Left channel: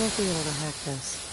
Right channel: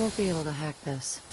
Won't be able to hack this.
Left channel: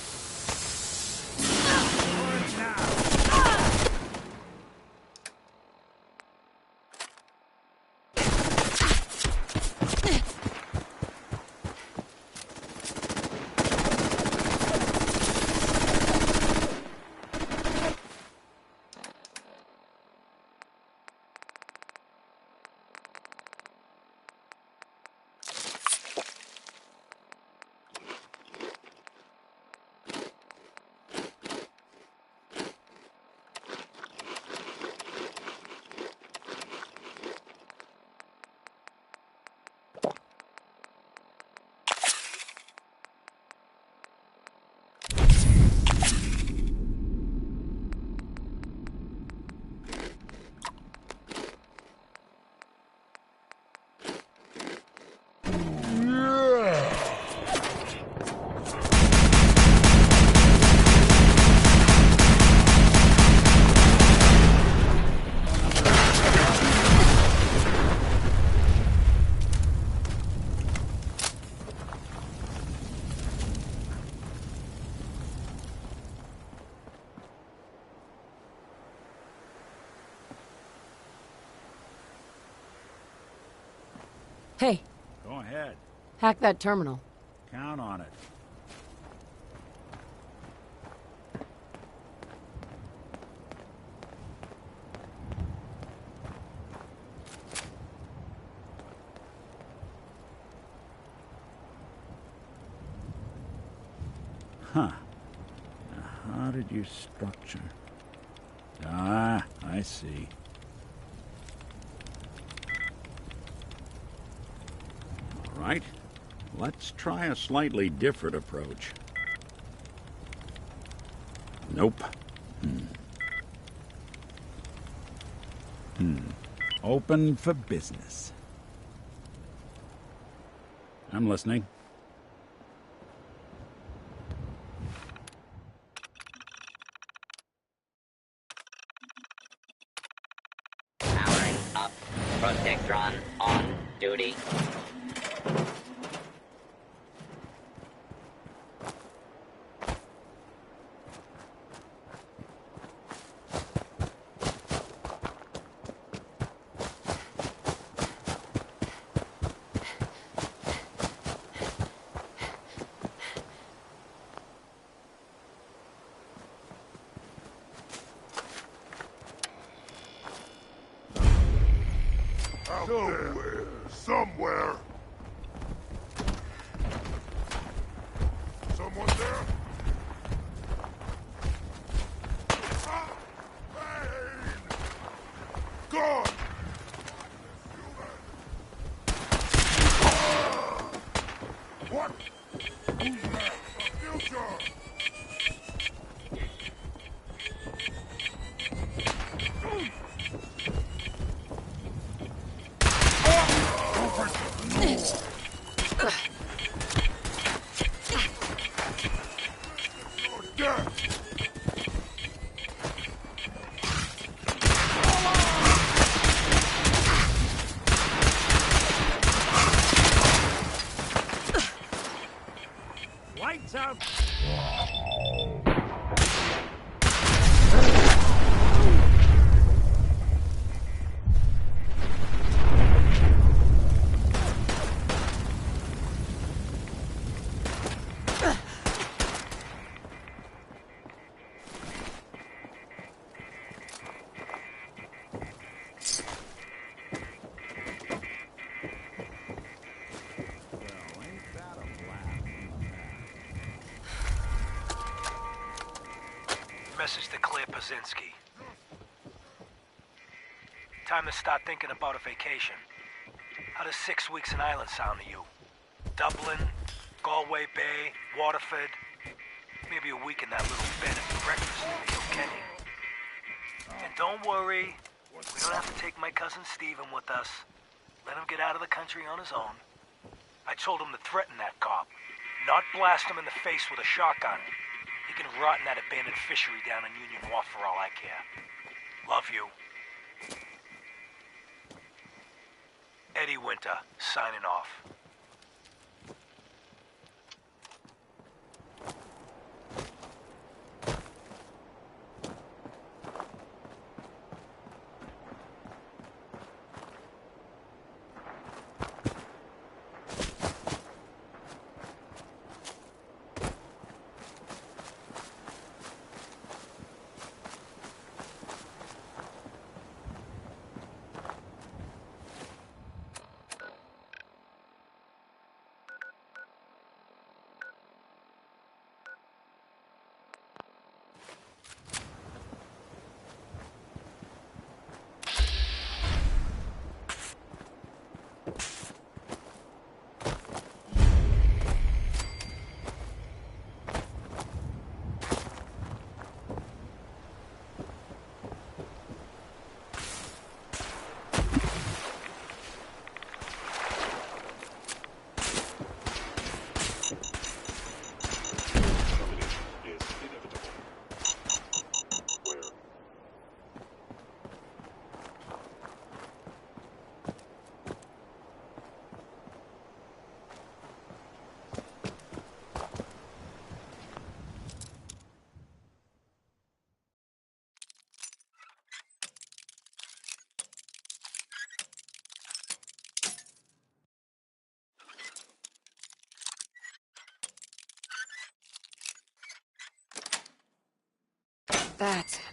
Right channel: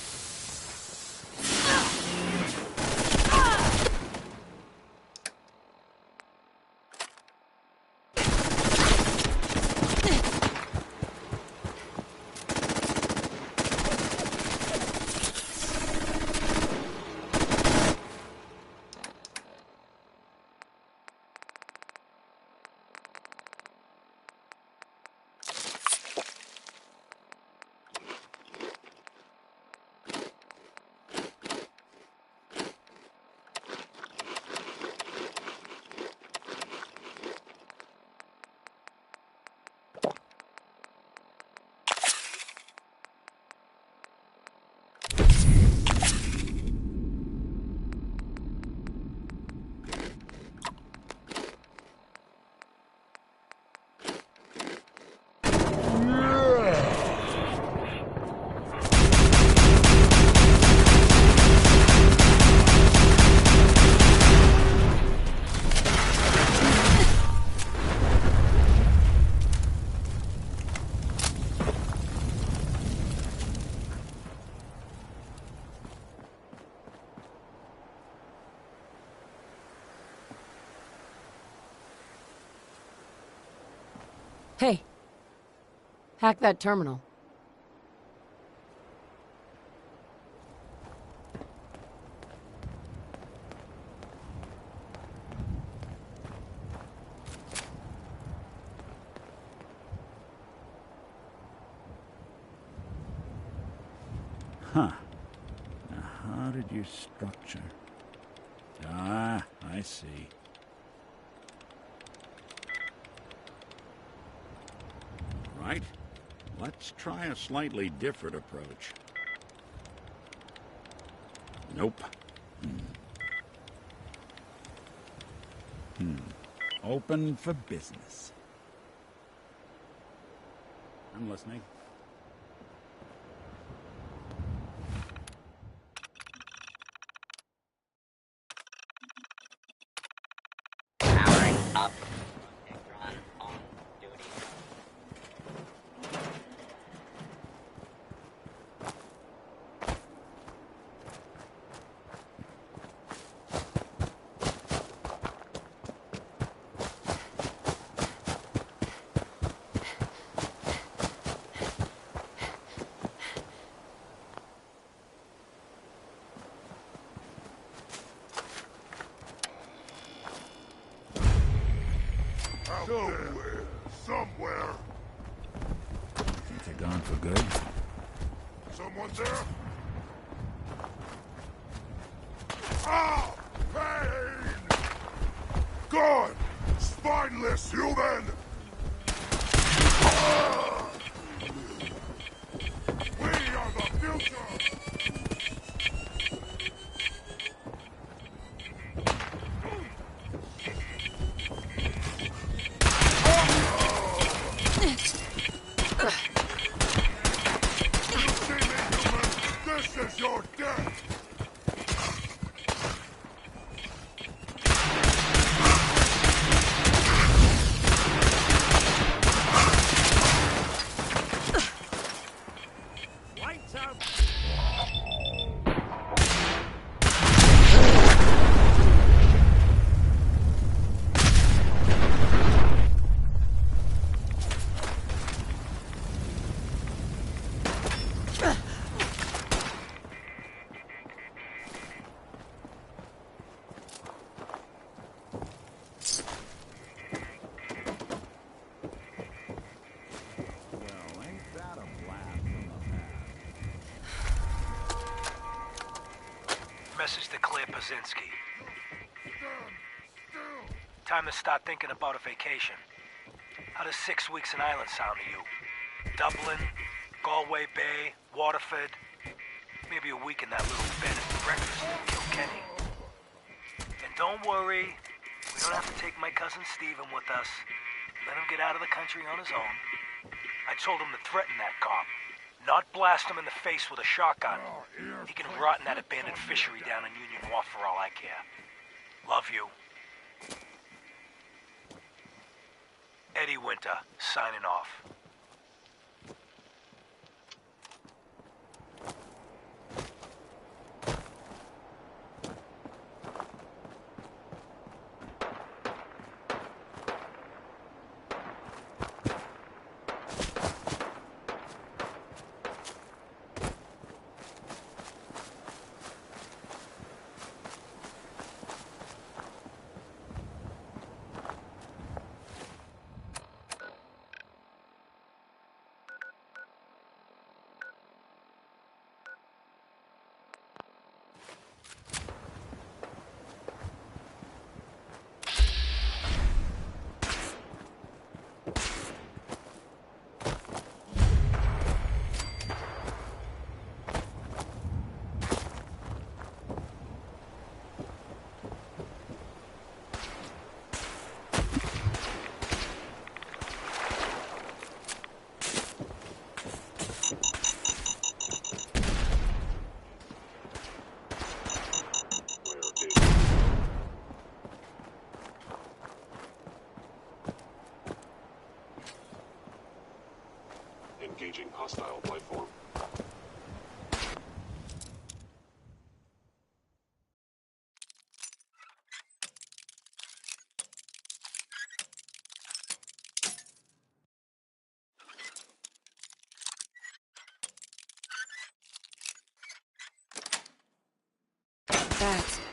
Hey. Go ahead. Hack that terminal. Count on it. Huh. Now, how did you structure? Ah, I see. All right. Let's try a slightly different approach. Nope. Open for business. I'm listening. Powering up. Protectron on duty. Somewhere. Is it going for good? Someone there? Ah! Pain! God! Spineless human! Ah! What? We are the future! This is your death! Lights out! Well, ain't that a blast from the past? Message to Claire Pazinski. Time to start thinking about a vacation. How does 6 weeks in Ireland sound to you? Dublin, Galway Bay, Waterford. Maybe a week in that little bed and breakfast in Kilkenny. And don't worry, we don't have to take my cousin Stephen with us. Let him get out of the country on his own. I told him to threaten that cop, not blast him in the face with a shotgun. He can rot in that abandoned fishery down in Union Wharf for all I care. Love you. Eddie Winter, signing off. Engaging hostile life form. That's it.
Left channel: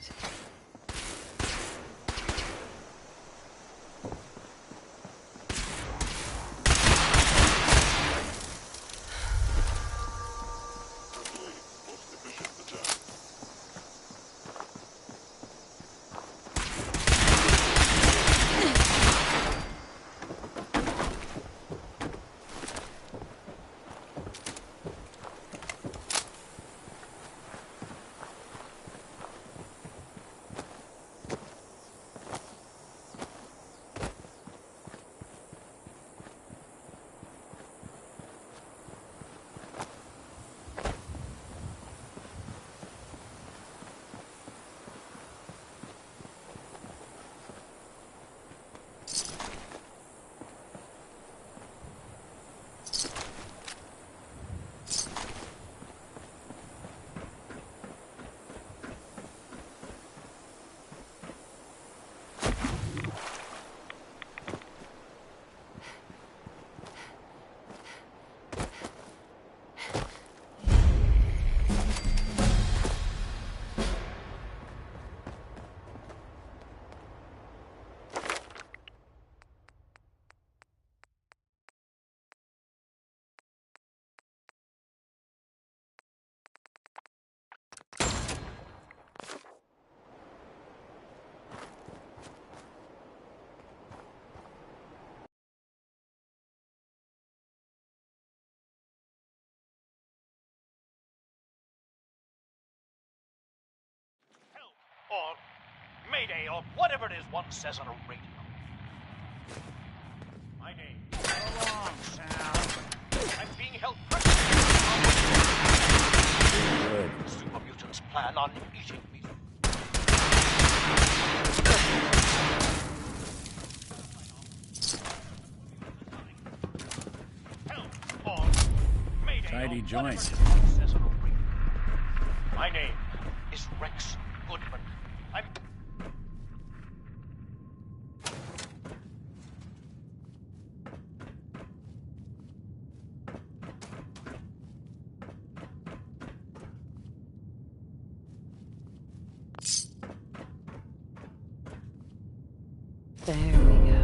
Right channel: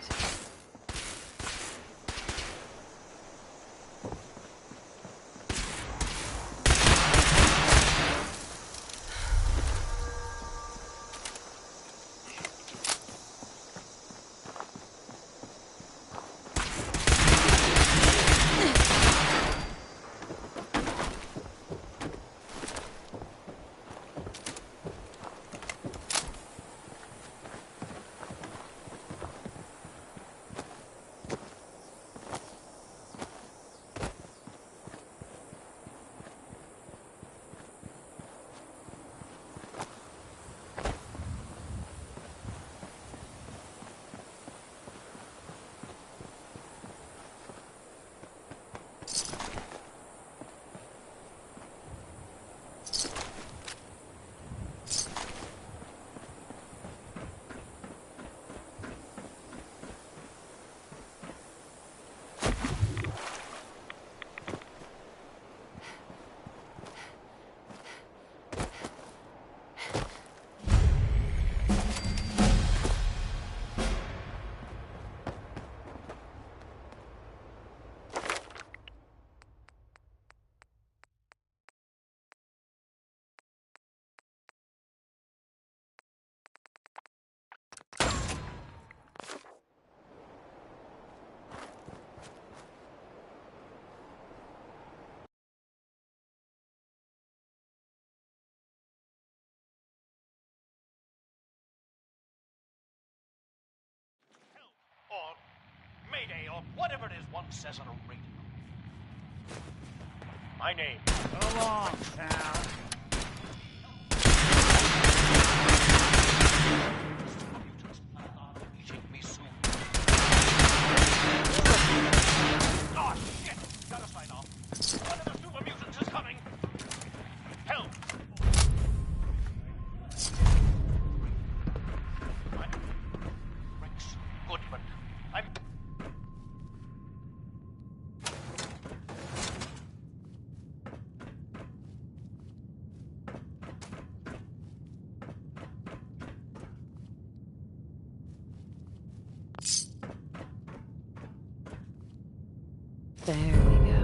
Or Mayday, or whatever it is one says on a radio. My name. So long, pal. I'm being held. Super mutants plan on eating me soon. Oh, shit! Gotta find off. One of the super mutants is coming. Help! Or Mayday. Tidy or joint. whatever it is one says on a radio. My name is Rex Goodman. I'm... There we go.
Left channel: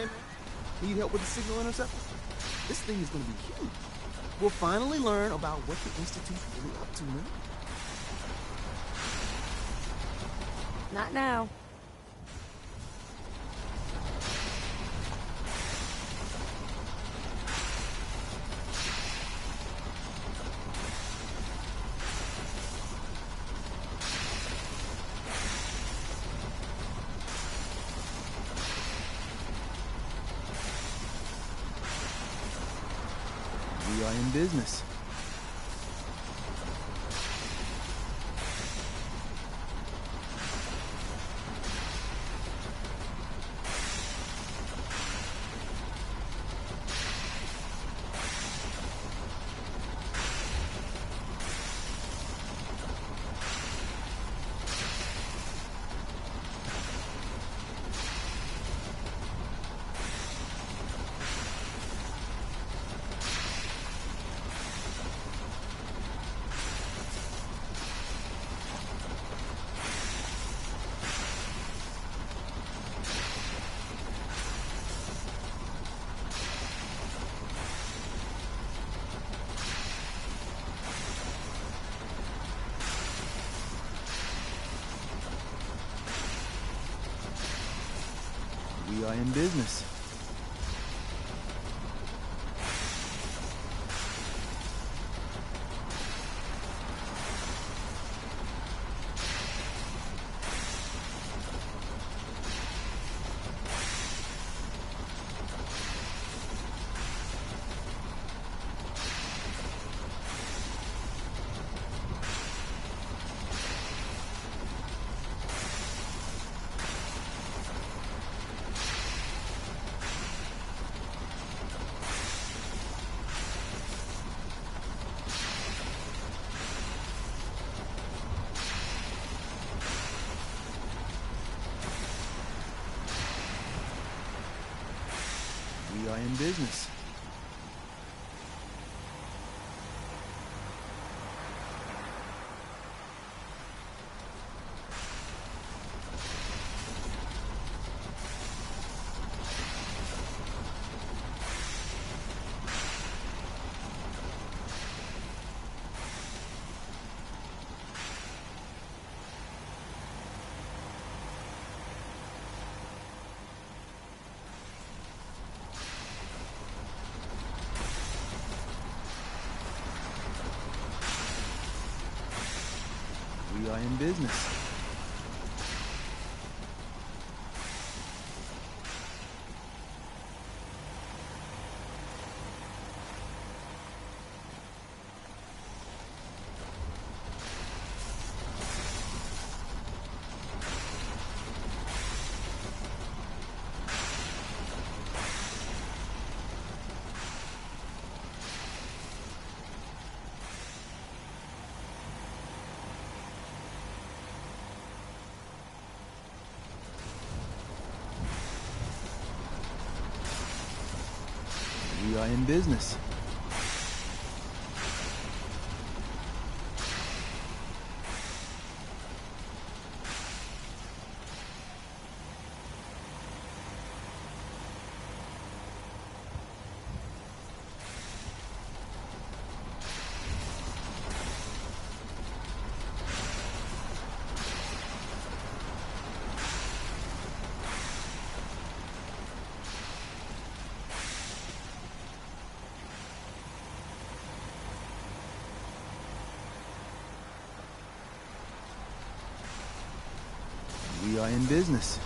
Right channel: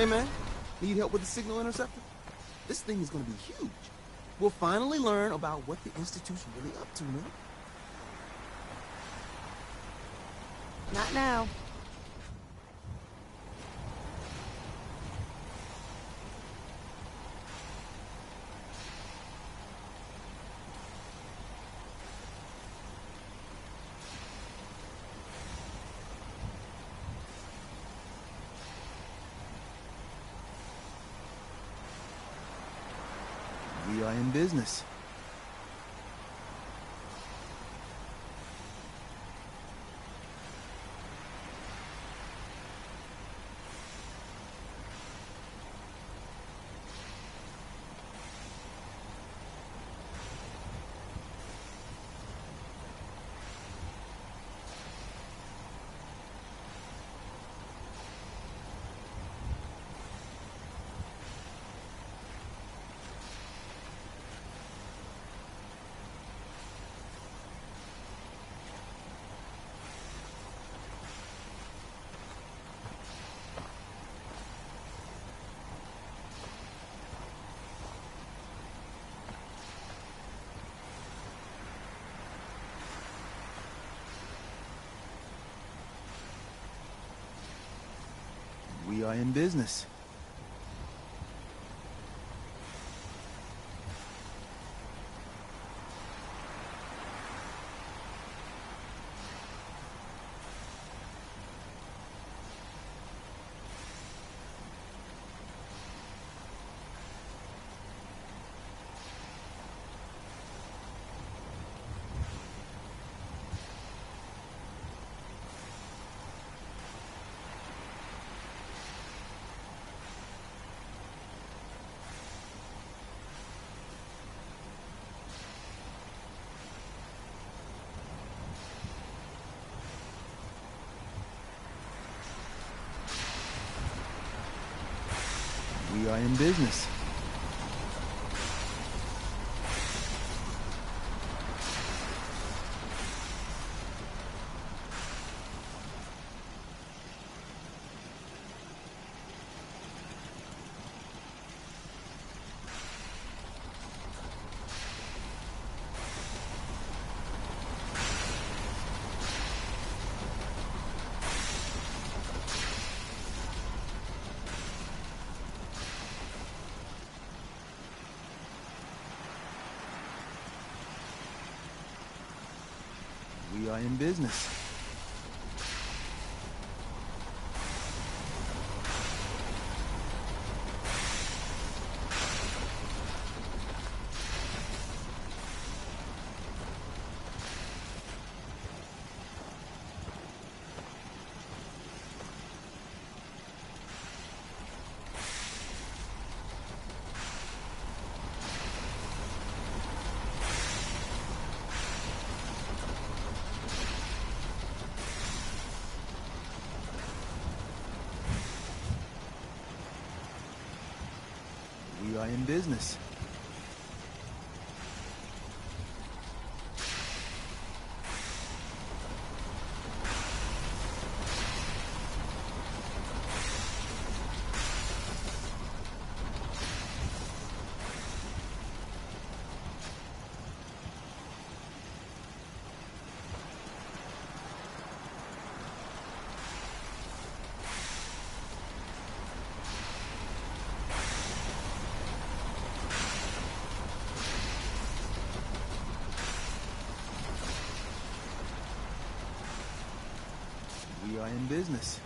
Hey, man, need help with the signal interceptor? This thing is gonna be huge. We'll finally learn about what the Institute's really up to, man. Not now. We are in business. We are in business. We are in business. We are in business. We are in business. We are in business.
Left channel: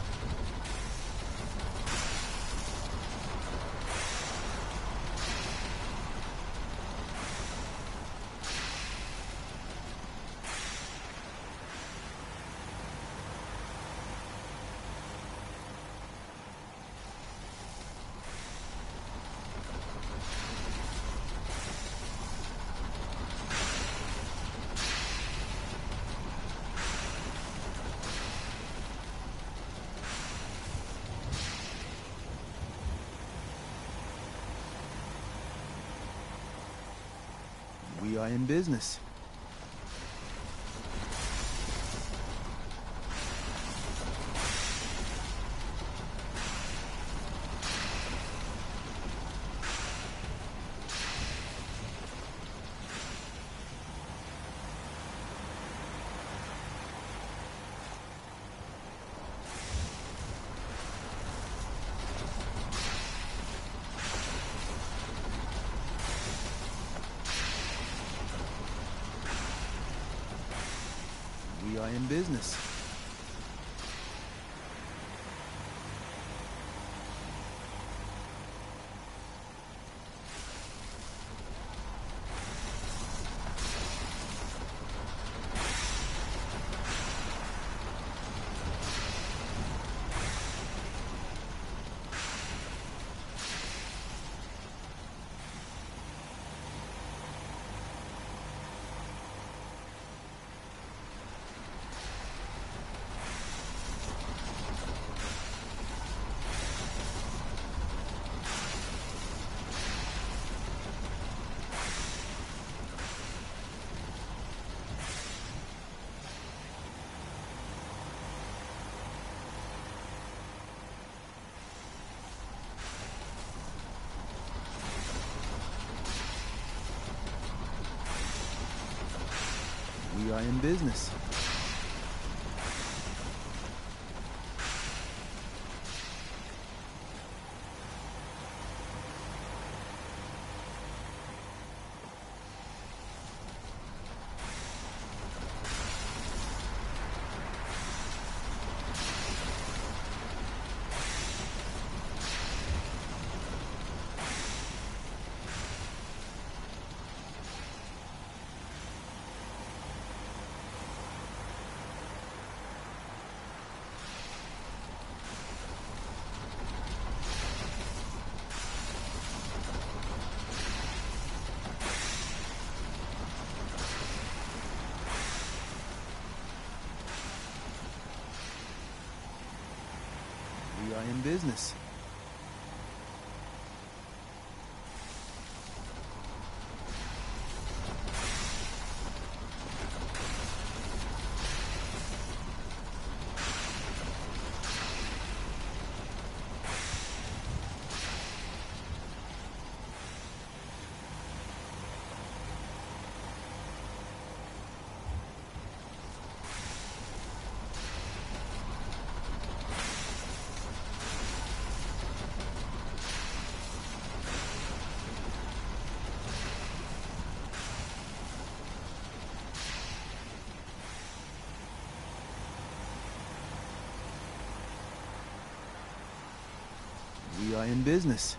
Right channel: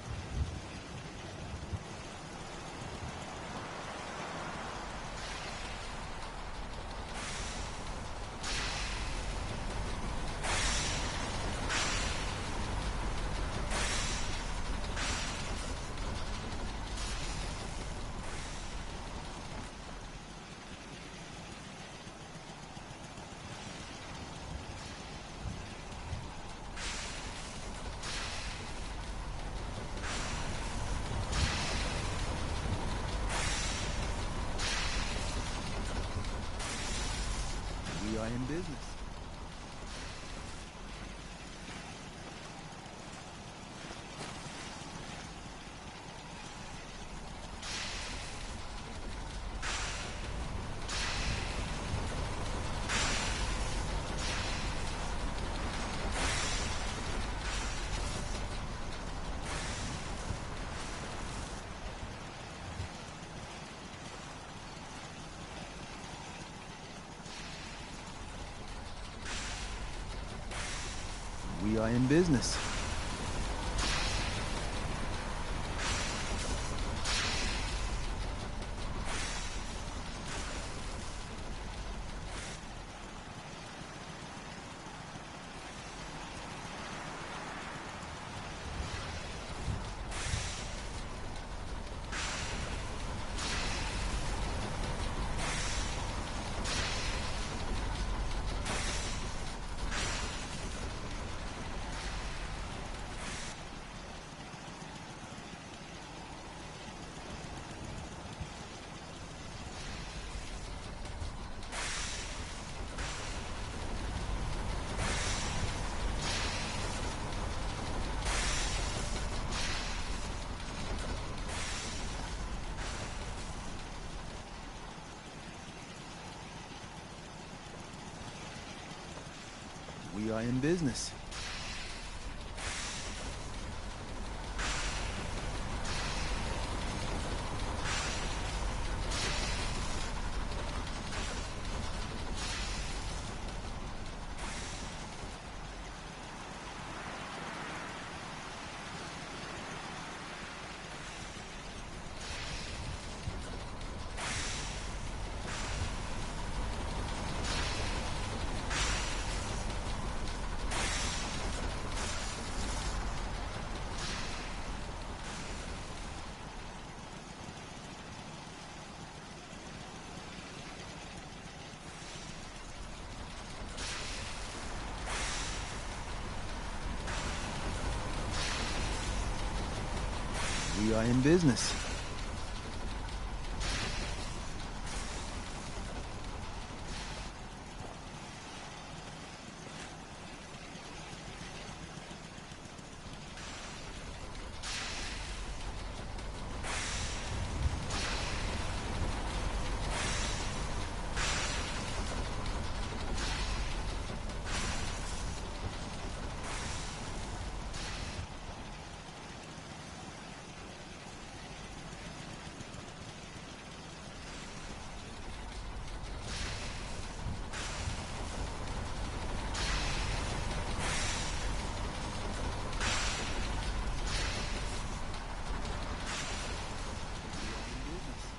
We are in business. are in business. We are in business. We are in business. We are in business.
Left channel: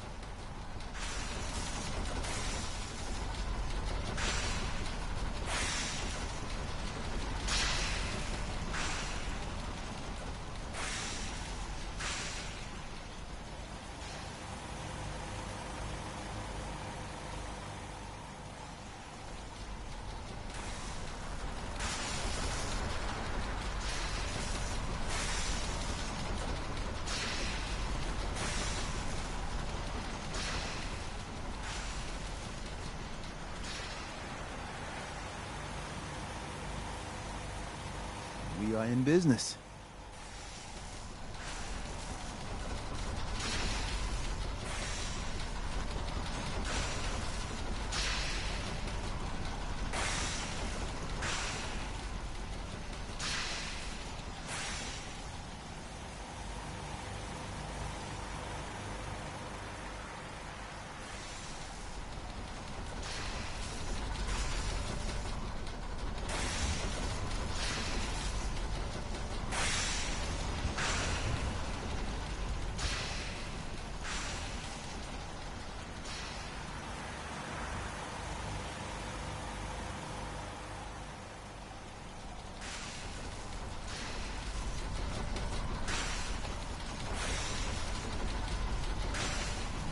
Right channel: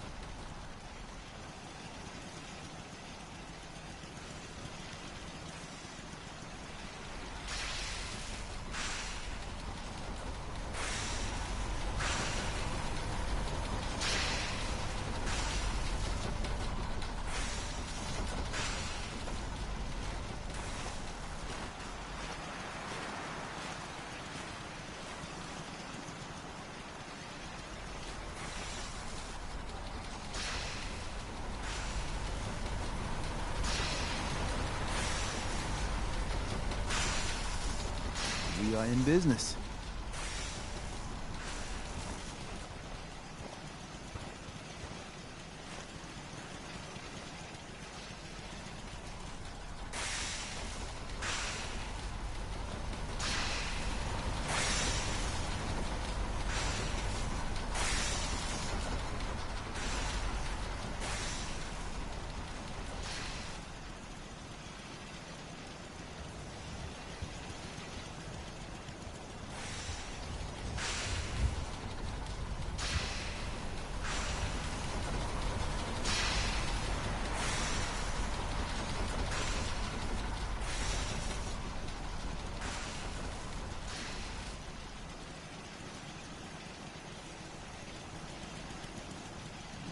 We are in business.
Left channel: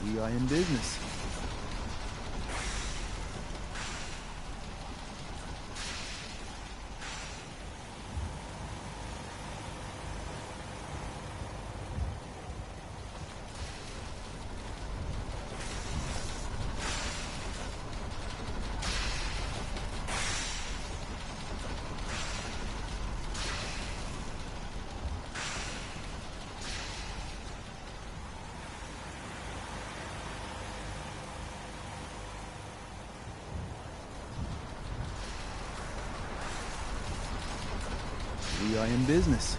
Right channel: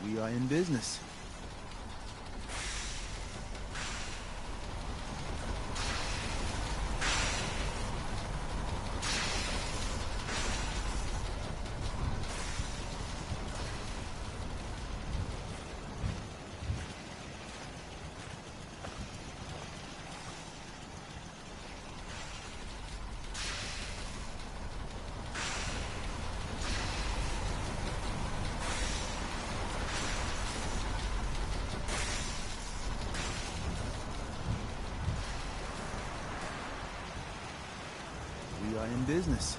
We are in business. We are in business.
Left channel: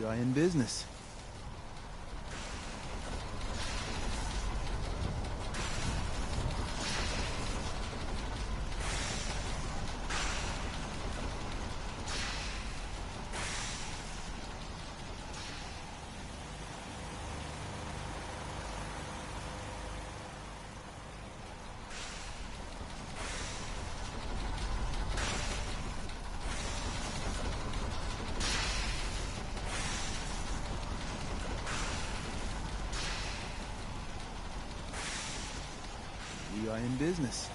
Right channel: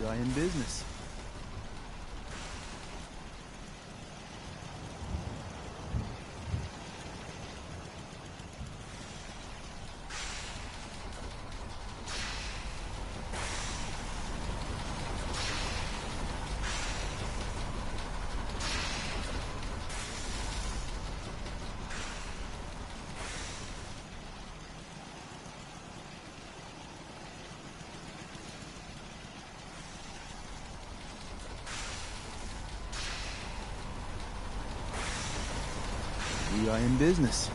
We are in business. We are in business.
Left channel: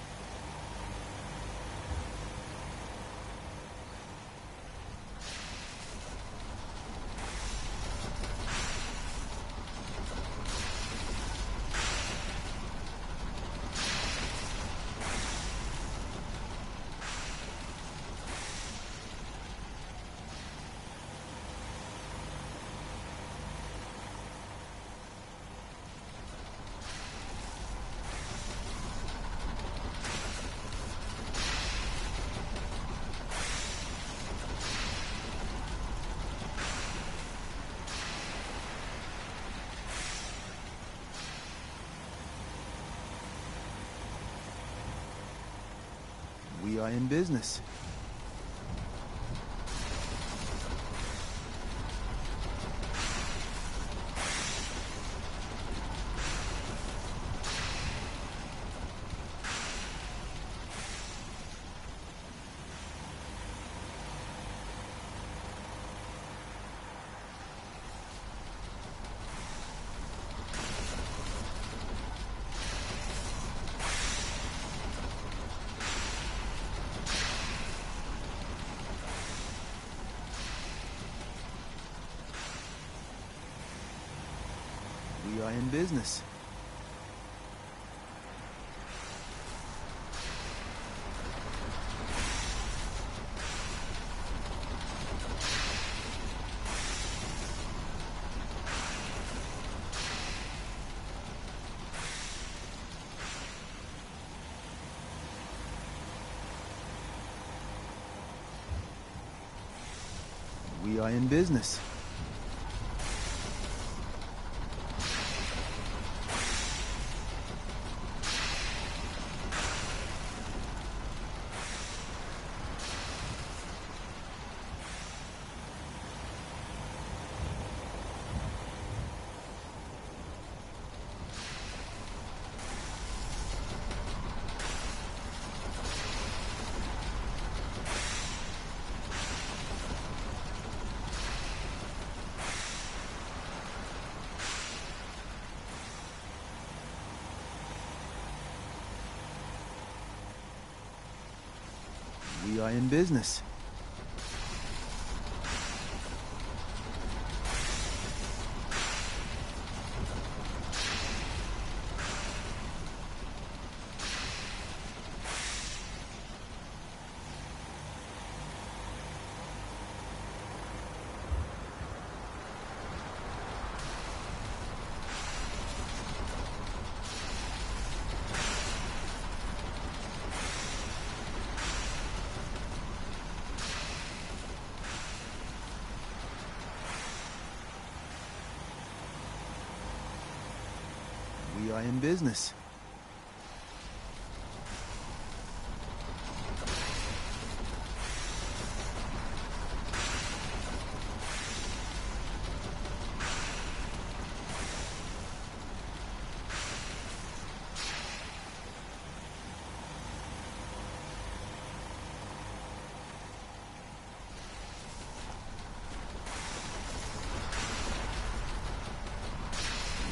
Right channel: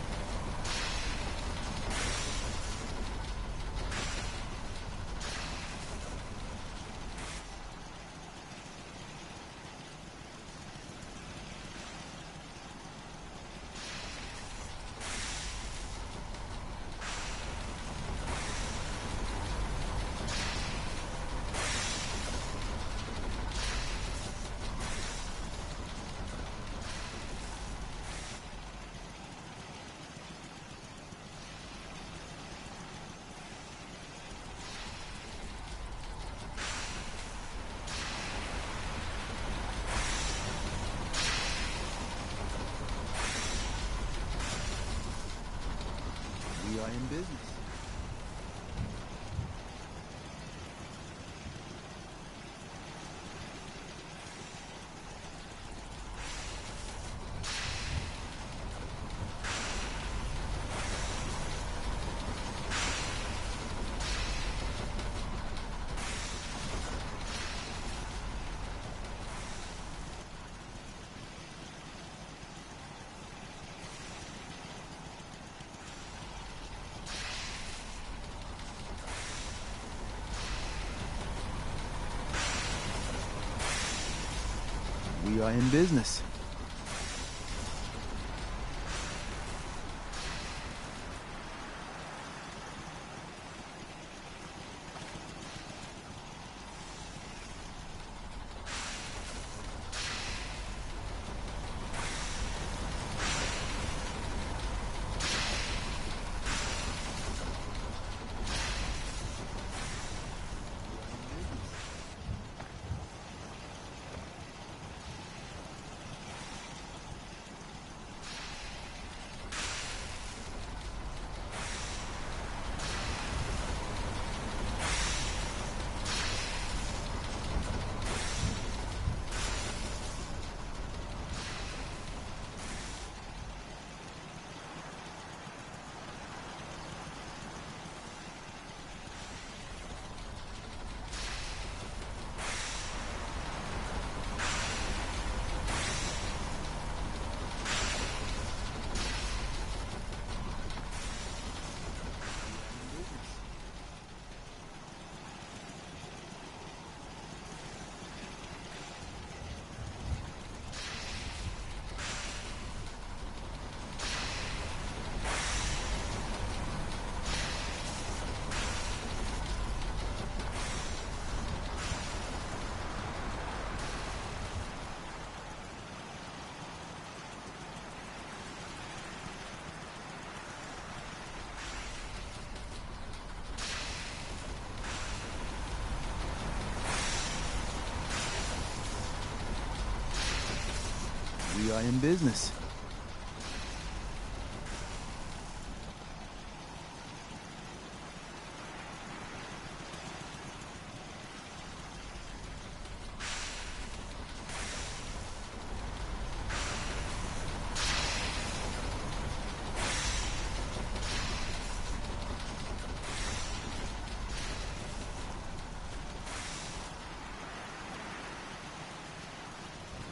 We are in business. We are in business. We are in business. We are in business. We are in business.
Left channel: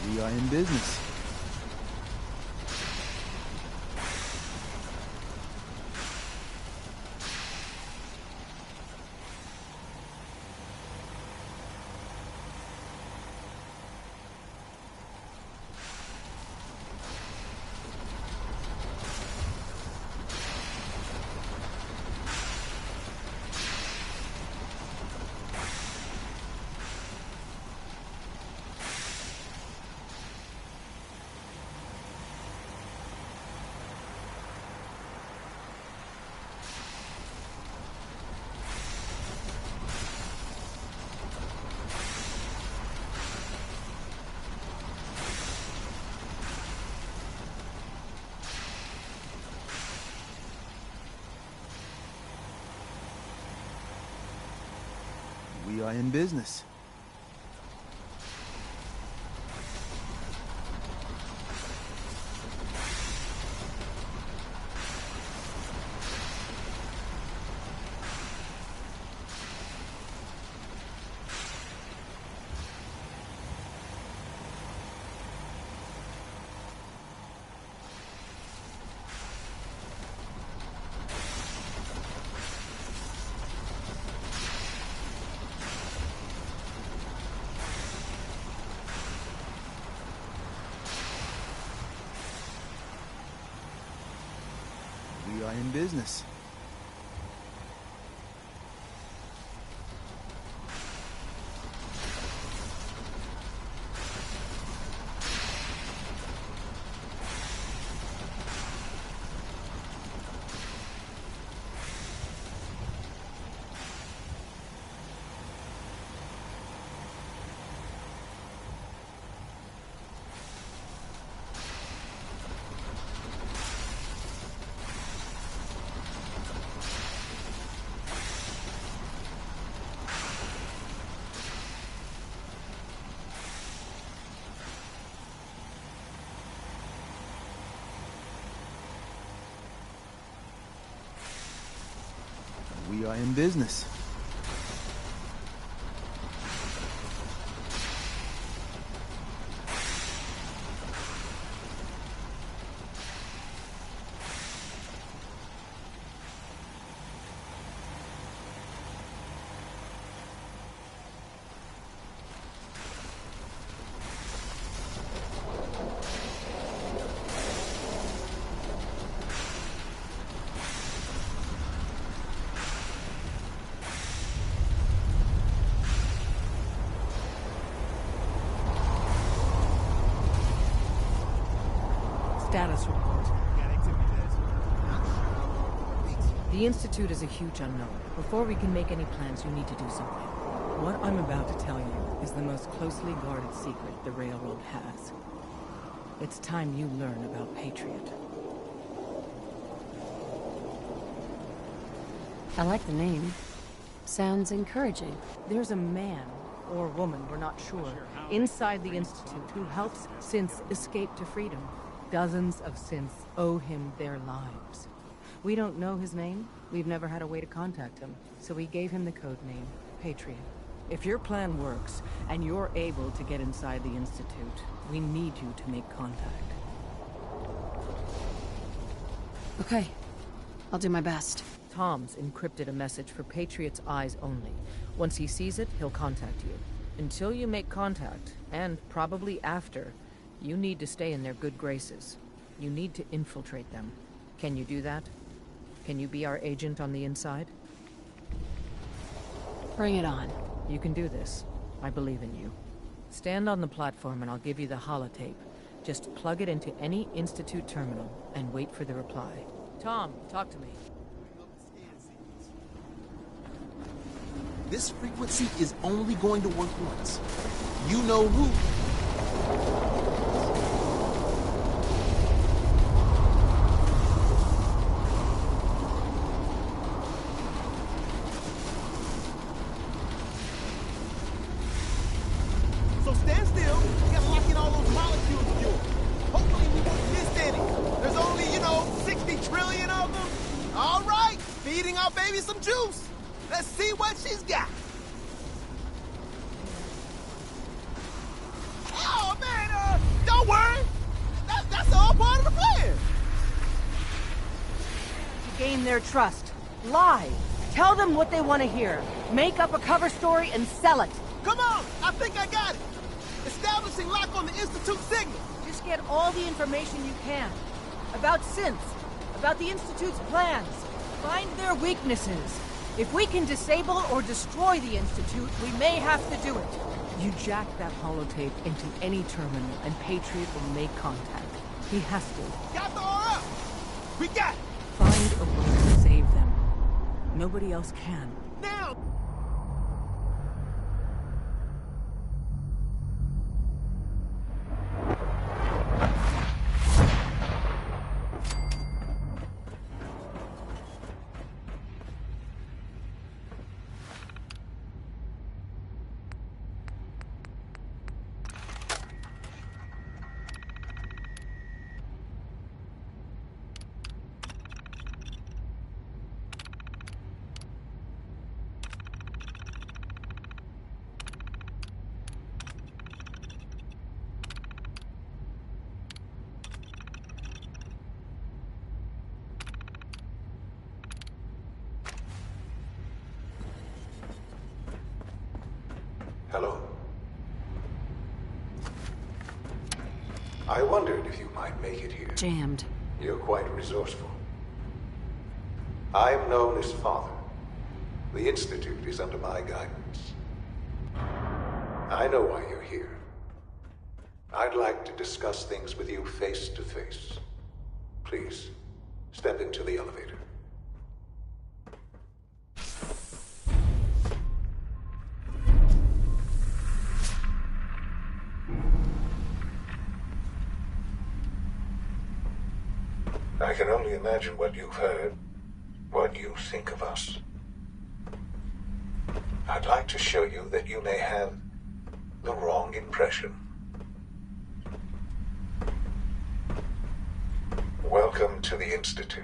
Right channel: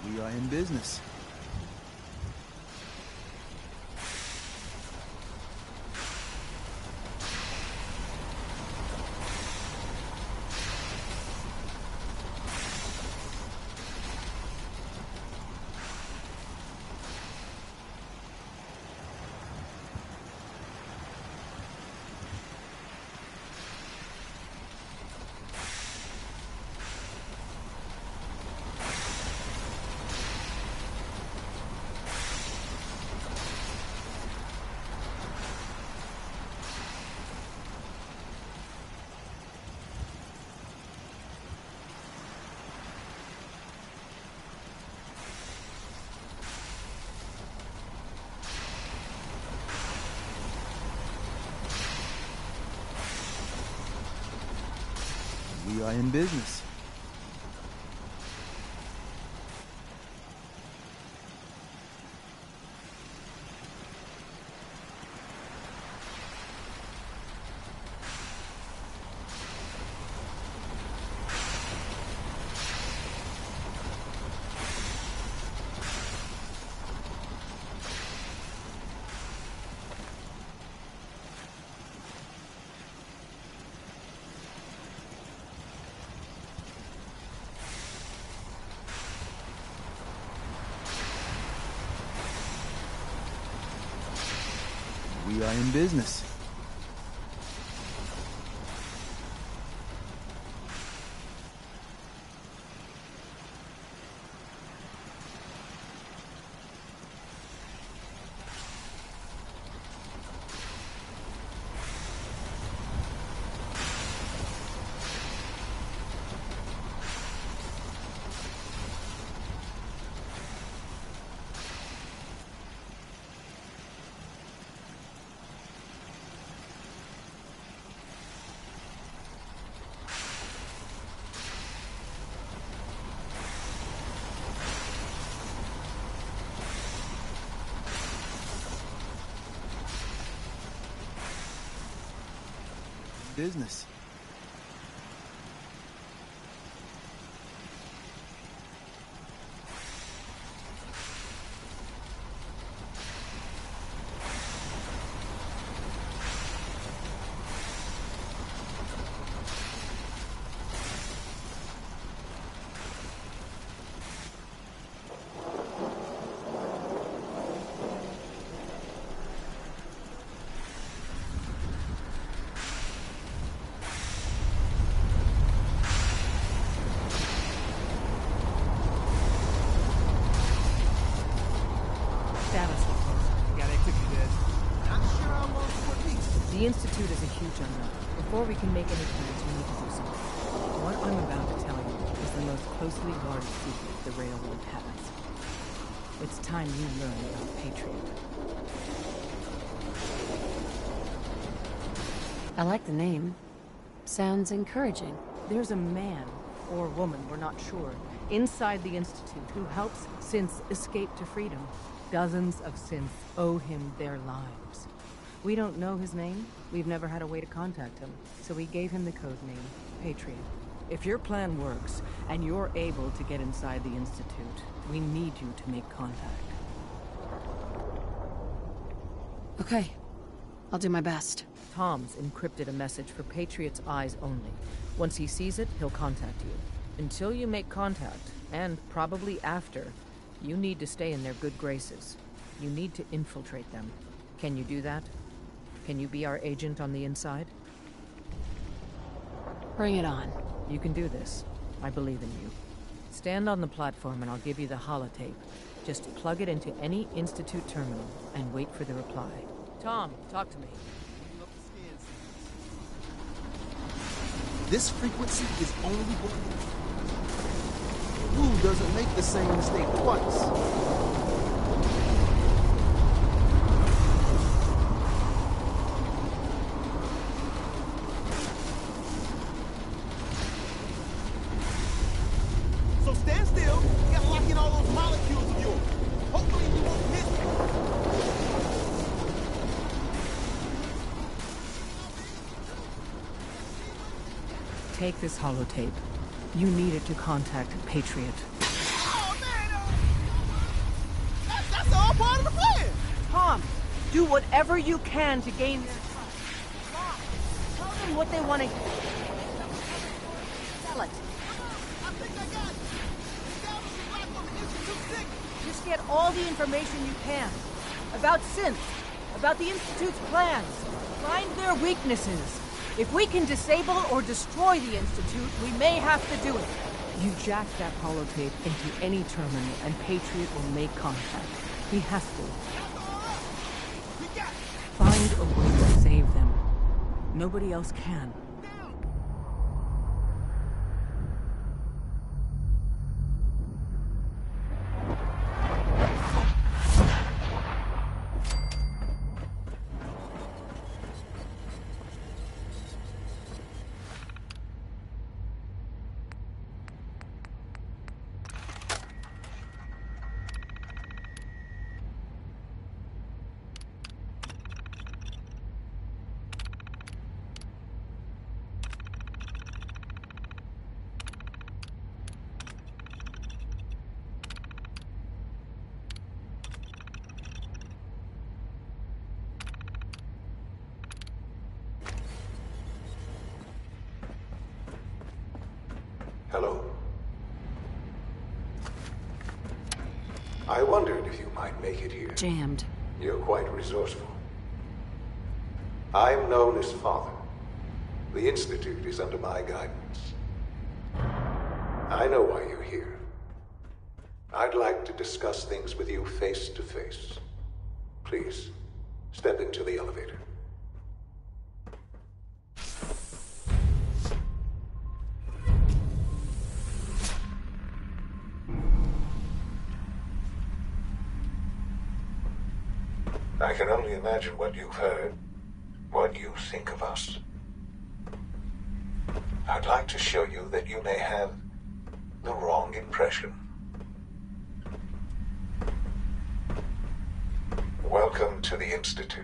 We are in business. We are in business. We are in business. We are in business. Status report. Got activity desk. Not sure how long for peace. The Institute is a huge unknown. Before we can make any plans, we need to do something. What I'm about to tell you is the most closely guarded secret the Railroad has. It's time you learn about Patriot. I like the name. Sounds encouraging. There's a man, or woman, we're not sure, inside the Institute who helps synths escape to freedom. Dozens of synths owe him their lives. We don't know his name. We've never had a way to contact him. So we gave him the code name, Patriot. If your plan works, and you're able to get inside the Institute, we need you to make contact. Okay. I'll do my best. Tom's encrypted a message for Patriot's eyes only. Once he sees it, he'll contact you. Until you make contact, and probably after, you need to stay in their good graces. You need to infiltrate them. Can you do that? Can you be our agent on the inside? Bring it on. You can do this. I believe in you. Stand on the platform and I'll give you the holotape. Just plug it into any Institute terminal and wait for the reply. Tom, talk to me. This frequency is only going to work once. You know who doesn't make the same mistake twice. So stand still. You gotta lock in all those molecules of yours. Hopefully we won't miss any. There's only, 60 trillion of them. All right, feeding our baby some juice. Let's see what she's got. Take this holotape. You need it to contact Patriot. Oh, man, don't worry. That's all part of the plan. Tom, do whatever you can to gain their trust. Lie. Tell them what they want to hear. Make up a cover story and sell it. Come on, I think I got it. Establishing lock on the Institute signal. Just get all the information you can. About synths. About the Institute's plans. Find their weaknesses. If we can disable or destroy the Institute, we may have to do it. You jack that holotape into any terminal and Patriot will make contact. He has to. Got the aura. We got it. Find a way to save them. Nobody else can. Now. Hello. I wondered if you might make it here. Jammed. You're quite resourceful. I'm known as Father. The Institute is under my guidance. I know why you're here. I'd like to discuss things with you face to face. Please, step into the elevator. I can only imagine what you've heard, what you think of us. I'd like to show you that you may have the wrong impression. Welcome to the Institute.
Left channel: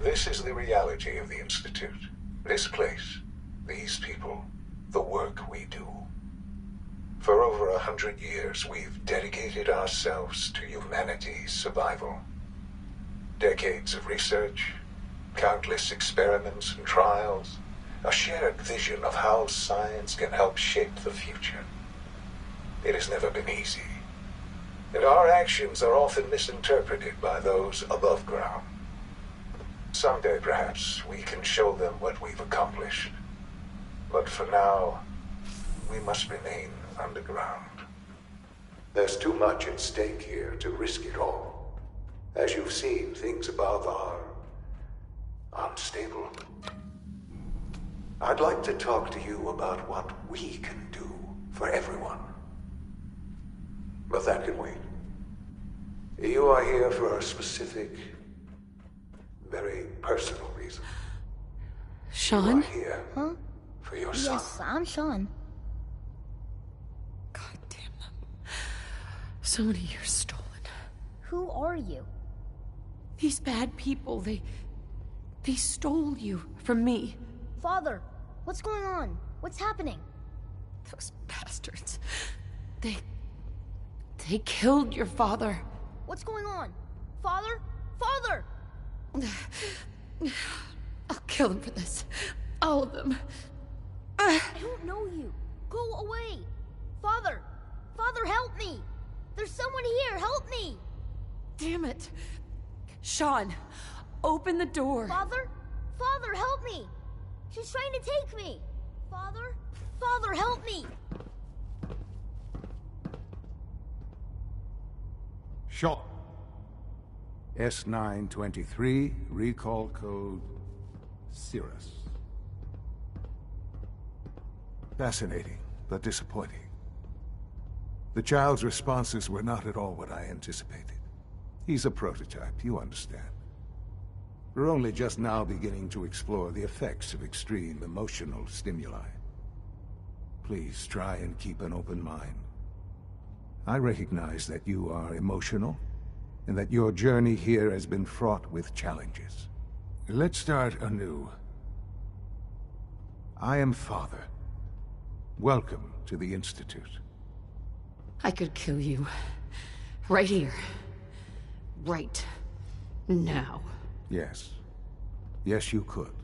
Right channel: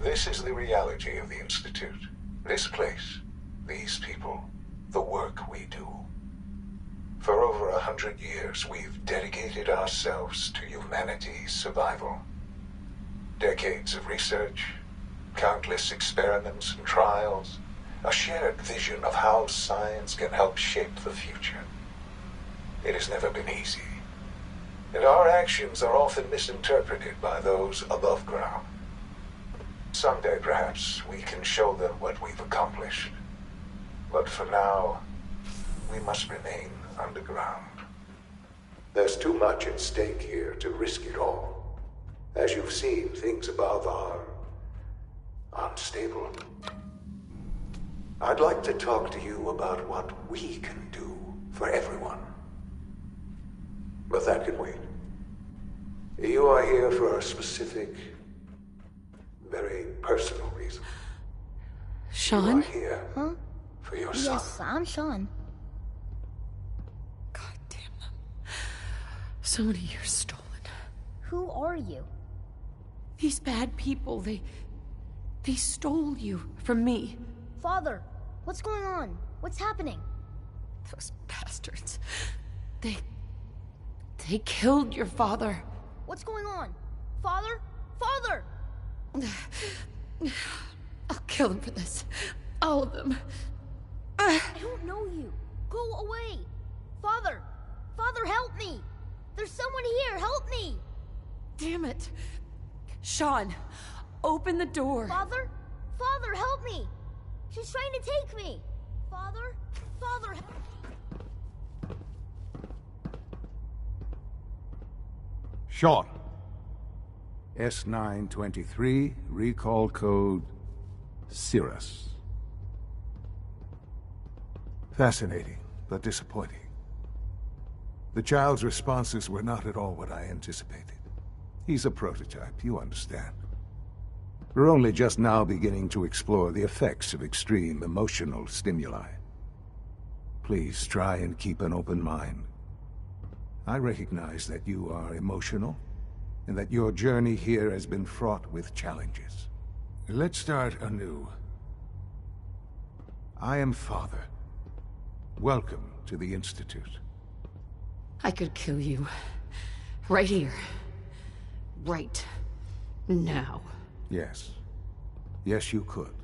This is the reality of the Institute. This place, these people, the work we do. For over 100 years, we've dedicated ourselves to humanity's survival. Decades of research, countless experiments and trials, a shared vision of how science can help shape the future. It has never been easy, and our actions are often misinterpreted by those above ground. Someday, perhaps, we can show them what we've accomplished. But for now, we must remain underground. There's too much at stake here to risk it all. As you've seen, things above are unstable. I'd like to talk to you about what we can do for everyone. But that can wait. You are here for a specific, very personal reason. Sean? You are here for your son. Yes, I'm Sean. God damn them. So many years stolen. Who are you? These bad people, they stole you from me. Father, what's going on? What's happening? Those bastards. They killed your father. What's going on? Father? Father! I'll kill them for this. All of them. I don't know you. Go away. Father! Father, help me! There's someone here, help me! Damn it. Sean, open the door. Father? Father, help me! She's trying to take me! Father? Father, help me! Sean. S923, recall code Cirrus. Fascinating, but disappointing. The child's responses were not at all what I anticipated. He's a prototype, you understand. We're only just now beginning to explore the effects of extreme emotional stimuli. Please try and keep an open mind. I recognize that you are emotional, and that your journey here has been fraught with challenges. Let's start anew. I am Father. Welcome to the Institute. I could kill you. Right here. Right now. Yes. Yes, you could.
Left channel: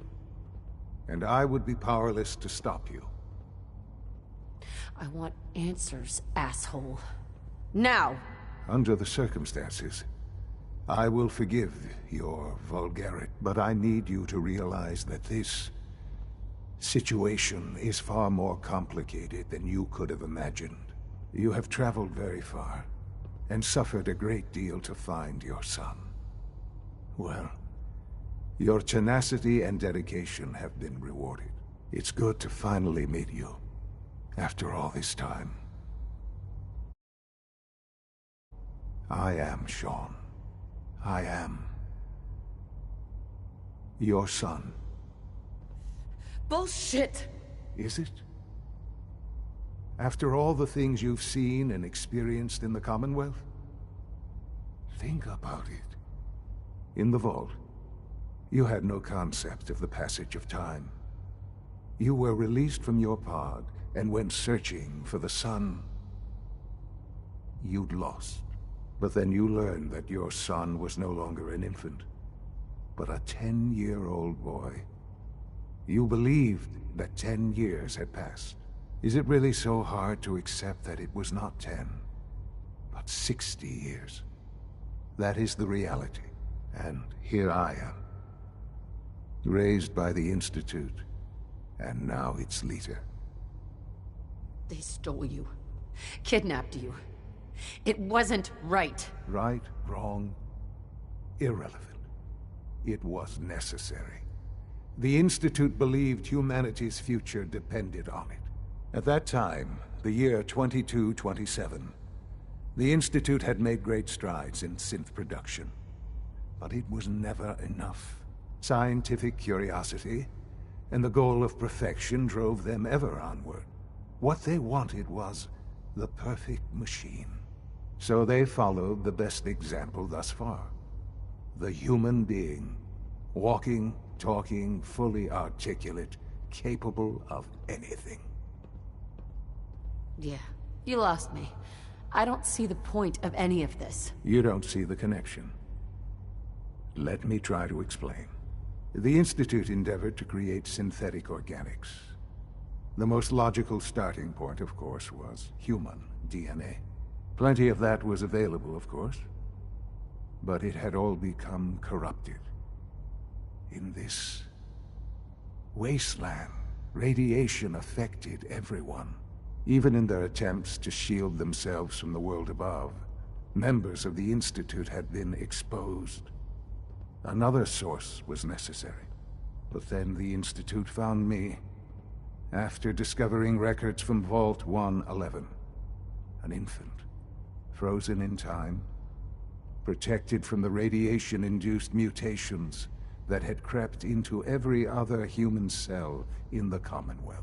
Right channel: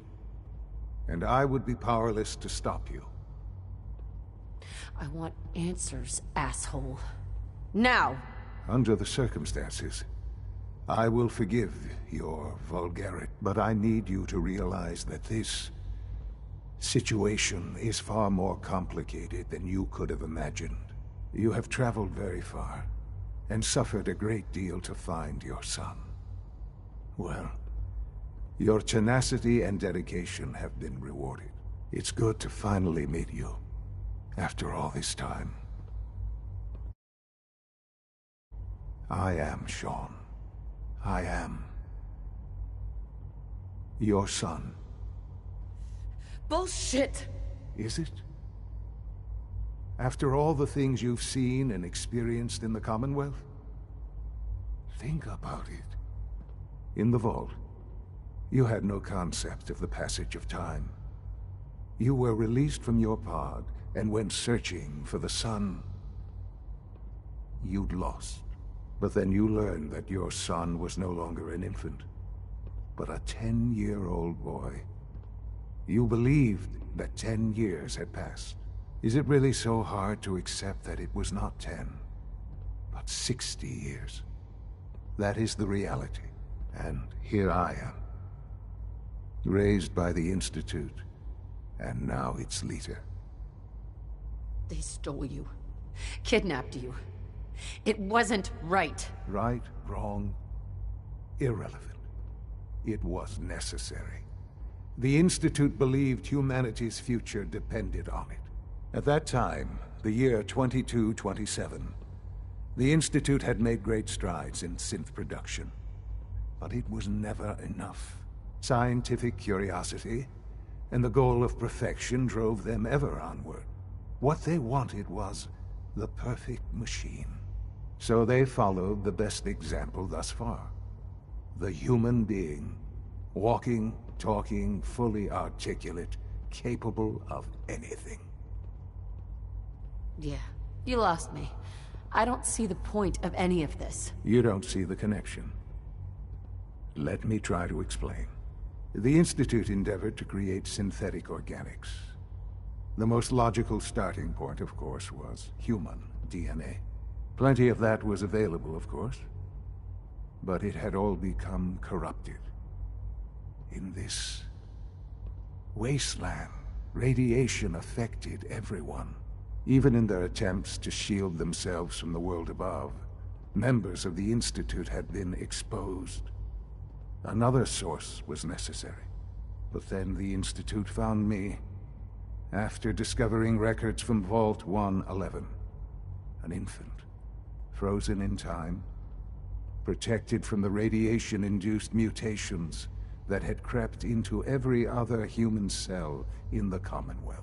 And I would be powerless to stop you. I want answers, asshole. Now! Under the circumstances, I will forgive your vulgarity, but I need you to realize that this situation is far more complicated than you could have imagined. You have traveled very far, and suffered a great deal to find your son. Well, your tenacity and dedication have been rewarded. It's good to finally meet you, after all this time. I am Sean. I am your son. Bullshit! Is it? After all the things you've seen and experienced in the Commonwealth? Think about it. In the vault, you had no concept of the passage of time. You were released from your pod and went searching for the son you'd lost. But then you learned that your son was no longer an infant, but a 10-year-old boy. You believed that 10 years had passed. Is it really so hard to accept that it was not 10, but 60 years? That is the reality. And here I am. Raised by the Institute, and now its leader. They stole you. Kidnapped you. It wasn't right. Right, wrong, irrelevant. It was necessary. The Institute believed humanity's future depended on it. At that time, the year 2227, the Institute had made great strides in synth production. But it was never enough. Scientific curiosity and the goal of perfection drove them ever onward. What they wanted was the perfect machine. So they followed the best example thus far. The human being. Walking, talking, fully articulate, capable of anything. Yeah, you lost me. I don't see the point of any of this. You don't see the connection. Let me try to explain. The Institute endeavored to create synthetic organics. The most logical starting point, of course, was human DNA. Plenty of that was available, of course. But it had all become corrupted. In this wasteland, radiation affected everyone. Even in their attempts to shield themselves from the world above, members of the Institute had been exposed. Another source was necessary. But then the Institute found me, after discovering records from Vault 111. An infant, frozen in time, protected from the radiation-induced mutations that had crept into every other human cell in the Commonwealth.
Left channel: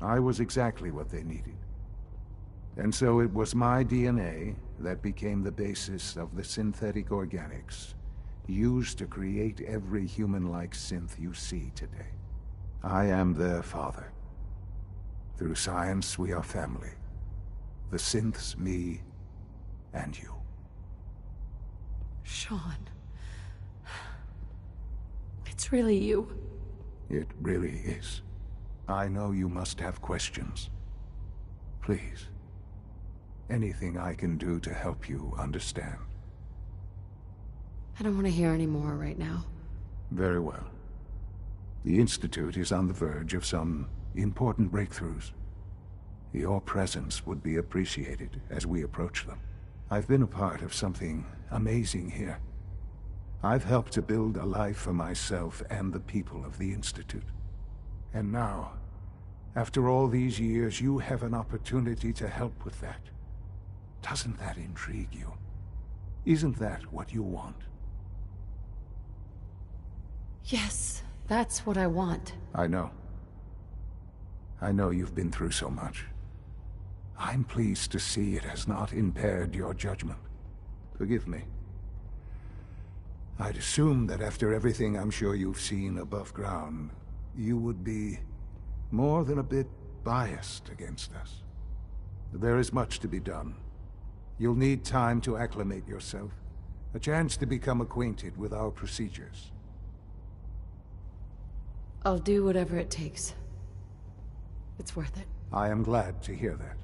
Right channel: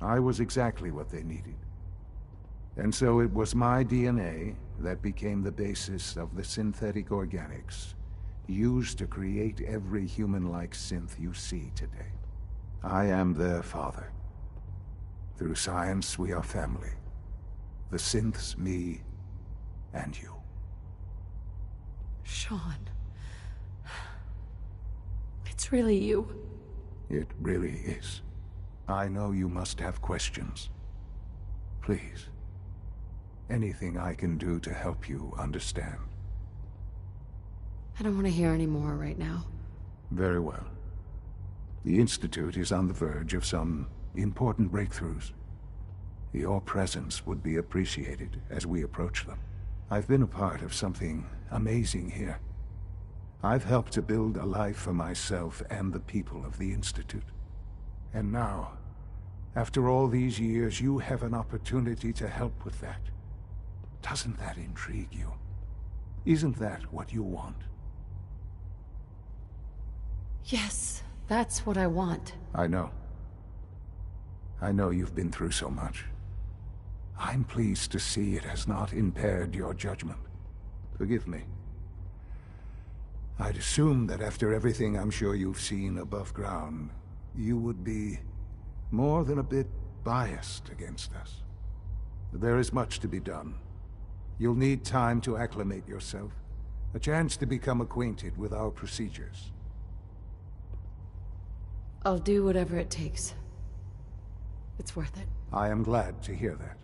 I was exactly what they needed. And so it was my DNA that became the basis of the synthetic organics used to create every human-like synth you see today. I am their father. Through science, we are family. The synths, me, and you. Sean. It's really you. It really is. I know you must have questions. Please. Anything I can do to help you understand. I don't want to hear any more right now. Very well. The Institute is on the verge of some important breakthroughs. Your presence would be appreciated as we approach them. I've been a part of something amazing here. I've helped to build a life for myself and the people of the Institute. And now, after all these years, you have an opportunity to help with that. Doesn't that intrigue you? Isn't that what you want? Yes, that's what I want. I know. I know you've been through so much. I'm pleased to see it has not impaired your judgment. Forgive me. I'd assumed that after everything I'm sure you've seen above ground, you would be more than a bit biased against us. There is much to be done. You'll need time to acclimate yourself, a chance to become acquainted with our procedures. I'll do whatever it takes. It's worth it. I am glad to hear that.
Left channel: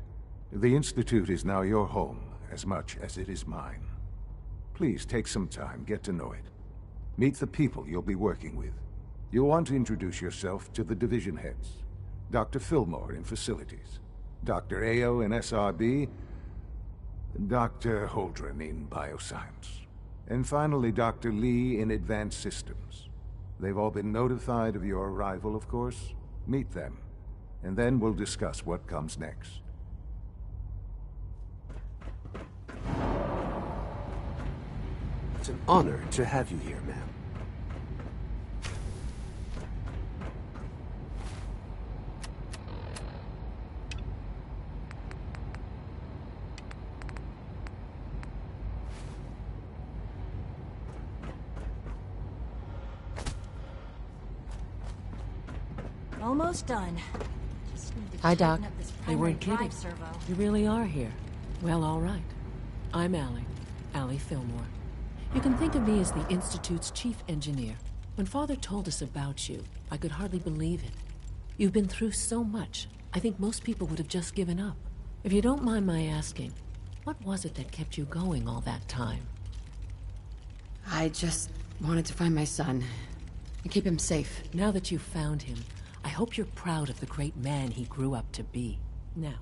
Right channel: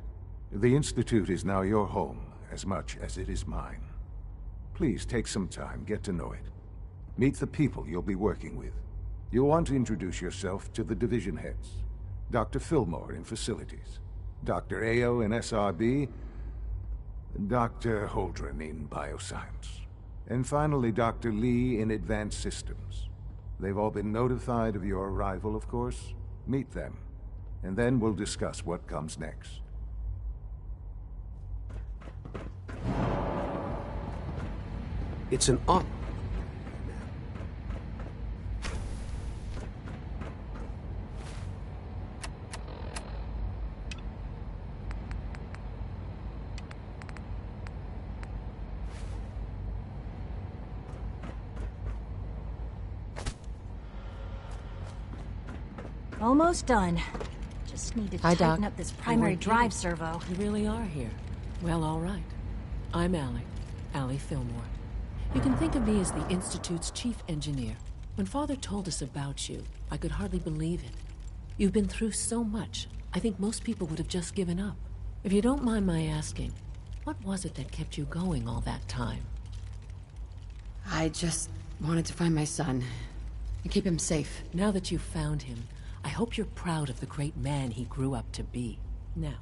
The Institute is now your home, as much as it is mine. Please take some time, get to know it. Meet the people you'll be working with. You'll want to introduce yourself to the division heads. Dr. Fillmore in Facilities, Dr. Ayo in SRB, Dr. Holdren in Bioscience, and finally Dr. Lee in Advanced Systems. They've all been notified of your arrival, of course. Meet them, and then we'll discuss what comes next. It's an honor to have you here, ma'am. Almost done. Just need to Hi, tighten Doc. up this You primary weren't drive kidding. servo. You really are here. Well, all right. I'm Allie Fillmore. You can think of me as the Institute's chief engineer, When Father told us about you, I could hardly believe it. You've been through so much, I think most people would have just given up. If you don't mind my asking, what was it that kept you going all that time? I just wanted to find my son and keep him safe. Now that you've found him, I hope you're proud of the great man he grew up to be. Now,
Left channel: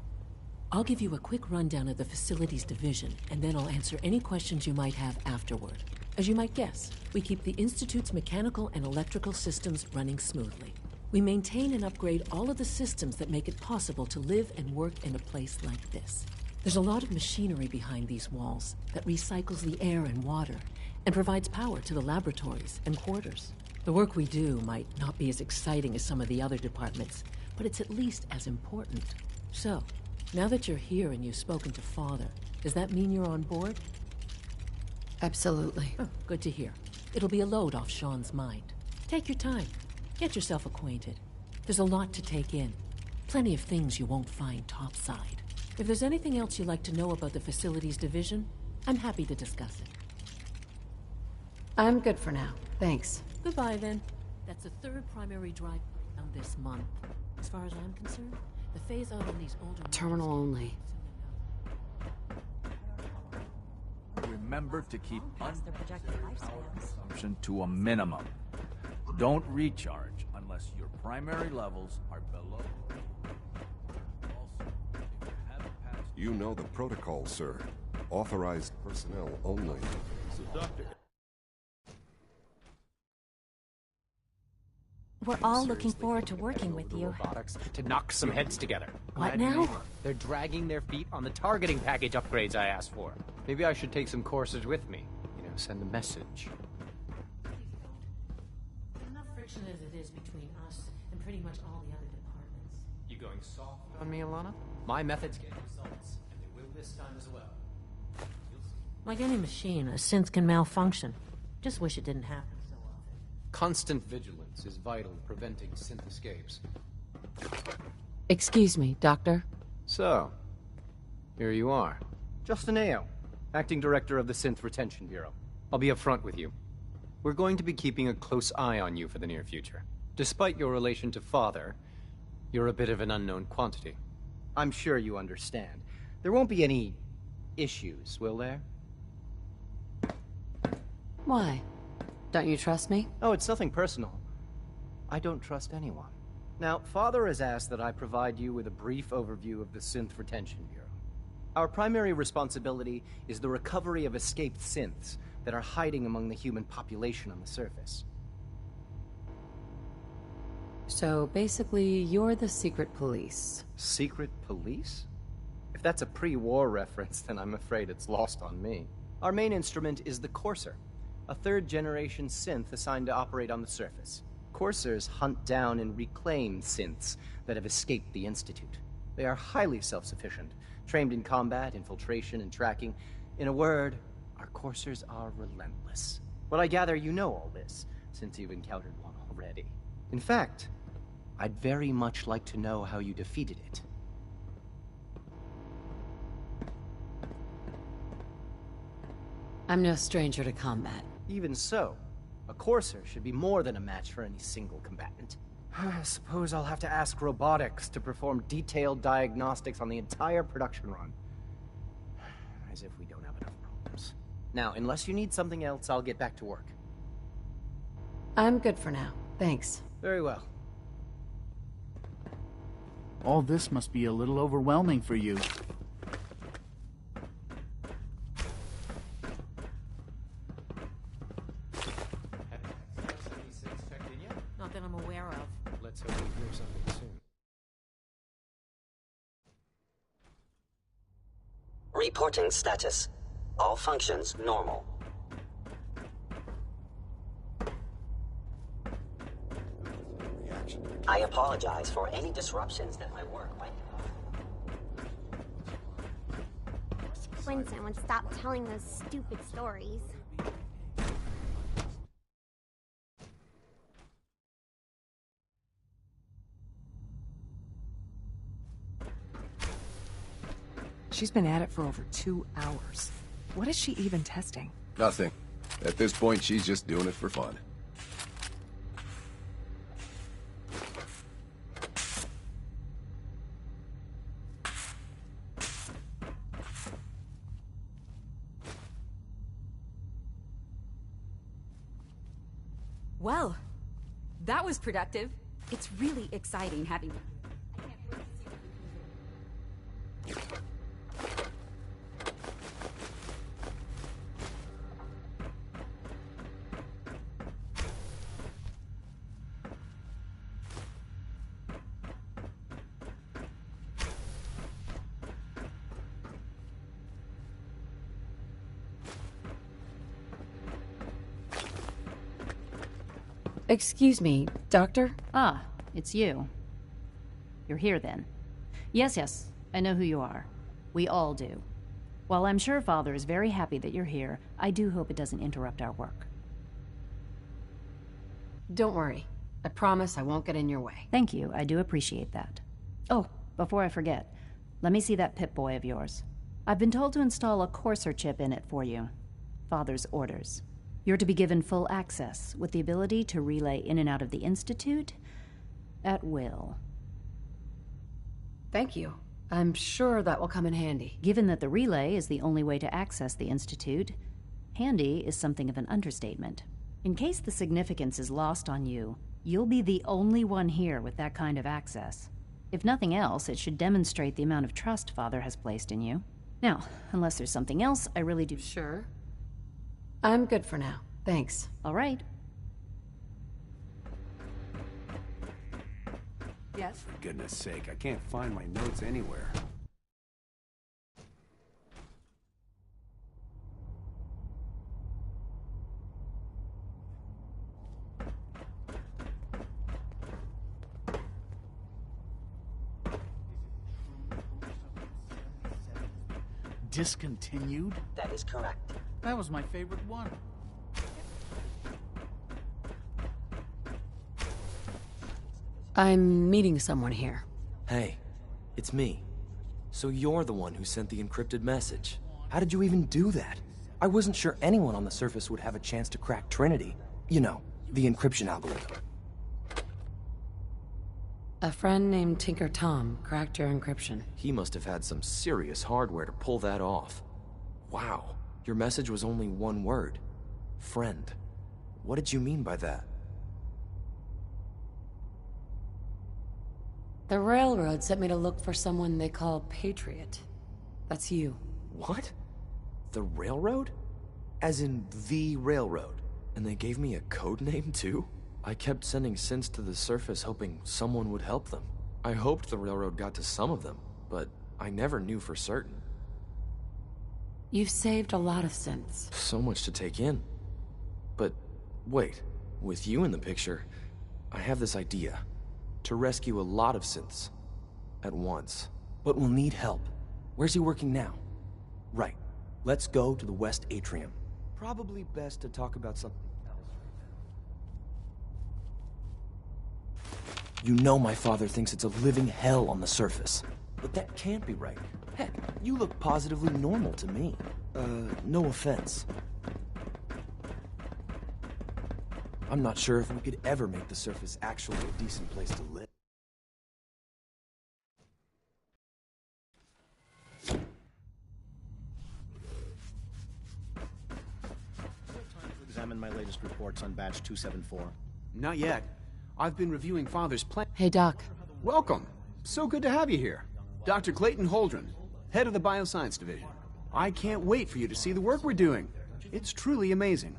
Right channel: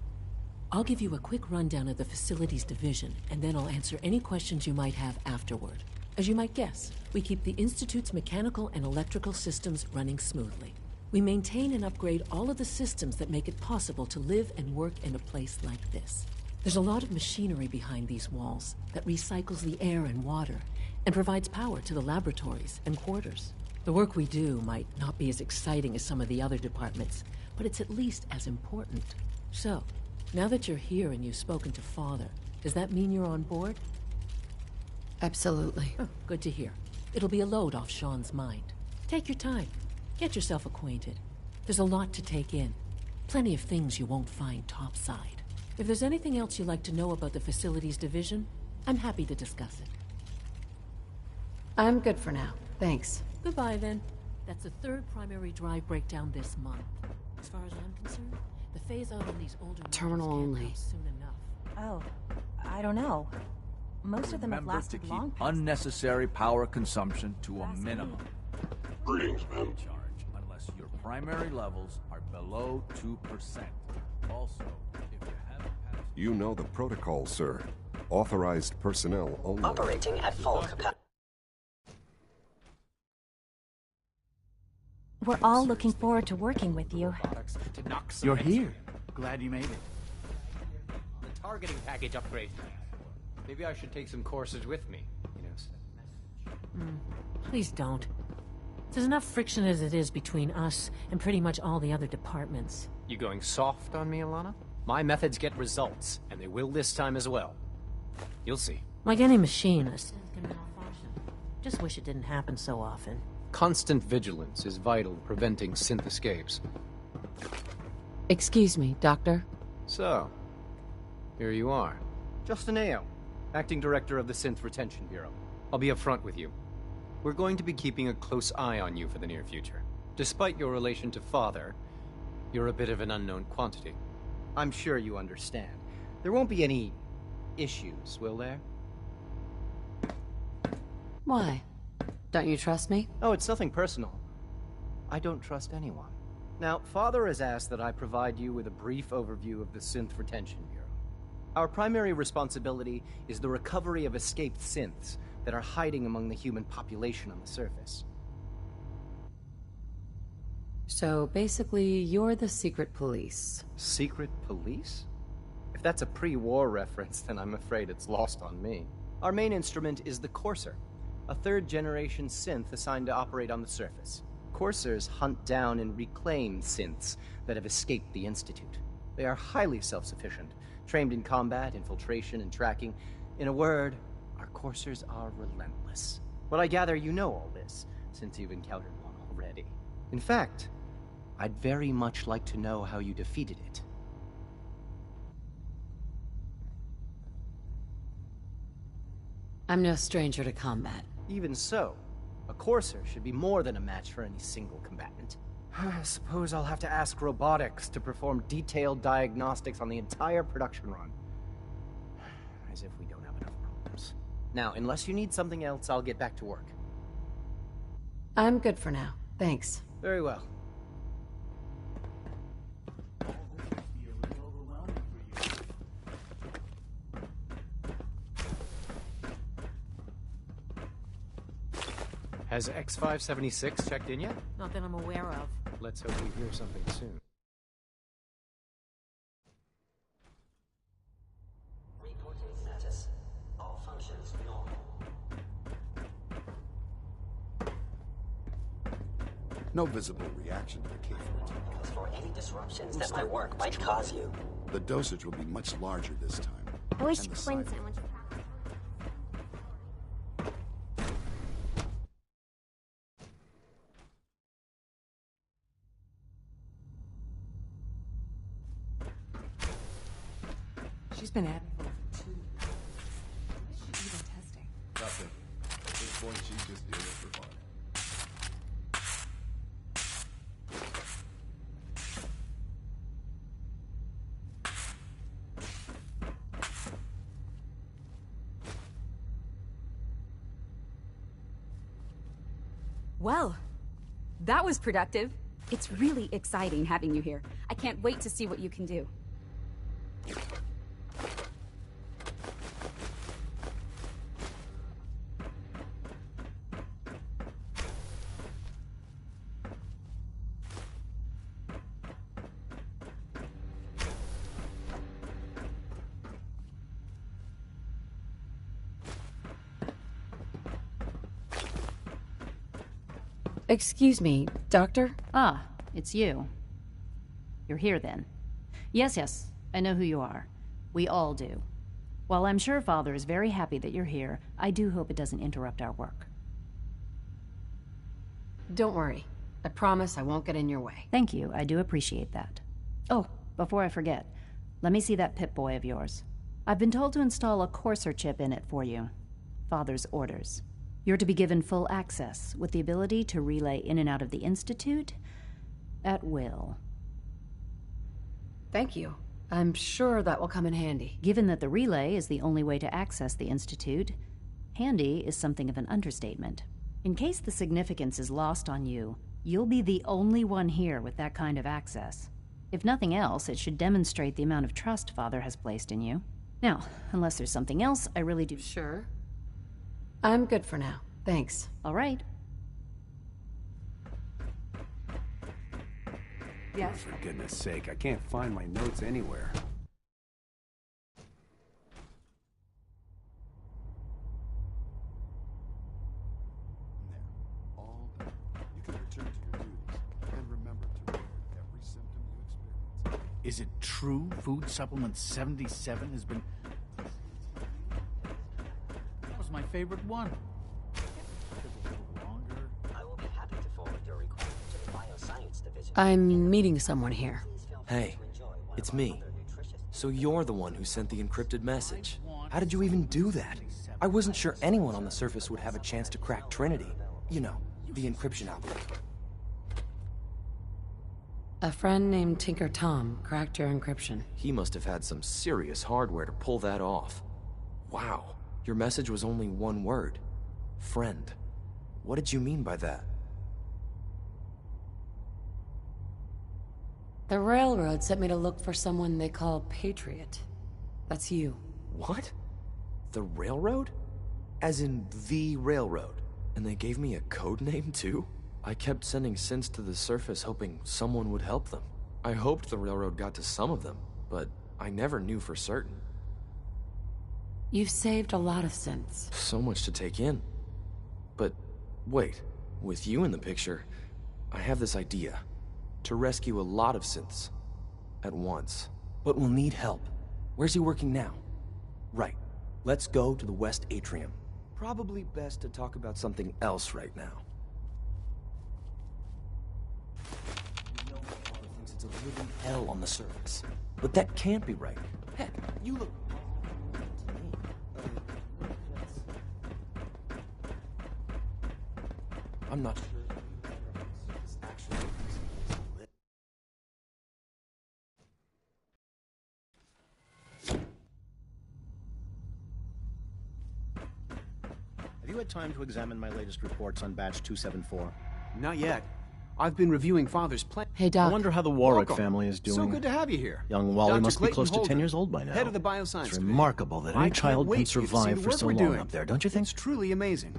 I'll give you a quick rundown of the facilities division, and then I'll answer any questions you might have afterward. As you might guess, we keep the Institute's mechanical and electrical systems running smoothly. We maintain and upgrade all of the systems that make it possible to live and work in a place like this. There's a lot of machinery behind these walls that recycles the air and water and provides power to the laboratories and quarters. The work we do might not be as exciting as some of the other departments, but it's at least as important. So, now that you're here and you've spoken to Father, does that mean you're on board? Absolutely. Oh, good to hear. It'll be a load off Sean's mind. Take your time. Get yourself acquainted. There's a lot to take in. Plenty of things you won't find topside. If there's anything else you'd like to know about the facilities division, I'm happy to discuss it. I'm good for now. Thanks. Goodbye, then. That's the third primary drive breakdown this month. As far as I'm concerned, the phase-out on these older... Terminal only. ...soon enough. Oh, I don't know. Most of them have Remember to lasted keep long past the unnecessary power consumption to a minimum. Don't recharge unless your primary levels are below 2%. Also, if you haven't passed... You know the protocol, sir. Authorized personnel only. Operating at full capacity. We're all looking forward to working with you. To knock some You're heads here. together. Glad you now? made it. They're dragging their feet on the targeting package upgrades I asked for. Maybe I should take some courses with me. You know, send a message. Please don't. There's enough friction as it is between us and pretty much all the other departments. You going soft on me, Alana? My methods get results, and they will this time as well. You'll see. Like any machine, a synth can malfunction. Just wish it didn't happen so often. Constant vigilance is vital in preventing synth escapes. Excuse me, Doctor. So, here you are. Justin Ao, Acting Director of the Synth Retention Bureau. I'll be upfront with you. We're going to be keeping a close eye on you for the near future. Despite your relation to Father, you're a bit of an unknown quantity. I'm sure you understand. There won't be any issues, will there? Why? Don't you trust me? Oh, it's nothing personal. I don't trust anyone. Now, Father has asked that I provide you with a brief overview of the Synth Retention Bureau. Our primary responsibility is the recovery of escaped synths that are hiding among the human population on the surface. So basically, you're the secret police. Secret police? If that's a pre-war reference, then I'm afraid it's lost on me. Our main instrument is the Courser, a third-generation synth assigned to operate on the surface. Coursers hunt down and reclaim synths that have escaped the Institute. They are highly self-sufficient, trained in combat, infiltration, and tracking. In a word, our coursers are relentless. But I gather you know all this, since you've encountered one already. In fact, I'd very much like to know how you defeated it. I'm no stranger to combat. Even so, a Courser should be more than a match for any single combatant. I suppose I'll have to ask robotics to perform detailed diagnostics on the entire production run. As if we don't have enough problems. Now, unless you need something else, I'll get back to work. I'm good for now. Thanks. Very well. All this must be a little overwhelming for you. Has X-576 checked in yet? Not that I'm aware of. Let's hope we hear something soon. Reporting status. All functions normal. No visible reaction. I apologize for any disruptions that my work might cause you. The dosage will be much larger this time. I wish Clinton would stop telling those stupid stories. She's been at it for over 2 hours. What is she even testing? Nothing. At this point, she's just doing it for fun. Well, that was productive. It's really exciting having you here. I can't wait to see what you can do. Excuse me, Doctor? Ah, it's you. You're here then. Yes, I know who you are. We all do. While I'm sure Father is very happy that you're here, I do hope it doesn't interrupt our work. Don't worry. I promise I won't get in your way. Thank you, I do appreciate that. Oh, before I forget, let me see that Pip-Boy of yours. I've been told to install a Courser chip in it for you. Father's orders. You're to be given full access, with the ability to relay in and out of the Institute at will. Thank you. I'm sure that will come in handy. Given that the relay is the only way to access the Institute, handy is something of an understatement. In case the significance is lost on you, you'll be the only one here with that kind of access. If nothing else, it should demonstrate the amount of trust Father has placed in you. Now, unless there's something else, I really do... Sure. I'm good for now. Thanks. All right. Yes? For goodness sake, I can't find my notes anywhere. Is it true Food Supplement 77 has been discontinued? That is correct. That was my favorite one. I will be happy to forward your request to the Bioscience Division. I'm meeting someone here. Hey, it's me. So you're the one who sent the encrypted message. How did you even do that? I wasn't sure anyone on the surface would have a chance to crack Trinity. You know, the encryption algorithm. A friend named Tinker Tom cracked your encryption. He must have had some serious hardware to pull that off. Wow, your message was only one word. Friend. What did you mean by that? The railroad sent me to look for someone they call Patriot. That's you. What? The railroad? As in the railroad? And they gave me a code name too? I kept sending synths to the surface hoping someone would help them. I hoped the railroad got to some of them, but I never knew for certain. You've saved a lot of synths. So much to take in. But wait, with you in the picture, I have this idea. To rescue a lot of synths at once. But we'll need help. Where's he working now? Right. Let's go to the West Atrium. Probably best to talk about something else right now. You know my father thinks it's a living hell on the surface. But that can't be right. Heck, you look positively normal to me. No offense. I'm not sure if we could ever make the surface actually a decent place to live. Have you had time to examine my latest reports on Batch 274? Not yet. I've been reviewing Father's plan. Hey, Doc. I wonder how the Warwick Welcome. family is doing. So good to have you here. Young Wally Dr. must Clayton be close Holden, to 10 years old by now. head of the Bioscience It's Division. remarkable that I any can't child wait can for you to see survive the for work so we're long doing. up there, don't you think? It's truly amazing.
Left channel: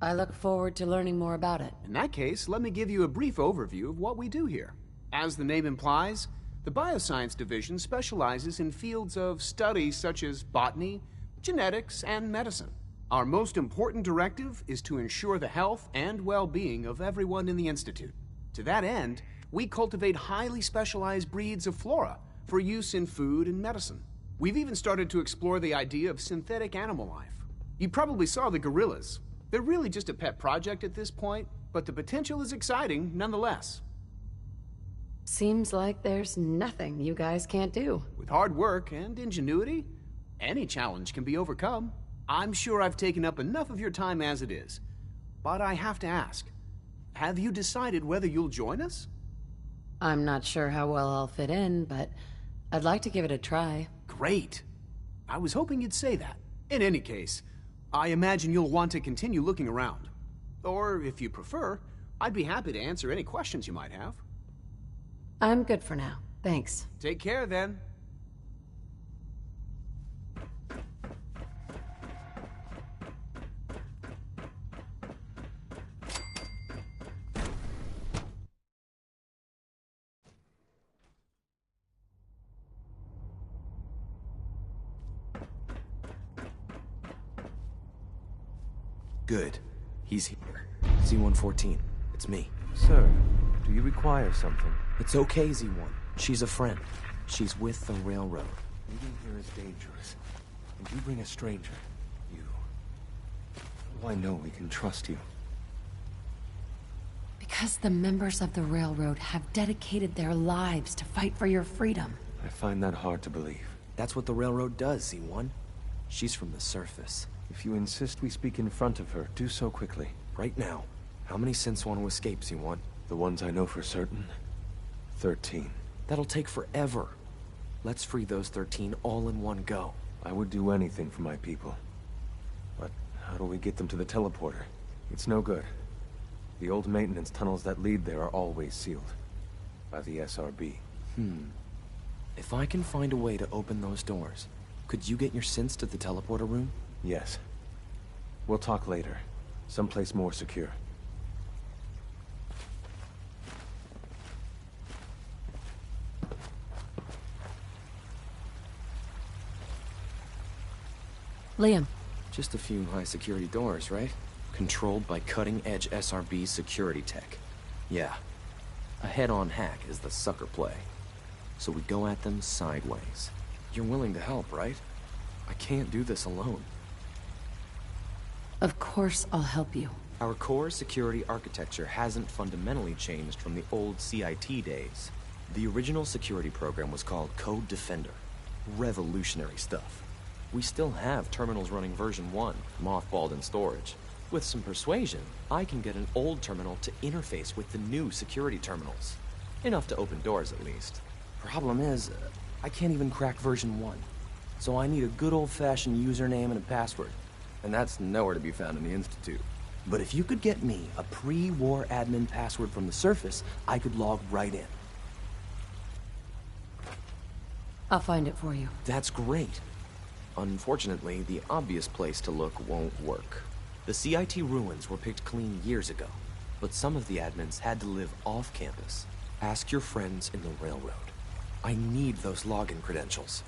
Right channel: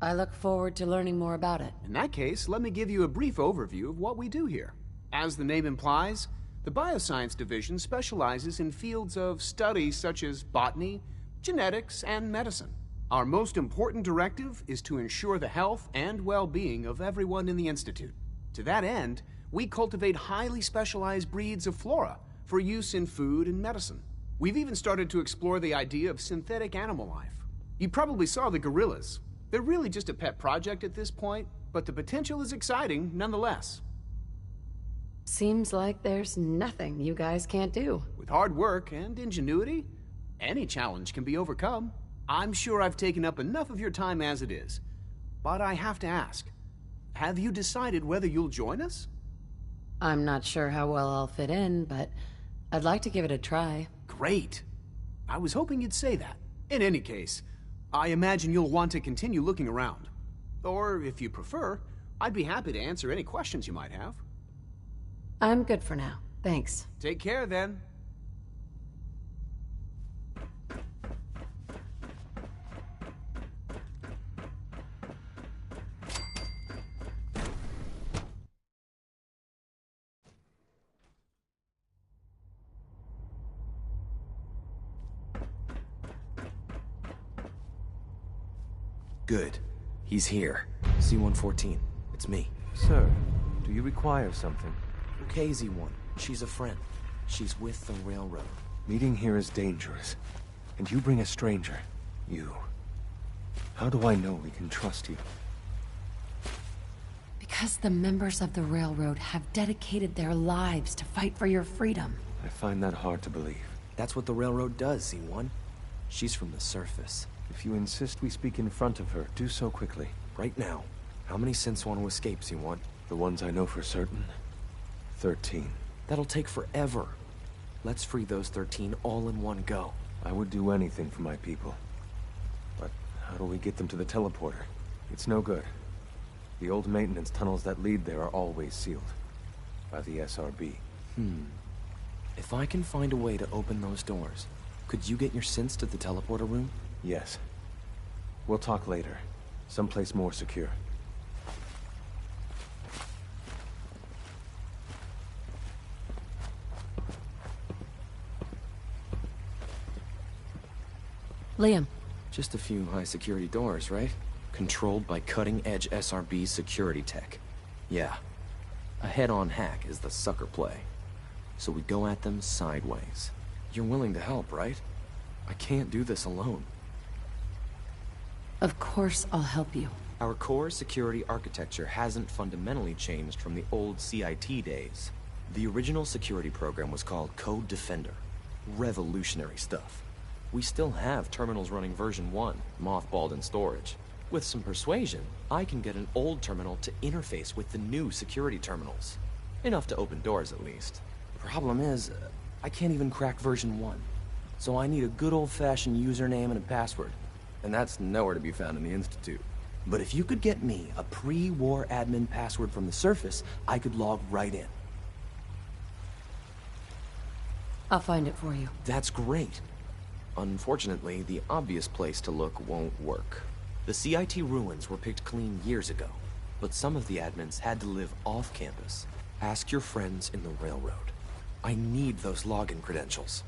I look forward to learning more about it. In that case, let me give you a brief overview of what we do here. As the name implies, the Bioscience Division specializes in fields of study such as botany, genetics, and medicine. Our most important directive is to ensure the health and well-being of everyone in the Institute. To that end, we cultivate highly specialized breeds of flora for use in food and medicine. We've even started to explore the idea of synthetic animal life. You probably saw the gorillas. They're really just a pet project at this point, but the potential is exciting nonetheless. Seems like there's nothing you guys can't do. With hard work and ingenuity, any challenge can be overcome. I'm sure I've taken up enough of your time as it is. But I have to ask, have you decided whether you'll join us? I'm not sure how well I'll fit in, but I'd like to give it a try. Great. I was hoping you'd say that. In any case, I imagine you'll want to continue looking around. Or, if you prefer, I'd be happy to answer any questions you might have. I'm good for now. Thanks. Take care, then. Good. He's here. C-114. It's me. Sir, do you require something? It's okay, Z-1. She's a friend. She's with the railroad. Meeting here is dangerous. And you bring a stranger. You. How do I know we can trust you? Because the members of the railroad have dedicated their lives to fight for your freedom. I find that hard to believe. That's what the railroad does, Z-1. She's from the surface. If you insist we speak in front of her, do so quickly. Right now. How many synths want to escape, Z-1? The ones I know for certain. 13. That'll take forever. Let's free those 13 all in one go. I would do anything for my people. But how do we get them to the teleporter? It's no good. The old maintenance tunnels that lead there are always sealed. By the SRB. If I can find a way to open those doors, could you get your synths to the teleporter room? Yes. We'll talk later. Someplace more secure. Liam. Just a few high-security doors, right? Controlled by cutting-edge SRB security tech. Yeah. A head-on hack is the sucker play. So we go at them sideways. You're willing to help, right? I can't do this alone. Of course I'll help you. Our core security architecture hasn't fundamentally changed from the old CIT days. The original security program was called Code Defender. Revolutionary stuff. We still have terminals running version 1, mothballed in storage. With some persuasion, I can get an old terminal to interface with the new security terminals. Enough to open doors, at least. Problem is, I can't even crack version 1. So I need a good old-fashioned username and a password. And that's nowhere to be found in the Institute. But if you could get me a pre-war admin password from the surface, I could log right in. I'll find it for you. That's great. Unfortunately, the obvious place to look won't work. The CIT ruins were picked clean years ago, but some of the admins had to live off campus. Ask your friends in the railroad. I need those login credentials.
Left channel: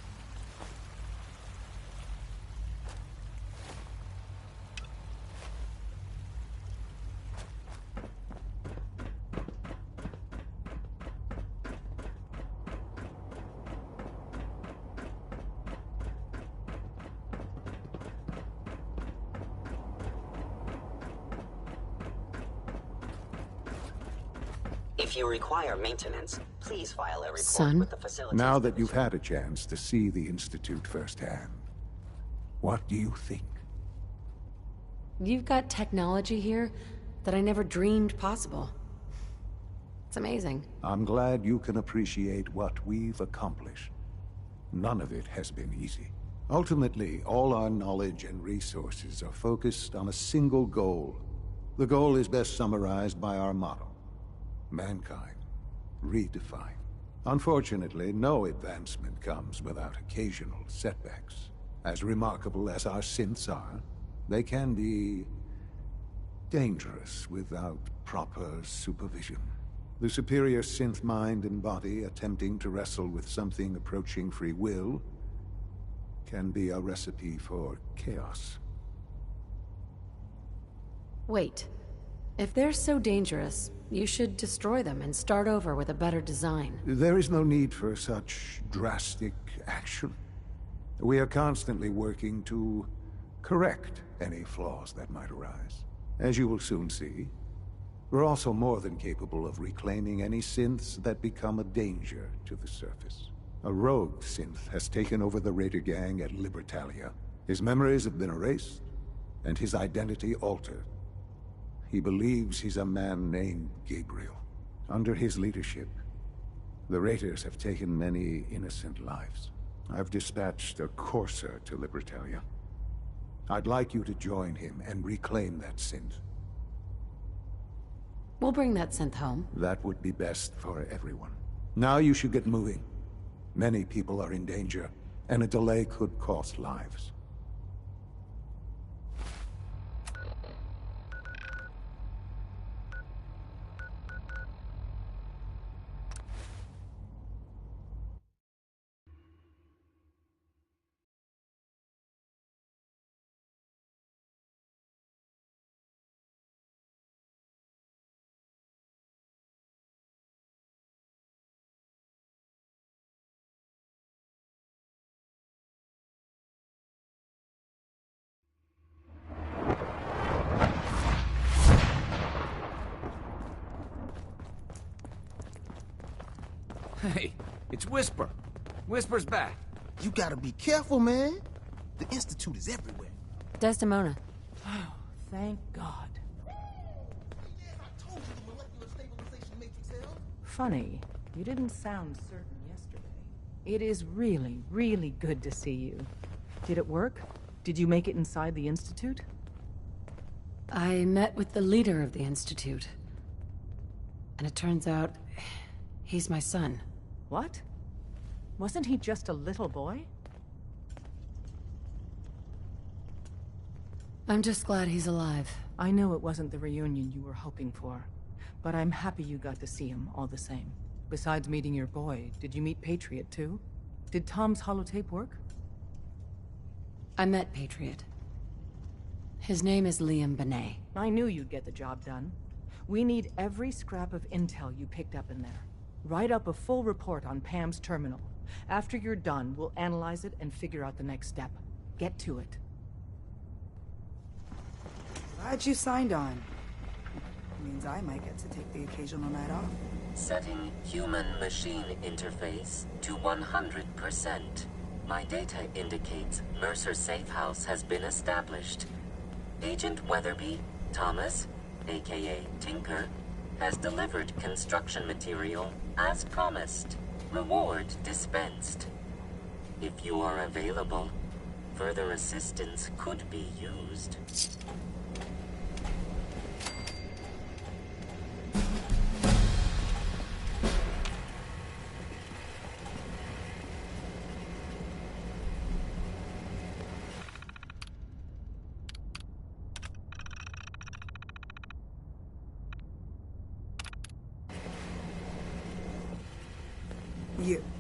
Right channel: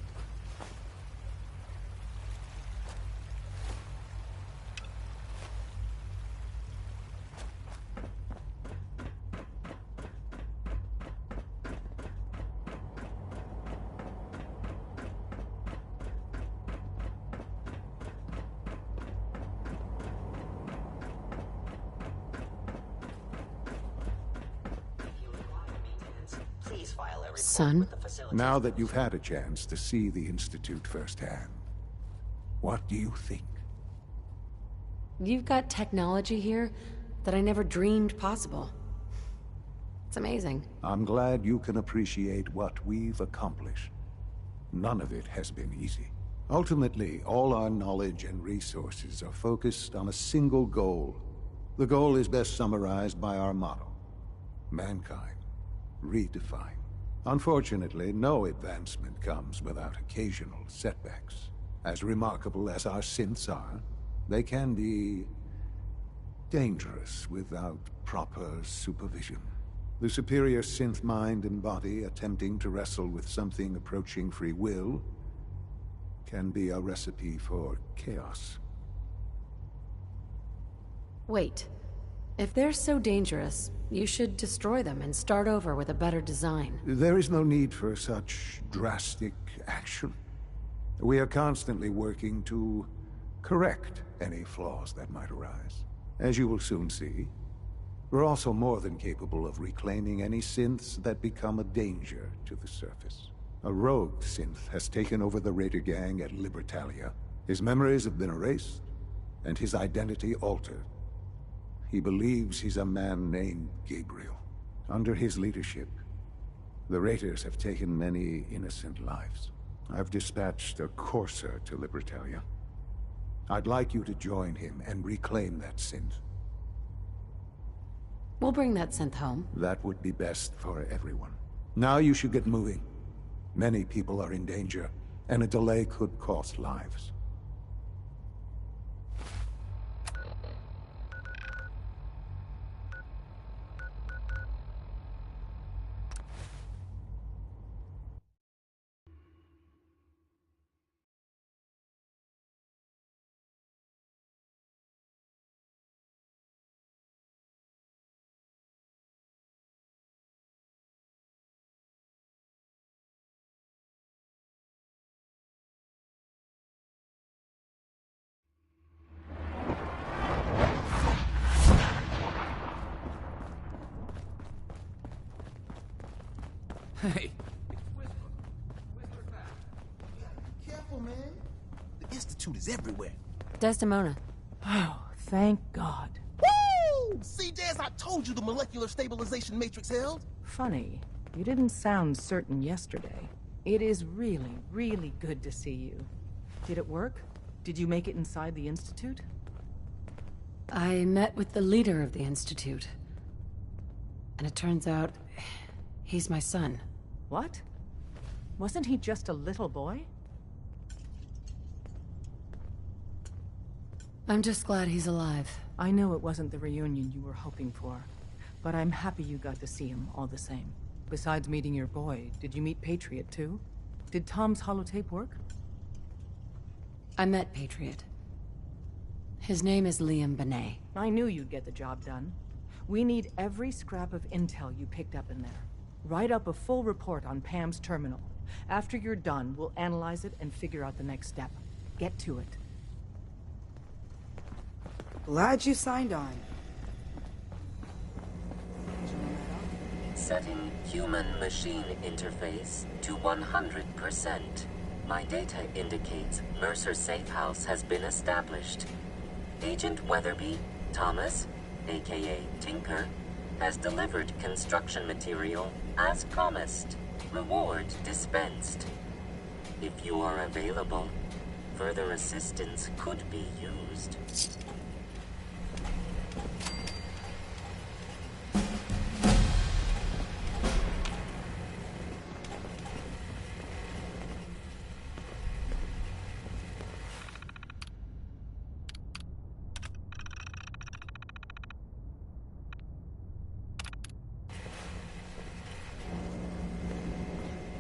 If you require maintenance, please file a report Son? with the facility. Now that you've had a chance to see the Institute firsthand, what do you think? You've got technology here that I never dreamed possible. It's amazing. I'm glad you can appreciate what we've accomplished. None of it has been easy. Ultimately, all our knowledge and resources are focused on a single goal. The goal is best summarized by our motto: mankind, redefined. Unfortunately, no advancement comes without occasional setbacks. As remarkable as our synths are, they can be dangerous without proper supervision. The superior synth mind and body attempting to wrestle with something approaching free will can be a recipe for chaos. Wait. If they're so dangerous, you should destroy them and start over with a better design. There is no need for such drastic action. We are constantly working to correct any flaws that might arise. As you will soon see, we're also more than capable of reclaiming any synths that become a danger to the surface. A rogue synth has taken over the Raider gang at Libertalia. His memories have been erased, and his identity altered. He believes he's a man named Gabriel. Under his leadership, the Raiders have taken many innocent lives. I've dispatched a courser to Libertalia. I'd like you to join him and reclaim that synth. We'll bring that synth home. That would be best for everyone. Now you should get moving. Many people are in danger, and a delay could cost lives. Hey, it's Whisper. Whisper's back. You gotta be careful, man. The Institute is everywhere. Desdemona. Oh, thank God. Woo! See, Des, I told you the molecular stabilization matrix held. Funny, you didn't sound certain yesterday. It is really, really good to see you. Did it work? Did you make it inside the Institute? I met with the leader of the Institute. And it turns out, he's my son. What? Wasn't he just a little boy? I'm just glad he's alive. I know it wasn't the reunion you were hoping for, but I'm happy you got to see him all the same. Besides meeting your boy, did you meet Patriot too? Did Tom's holotape work? I met Patriot. His name is Liam Benet. I knew you'd get the job done. We need every scrap of intel you picked up in there. Write up a full report on Pam's terminal. After you're done, we'll analyze it and figure out the next step. Get to it. Glad you signed on. Means I might get to take the occasional night off. Setting human-machine interface to 100%. My data indicates Mercer Safe House has been established. Agent Weatherby, Thomas, aka Tinker, has delivered construction material as promised. Reward dispensed. If you are available, further assistance could be used.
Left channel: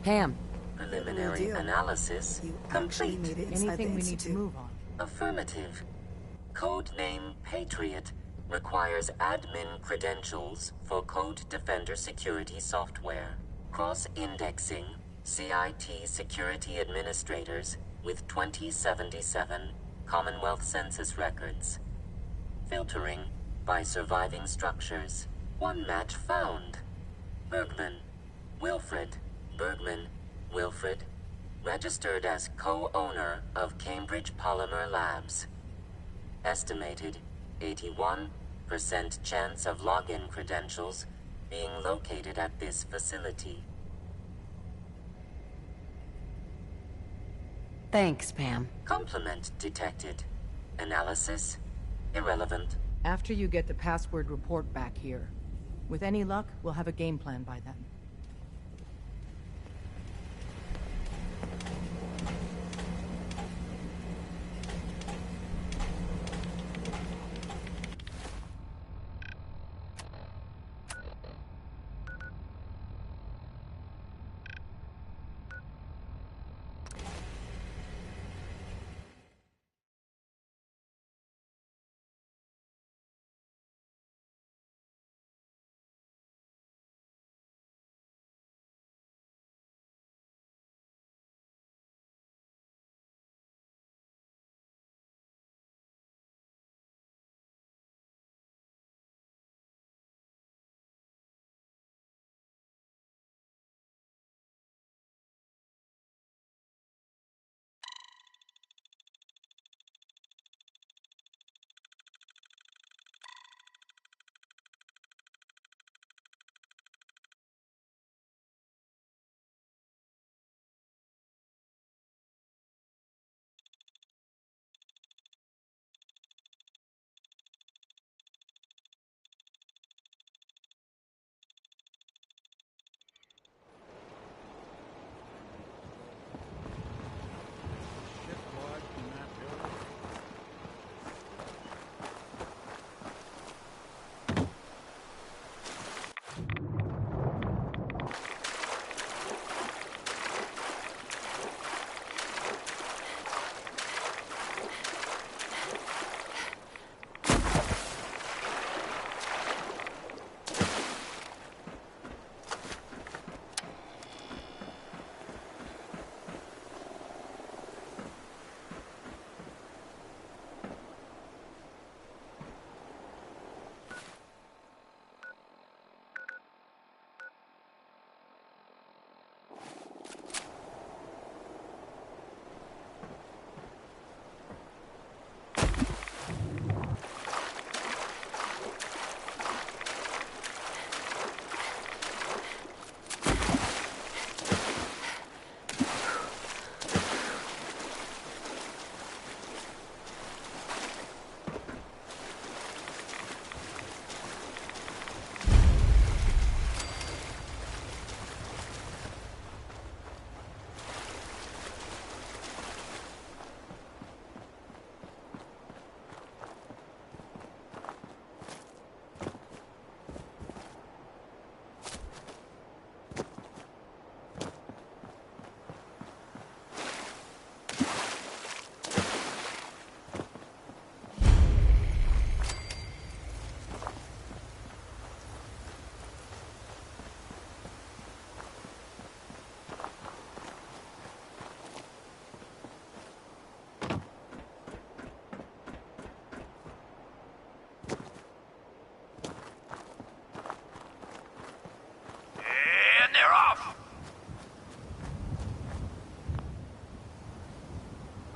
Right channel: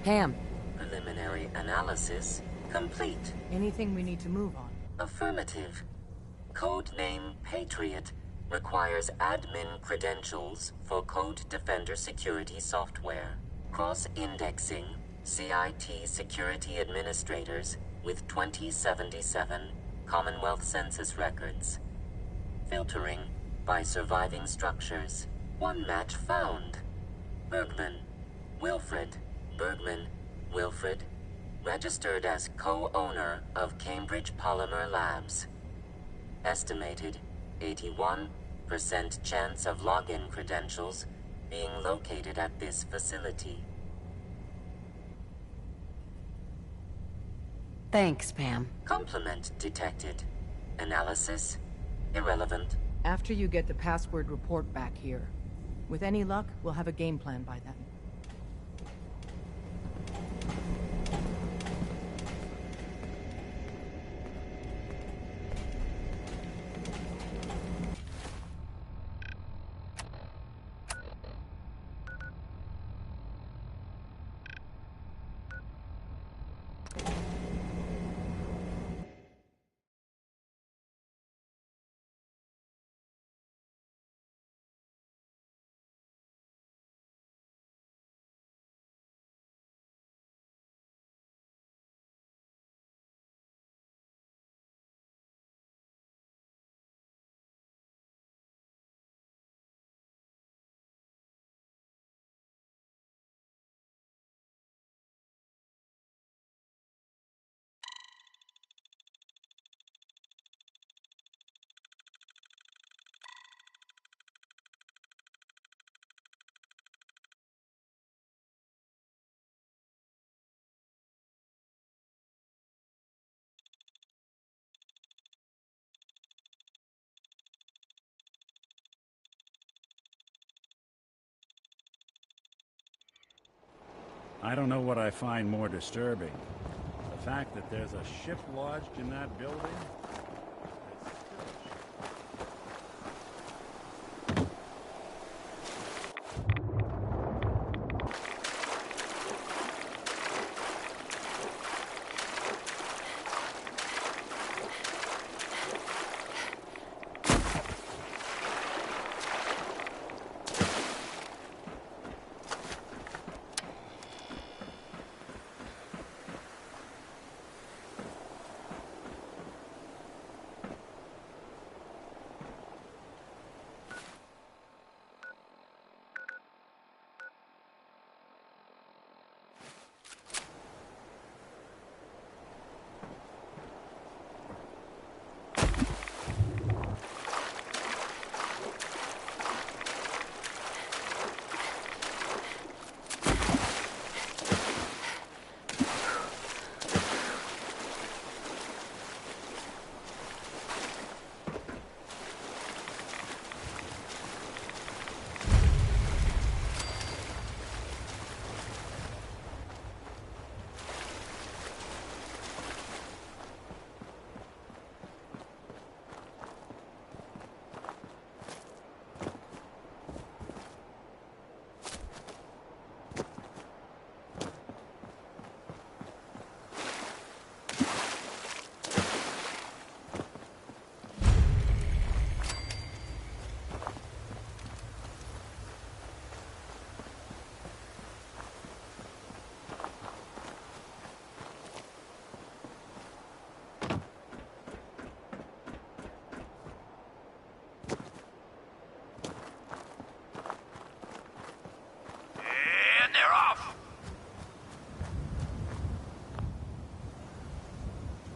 Pam. Preliminary analysis complete. Anything we need to move on? Affirmative. Codename Patriot requires admin credentials for Code Defender security software. Cross-indexing CIT security administrators with 2077 Commonwealth Census records. Filtering by surviving structures. One match found. Bergman, Wilfred. Bergman, Wilfred, registered as co-owner of Cambridge Polymer Labs. Estimated 81% chance of login credentials being located at this facility. Thanks, Pam. Complement detected. Analysis irrelevant. After you get the password report back here. With any luck, we'll have a game plan by then. I don't know what I find more disturbing. The fact that there's a ship lodged in that building.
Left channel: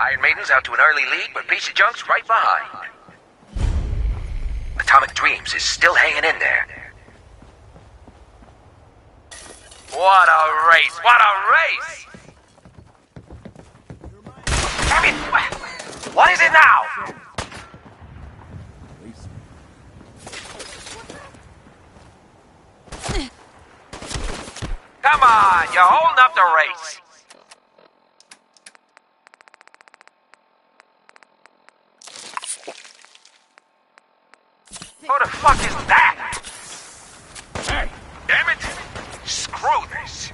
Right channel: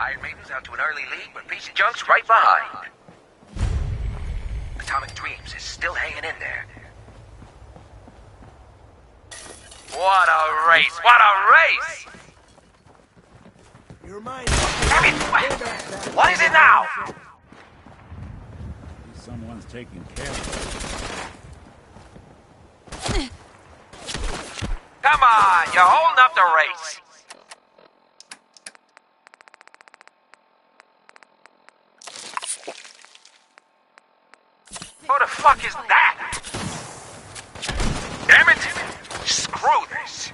Iron Maiden's out to an early lead, but Piece of Junk's right behind. Atomic Dreams is still hanging in there. What a race! What a race! Damn it! What is it now? At least someone's taking care of it. Come on, you're holding up the race. Who the fuck is that? Damn it! Screw this!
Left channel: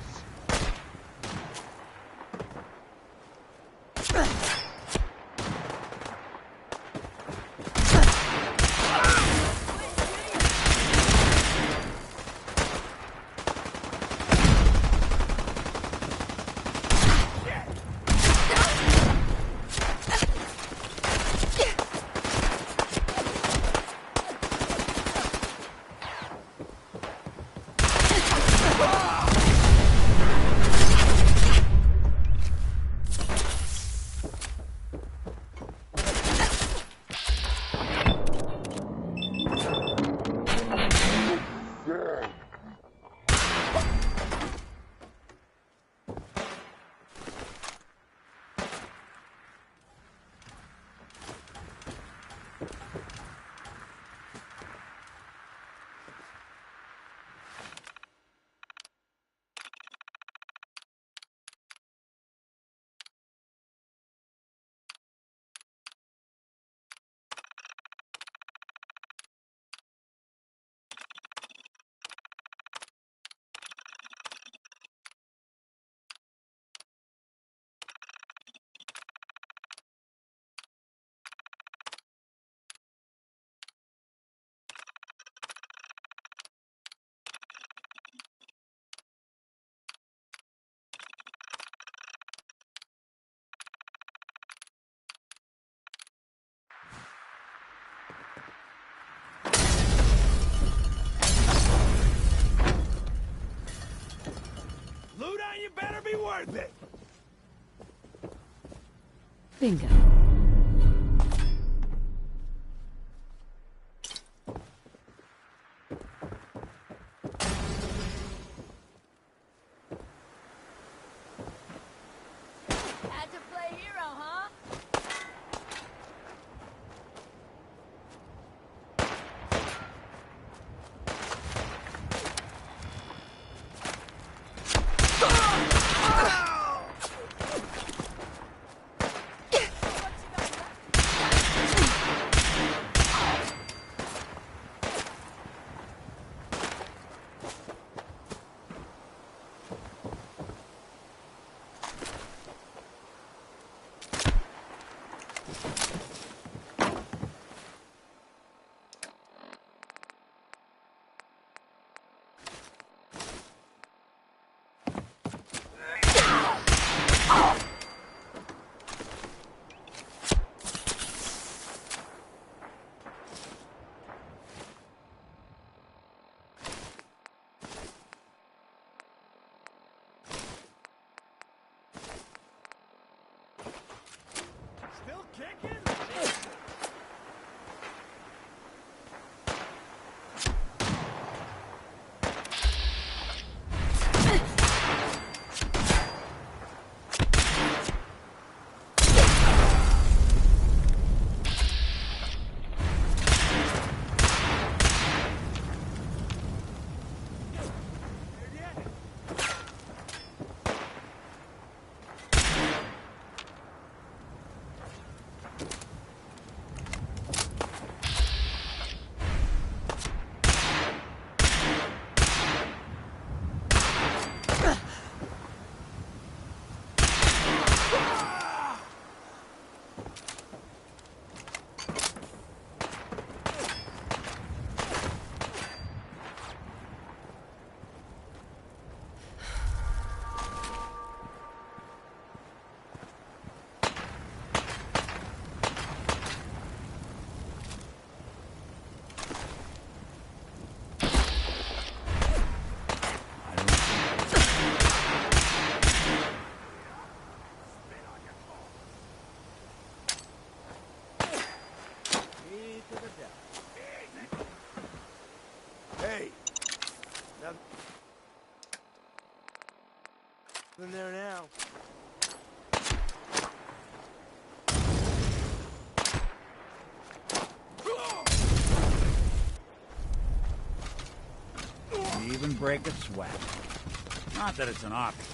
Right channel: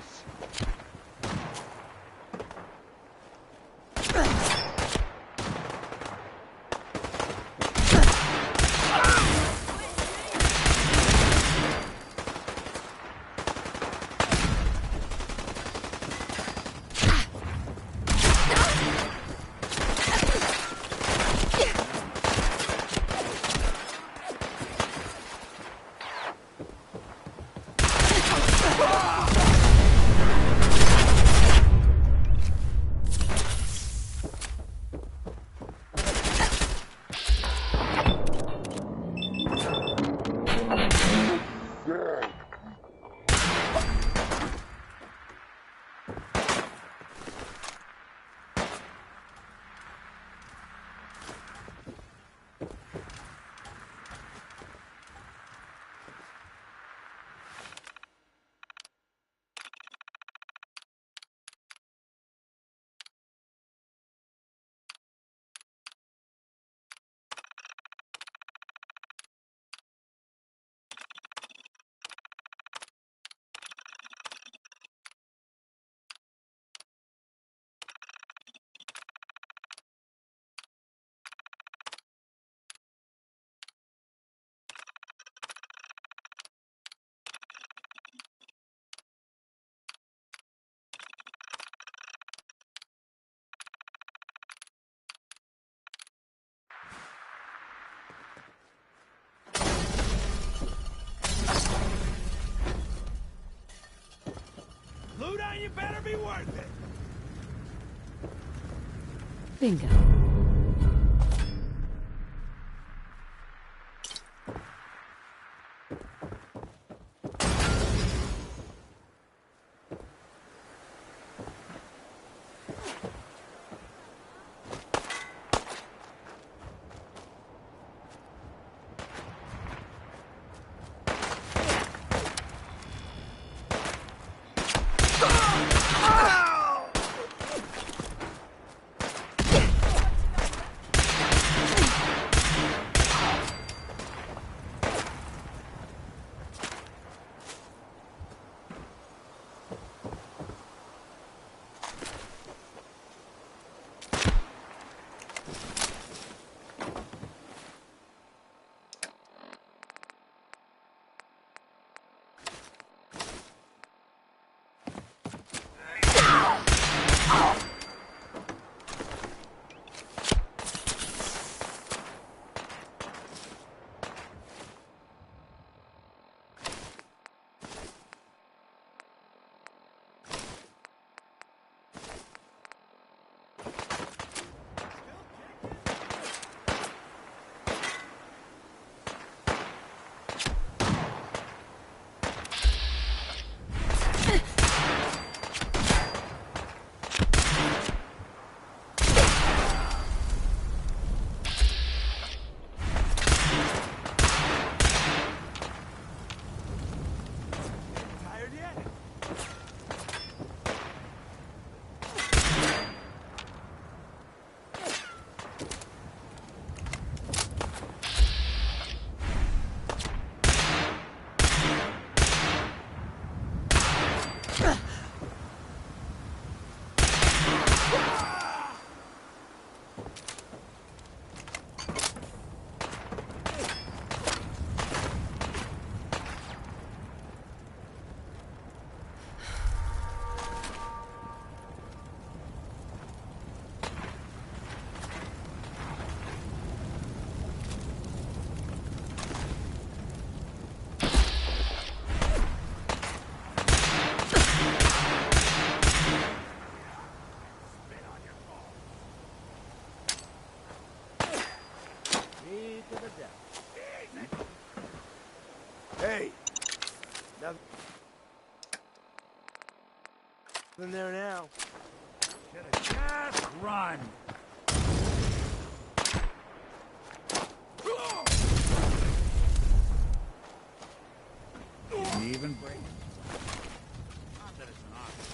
Luda, you better be worth it! Bingo. Ugh! Hey! Nothing there now. Run! Didn't even break a sweat. Not that it's an option.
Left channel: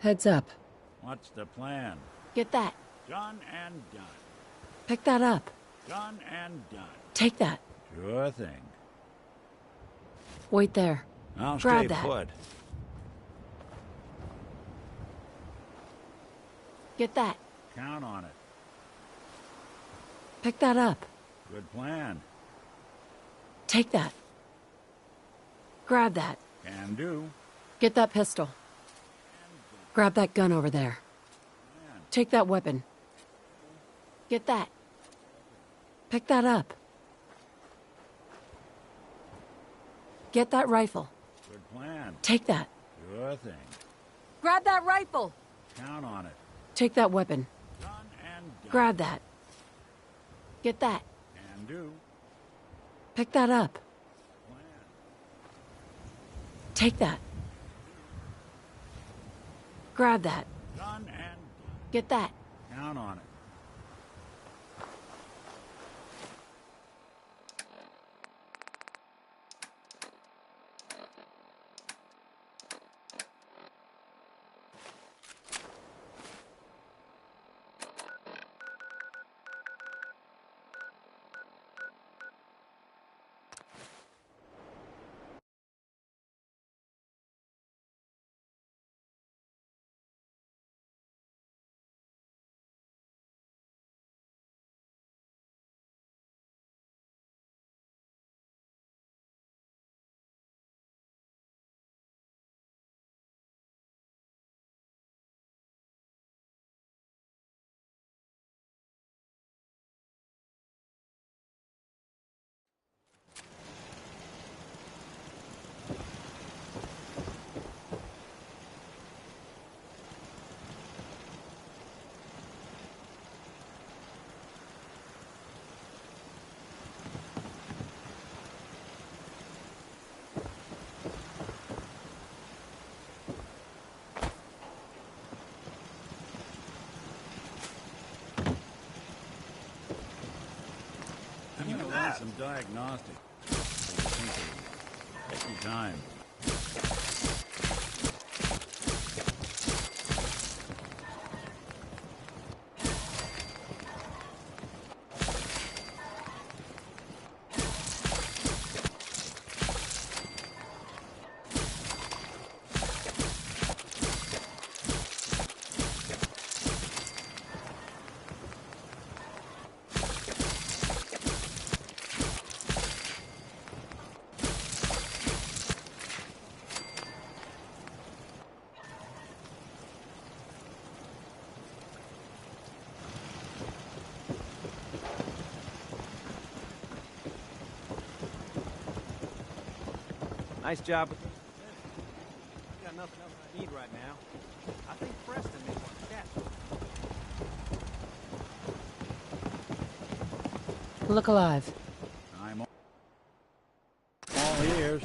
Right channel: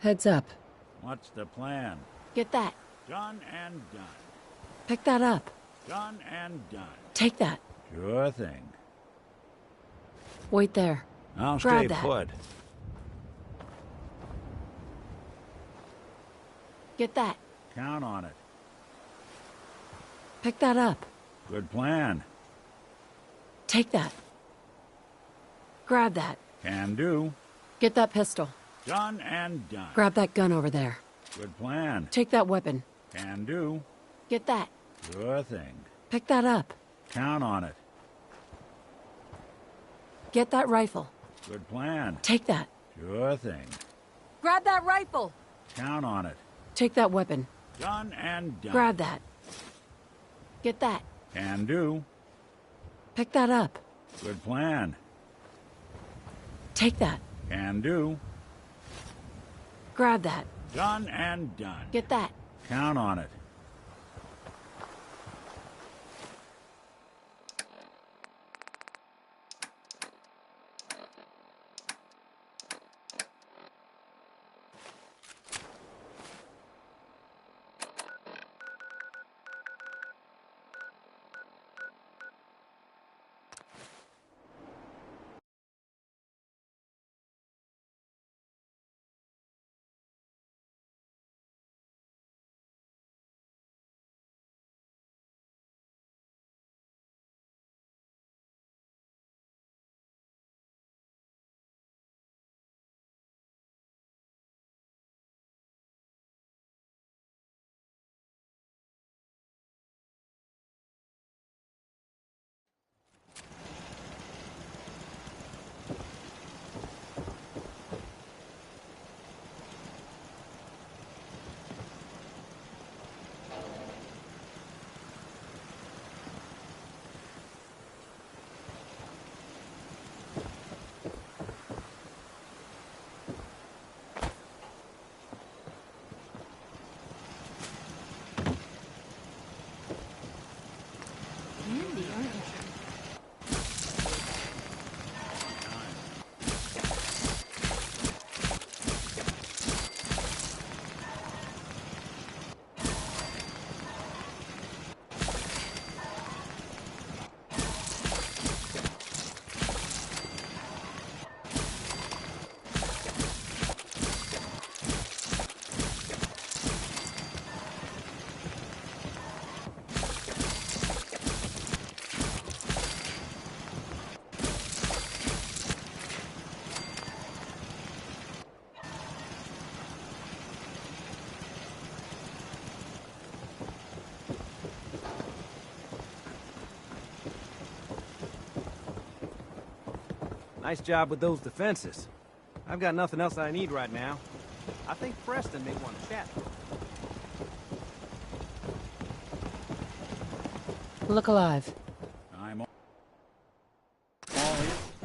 Heads up. What's the plan? Get that. Done and done. Pick that up. Done and done. Take that. Sure thing. Wait there. I'll Grab stay that. put. Get that. Count on it. Pick that up. Good plan. Take that. Grab that. Can do. Get that pistol. Done and done. Grab that gun over there. Good plan. Take that weapon. Can do. Get that. Sure thing. Pick that up. Count on it. Get that rifle. Good plan. Take that. Sure thing. Grab that rifle. Count on it. Take that weapon. Done and done. Grab that. Get that. Can do. Pick that up. Good plan. Take that. Can do. Grab that. Done and done. Get that. Count on it. Nice job with those defenses. I've got nothing else I need right now. I think Preston may want to chat. Look alive. I'm all ears.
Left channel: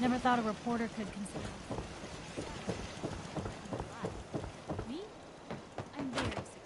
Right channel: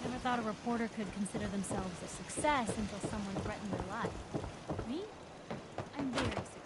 Never thought a reporter could consider themselves a success until someone threatened their life. Me? I'm very successful.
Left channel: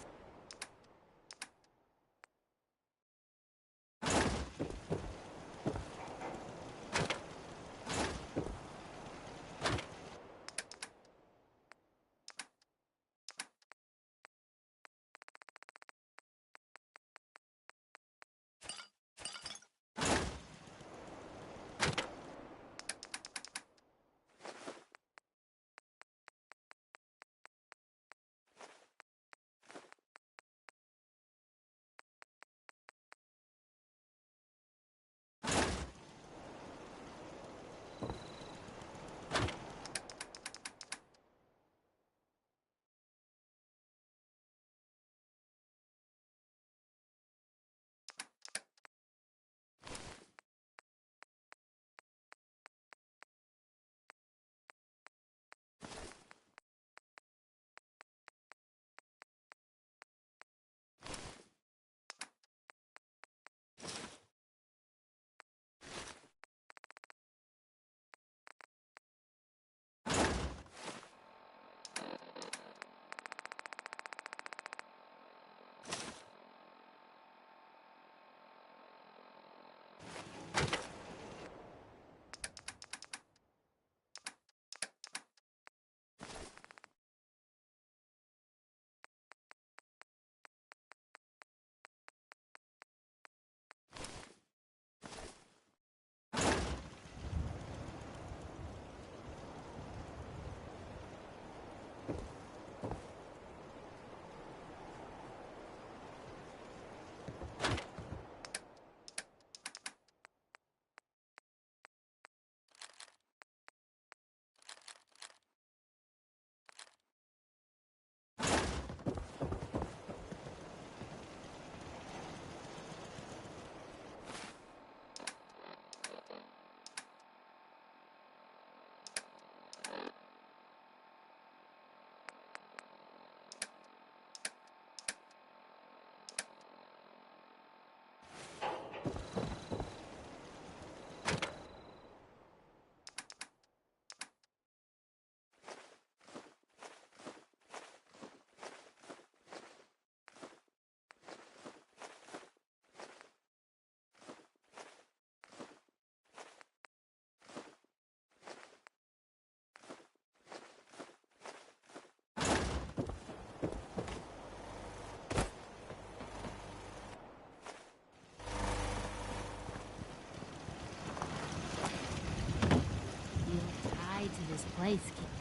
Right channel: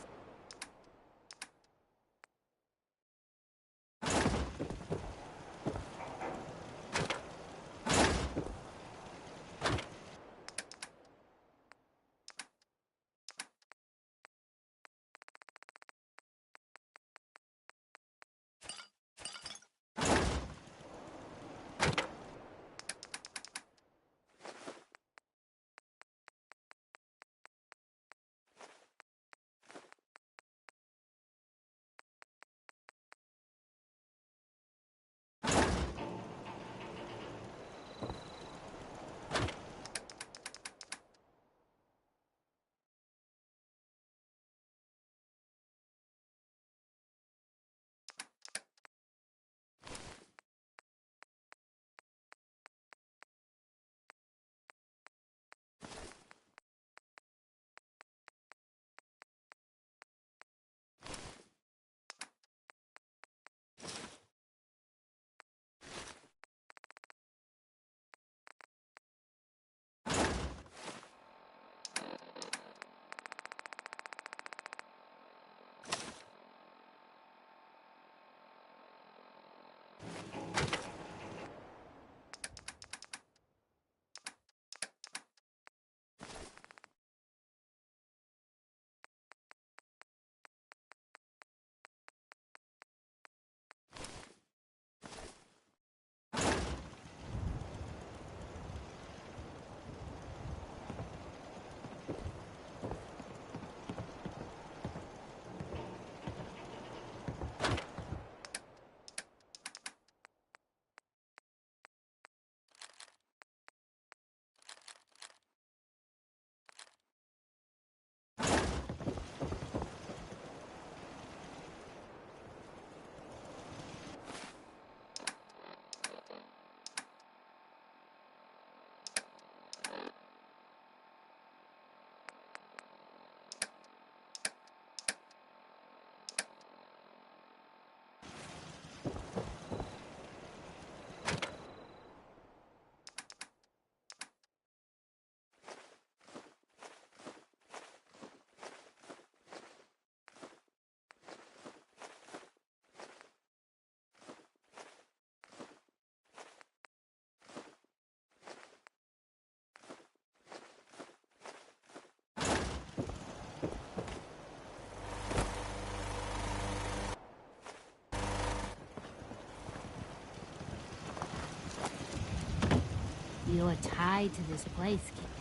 feel a tie to this place, kid.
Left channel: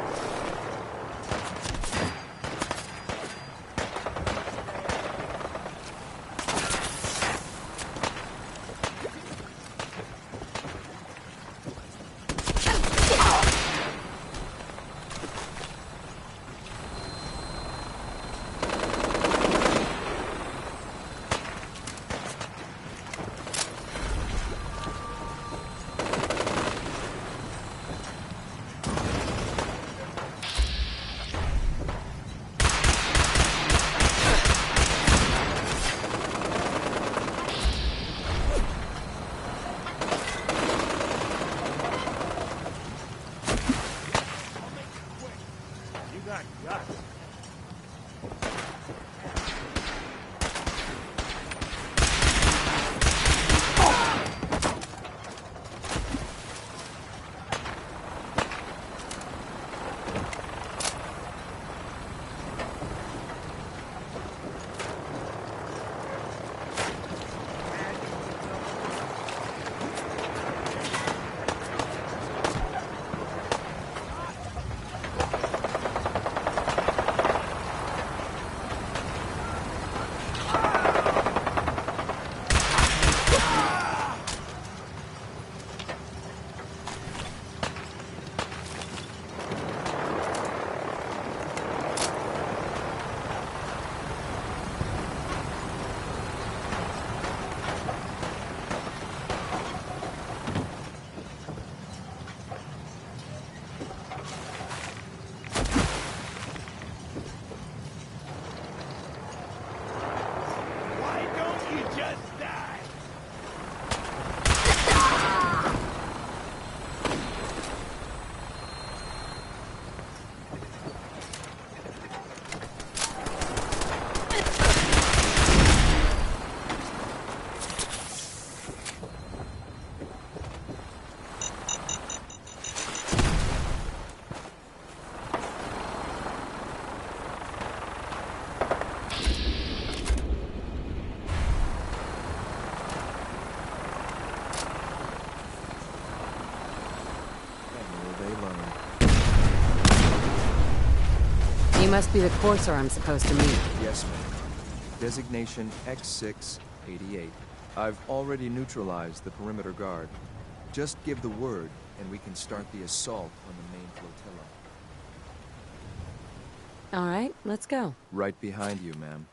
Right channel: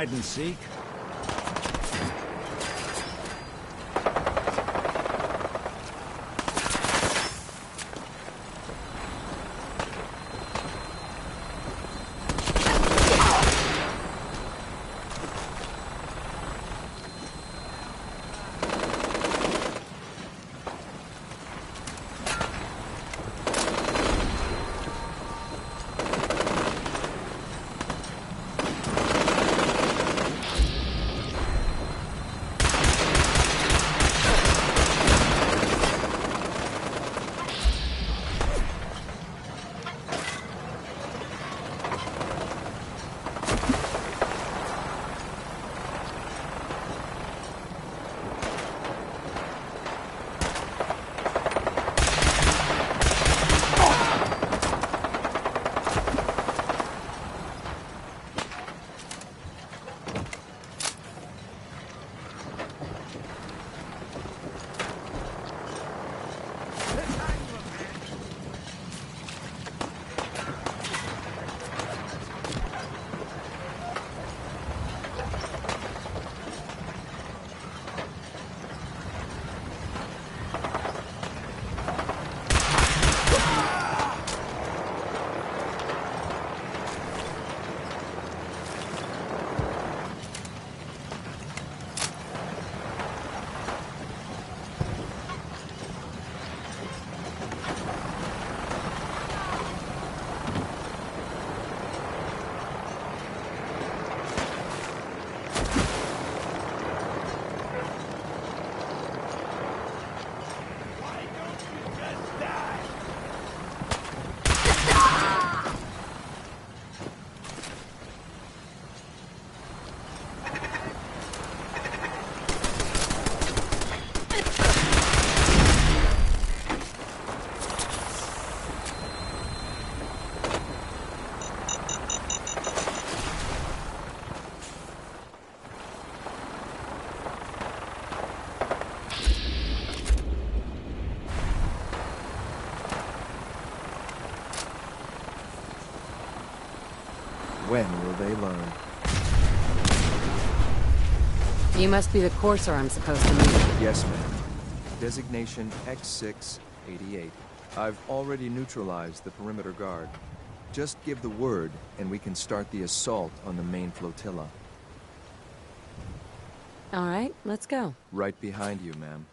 hide and seek? When will they learn? You must be the courser I'm supposed to meet. Yes, ma'am. Designation X688. I've already neutralized the perimeter guard. Just give the word, and we can start the assault on the main flotilla. All right, let's go. Right behind you, ma'am.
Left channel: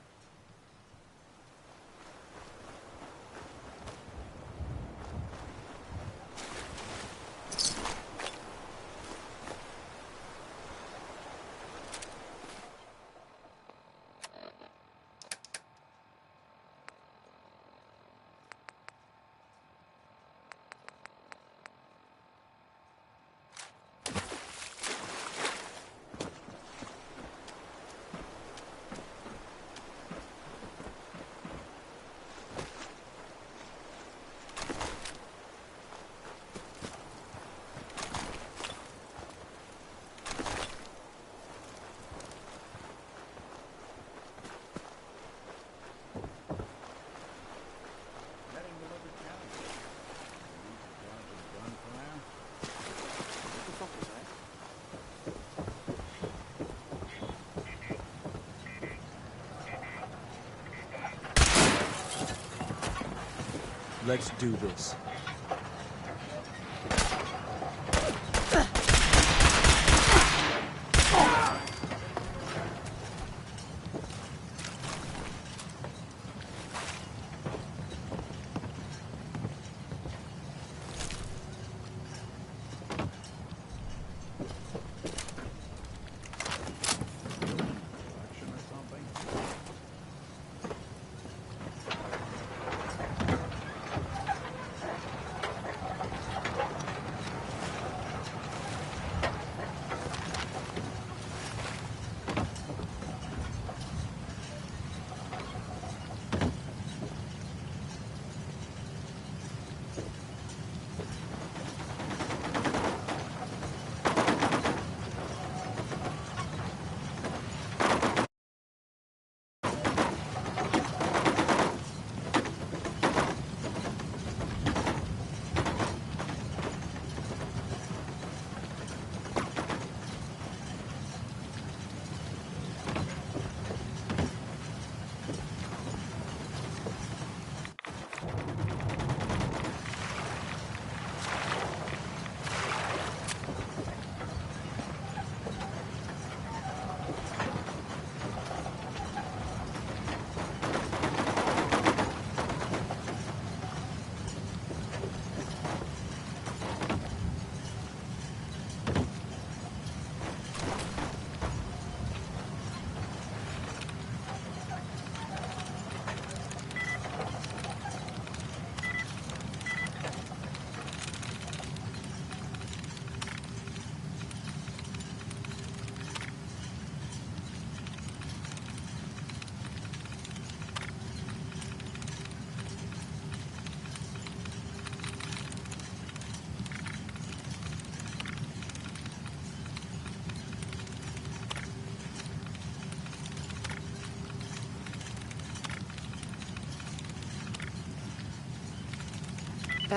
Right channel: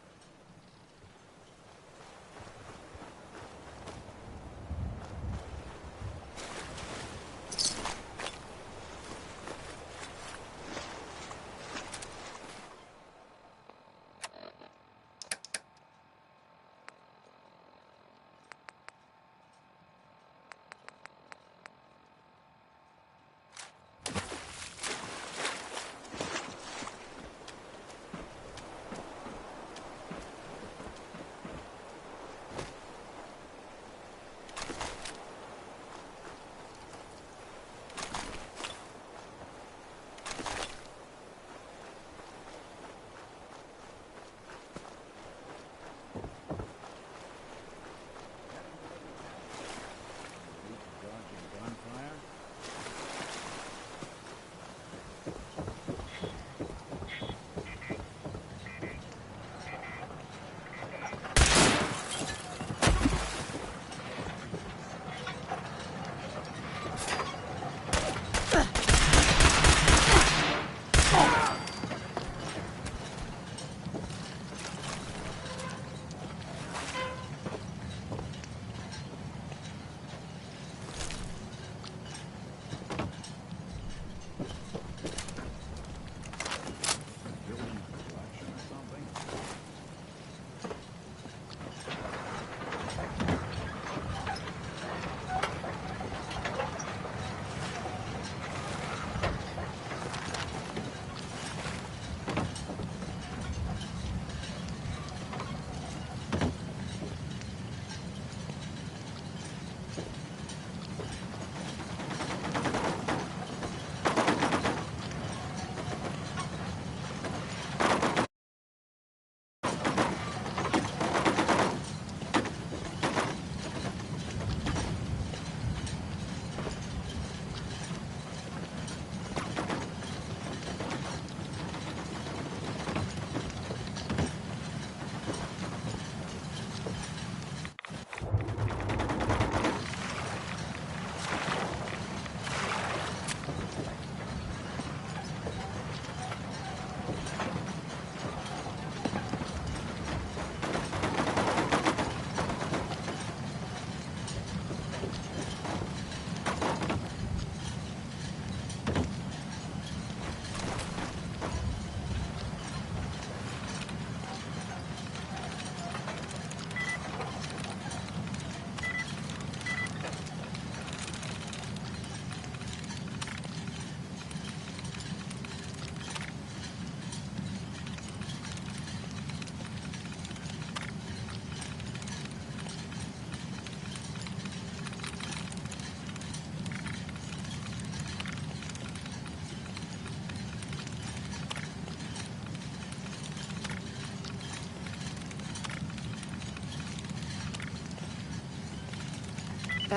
Let's do this.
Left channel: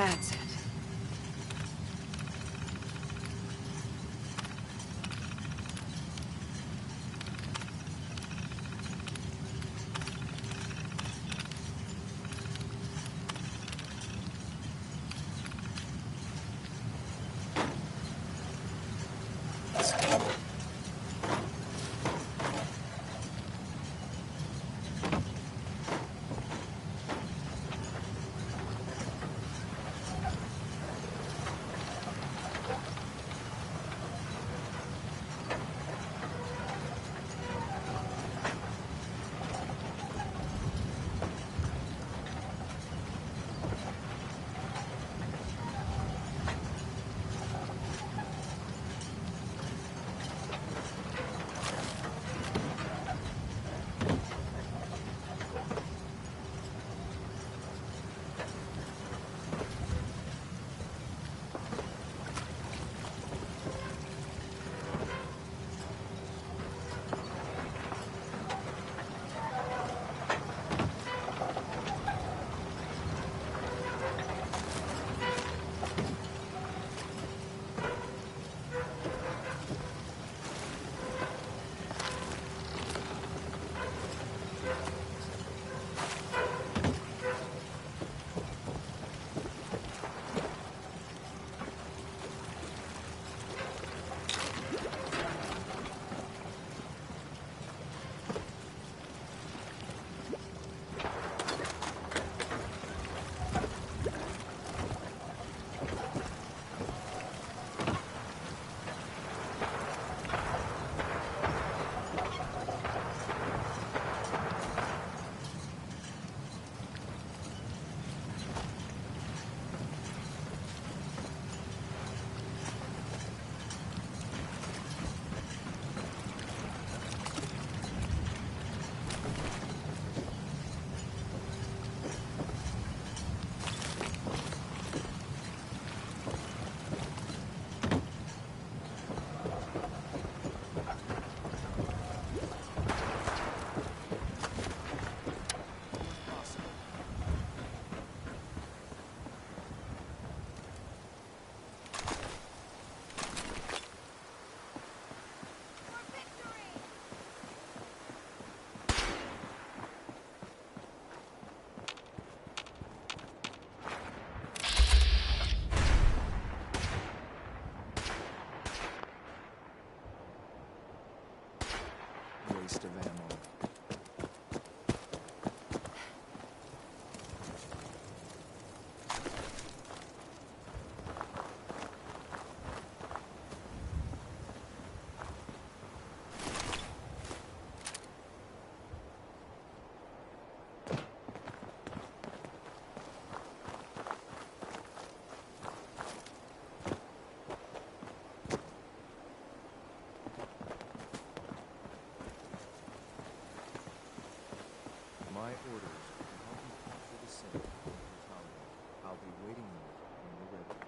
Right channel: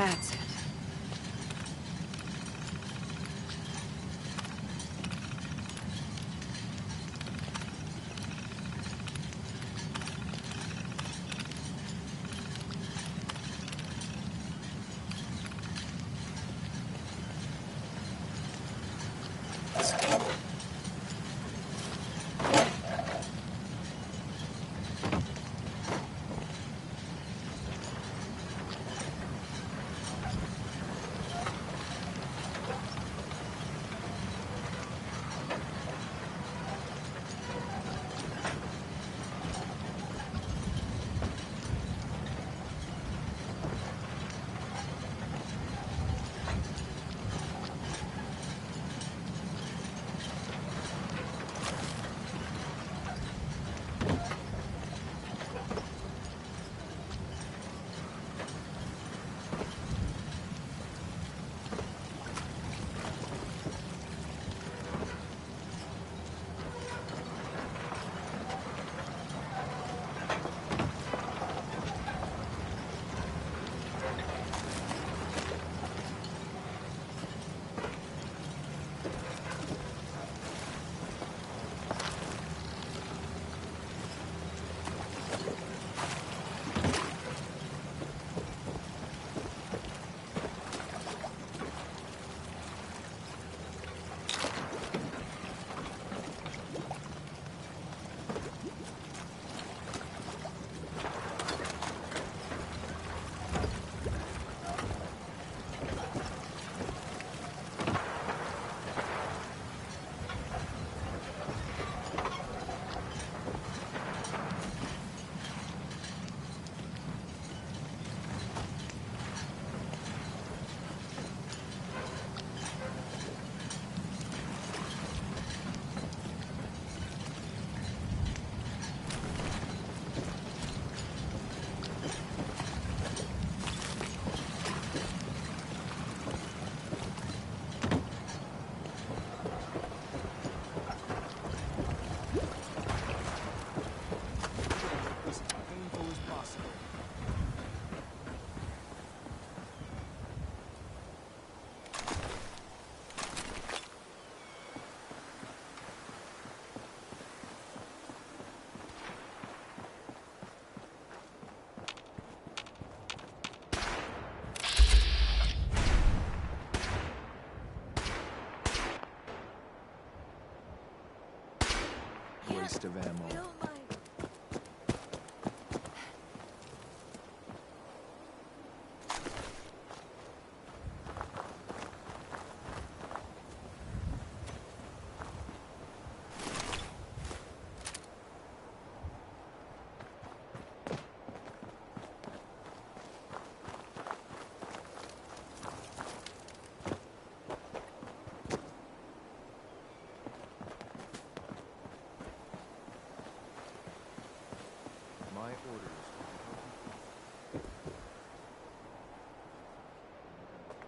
That's it. Waste of ammo. My orders are to help you keep the safe. I'll be waiting when you're ready.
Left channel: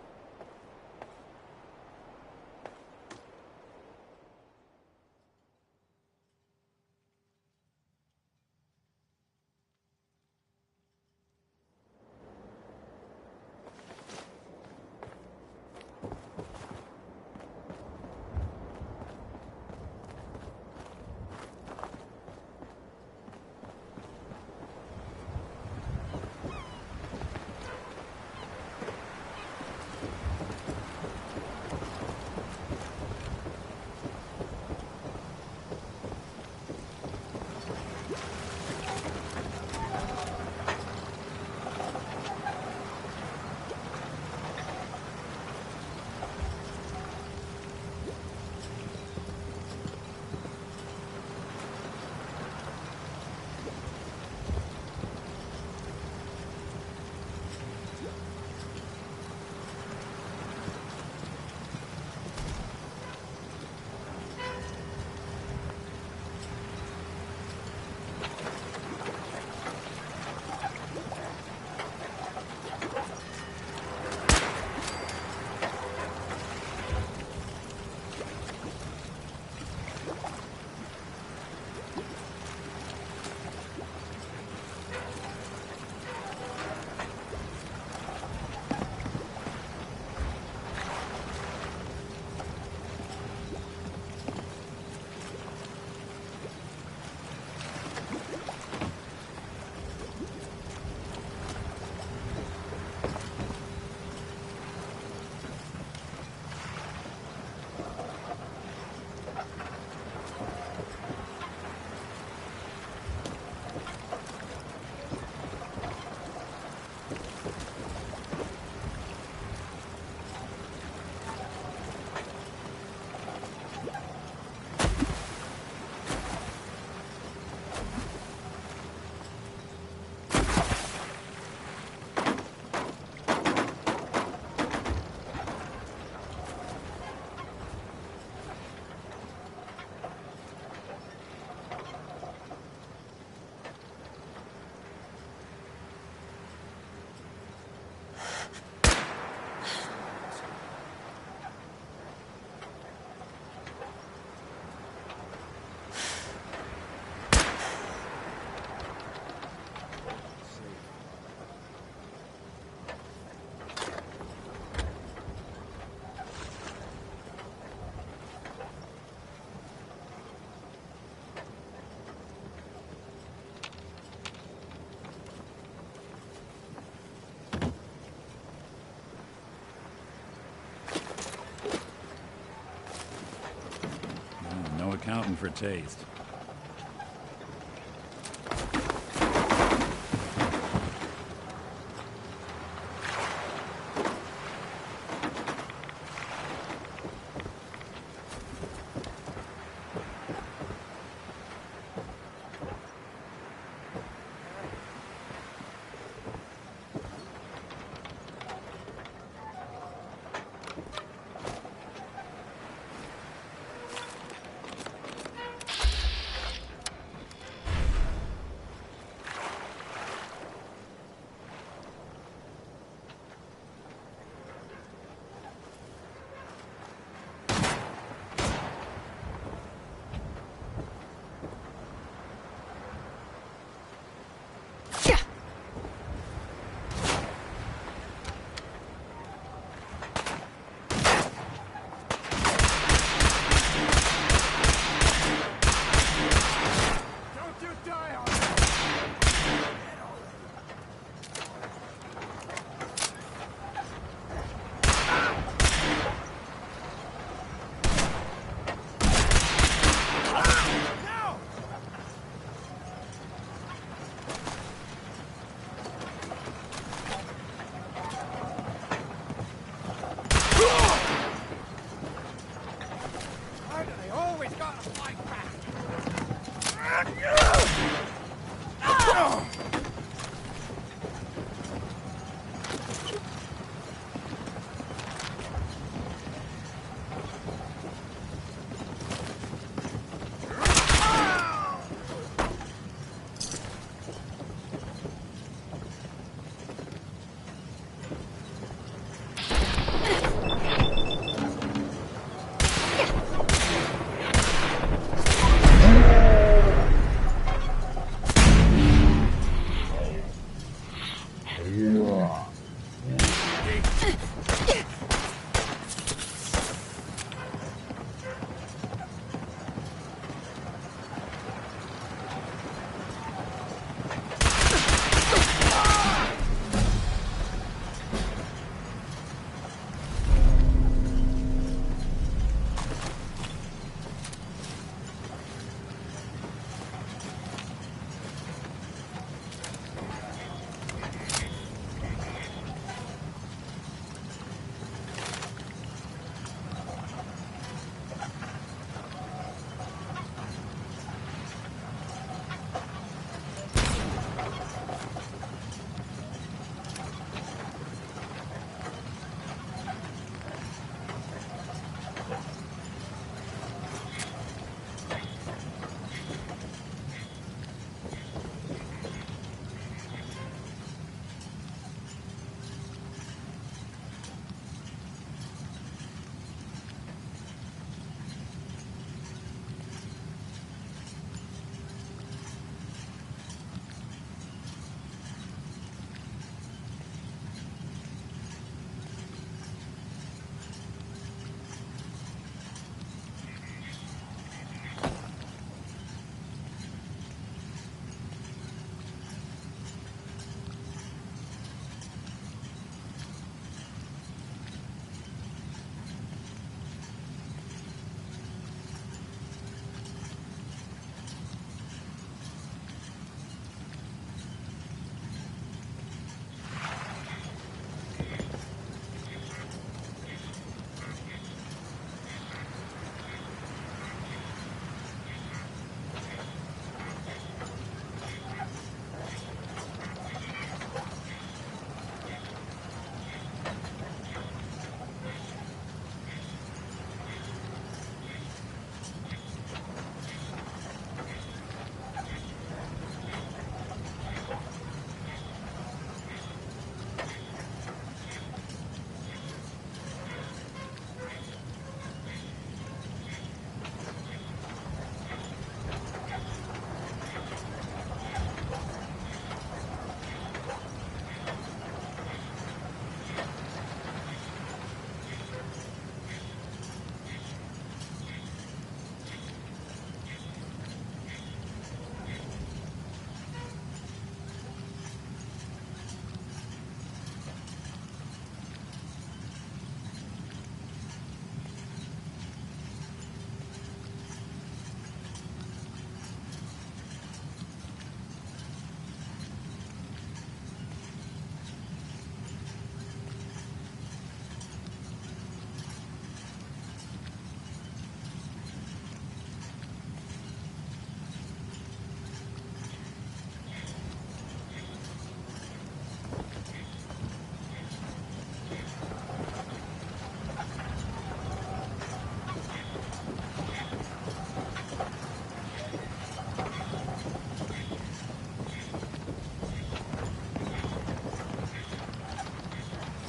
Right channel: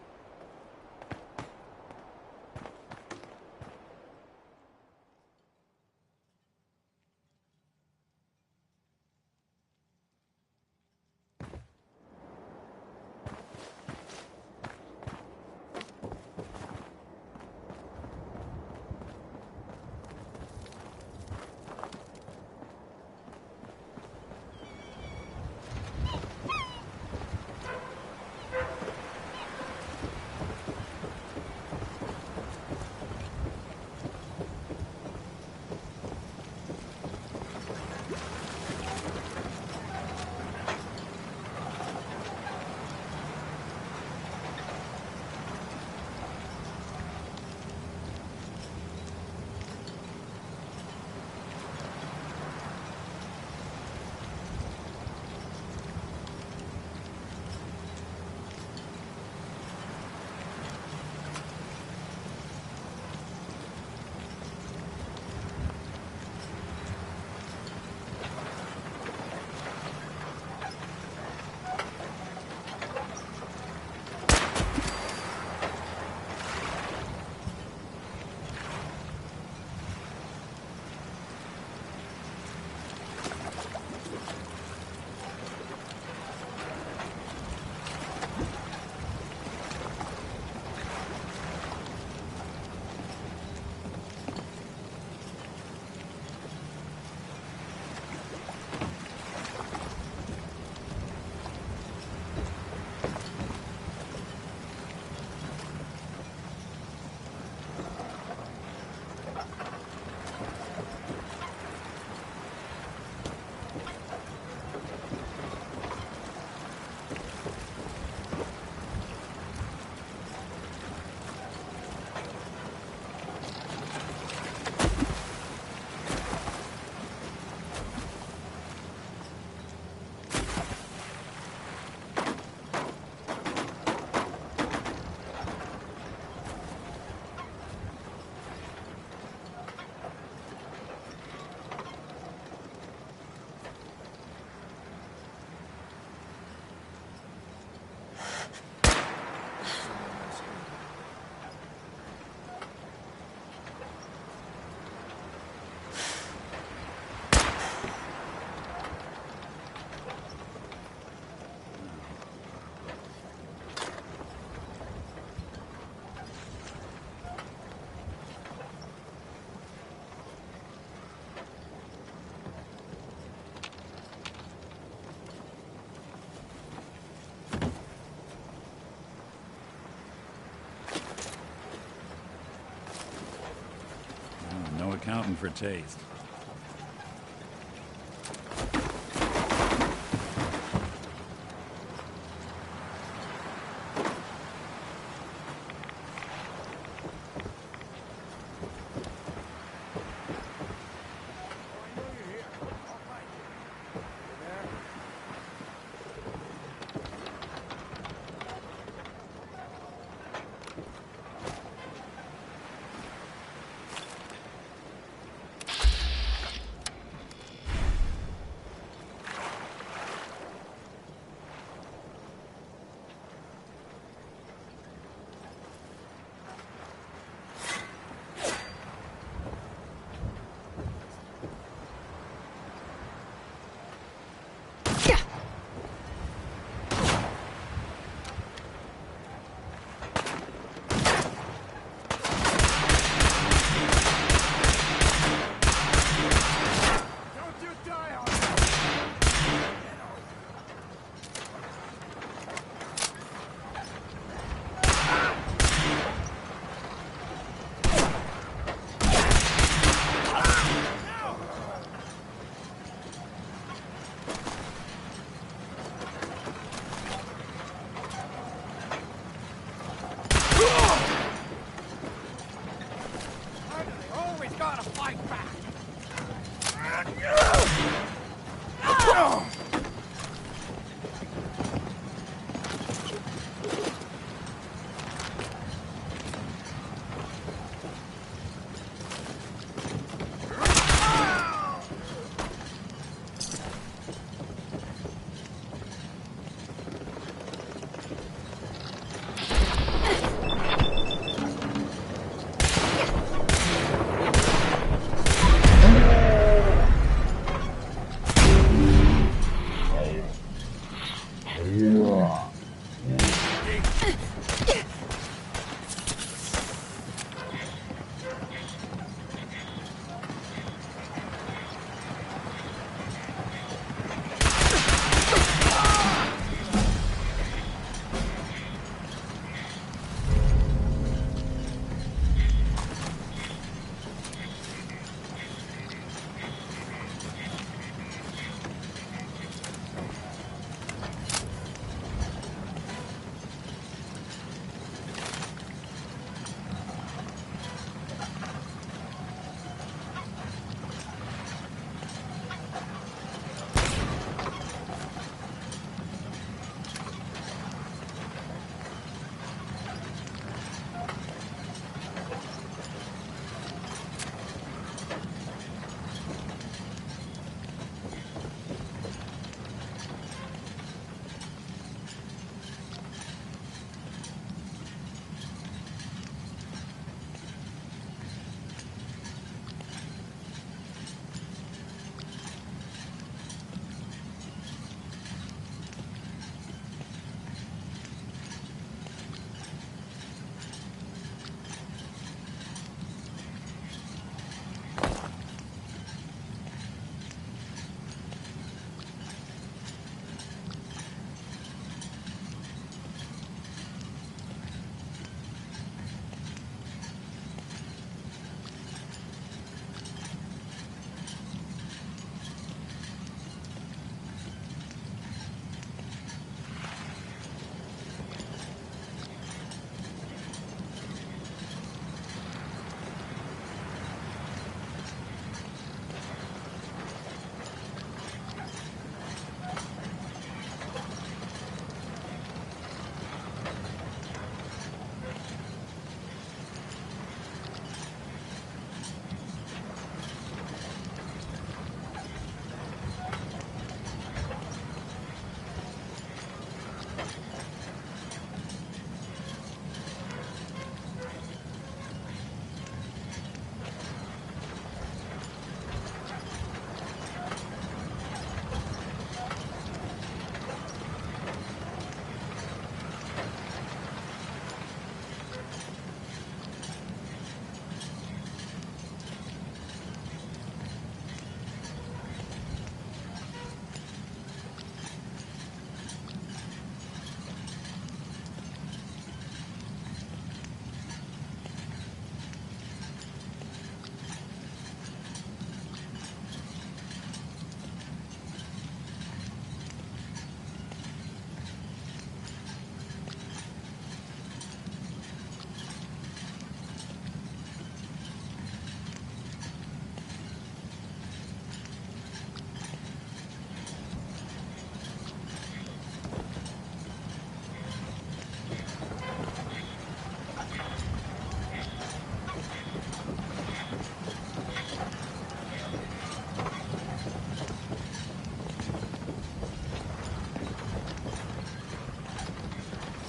no accounting for taste.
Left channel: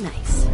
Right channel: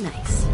Nice.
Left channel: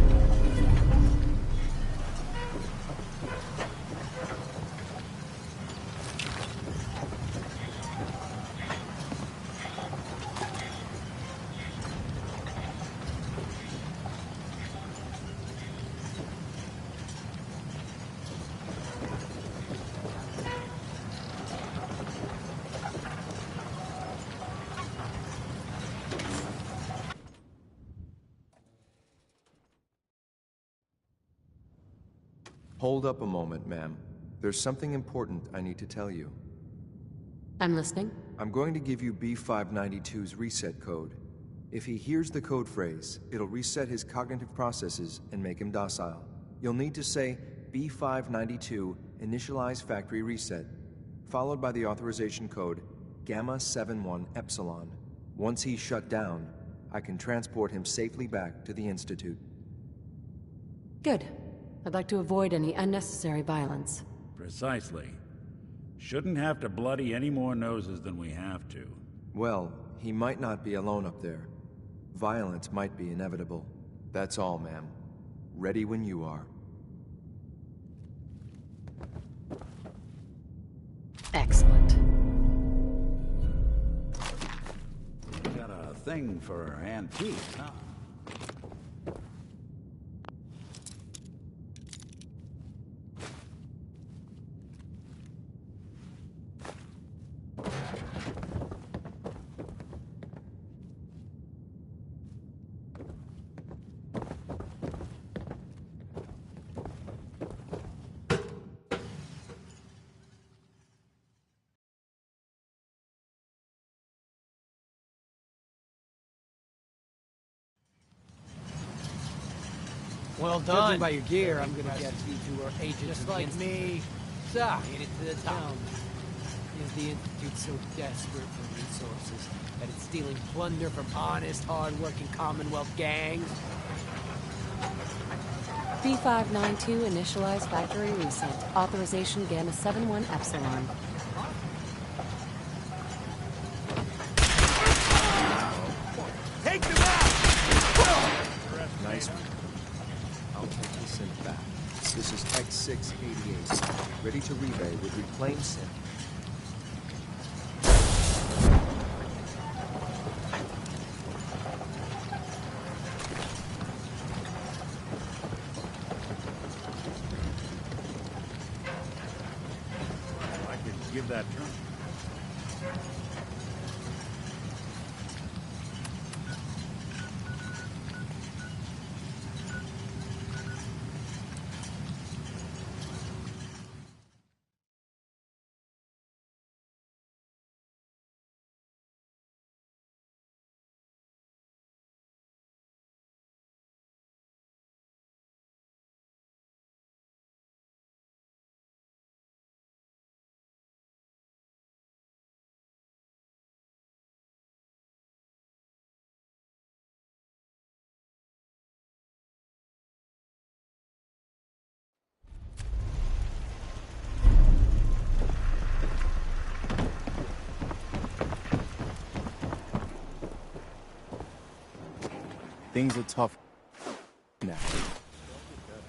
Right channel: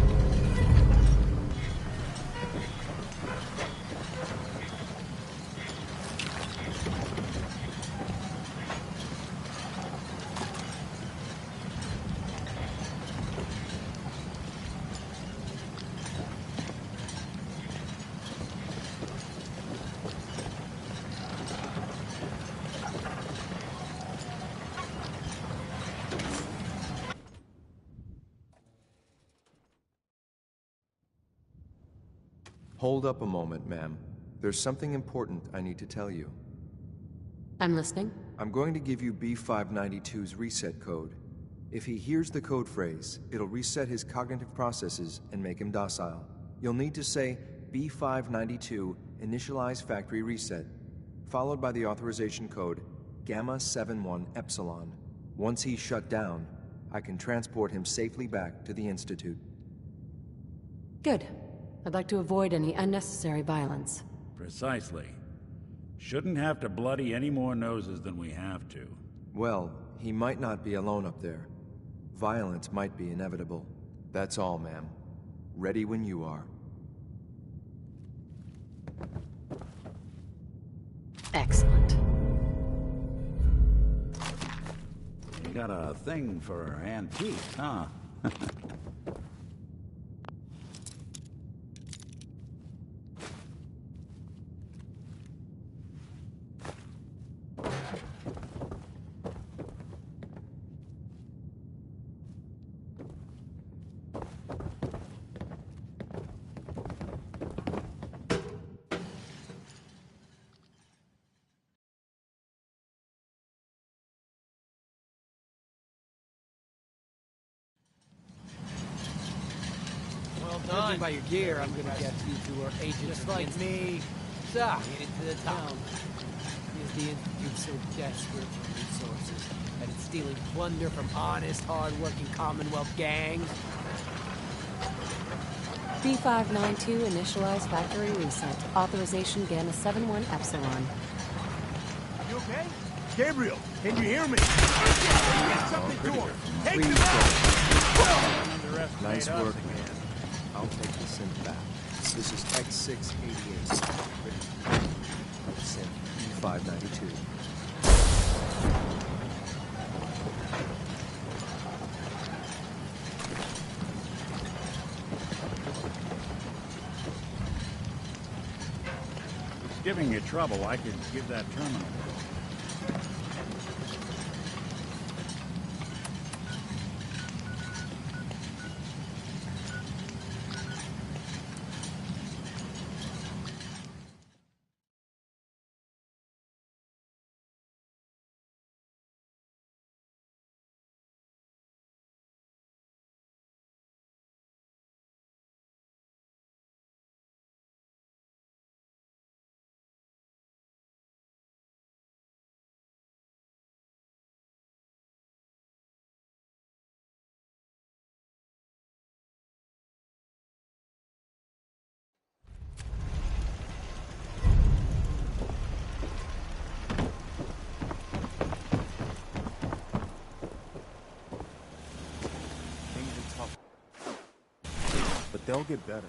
Hold up a moment, ma'am. There's something important I need to tell you. I'm listening. I'm going to give you B592's reset code. If he hears the code phrase, it'll reset his cognitive processes and make him docile. You'll need to say B592 initialize factory reset, followed by the authorization code Gamma 71 Epsilon. Once he's shut down, I can transport him safely back to the Institute. Good. I'd like to avoid any unnecessary violence. Precisely. Shouldn't have to bloody any more noses than we have to. Well, he might not be alone up there. Violence might be inevitable. That's all, ma'am. Ready when you are. Excellent. You got a thing for antiques, huh? Well done. Judging by your gear, I'm gonna guess you two are agents just like me. So, made it to the top. Is the Institute so desperate for resources that it's stealing plunder from honest, hard-working Commonwealth gangs? B592 initialize factory reset. Authorization Gamma 71 Epsilon. You okay? Gabriel, can you hear me? Take them out! Nice work, man. I'll take the synth back. This is X688, ready to relay with reclaimed synth B592. Giving you trouble, I could give that terminal. Things are tough now, but they'll get better.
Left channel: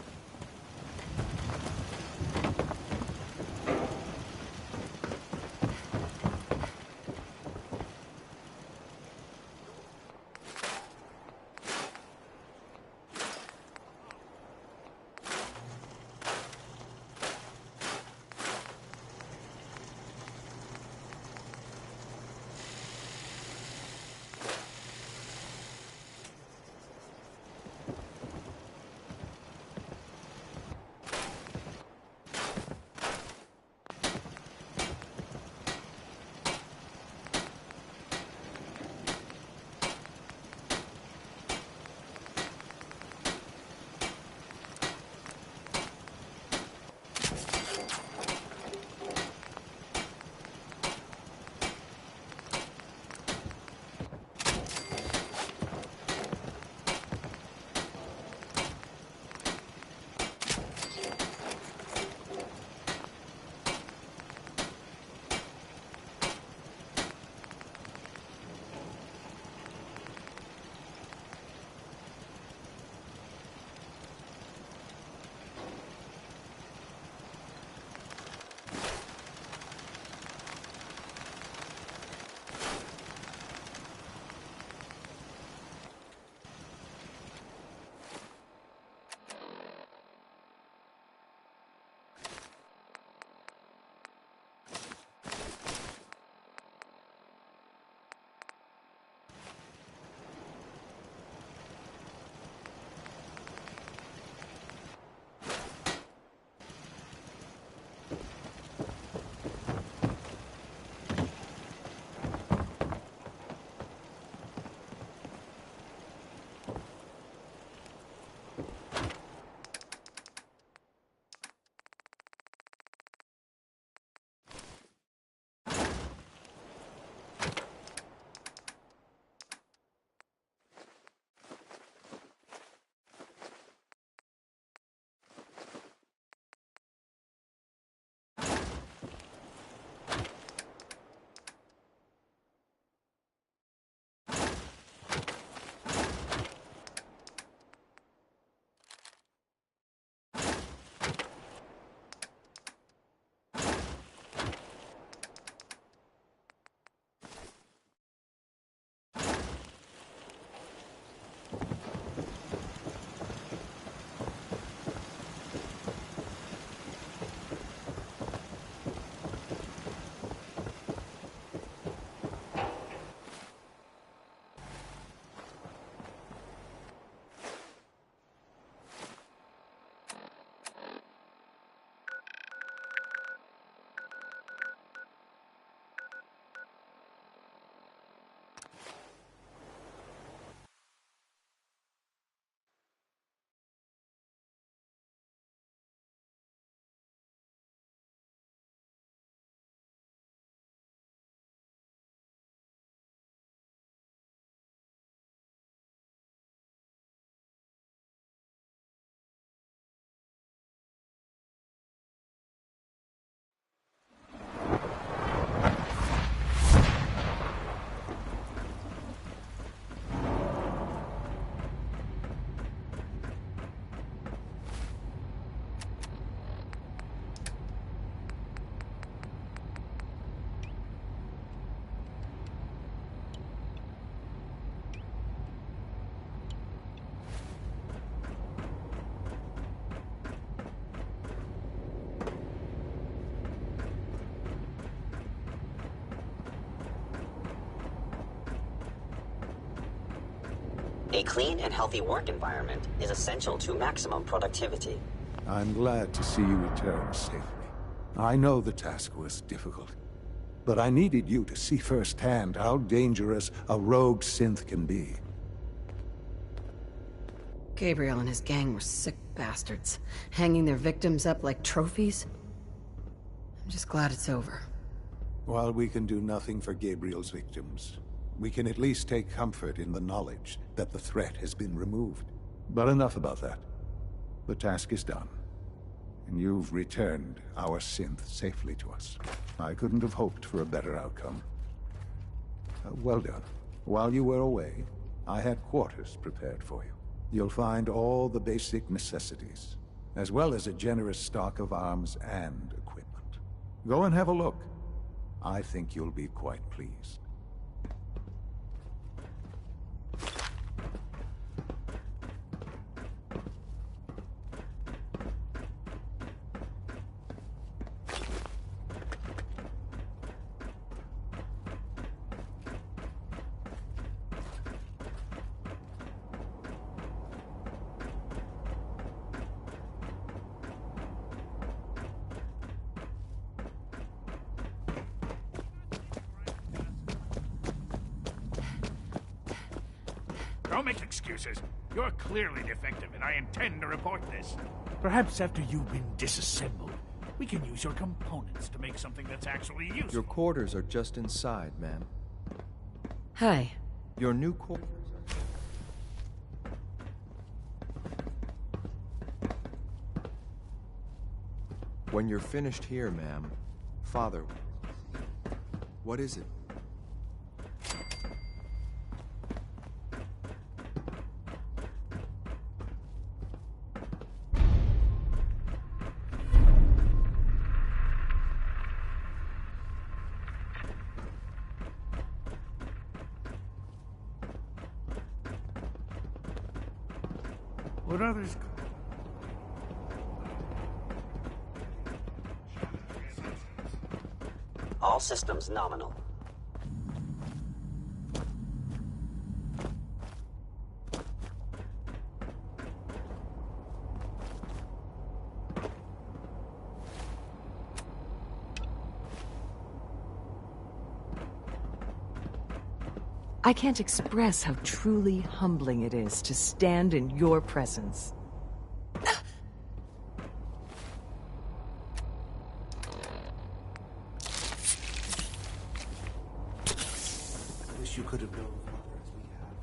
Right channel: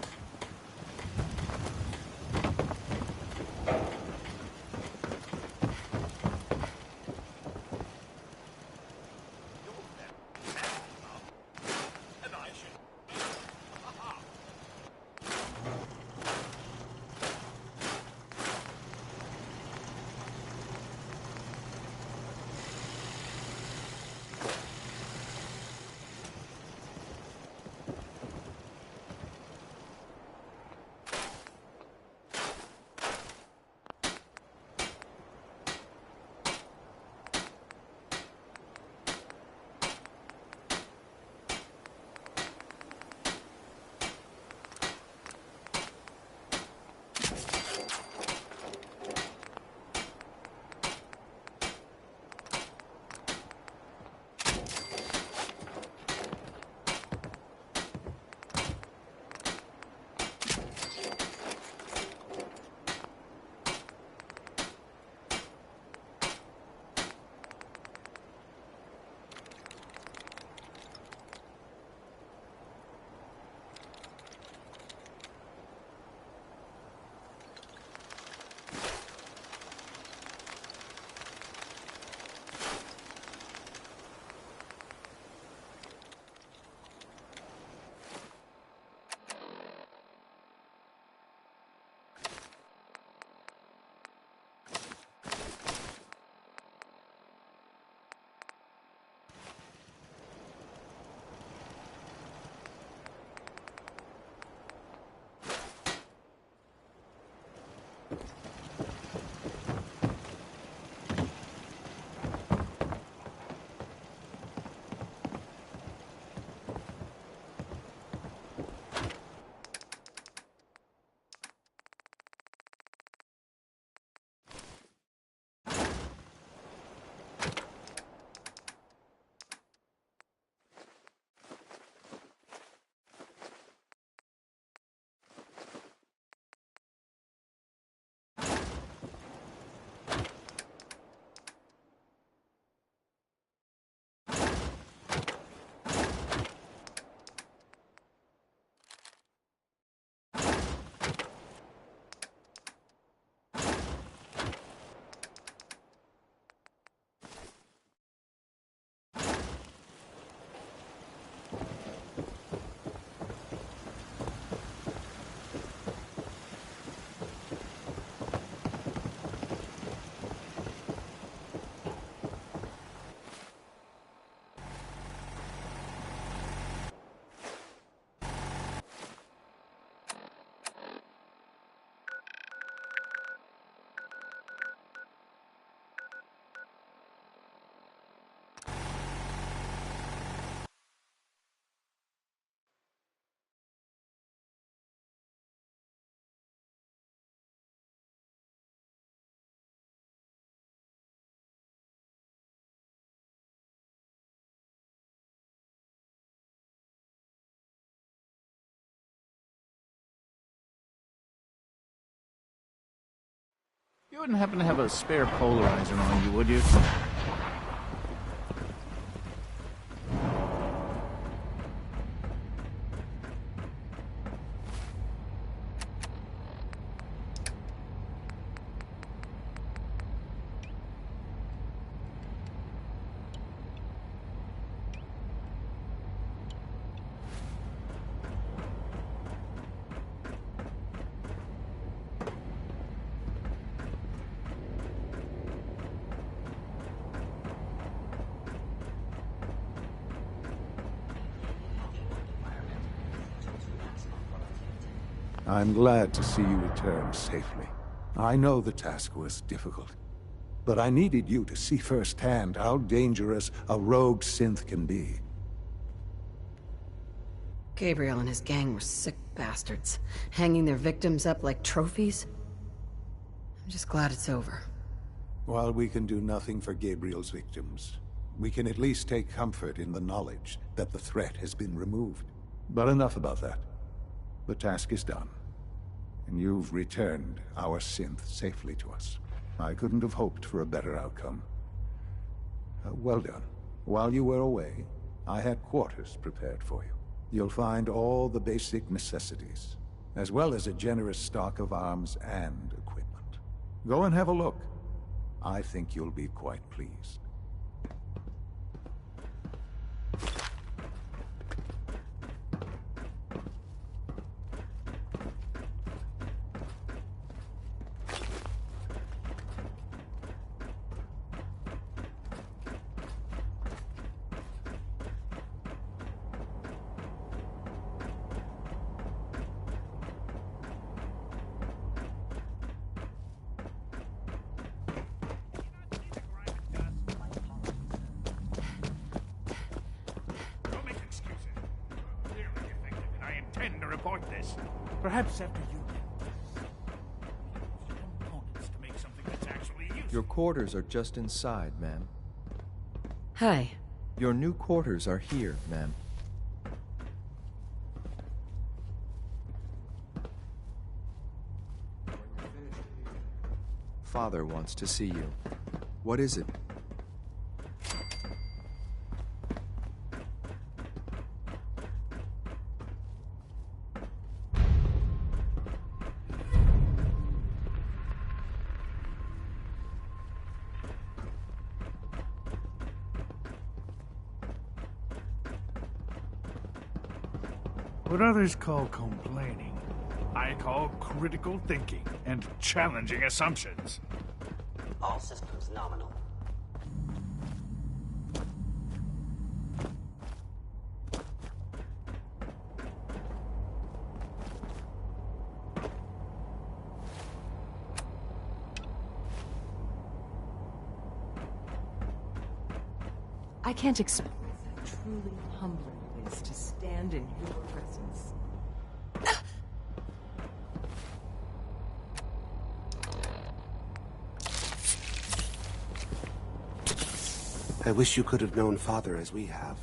wouldn't happen to have a spare polarizer on you, would you? A clean and healthy work environment is essential to maximum productivity. I'm glad to see you return safely. I know the task was difficult, but I needed you to see firsthand how dangerous a rogue synth can be. Gabriel and his gang were sick bastards, hanging their victims up like trophies. I'm just glad it's over. While we can do nothing for Gabriel's victims, we can at least take comfort in the knowledge that the threat has been removed. But enough about that. The task is done, and you've returned our synth safely to us. I couldn't have hoped for a better outcome. Well done. While you were away, I had quarters prepared for you. You'll find all the basic necessities, as well as a generous stock of arms and equipment. Go and have a look. I think you'll be quite pleased. Don't make excuses. You're clearly defective, and I intend to report this. Perhaps after you've been disassembled, we can use your components to make something that's actually useful. Your quarters are just inside, ma'am. Hi. Your new quarters are here, ma'am. When you're finished here, ma'am, Father wants to see you. What is it? What others call complaining, I call critical thinking and challenging assumptions. All systems nominal. I can't express how truly humbling it is to stand in your presence. I wish you could have known Father as we have.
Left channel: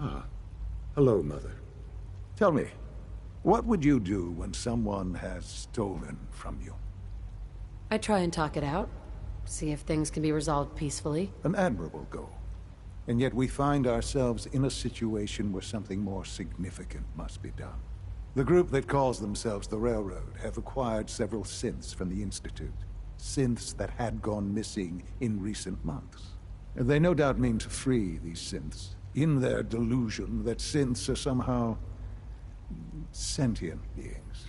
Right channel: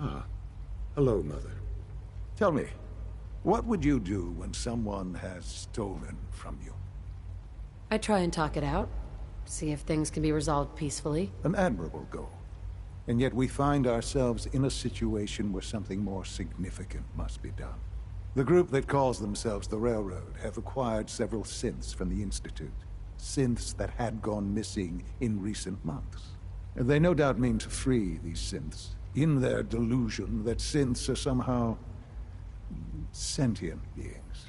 Ah. Hello, Mother. Tell me, what would you do when someone has stolen from you? I try and talk it out, see if things can be resolved peacefully. An admirable goal. And yet we find ourselves in a situation where something more significant must be done. The group that calls themselves the Railroad have acquired several synths from the Institute. Synths that had gone missing in recent months. And they no doubt mean to free these synths, in their delusion that synths are somehow sentient beings.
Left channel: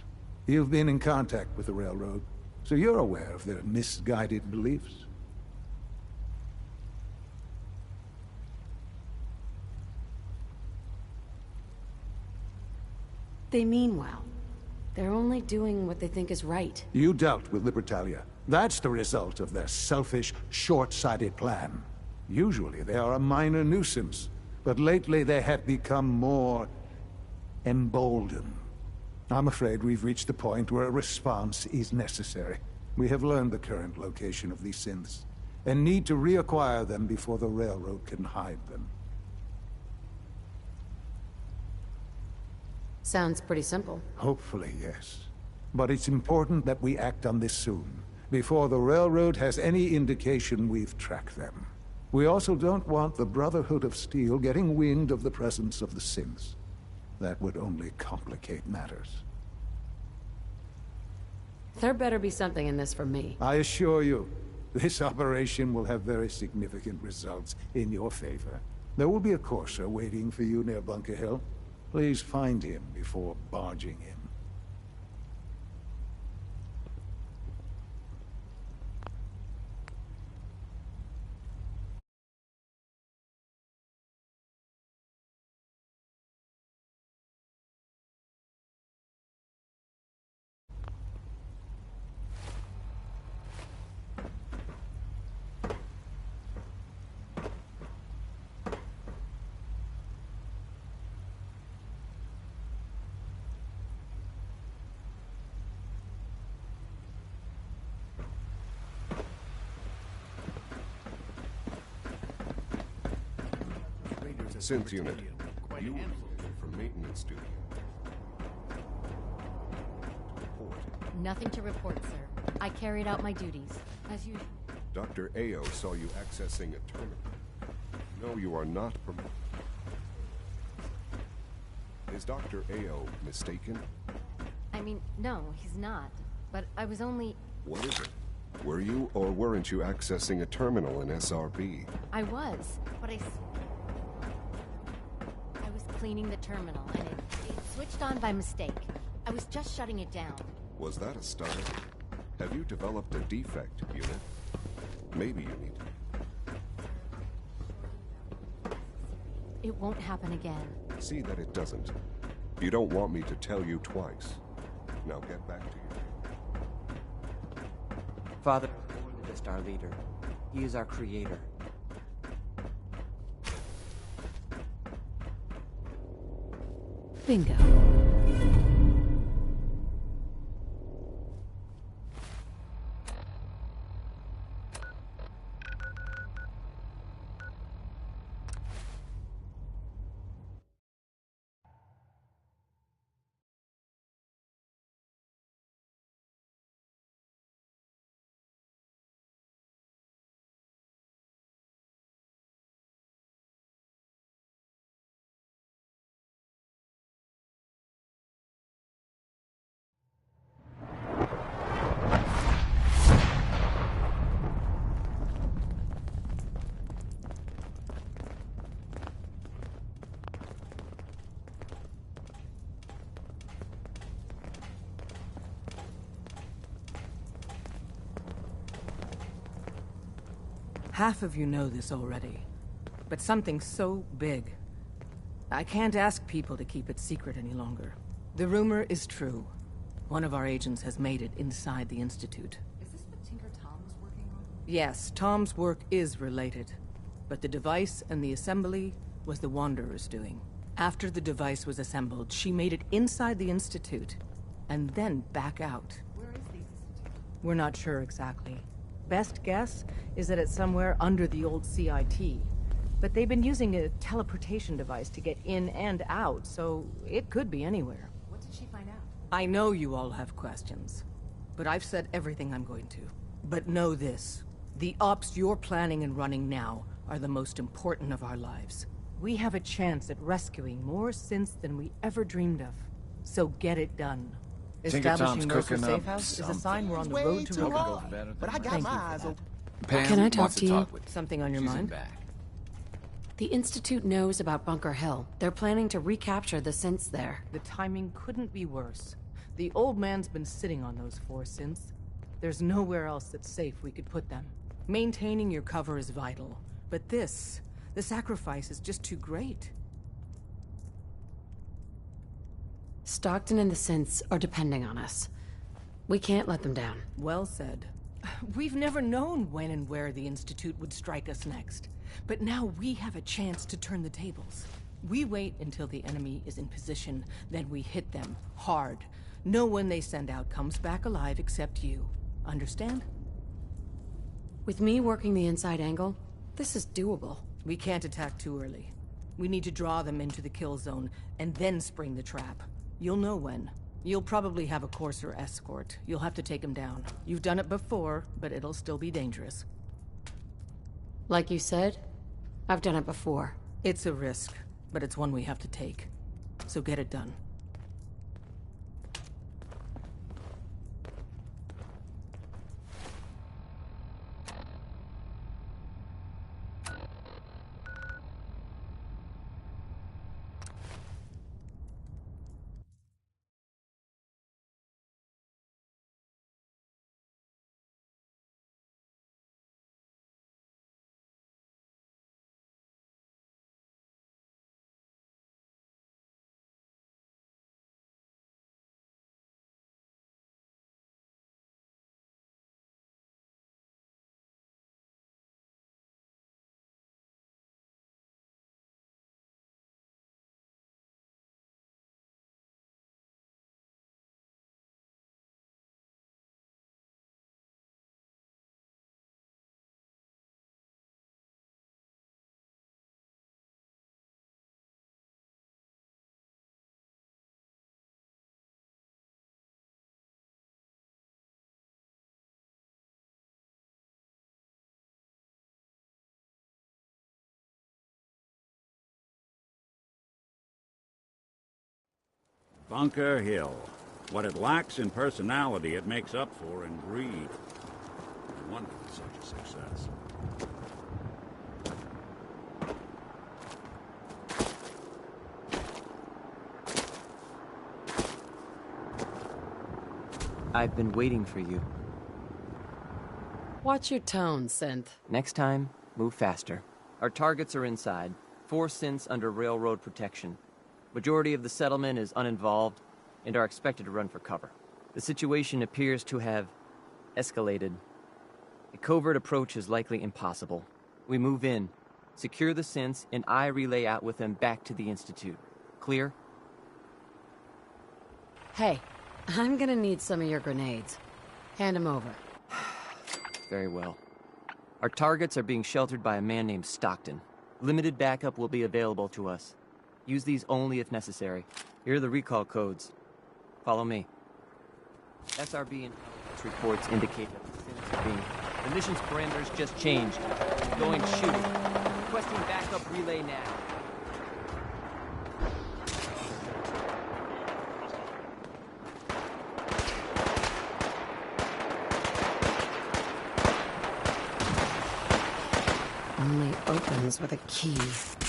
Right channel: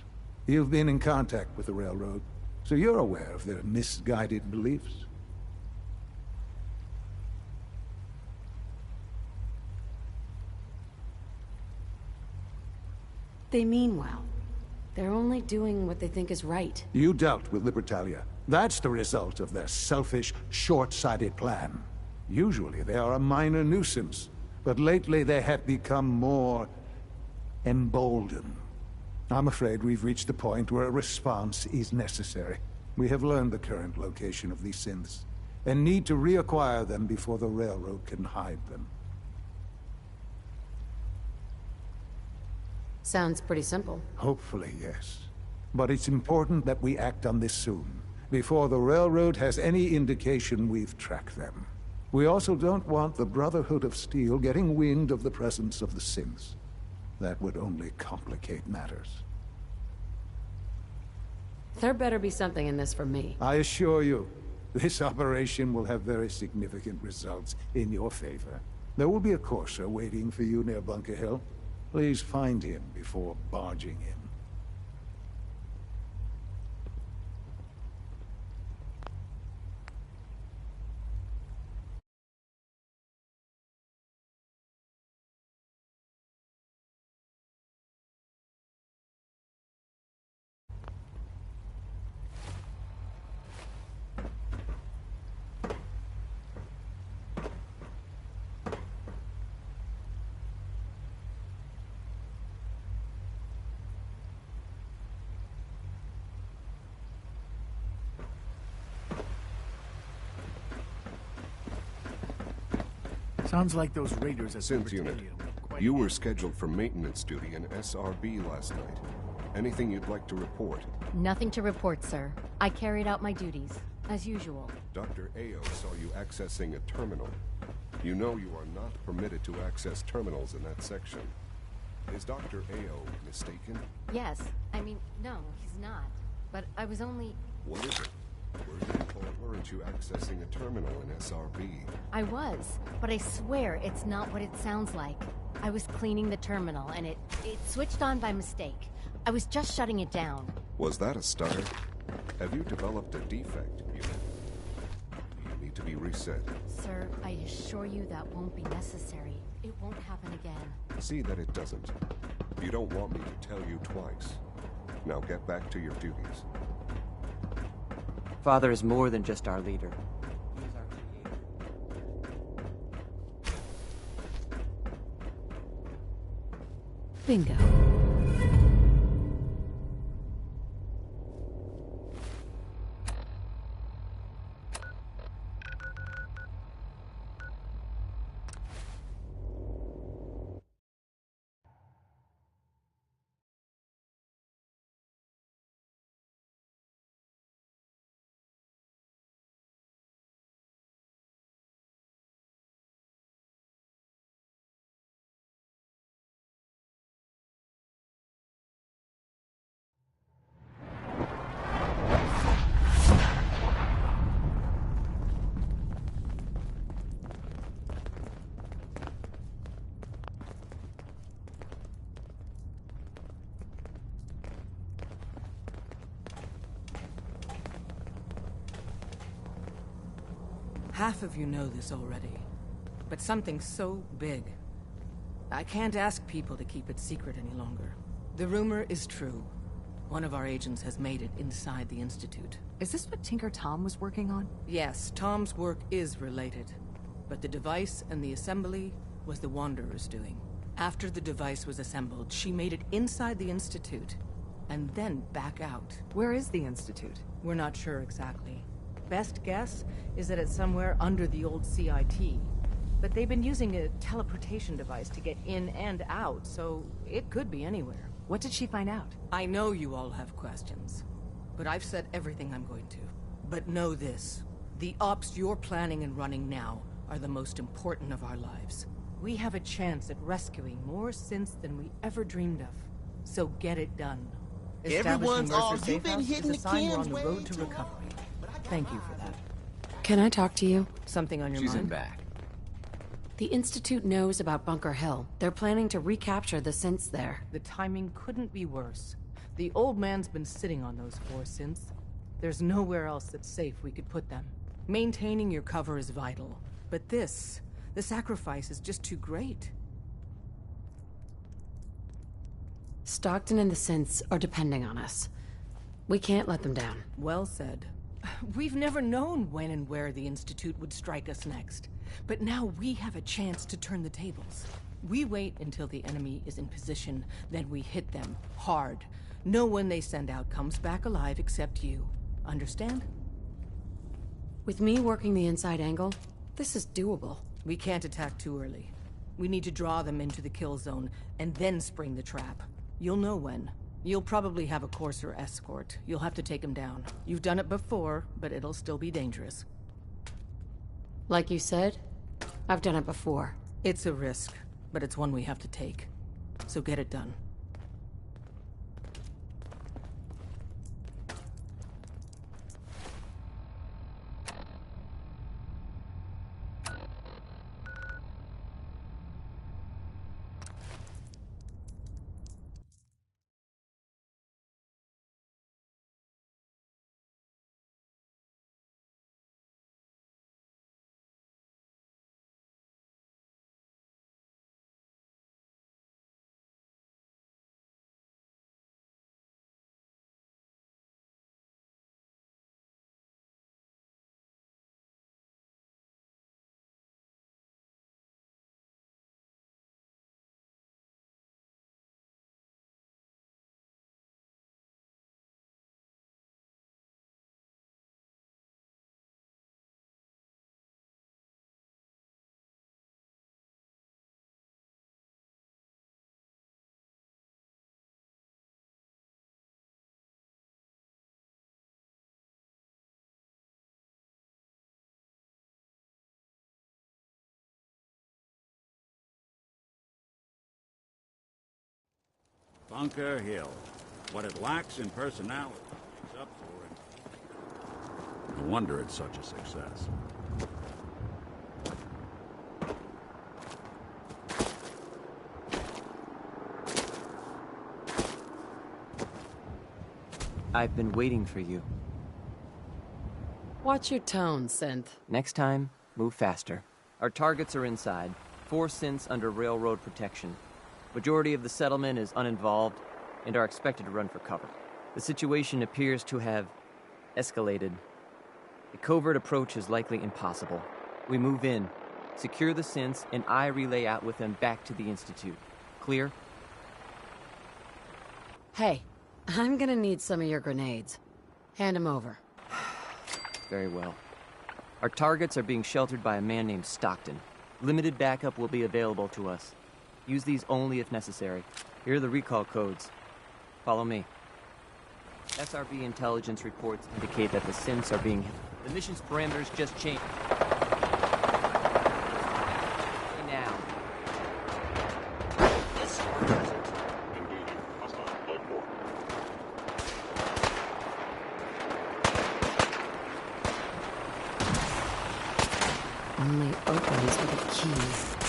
You've been in contact with the Railroad, so you're aware of their misguided beliefs. They mean well. They're only doing what they think is right. You dealt with Libertalia. That's the result of their selfish, short-sighted plan. Usually they are a minor nuisance, but lately they have become more emboldened. I'm afraid we've reached the point where a response is necessary. We have learned the current location of these synths, and need to reacquire them before the Railroad can hide them. Sounds pretty simple. Hopefully, yes. But it's important that we act on this soon, before the Railroad has any indication we've tracked them. We also don't want the Brotherhood of Steel getting wind of the presence of the synths. That would only complicate matters. There better be something in this for me. I assure you, this operation will have very significant results in your favor. There will be a courser waiting for you near Bunker Hill. Please find him before barging in. Sounds like those raiders at Synth the unit, Stadium. you were scheduled for maintenance duty in SRB last night. Anything you'd like to report? Nothing to report, sir. I carried out my duties, as usual. Dr. Ao saw you accessing a terminal. You know you are not permitted to access terminals in that section. Is Dr. Ao mistaken? Yes. I mean, no, he's not. But I was only... What is it? Were you or weren't you accessing a terminal in SRB? I was, but I swear it's not what it sounds like. I was cleaning the terminal, and it switched on by mistake. I was just shutting it down. Was that a start? Have you developed a defect, unit? Maybe you need to be reset. Sir, I assure you that won't be necessary. It won't happen again. See that it doesn't. You don't want me to tell you twice. Now get back to your duties. Father is more than just our leader. He is our creator. Bingo. Half of you know this already, but something so big. I can't ask people to keep it secret any longer. The rumor is true. One of our agents has made it inside the Institute. Is this what Tinker Tom was working on? Yes, Tom's work is related, but the device and the assembly was the Wanderer's doing. After the device was assembled, she made it inside the Institute, and then back out. Where is the Institute? We're not sure exactly. Best guess is that it's somewhere under the old CIT. But they've been using a teleportation device to get in and out, so it could be anywhere. What did she find out? I know you all have questions, but I've said everything I'm going to. But know this, the ops you're planning and running now are the most important of our lives. We have a chance at rescuing more synths than we ever dreamed of. So get it done. Establishing Worker Safe House is a sign we're on the road to recovery. Thank you for that. Can I talk to you? Something on your She's in mind? back. The Institute knows about Bunker Hill. They're planning to recapture the synths there. The timing couldn't be worse. The old man's been sitting on those 4 synths. There's nowhere else that's safe we could put them. Maintaining your cover is vital. But the sacrifice is just too great. Stockton and the synths are depending on us. We can't let them down. Well said. We've never known when and where the Institute would strike us next. But now we have a chance to turn the tables. We wait until the enemy is in position, then we hit them hard. No one they send out comes back alive except you. Understand? With me working the inside angle, this is doable. We can't attack too early. We need to draw them into the kill zone, and then spring the trap. You'll know when. You'll probably have a Courser escort. You'll have to take him down. You've done it before, but it'll still be dangerous. Like you said, I've done it before. It's a risk, but it's one we have to take. So get it done. Bunker Hill. What it lacks in personality, it makes up for in greed. No wonder it's such a success. I've been waiting for you. Watch your tone, Synth. Next time, move faster. Our targets are inside. 4 synths under railroad protection. Majority of the settlement is uninvolved and are expected to run for cover. The situation appears to have escalated. A covert approach is likely impossible. We move in, secure the synths, and I relay out with them back to the Institute. Clear? Hey, I'm gonna need some of your grenades. Hand them over. Very well. Our targets are being sheltered by a man named Stockton. Limited backup will be available to us. Use these only if necessary. Here are the recall codes. Follow me. SRB intelligence reports indicate that the synths are being... The mission's parameters just changed. Going to shoot. Requesting backup relay now. Only opens with a key.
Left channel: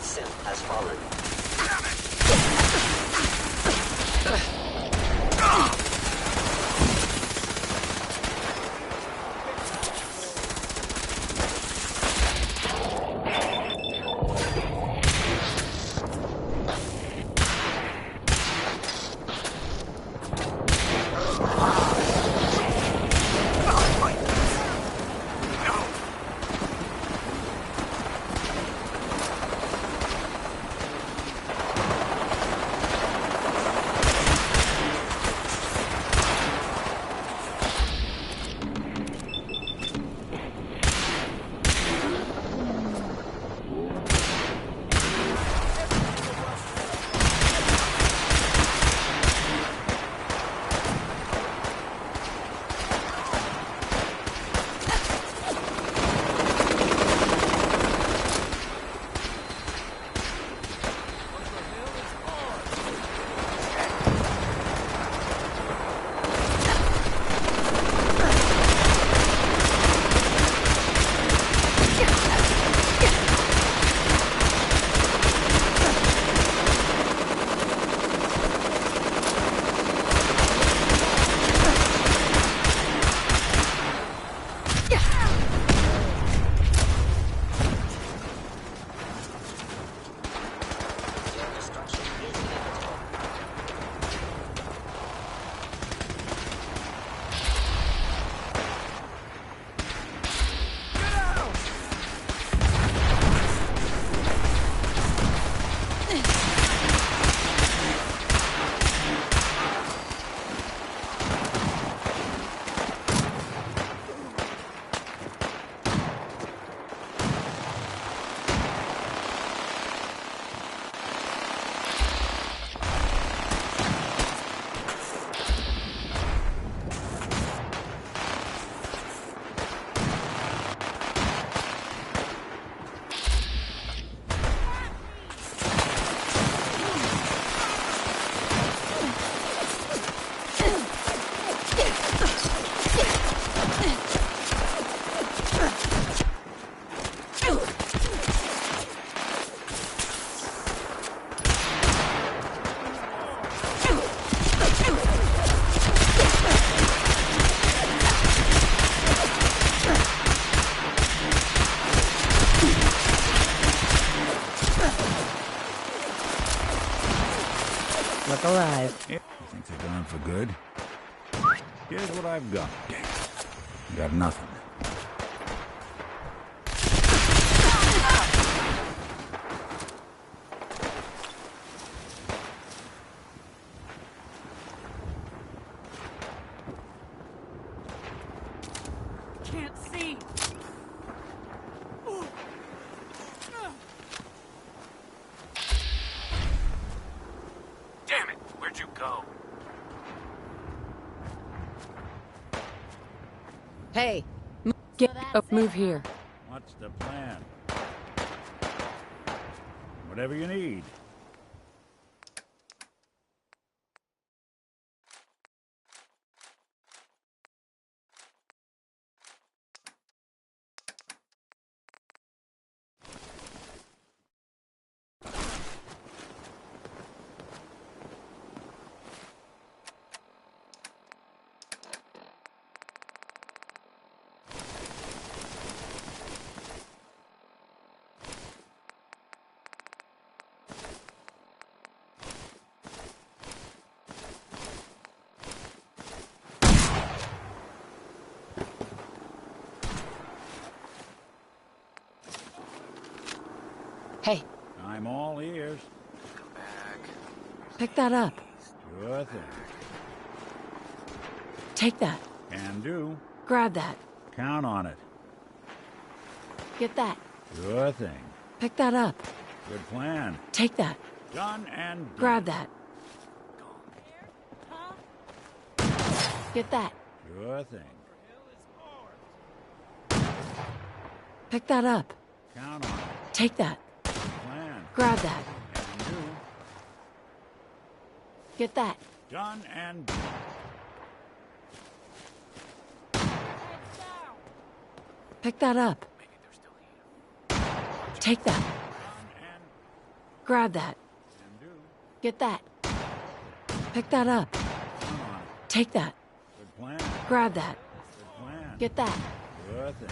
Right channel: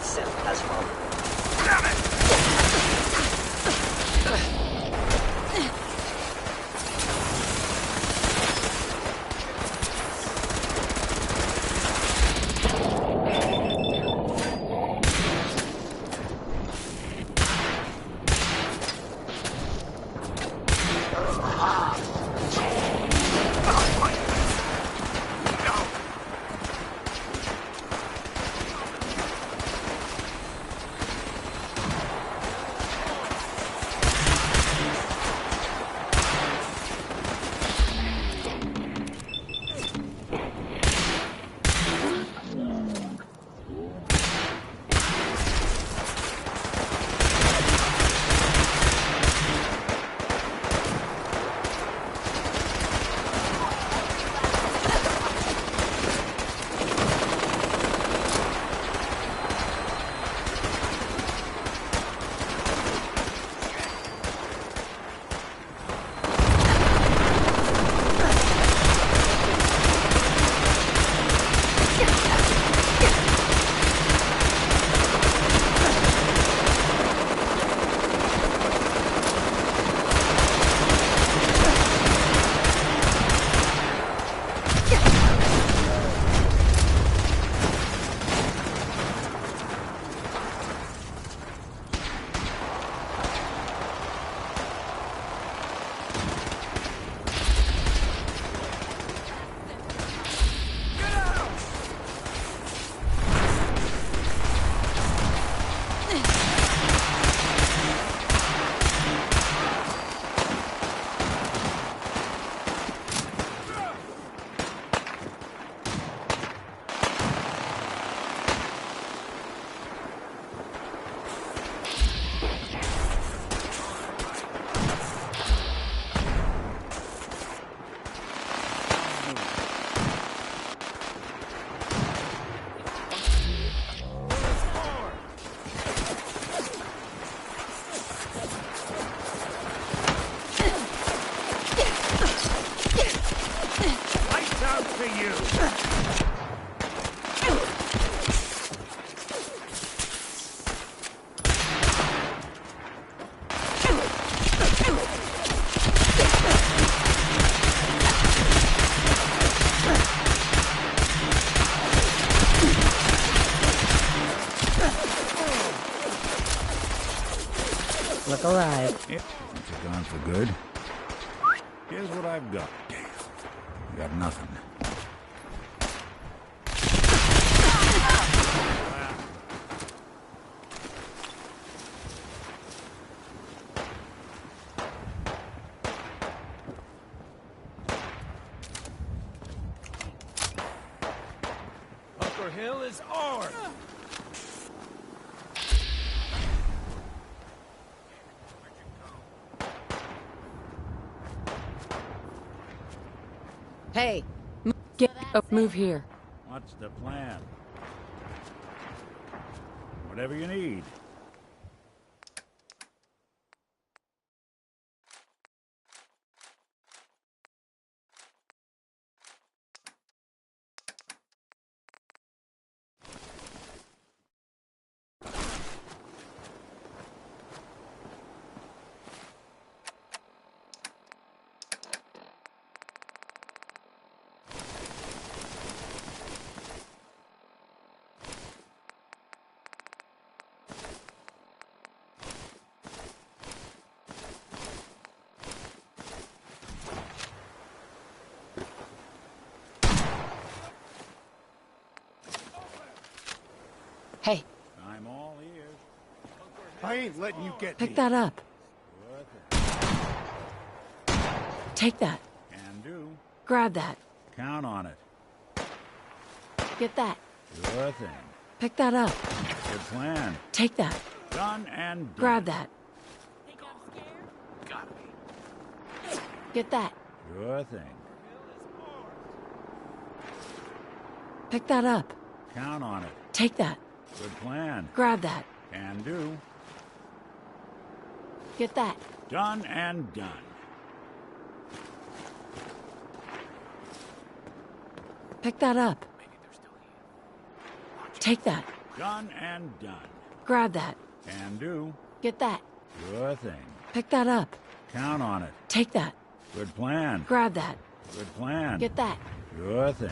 Synth has fallen. back alive. Since you're gone for good, here's what I've got. You got nothing. Hey, get up, move here. What's the plan? Whatever you need. Hey, I'm all ears. I ain't letting you get pick that up. Sure thing. Take that. Can do. Grab that. Count on it. Get that. Sure thing. Pick that up. Good plan. Take that. Done and done. Grab that. Get that. Sure thing. Pick that up. Count on it. Take that. Good plan. Grab that. Can do. Get that. Done and done. Pick that up. Take that. Done and done. Grab that. Can do. Get that. Sure thing. Pick that up. Count on it. Take that. Good plan. Grab that. Good plan. Get that. Sure thing.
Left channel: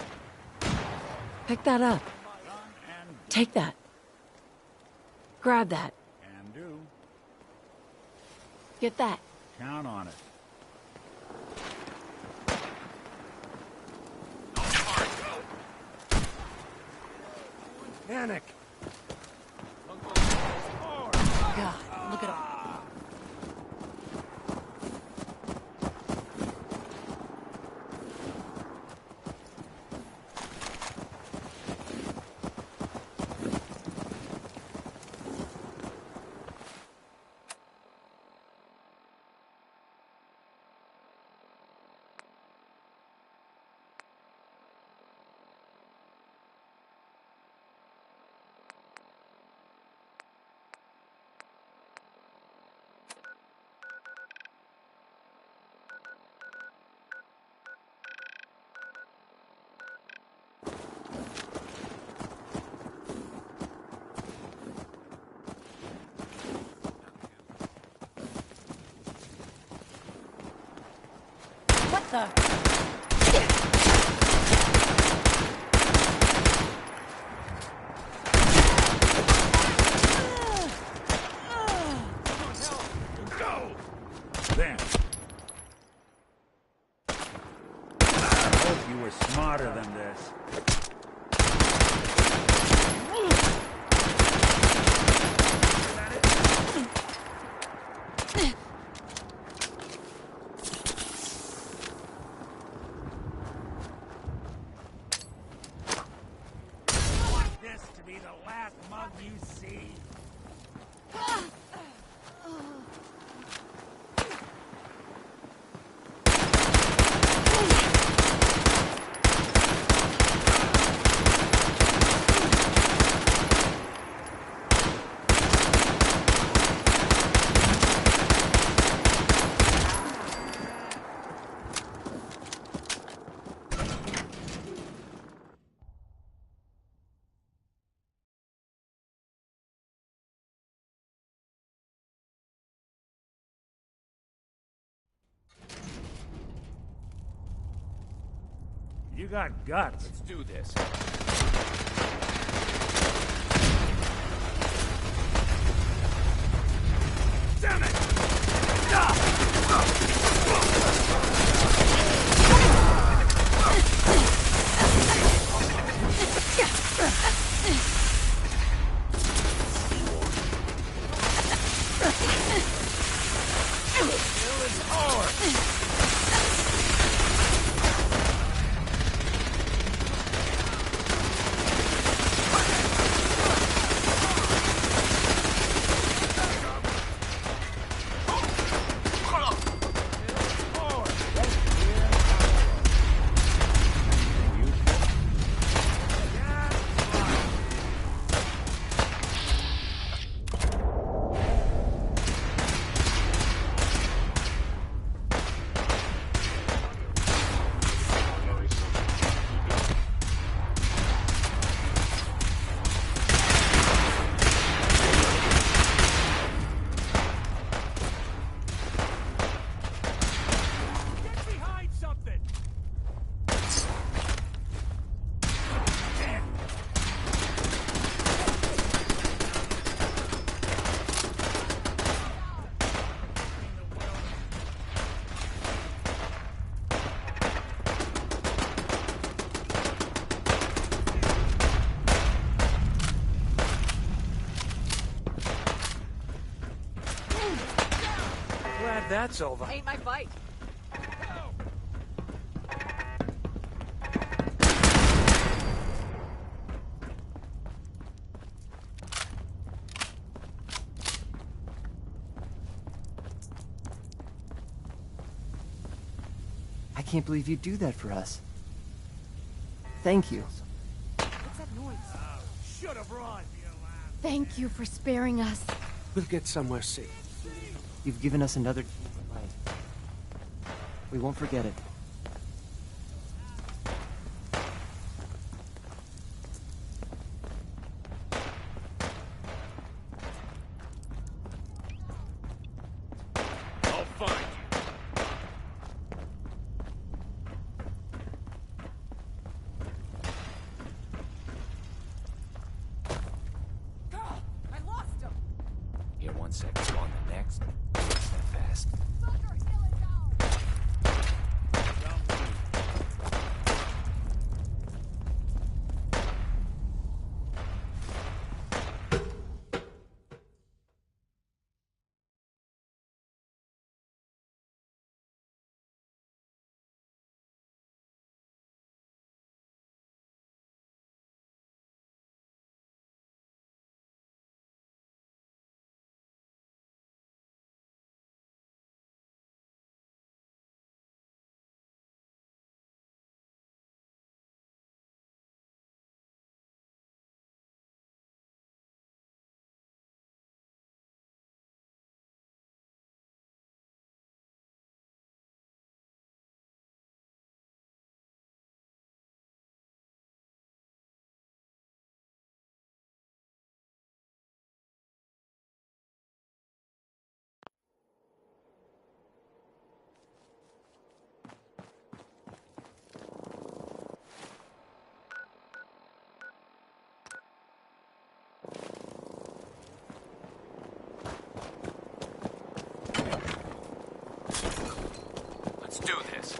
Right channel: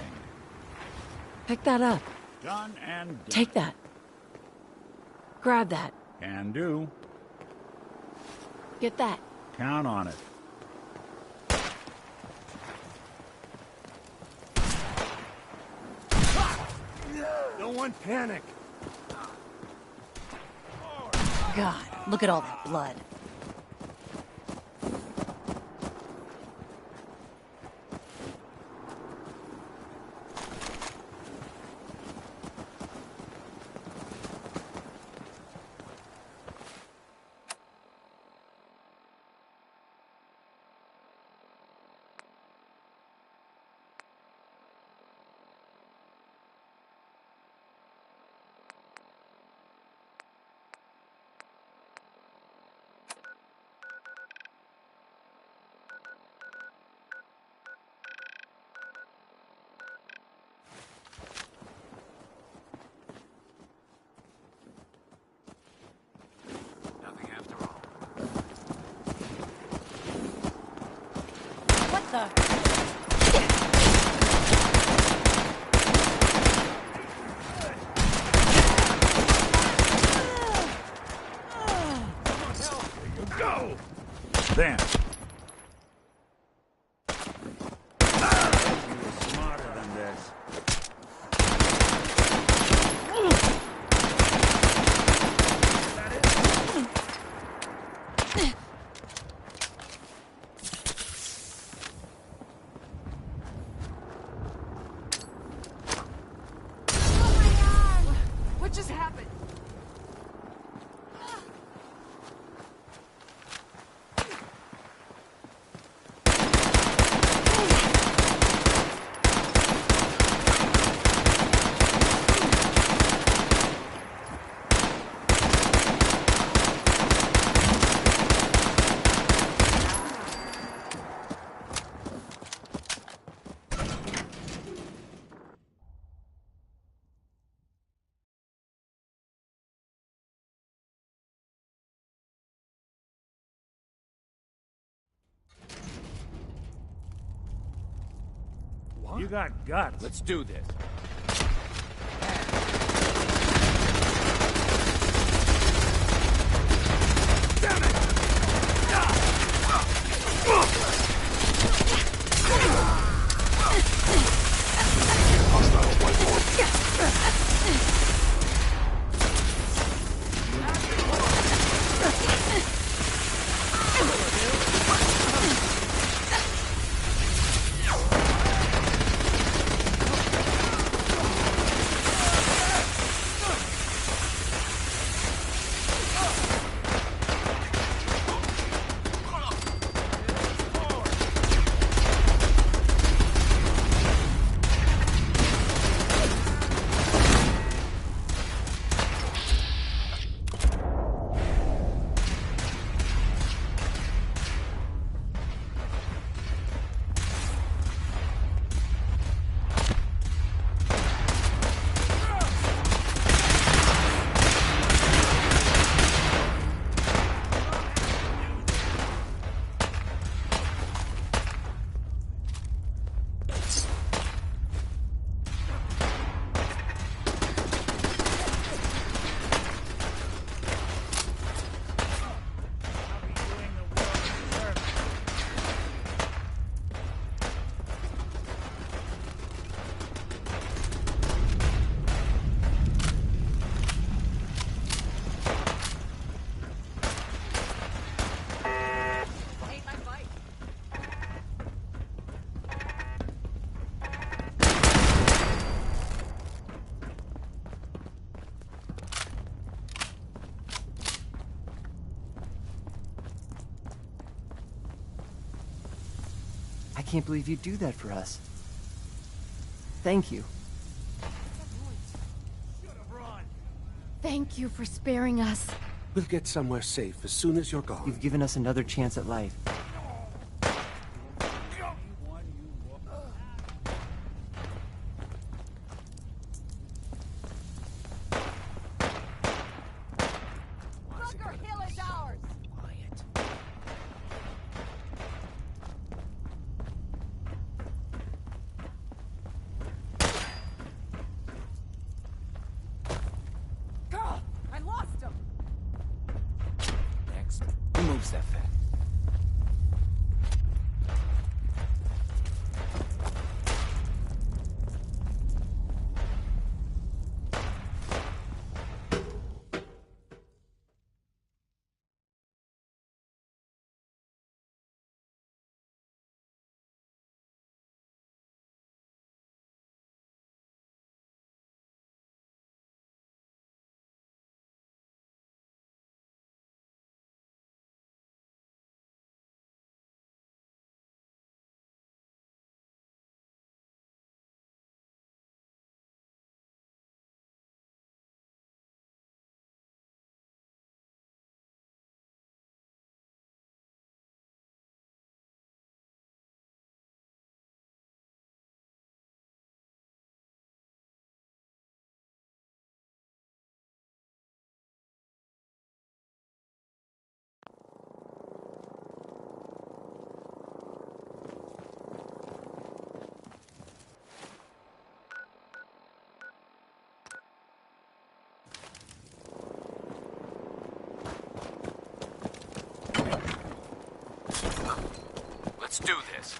Pick that up. Done and done. Take that. Grab that. Can do. Get that. Count on it. No one panic. God, look at all that blood. What the? Go! Then. I hope you were smarter than this. What just happened? You got guts. Let's do this. Damn it! can't believe you'd do that for us. Thank you. Thank you for sparing us. We'll get somewhere safe as soon as you're gone. You've given us another chance at life. We won't forget it. Who moves that fast? Let's do this.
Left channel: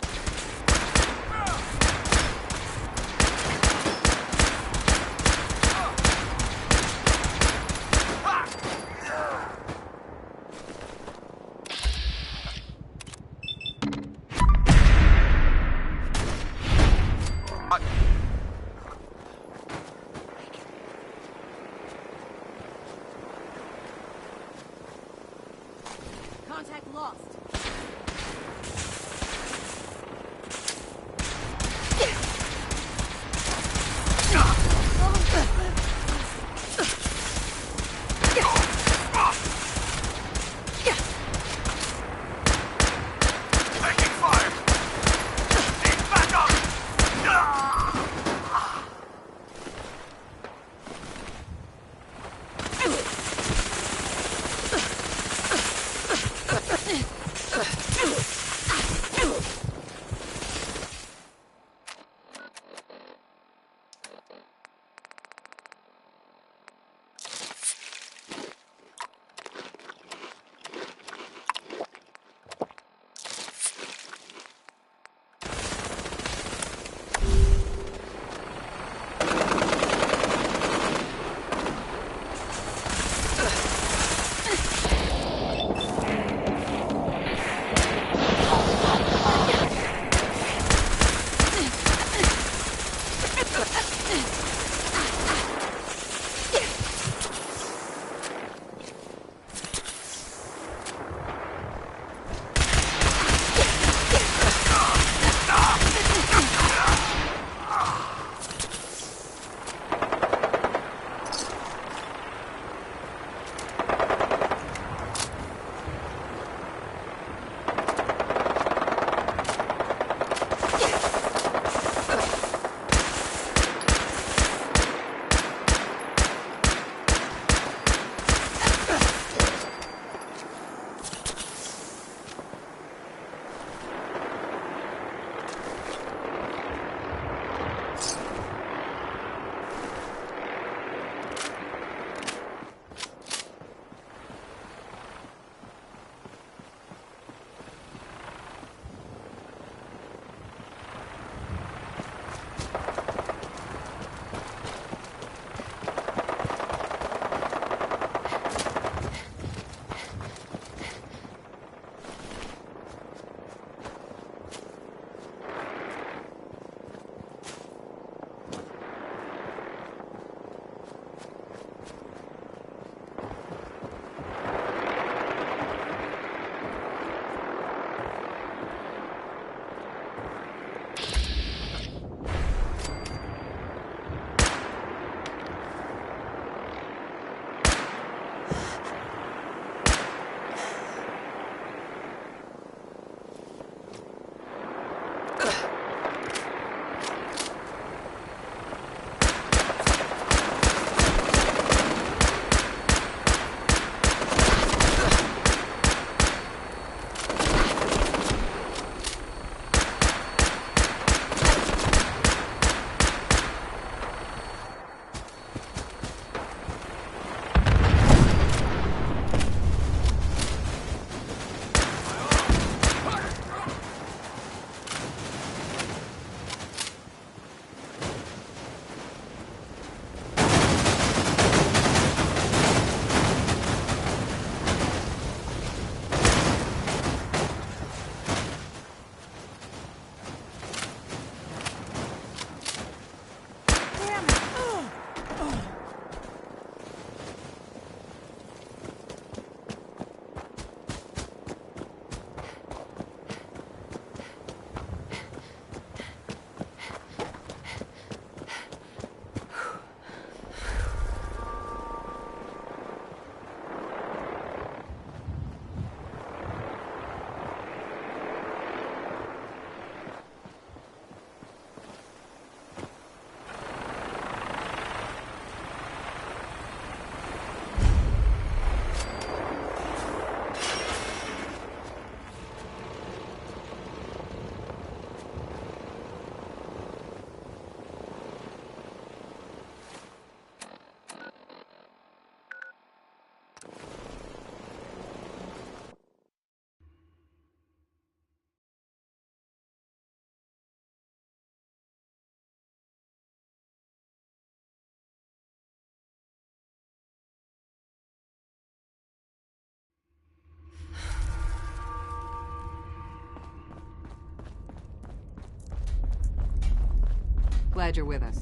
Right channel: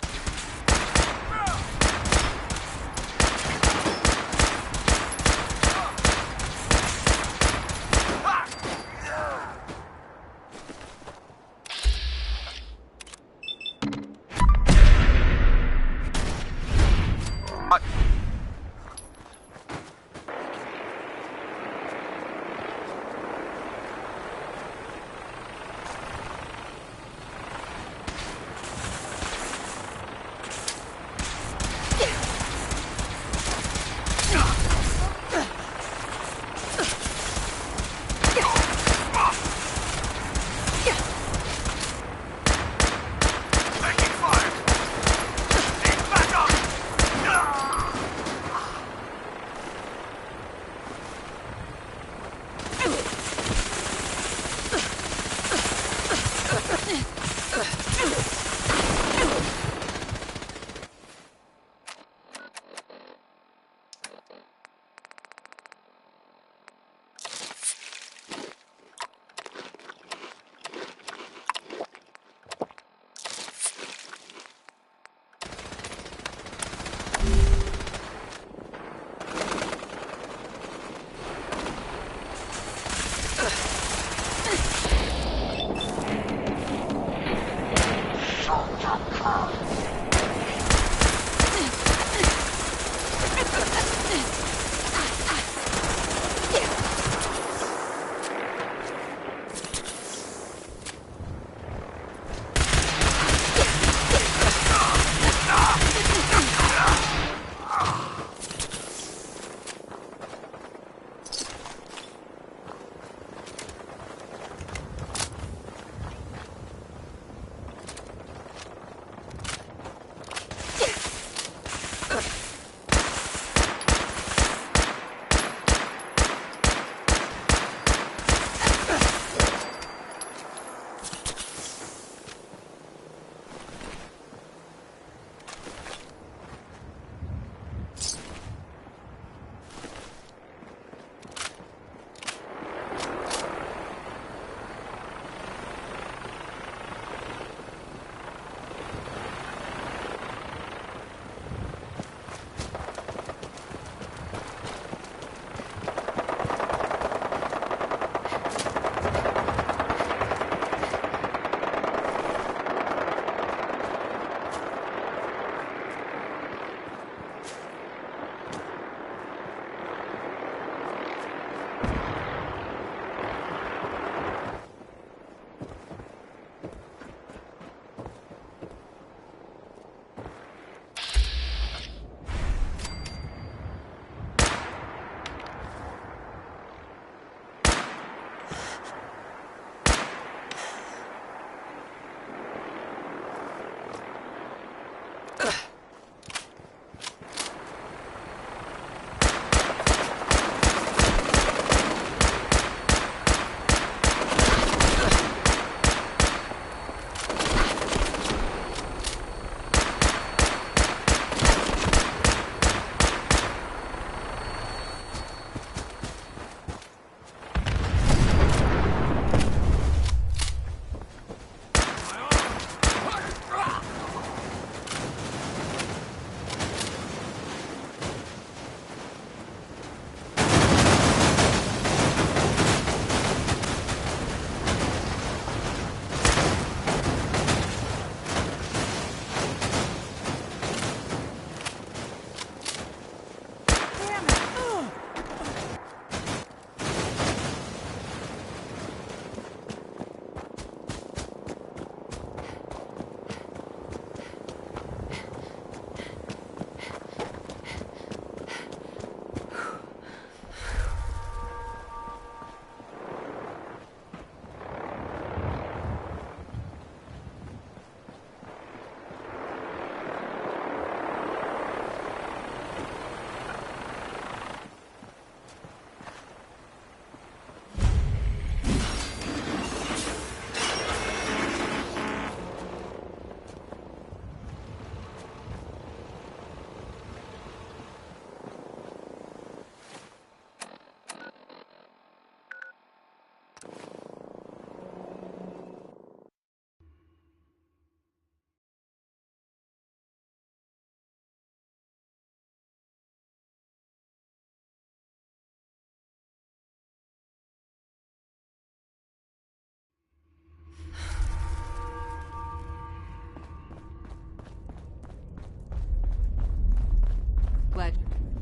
Glad you're with us.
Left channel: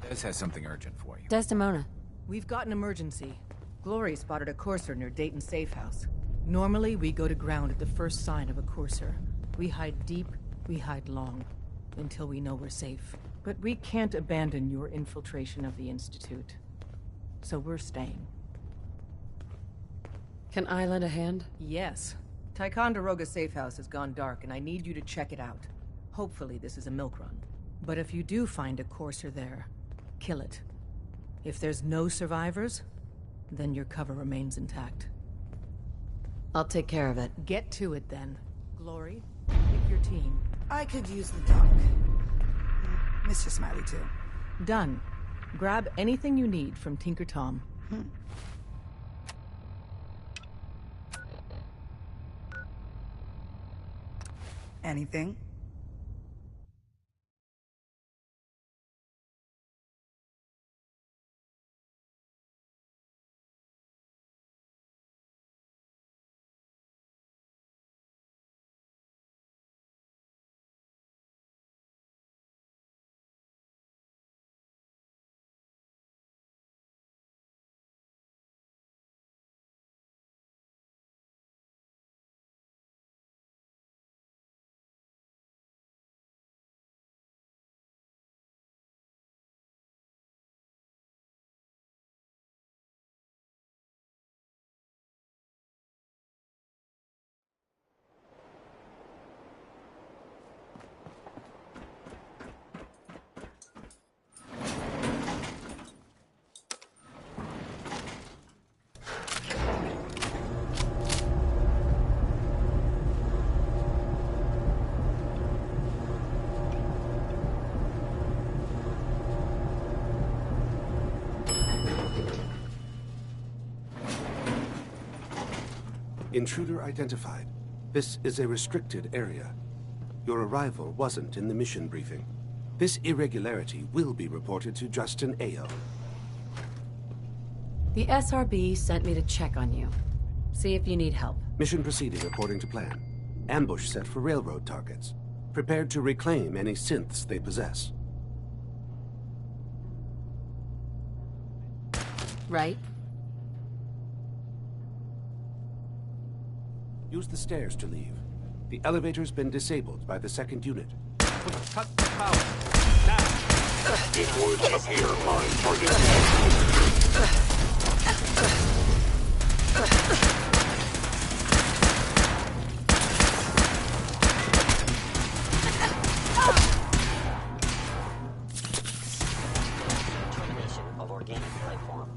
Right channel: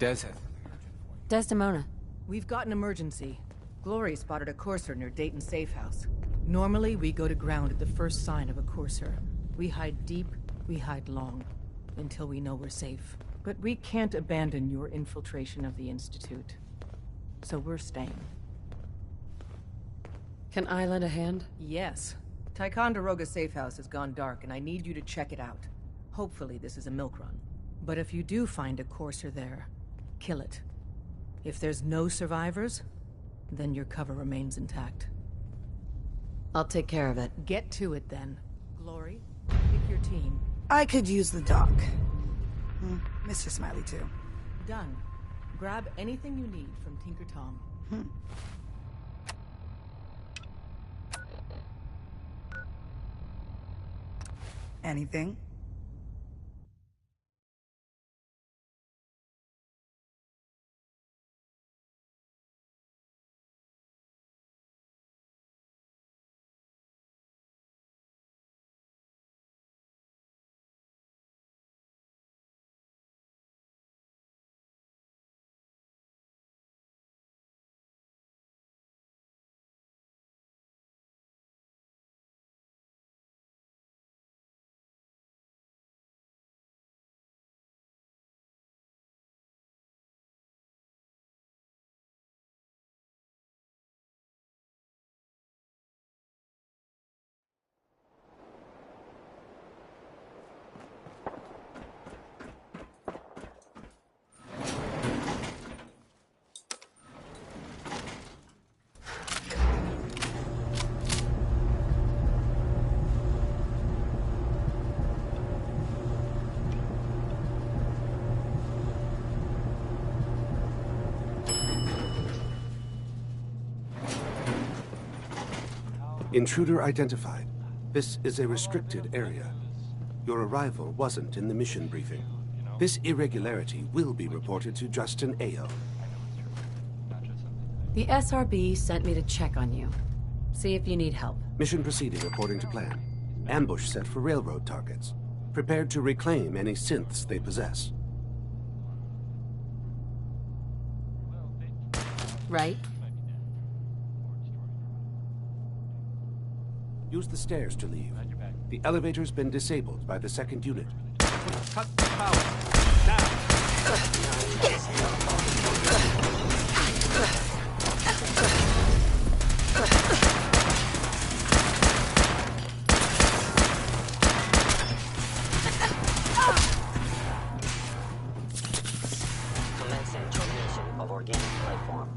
Des has something urgent for you. Desdemona. We've got an emergency. Glory spotted a courser near Dayton Safe House. Normally, we go to ground at the first sign of a courser. We hide deep, we hide long, until we know we're safe. But we can't abandon your infiltration of the Institute. So we're staying. Can I lend a hand? Yes. Ticonderoga Safe House has gone dark, and I need you to check it out. Hopefully this is a milk run. But if you do find a courser there, kill it. If there's no survivors, then your cover remains intact. I'll take care of it. Get to it, then. Glory, pick your team. I could use the dock. Mr. Smiley, too. Done. Grab anything you need from Tinker Tom. Anything? Intruder identified. This is a restricted area. Your arrival wasn't in the mission briefing. This irregularity will be reported to Justin Ao. The SRB sent me to check on you. See if you need help. Mission proceeding according to plan. Ambush set for railroad targets. Prepared to reclaim any synths they possess. Right? Use the stairs to leave. The elevator's been disabled by the second unit. Cut the power. Now! Termination of organic life form.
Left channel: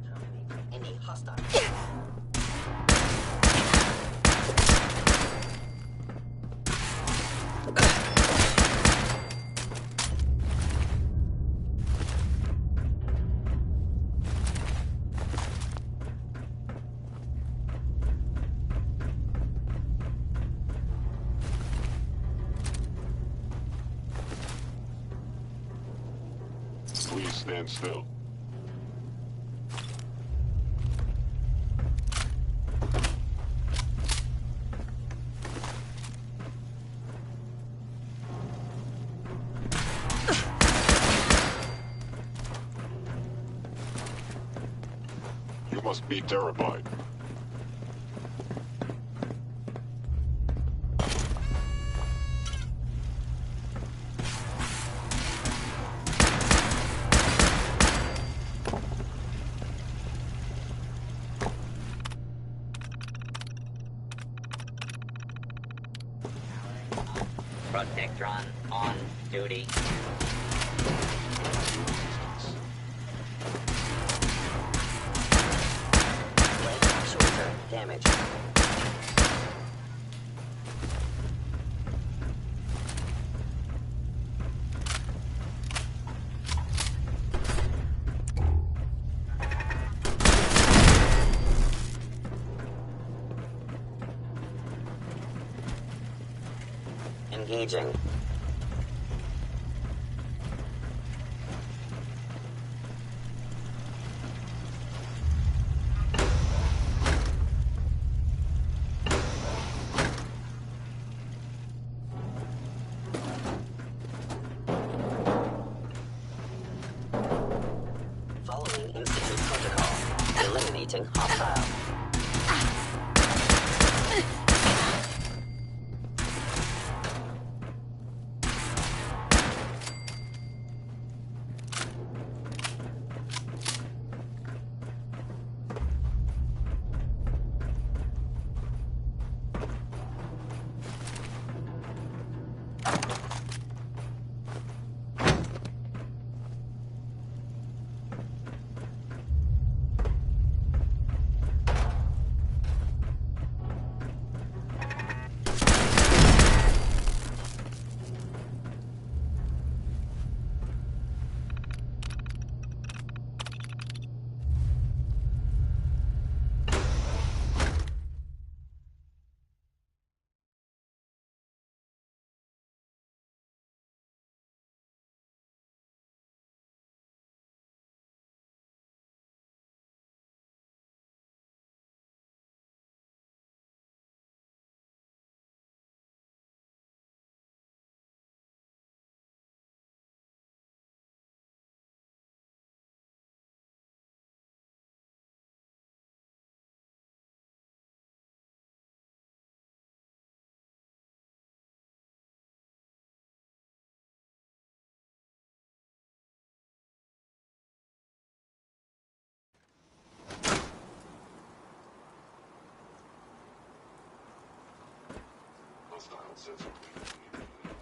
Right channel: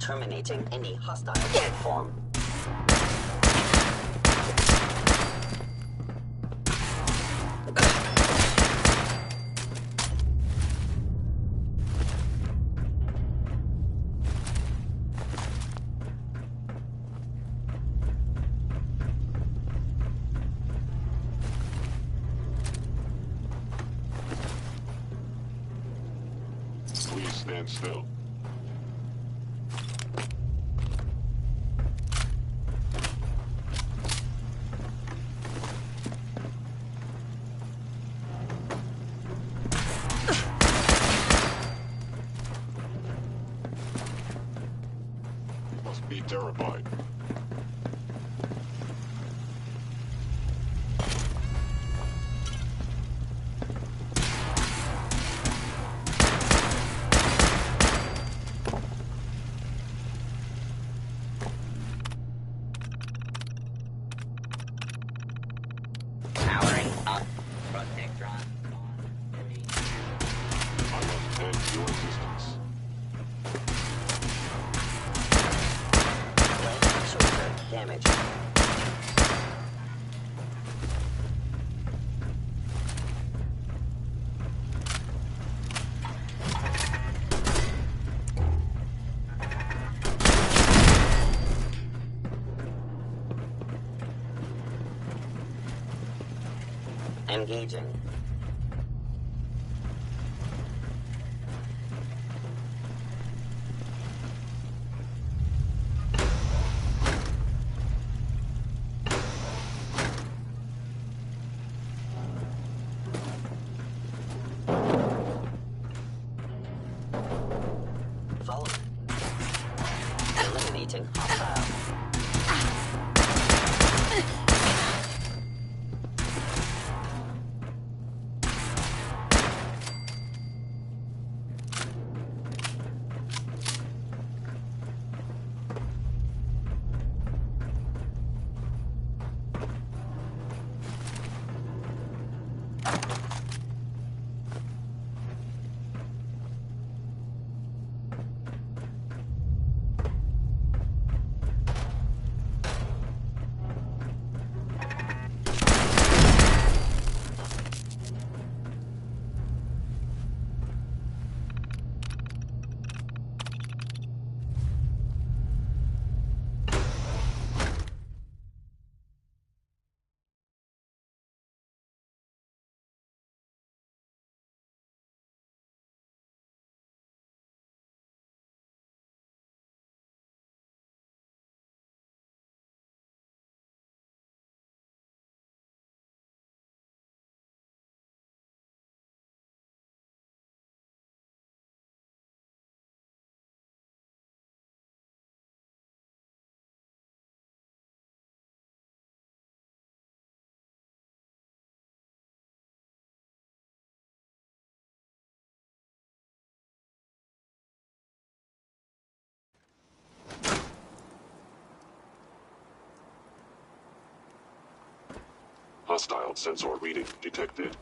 Terminating any hostile form. Please stand still. You must be terrified. Powering up. Protectron on duty. Leg shoulder damage. Engaging. Following incident protocol. Eliminating hostile. Hostile sensor reading detected.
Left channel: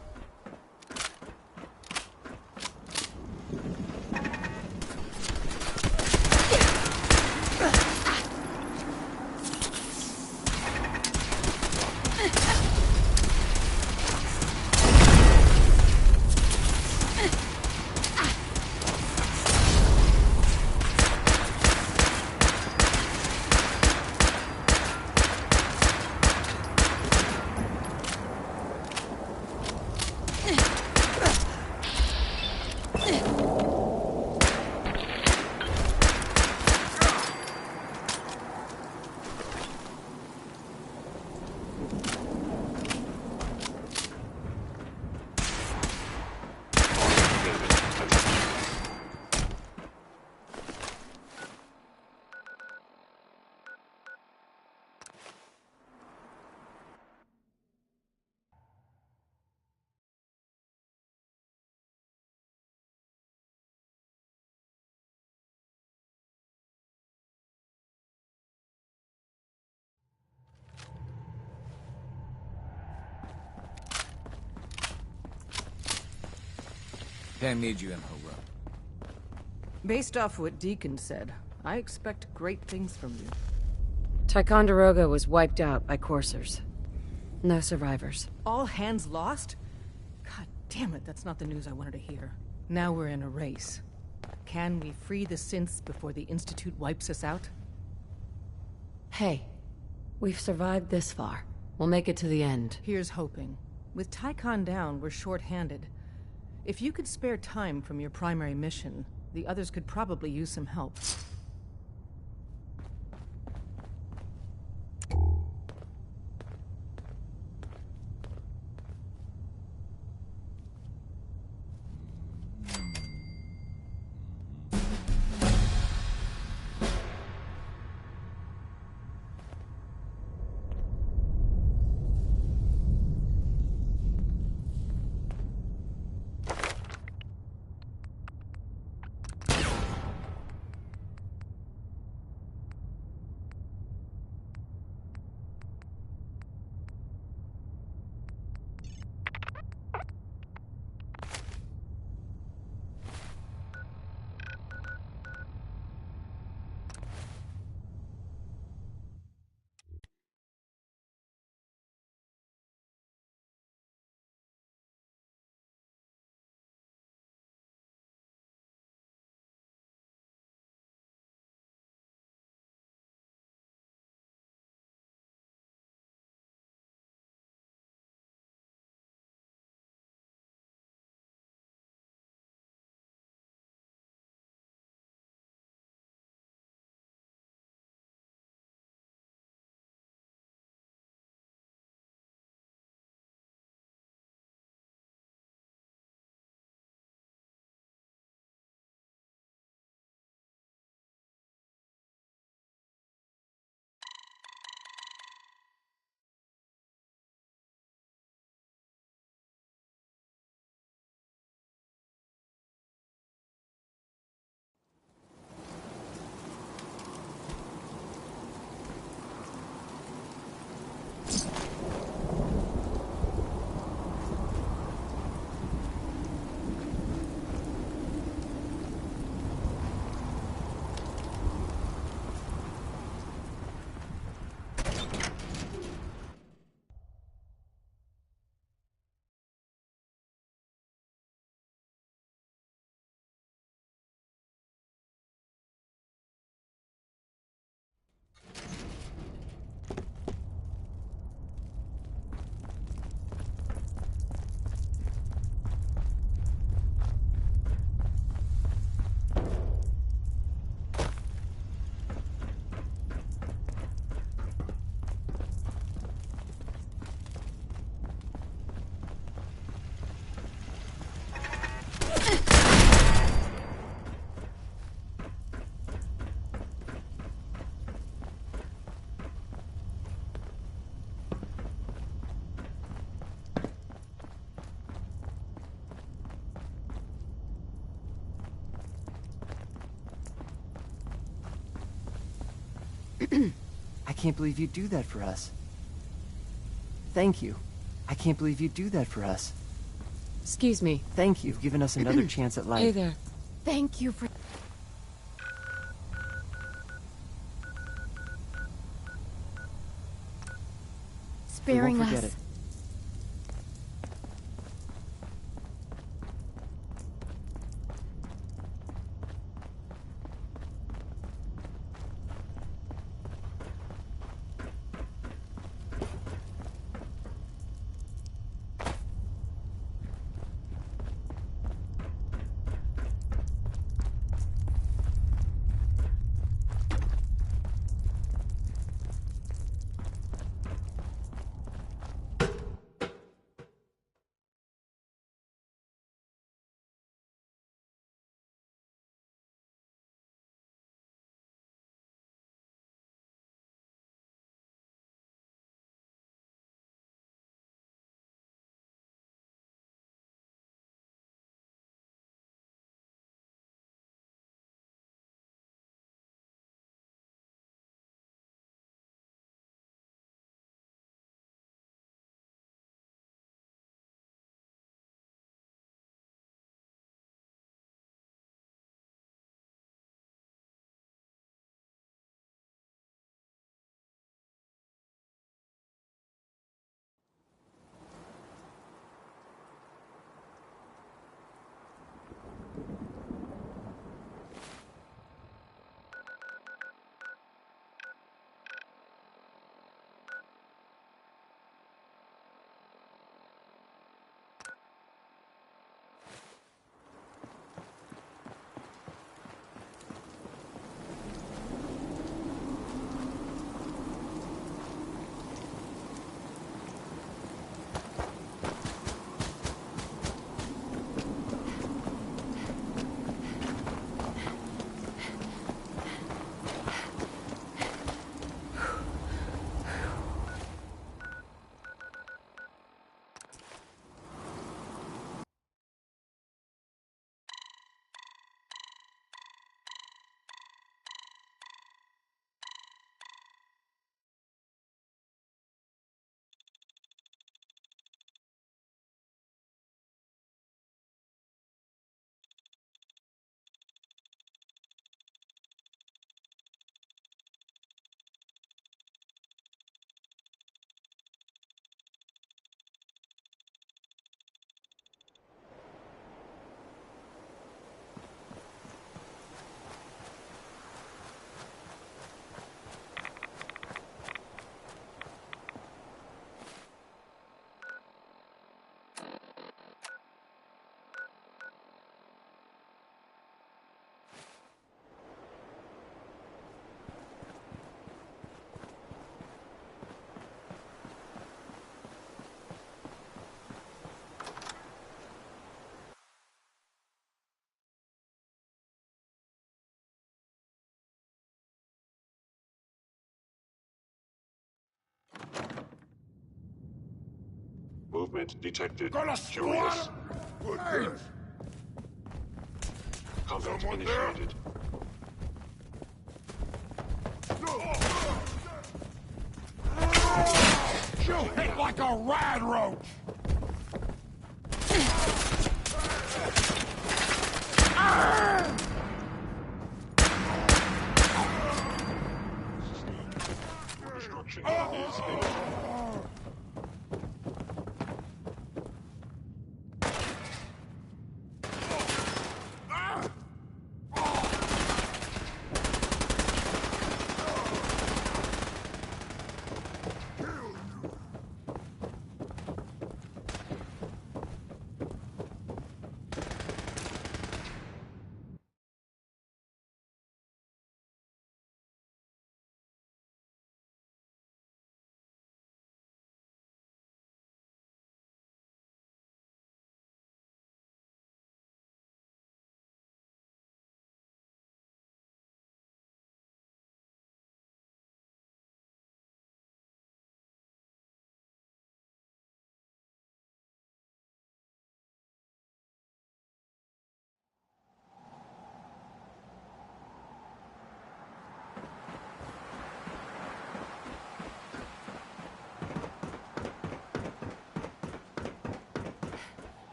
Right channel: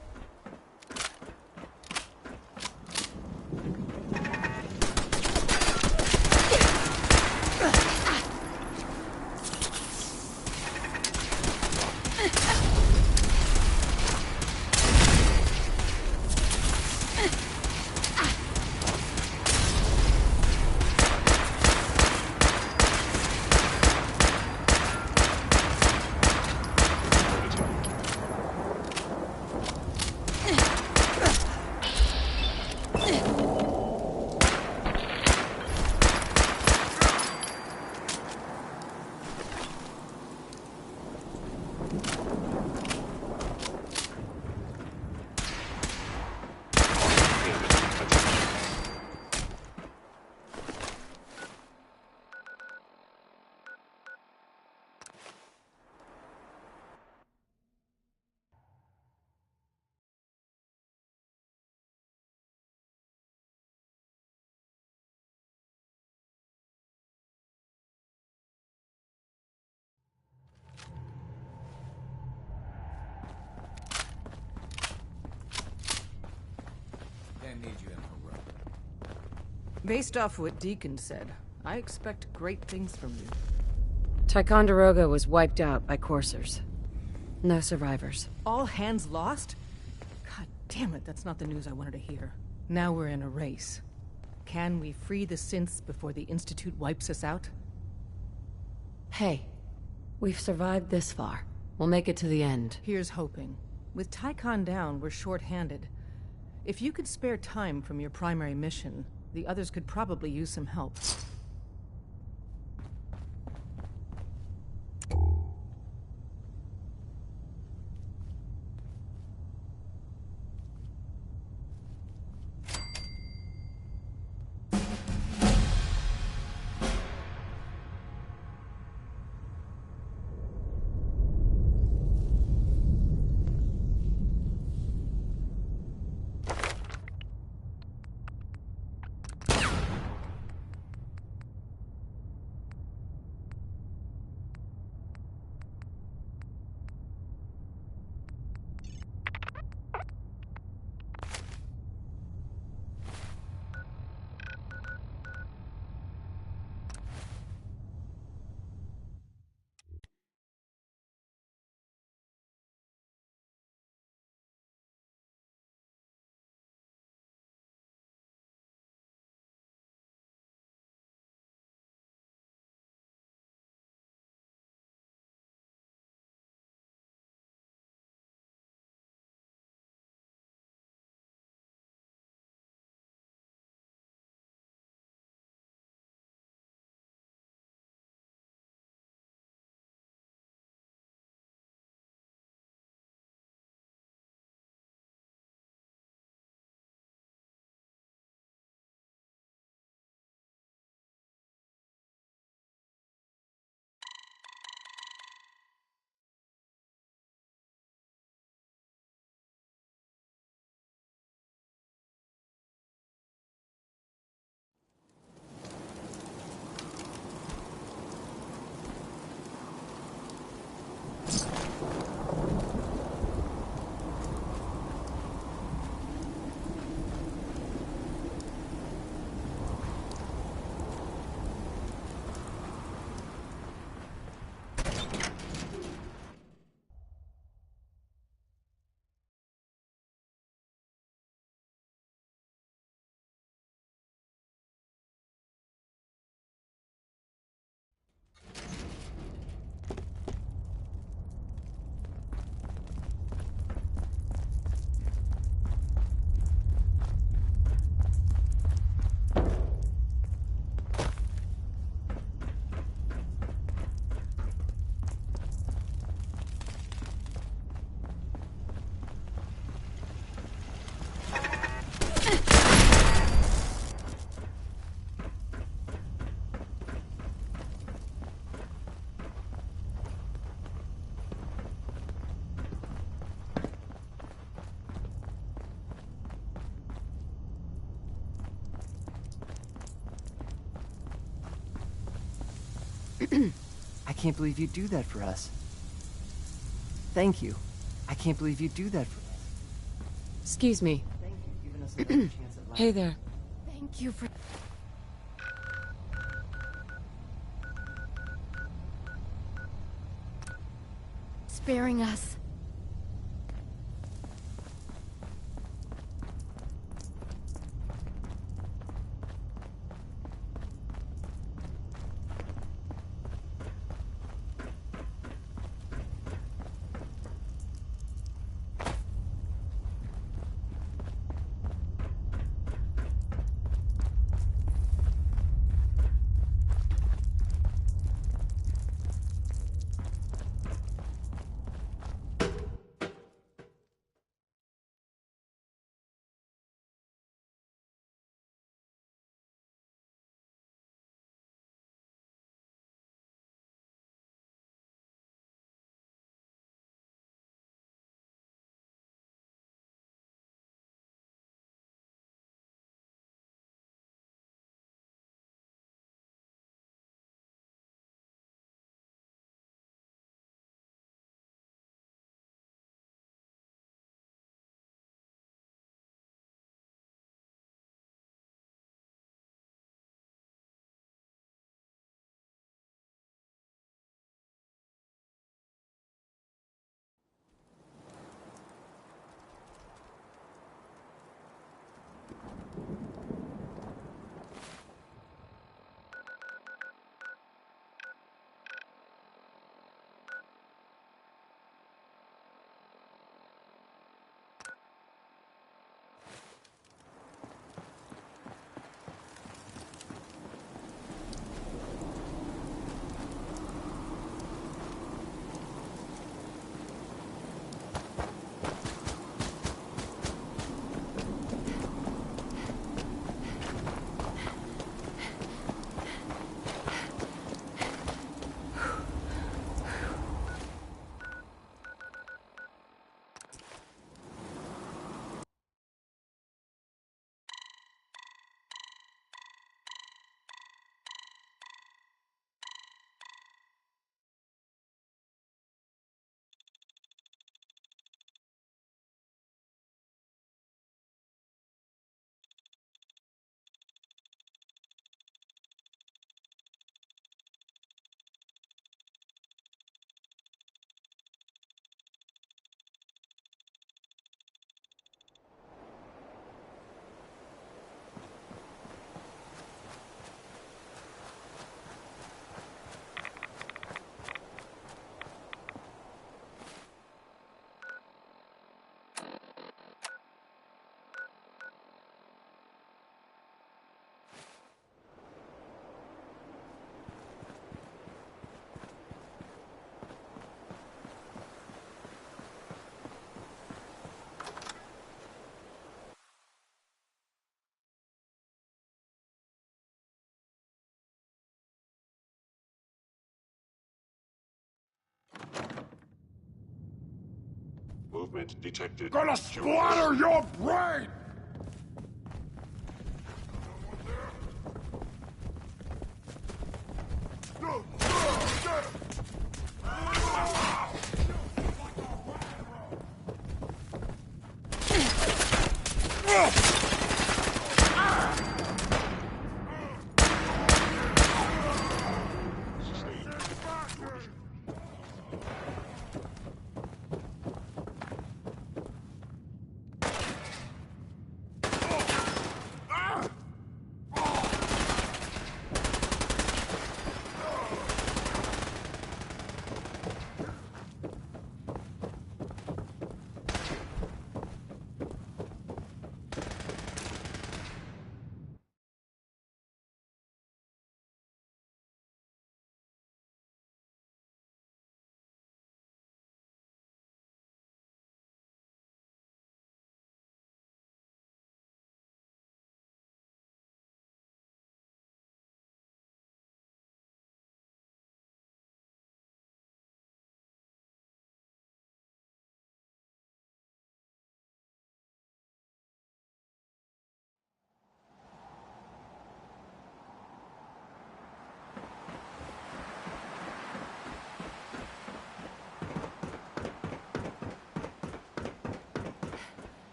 Pam needs you in her room. Based off what Deacon said, I expect great things from you. Ticonderoga was wiped out by coursers. No survivors. All hands lost? God damn it, that's not the news I wanted to hear. Now we're in a race. Can we free the synths before the Institute wipes us out? Hey, we've survived this far. We'll make it to the end. Here's hoping. With Tycon down, we're short-handed. If you could spare time from your primary mission, the others could probably use some help. I can't believe you'd do that for us. Thank you. I can't believe you'd do that for us. Excuse me. Thank you, giving us another chance at life. Hey there. Thank you for... sparing forget us. it. Movement detected. Gonna splatter your brain! Contact initiated. You hit like a rad roach! Your destruction is imminent.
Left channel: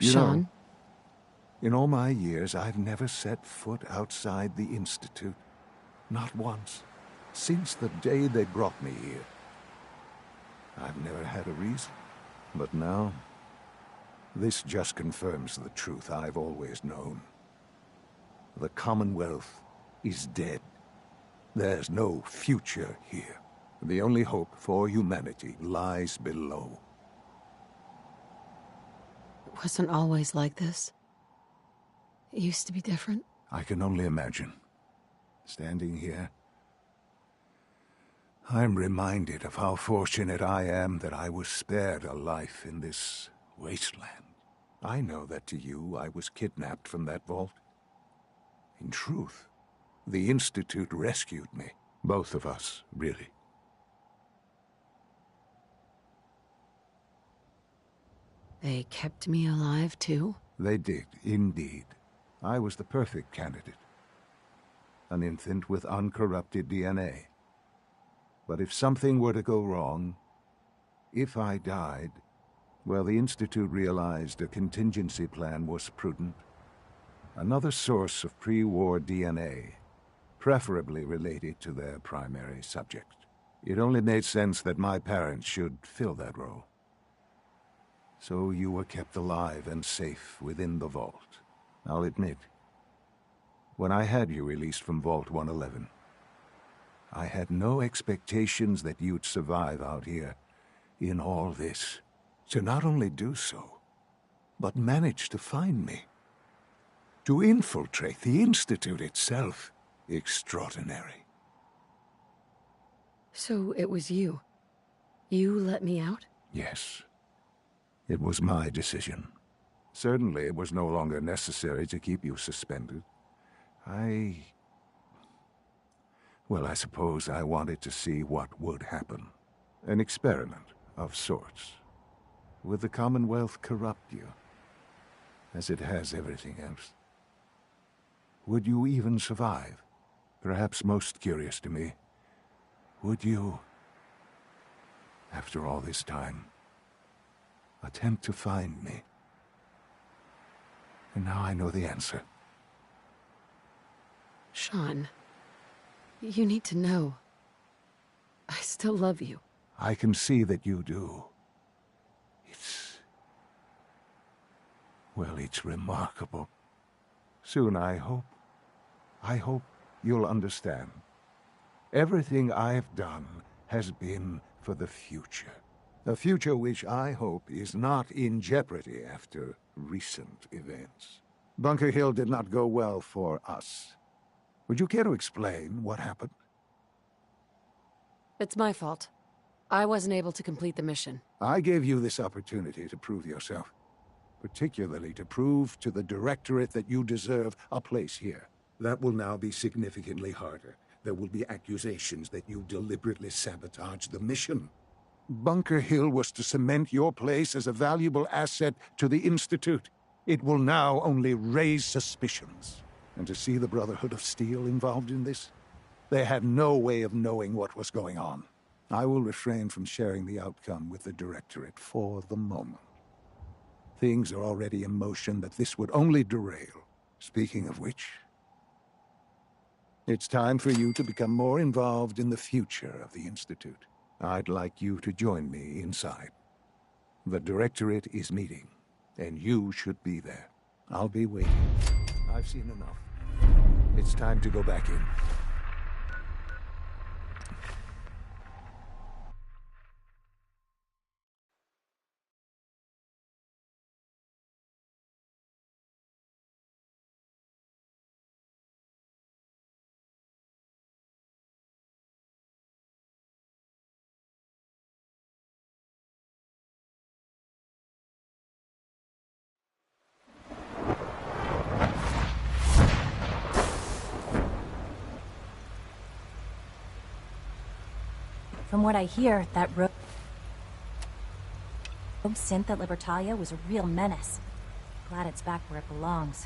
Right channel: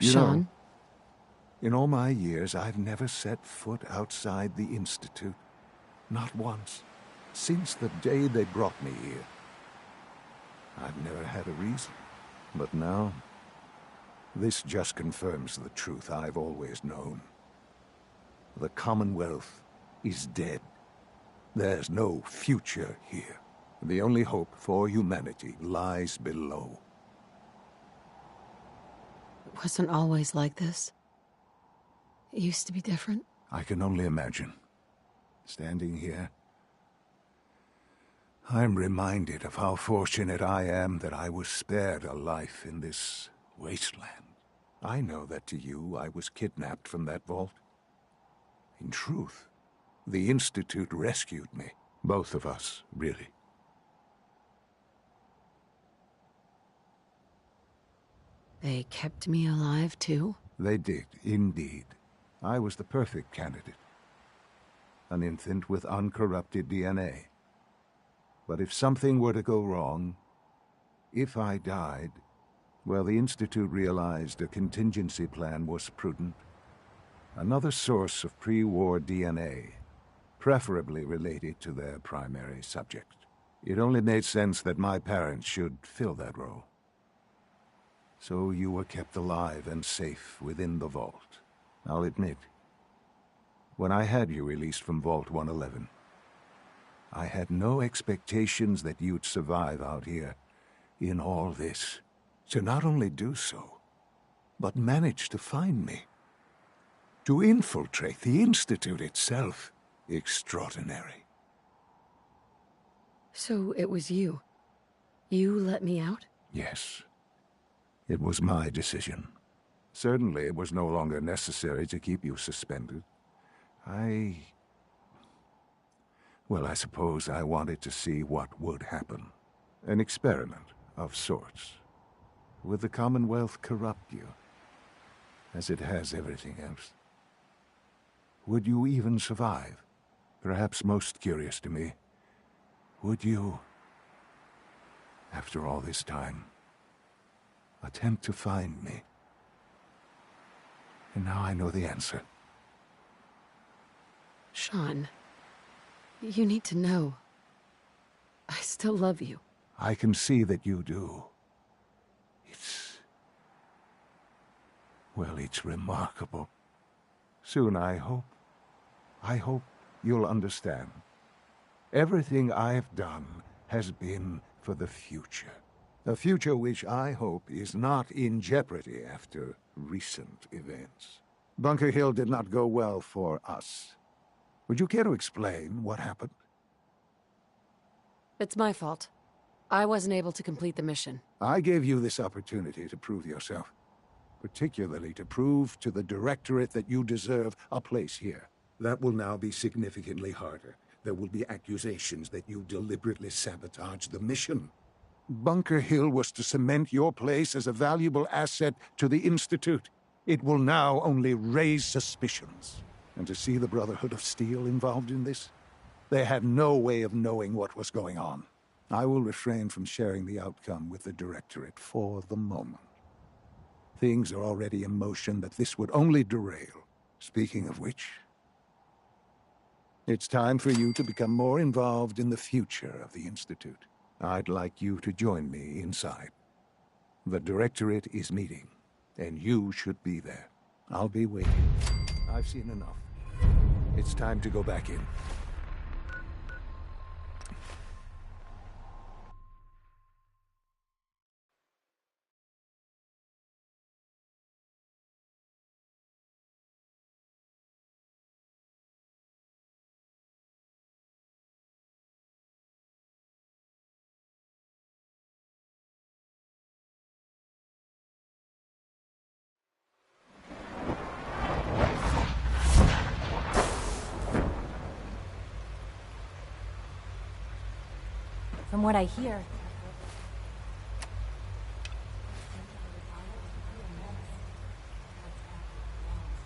You Sean? know, in all my years, I've never set foot outside the Institute. Not once. Since the day they brought me here. I've never had a reason. But now, this just confirms the truth I've always known. The Commonwealth is dead. There's no future here. The only hope for humanity lies below. It wasn't always like this. It used to be different. I can only imagine. Standing here, I'm reminded of how fortunate I am that I was spared a life in this wasteland. I know that to you, I was kidnapped from that vault. In truth, the Institute rescued me. Both of us, really. They kept me alive, too? They did, indeed. I was the perfect candidate. An infant with uncorrupted DNA. But if something were to go wrong, if I died, well, the Institute realized a contingency plan was prudent. Another source of pre-war DNA, preferably related to their primary subject. It only made sense that my parents should fill that role. So you were kept alive and safe within the vault. I'll admit, when I had you released from Vault 111, I had no expectations that you'd survive out here in all this. To not only do so, but manage to find me. To infiltrate the Institute itself. Extraordinary. So it was you. You let me out? Yes. It was my decision. Certainly it was no longer necessary to keep you suspended. Well, I suppose I wanted to see what would happen. An experiment of sorts. Would the Commonwealth corrupt you, as it has everything else? Would you even survive? Perhaps most curious to me, would you, after all this time, attempt to find me? And now I know the answer. Sean, you need to know. I still love you. I can see that you do. Well, it's remarkable. Soon, I hope you'll understand. Everything I've done has been for the future. A future which I hope is not in jeopardy after recent events. Bunker Hill did not go well for us. Would you care to explain what happened? It's my fault. I wasn't able to complete the mission. I gave you this opportunity to prove yourself. Particularly to prove to the Directorate that you deserve a place here. That will now be significantly harder. There will be accusations that you deliberately sabotaged the mission. Bunker Hill was to cement your place as a valuable asset to the Institute. It will now only raise suspicions. And to see the Brotherhood of Steel involved in this? They had no way of knowing what was going on. I will refrain from sharing the outcome with the Directorate for the moment. Things are already in motion that this would only derail. Speaking of which, it's time for you to become more involved in the future of the Institute. I'd like you to join me inside. The Directorate is meeting, and you should be there. I'll be waiting. I've seen enough. It's time to go back in. From what I hear, that rogue synth at Libertalia was a real menace. Glad it's back where it belongs.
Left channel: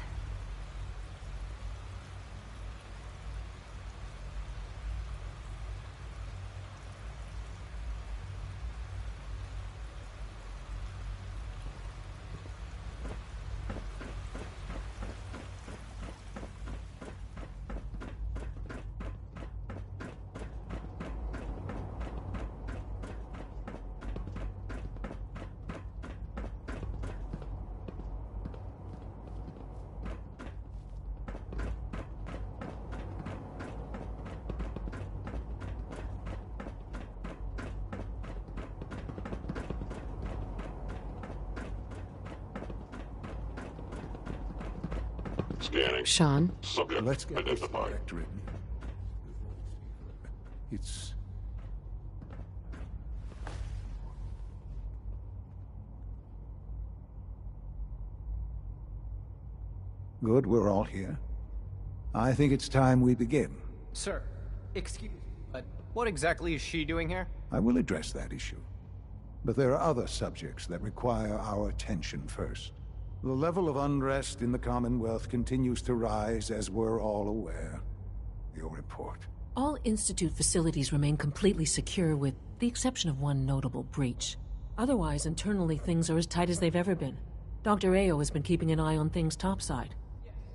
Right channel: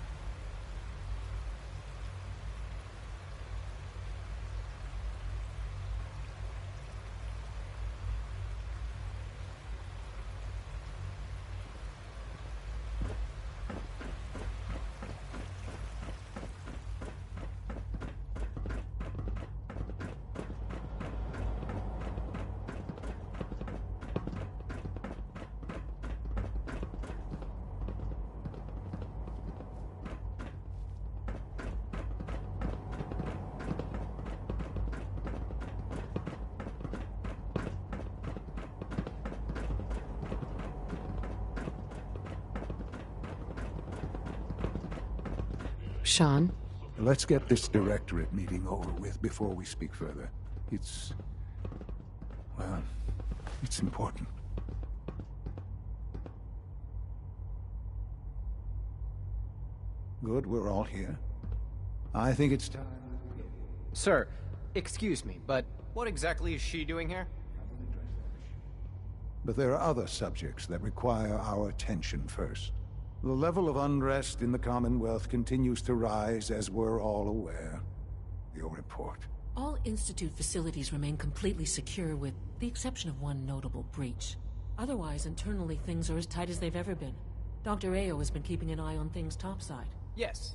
Sean? Let's get this directorate meeting over with before we speak further. It's... well, it's important. Good, we're all here. I think it's time we begin. Sir, excuse me, but what exactly is she doing here? I will address that issue. But there are other subjects that require our attention first. The level of unrest in the Commonwealth continues to rise, as we're all aware. Your report. All Institute facilities remain completely secure with the exception of one notable breach. Otherwise, internally things are as tight as they've ever been. Dr. Ao has been keeping an eye on things topside. Yes,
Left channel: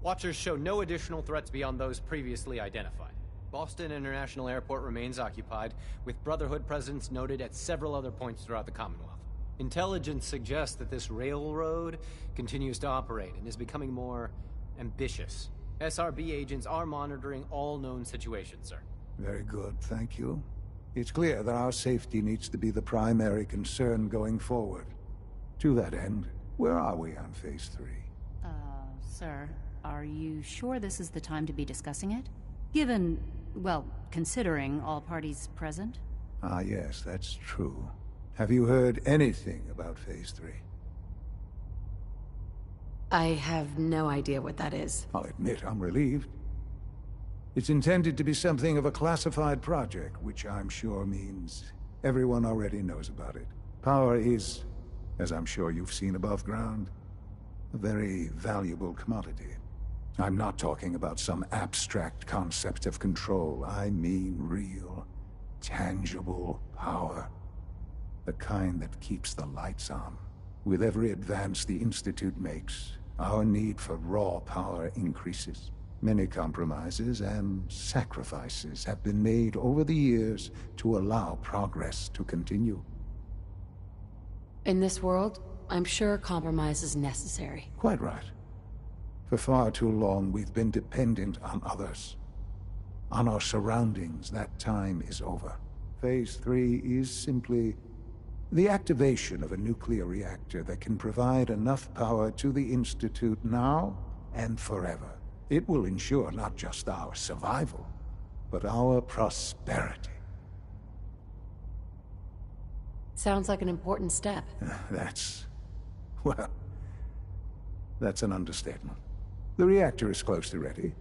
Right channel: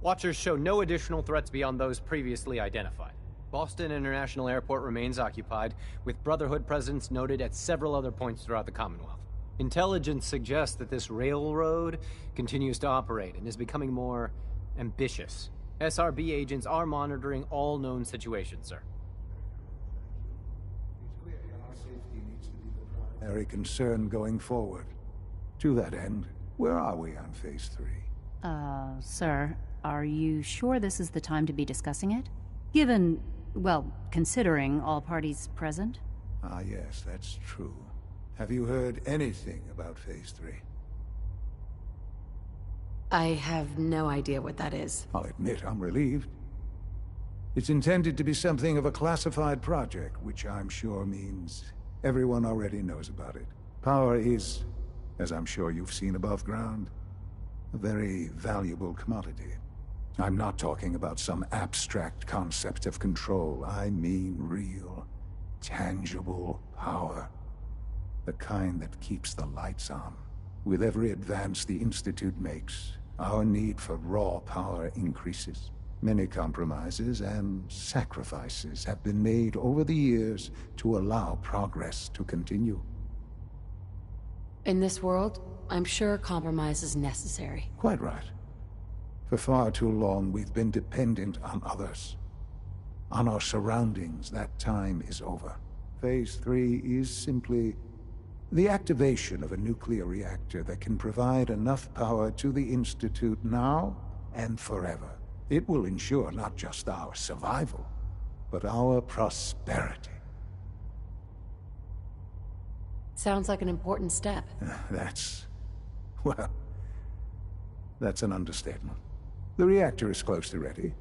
Watchers show no additional threats beyond those previously identified. Boston International Airport remains occupied, with Brotherhood presence noted at several other points throughout the Commonwealth. Intelligence suggests that this railroad continues to operate and is becoming more ambitious. SRB agents are monitoring all known situations, sir. Very good, thank you. It's clear that our safety needs to be the primary concern going forward. To that end, where are we on Phase 3? Sir, are you sure this is the time to be discussing it? Given, well, considering all parties present? Ah, yes, that's true. Have you heard anything about Phase 3? I have no idea what that is. I'll admit I'm relieved. It's intended to be something of a classified project, which I'm sure means everyone already knows about it. Power is, as I'm sure you've seen above ground, a very valuable commodity. I'm not talking about some abstract concept of control. I mean real, tangible power. The kind that keeps the lights on. With every advance the Institute makes, our need for raw power increases. Many compromises and sacrifices have been made over the years to allow progress to continue. In this world, I'm sure compromise is necessary. Quite right. For far too long, we've been dependent on others. On our surroundings. That time is over. Phase 3 is simply the activation of a nuclear reactor that can provide enough power to the Institute now and forever. It will ensure not just our survival, but our prosperity. Sounds like an important step. Well, that's an understatement. The reactor is close to ready,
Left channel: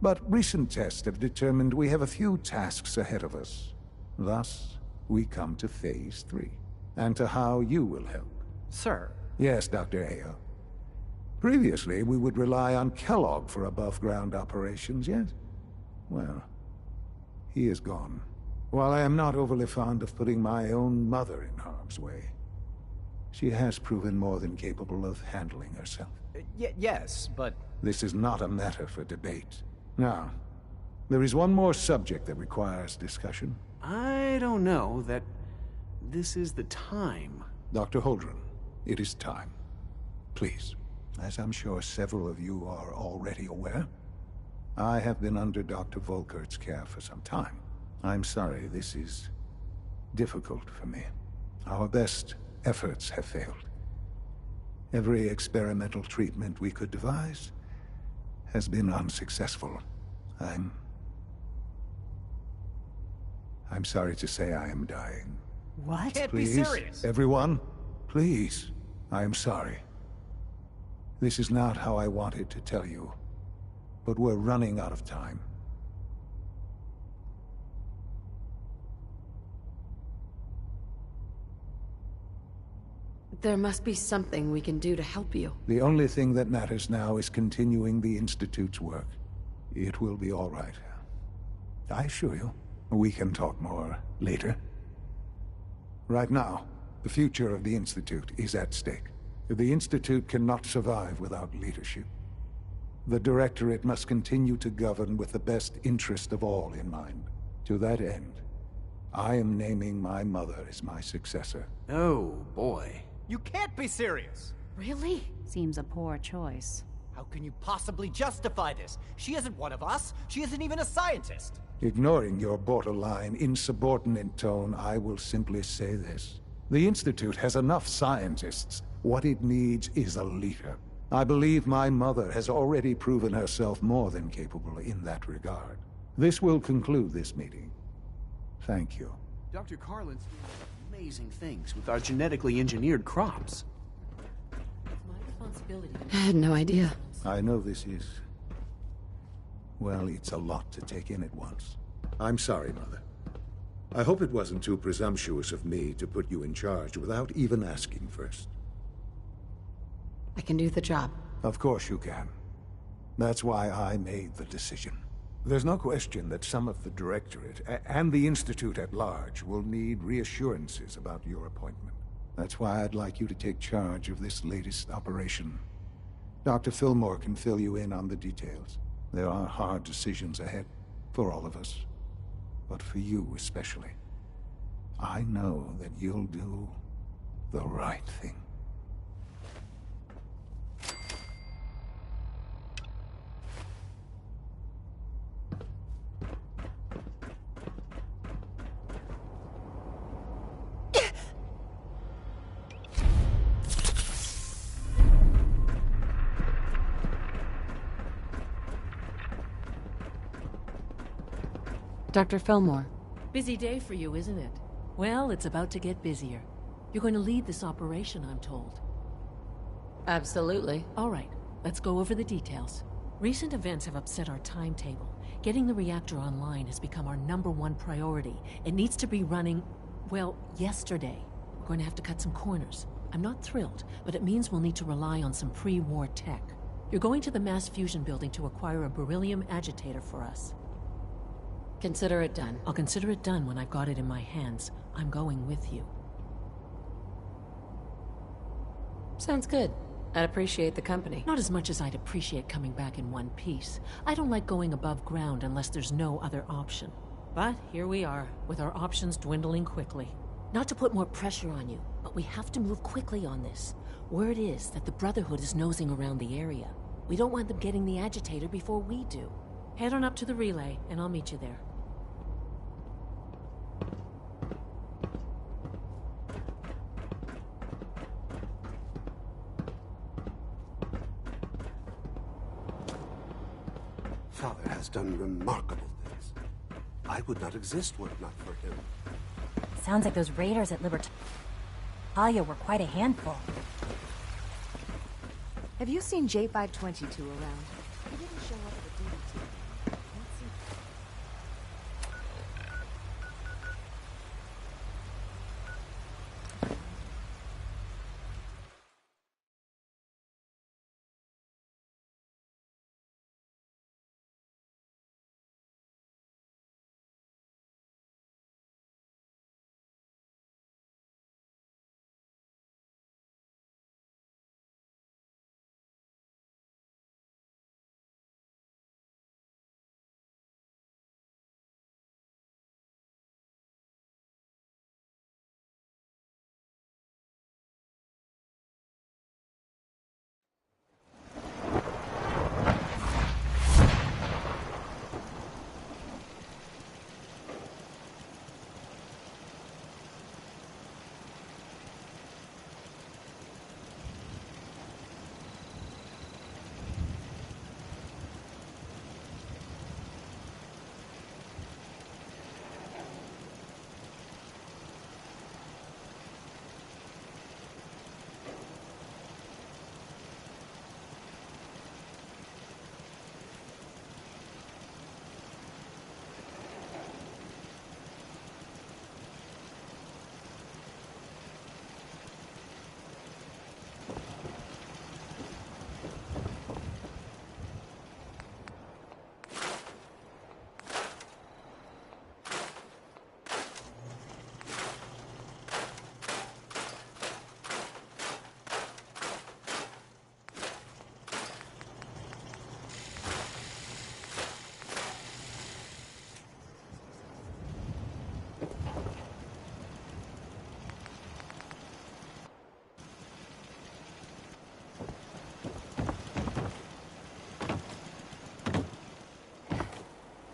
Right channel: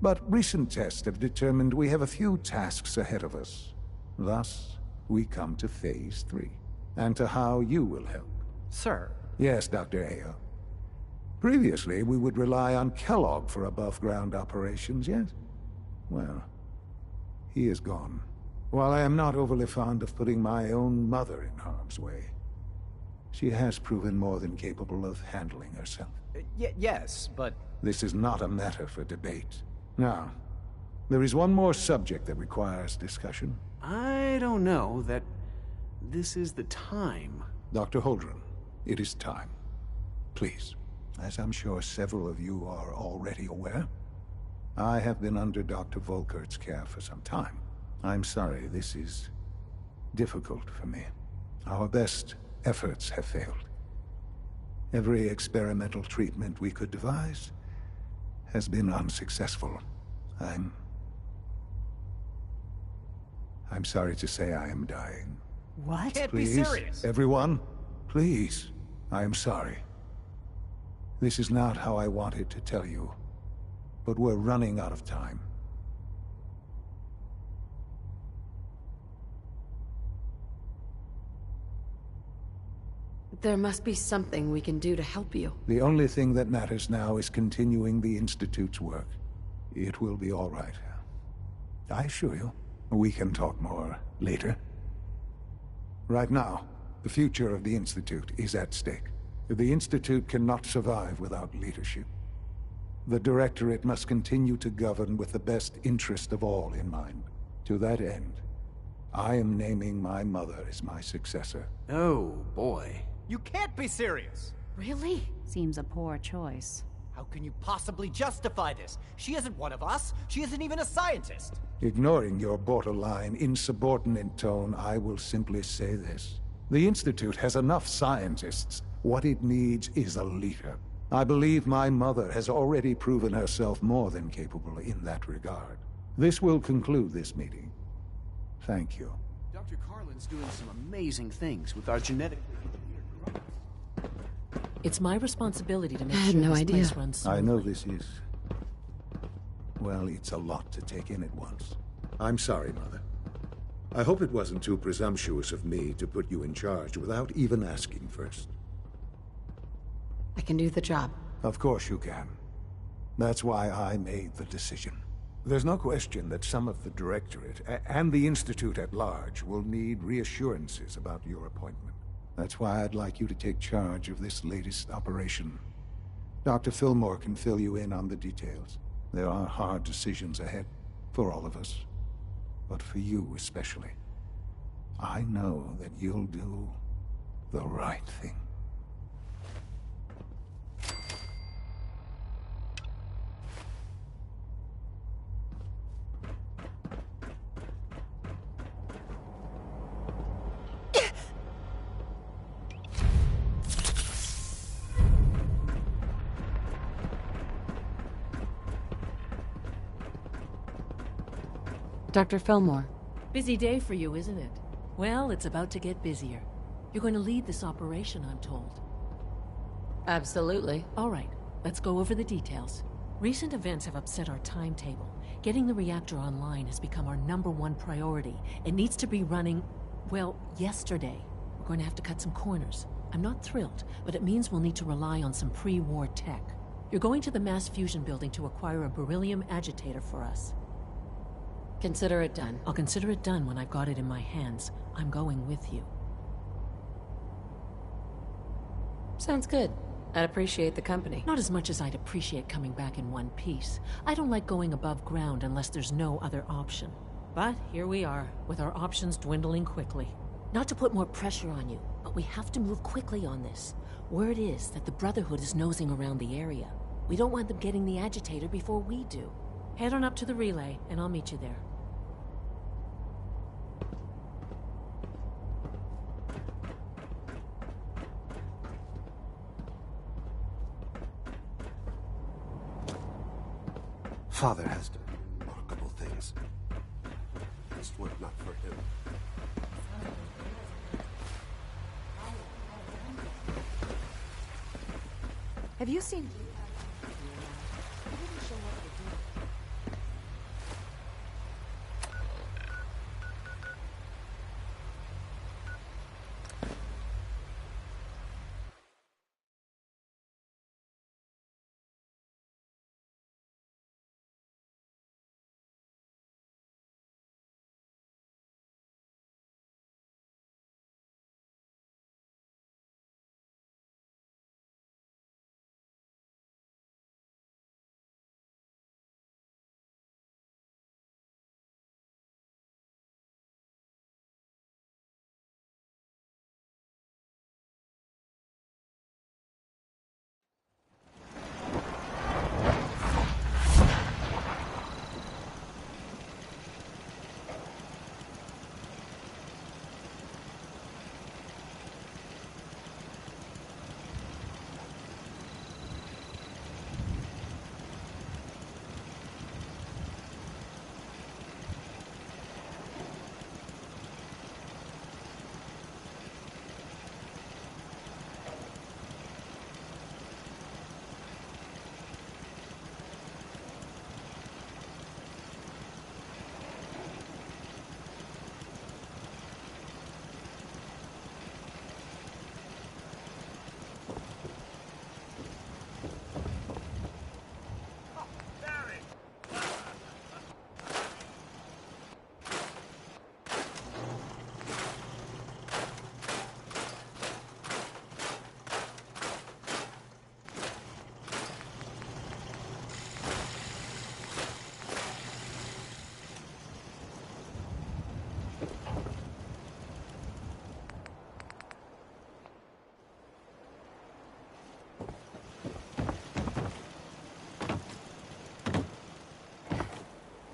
but recent tests have determined we have a few tasks ahead of us. Thus, we come to Phase 3, and to how you will help. Sir? Yes, Dr. Ao. Previously, we would rely on Kellogg for above-ground operations, yes? Well, he is gone. While I am not overly fond of putting my own mother in harm's way, she has proven more than capable of handling herself. Yes, but... This is not a matter for debate. Now, there is one more subject that requires discussion. I don't know that this is the time. Dr. Holdren, it is time. Please, as I'm sure several of you are already aware, I have been under Dr. Volkert's care for some time. I'm sorry, this is difficult for me. Our best efforts have failed. Every experimental treatment we could devise has been unsuccessful. I'm sorry to say I am dying. What? Can't Please, be serious. Everyone, please, I am sorry. This is not how I wanted to tell you, but we're running out of time. There must be something we can do to help you. The only thing that matters now is continuing the Institute's work. It will be all right. I assure you, we can talk more later. Right now, the future of the Institute is at stake. The Institute cannot survive without leadership. The Directorate must continue to govern with the best interest of all in mind. To that end, I am naming my mother as my successor. Oh, boy. You can't be serious! Really? Seems a poor choice. How can you possibly justify this? She isn't one of us. She isn't even a scientist. Ignoring your borderline, insubordinate tone, I will simply say this. The Institute has enough scientists. What it needs is a leader. I believe my mother has already proven herself more than capable in that regard. This will conclude this meeting. Thank you. Dr. Carlin's doing some amazing things with our genetically engineered crops. It's my responsibility to make I had sure no this idea. place runs I know this is... well, it's a lot to take in at once. I'm sorry, Mother. I hope it wasn't too presumptuous of me to put you in charge without even asking first. I can do the job. Of course you can. That's why I made the decision. There's no question that some of the Directorate and the Institute at large will need reassurances about your appointment. That's why I'd like you to take charge of this latest operation. Dr. Fillmore can fill you in on the details. There are hard decisions ahead, for all of us. But for you especially. I know that you'll do the right thing. Dr. Fillmore. Busy day for you, isn't it? Well, it's about to get busier. You're going to lead this operation, I'm told. Absolutely. All right, let's go over the details. Recent events have upset our timetable. Getting the reactor online has become our #1 priority. It needs to be running, well, yesterday. We're going to have to cut some corners. I'm not thrilled, but it means we'll need to rely on some pre-war tech. You're going to the mass fusion building to acquire a beryllium agitator for us. Consider it done. I'll consider it done when I've got it in my hands. I'm going with you. Sounds good. I'd appreciate the company. Not as much as I'd appreciate coming back in one piece. I don't like going above ground unless there's no other option. But here we are, with our options dwindling quickly. Not to put more pressure on you, but we have to move quickly on this. Word is that the Brotherhood is nosing around the area. We don't want them getting the agitator before we do. Head on up to the relay, and I'll meet you there. Father has done remarkable things. I would not exist were it not for him. Sounds like those raiders at Libertalia were quite a handful. Have you seen J522 around? He didn't show up for duty today.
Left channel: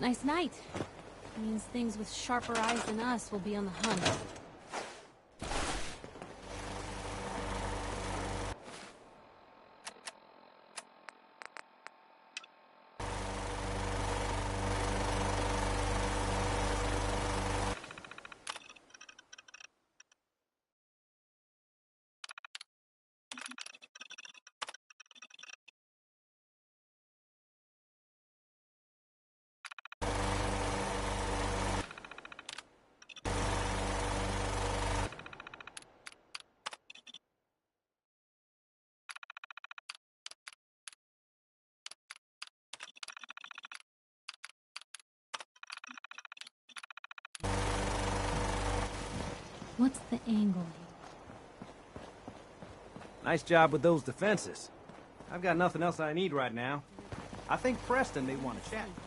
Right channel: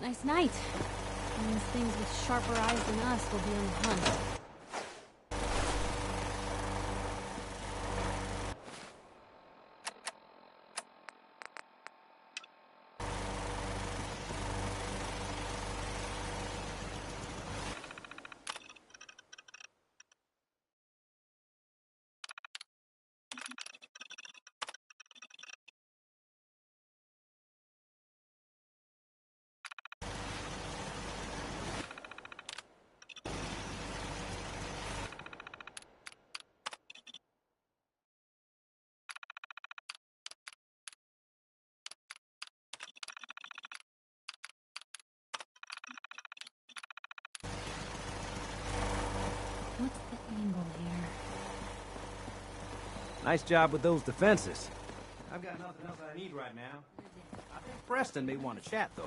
Nice night. Means things with sharper eyes than us will be on the hunt. What's the angle here? Nice job with those defenses. I've got nothing else I need right now. I think Preston may want to chat, though.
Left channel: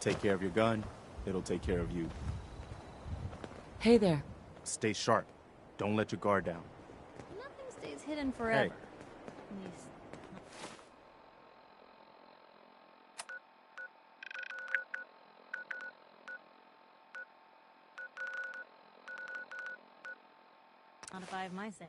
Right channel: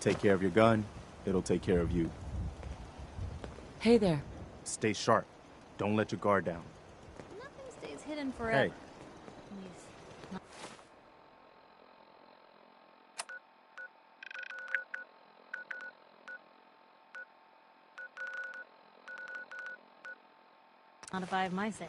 Take care of your gun. It'll take care of you. Hey there. Stay sharp. Don't let your guard down. Nothing stays hidden forever. Hey. At least, not... Not if I have my say.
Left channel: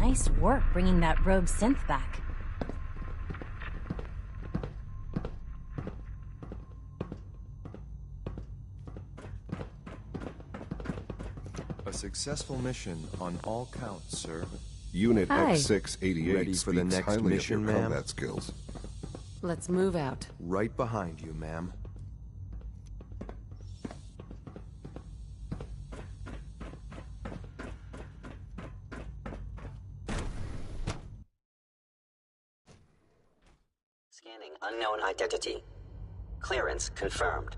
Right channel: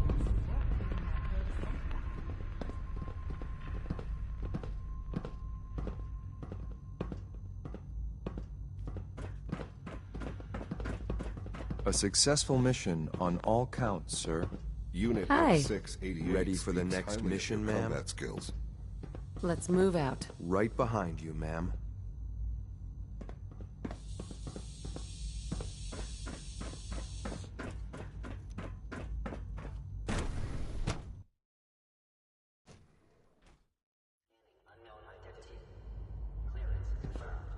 Nice work bringing that rogue synth back. A successful mission on all counts, sir. Unit Hi. X688 Ready for the speaks next highly of mission, your ma'am? combat skills. Let's move out. Right behind you, ma'am. Scanning unknown identity. Clearance confirmed.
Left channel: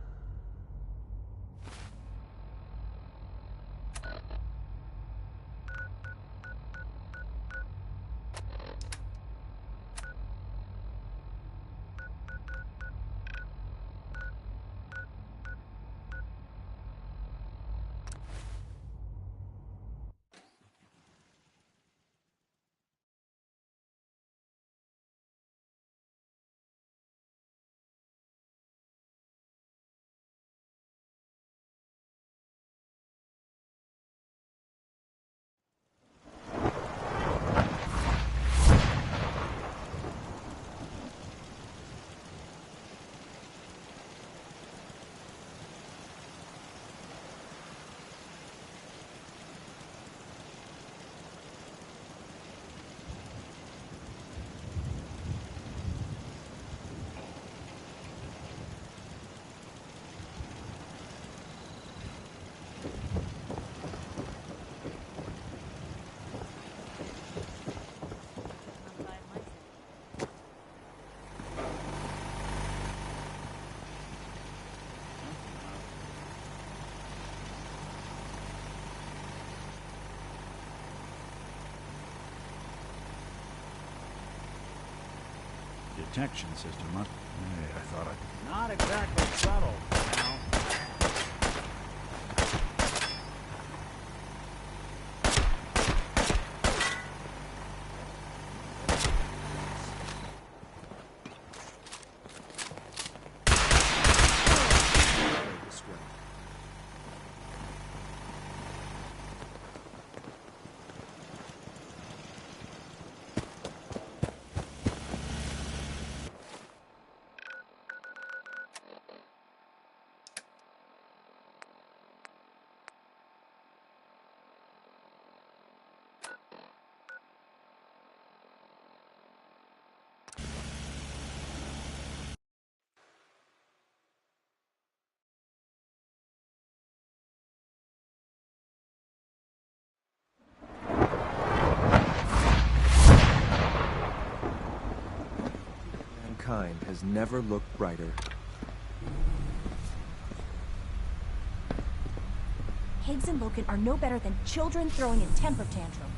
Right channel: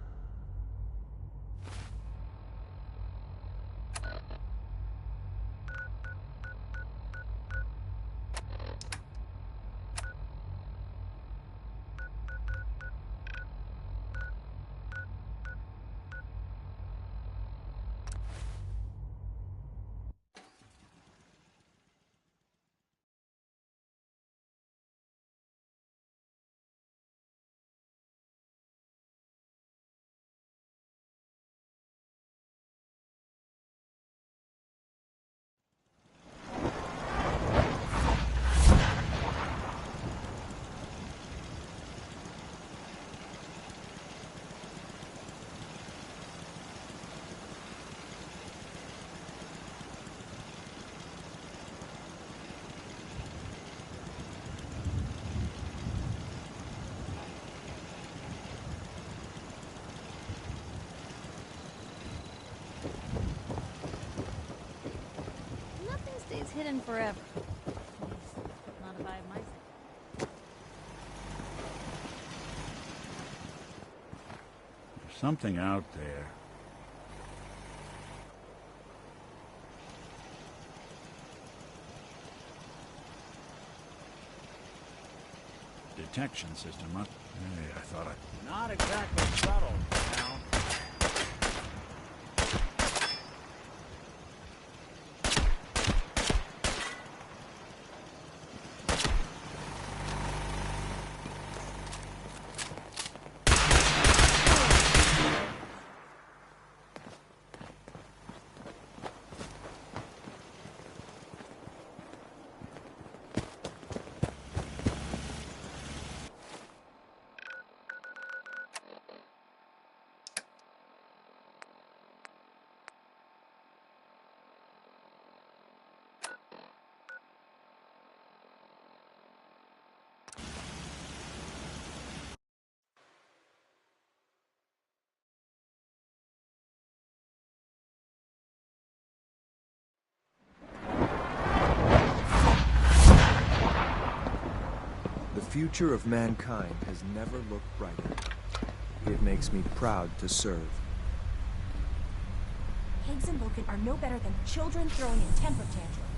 Nothing stays hidden forever. Not if I have my say. Something out there. Detection system, huh? Hey, I thought I... Not exactly subtle, now. The future of mankind has never looked brighter. It makes me proud to serve. Higgs and Loken are no better than children throwing a temper tantrum.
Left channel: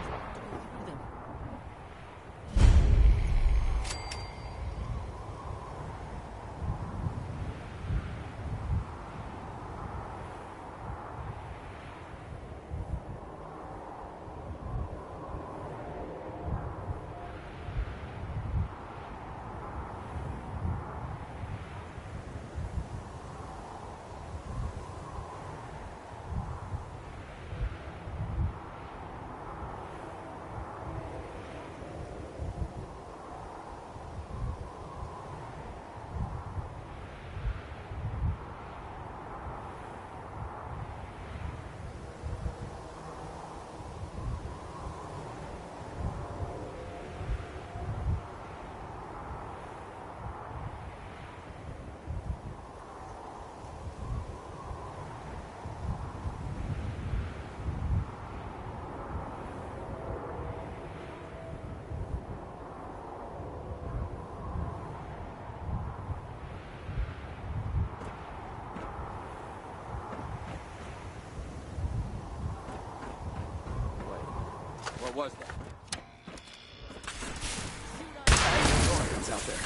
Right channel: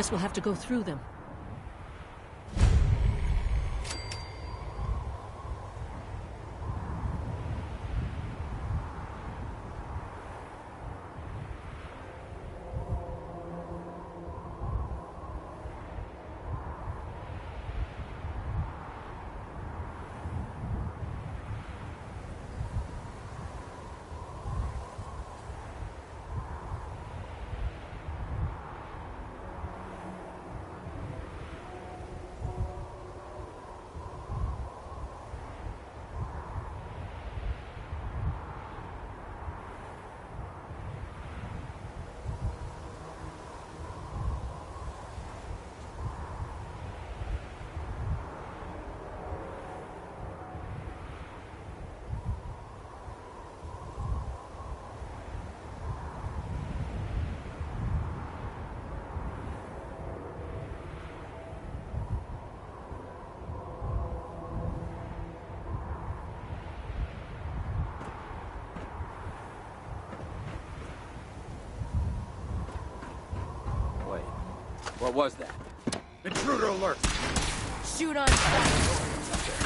Guess we'll have to go through them. What was that? Intruder alert! Shoot on It's out there.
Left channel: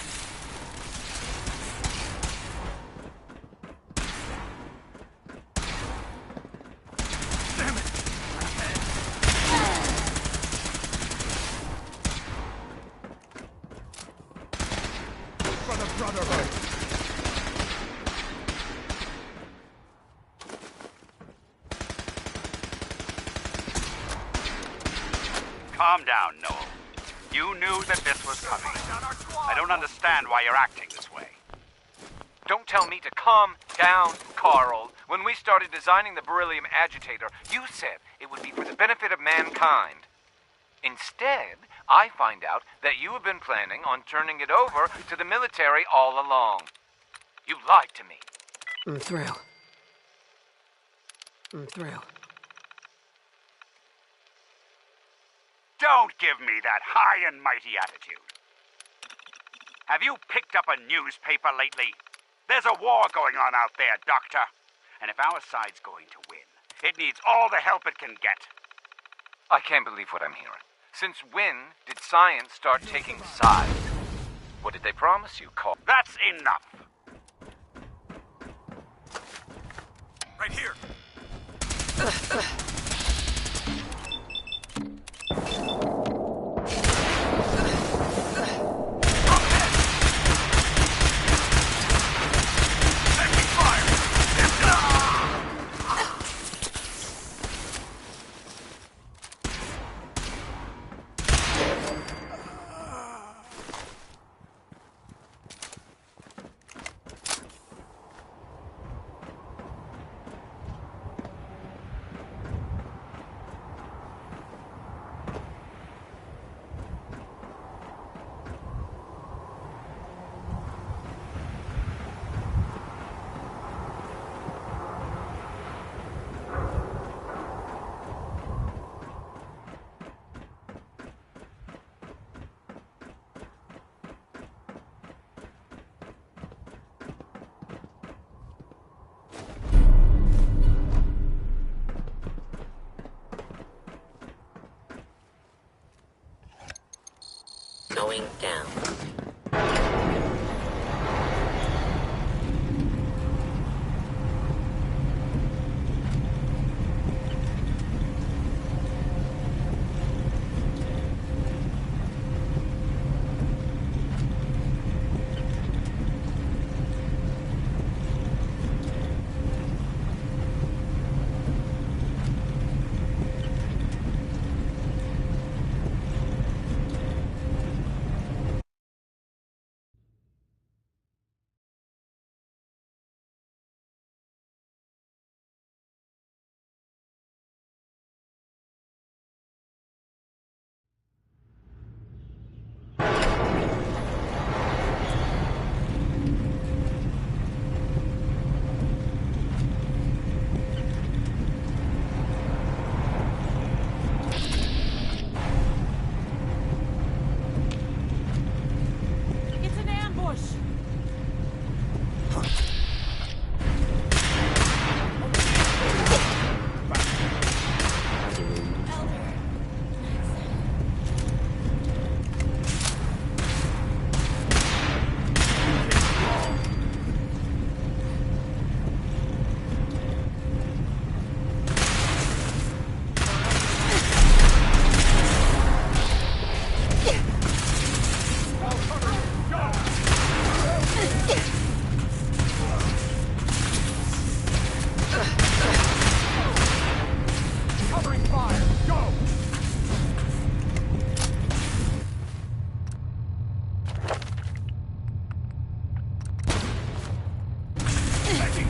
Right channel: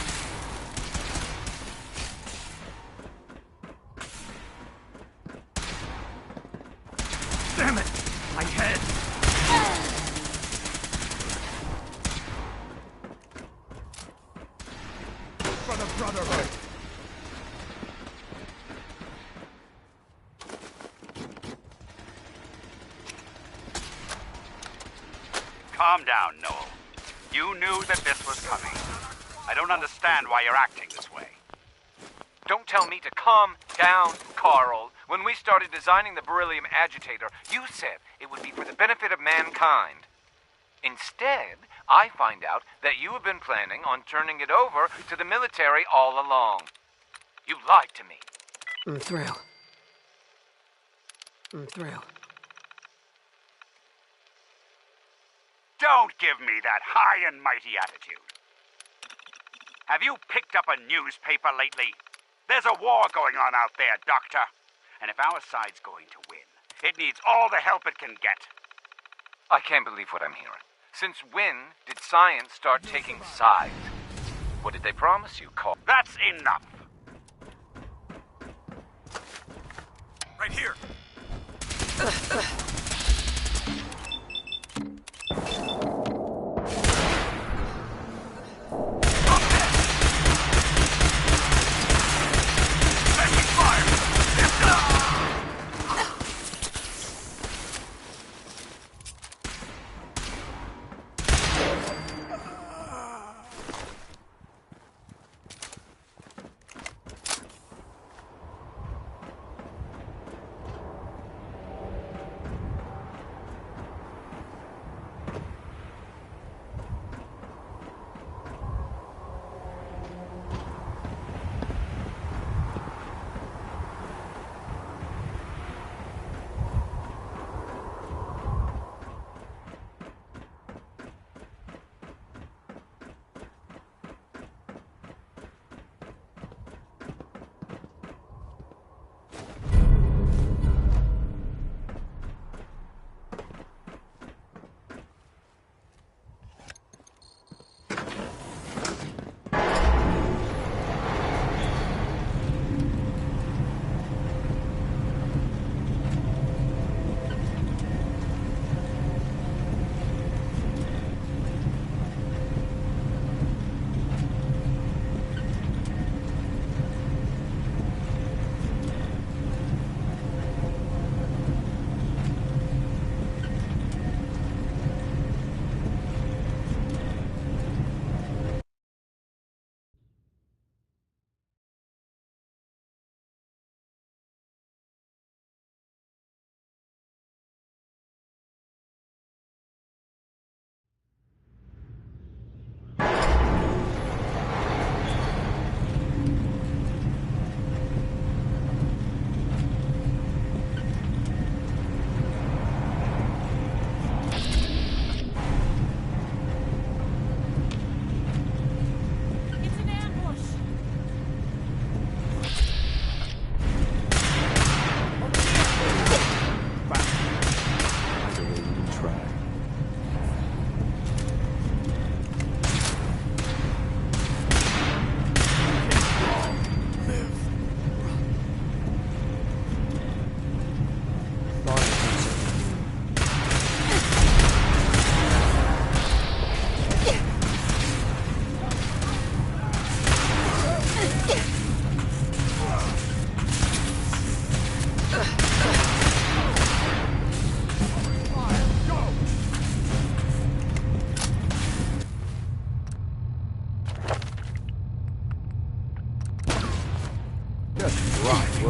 Damn it! My head! For the Brotherhood! Calm down, Noel. You knew that this was coming. I don't understand why you're acting this way. Don't tell me to calm down, Carl. When we started designing the beryllium agitator, you said it would be for the benefit of mankind. Instead, I find out that you have been planning on turning it over to the military all along. You lied to me. I'm through. I'm through. Don't give me that high and mighty attitude. Have you picked up a newspaper lately? There's a war going on out there, Doctor. And if our side's going to win, it needs all the help it can get. I can't believe what I'm hearing. Since when did science start taking sides? What did they promise you, Carl? That's enough. Right here.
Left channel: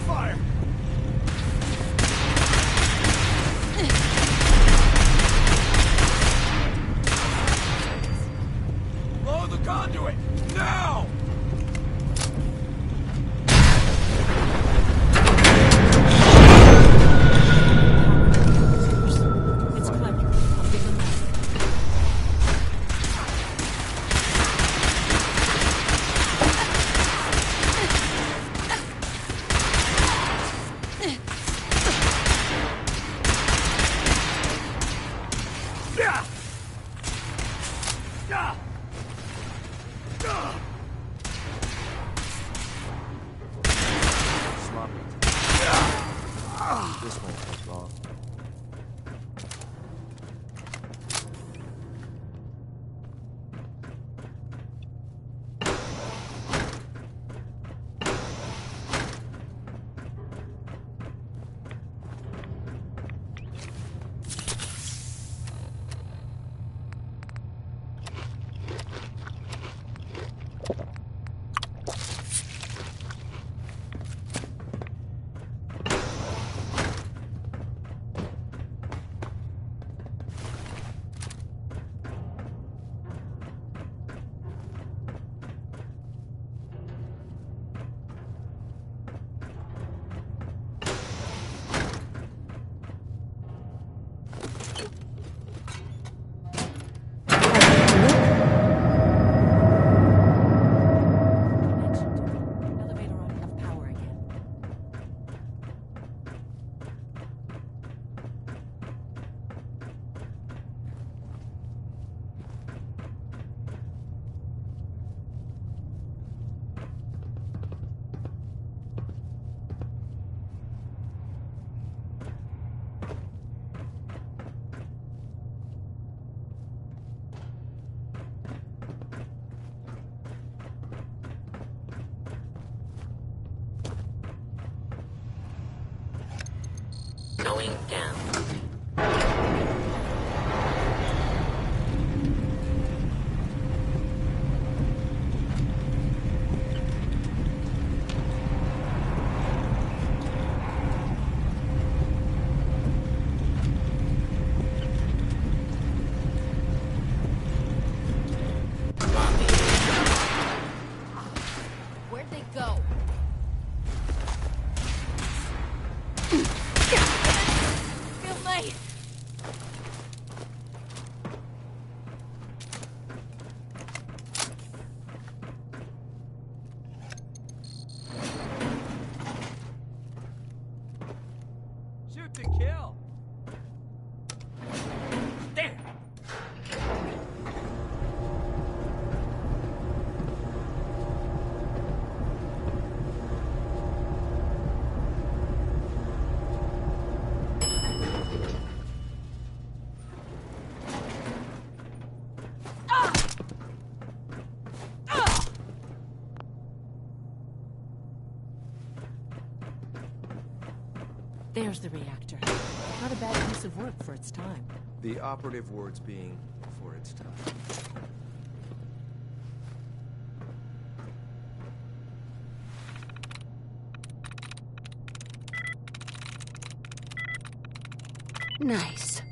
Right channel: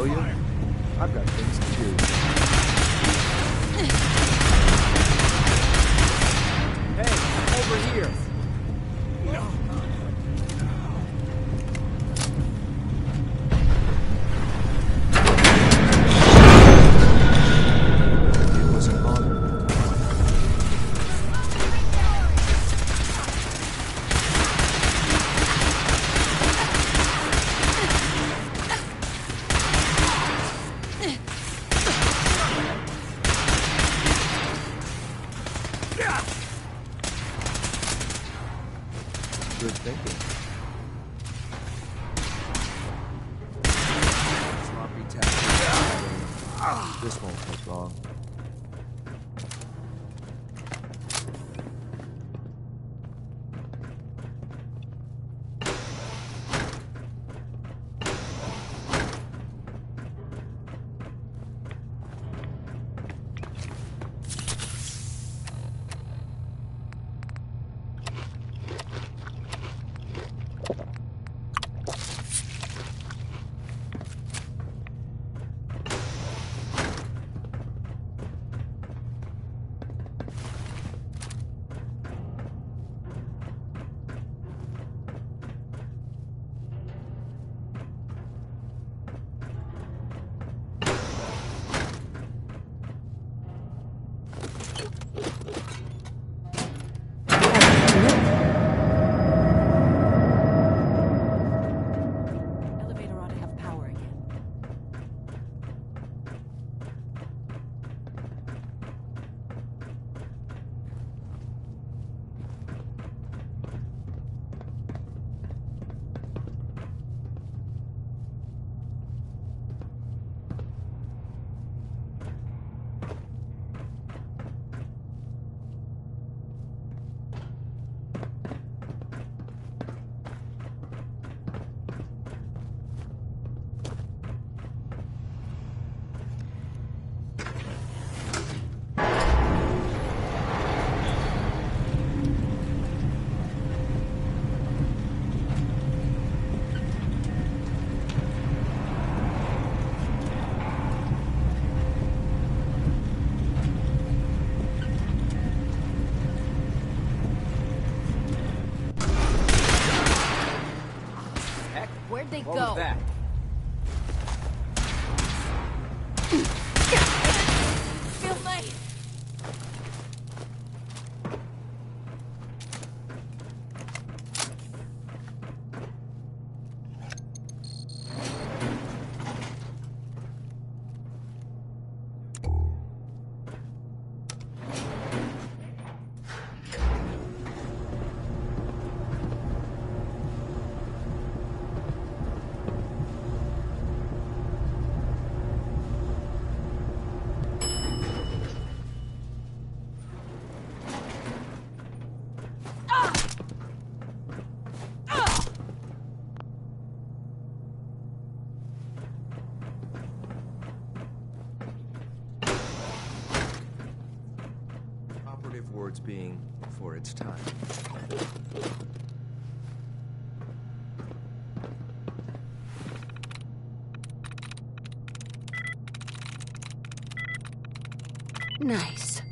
will you? I've got things to do. Hey, over here. Blow the conduit! Now! Good thinking. Sloppy tap. This won't take long. Elevator ought to have power again. Going down. Where'd they What go? was that? Feel my... Shoot to kill. There's the reactor. Not a bad piece of work for its time. The operative words being for its time. Nice.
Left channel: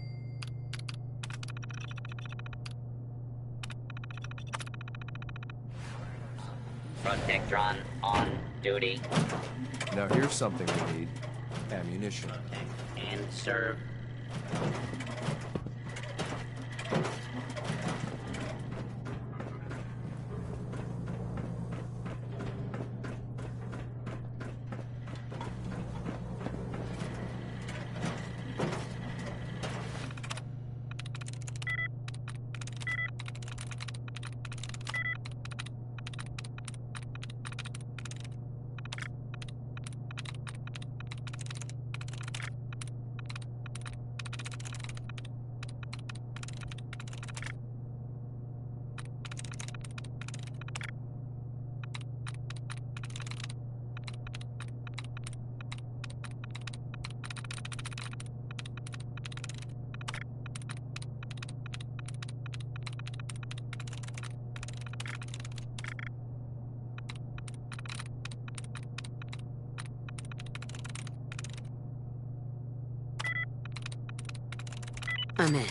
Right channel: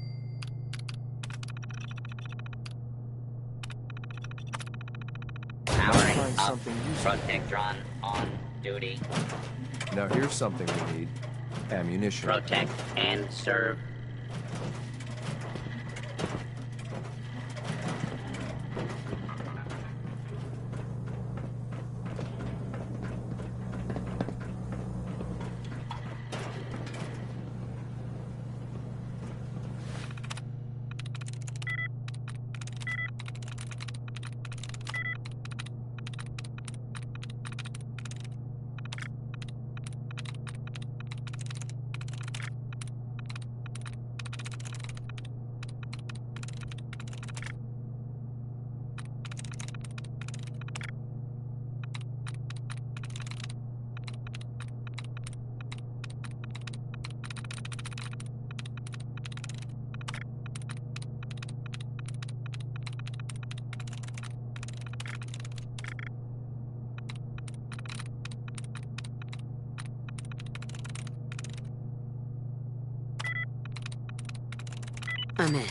Powering up. Protectron on duty. Now here's something we need. Ammunition. Protect and serve. I'm in.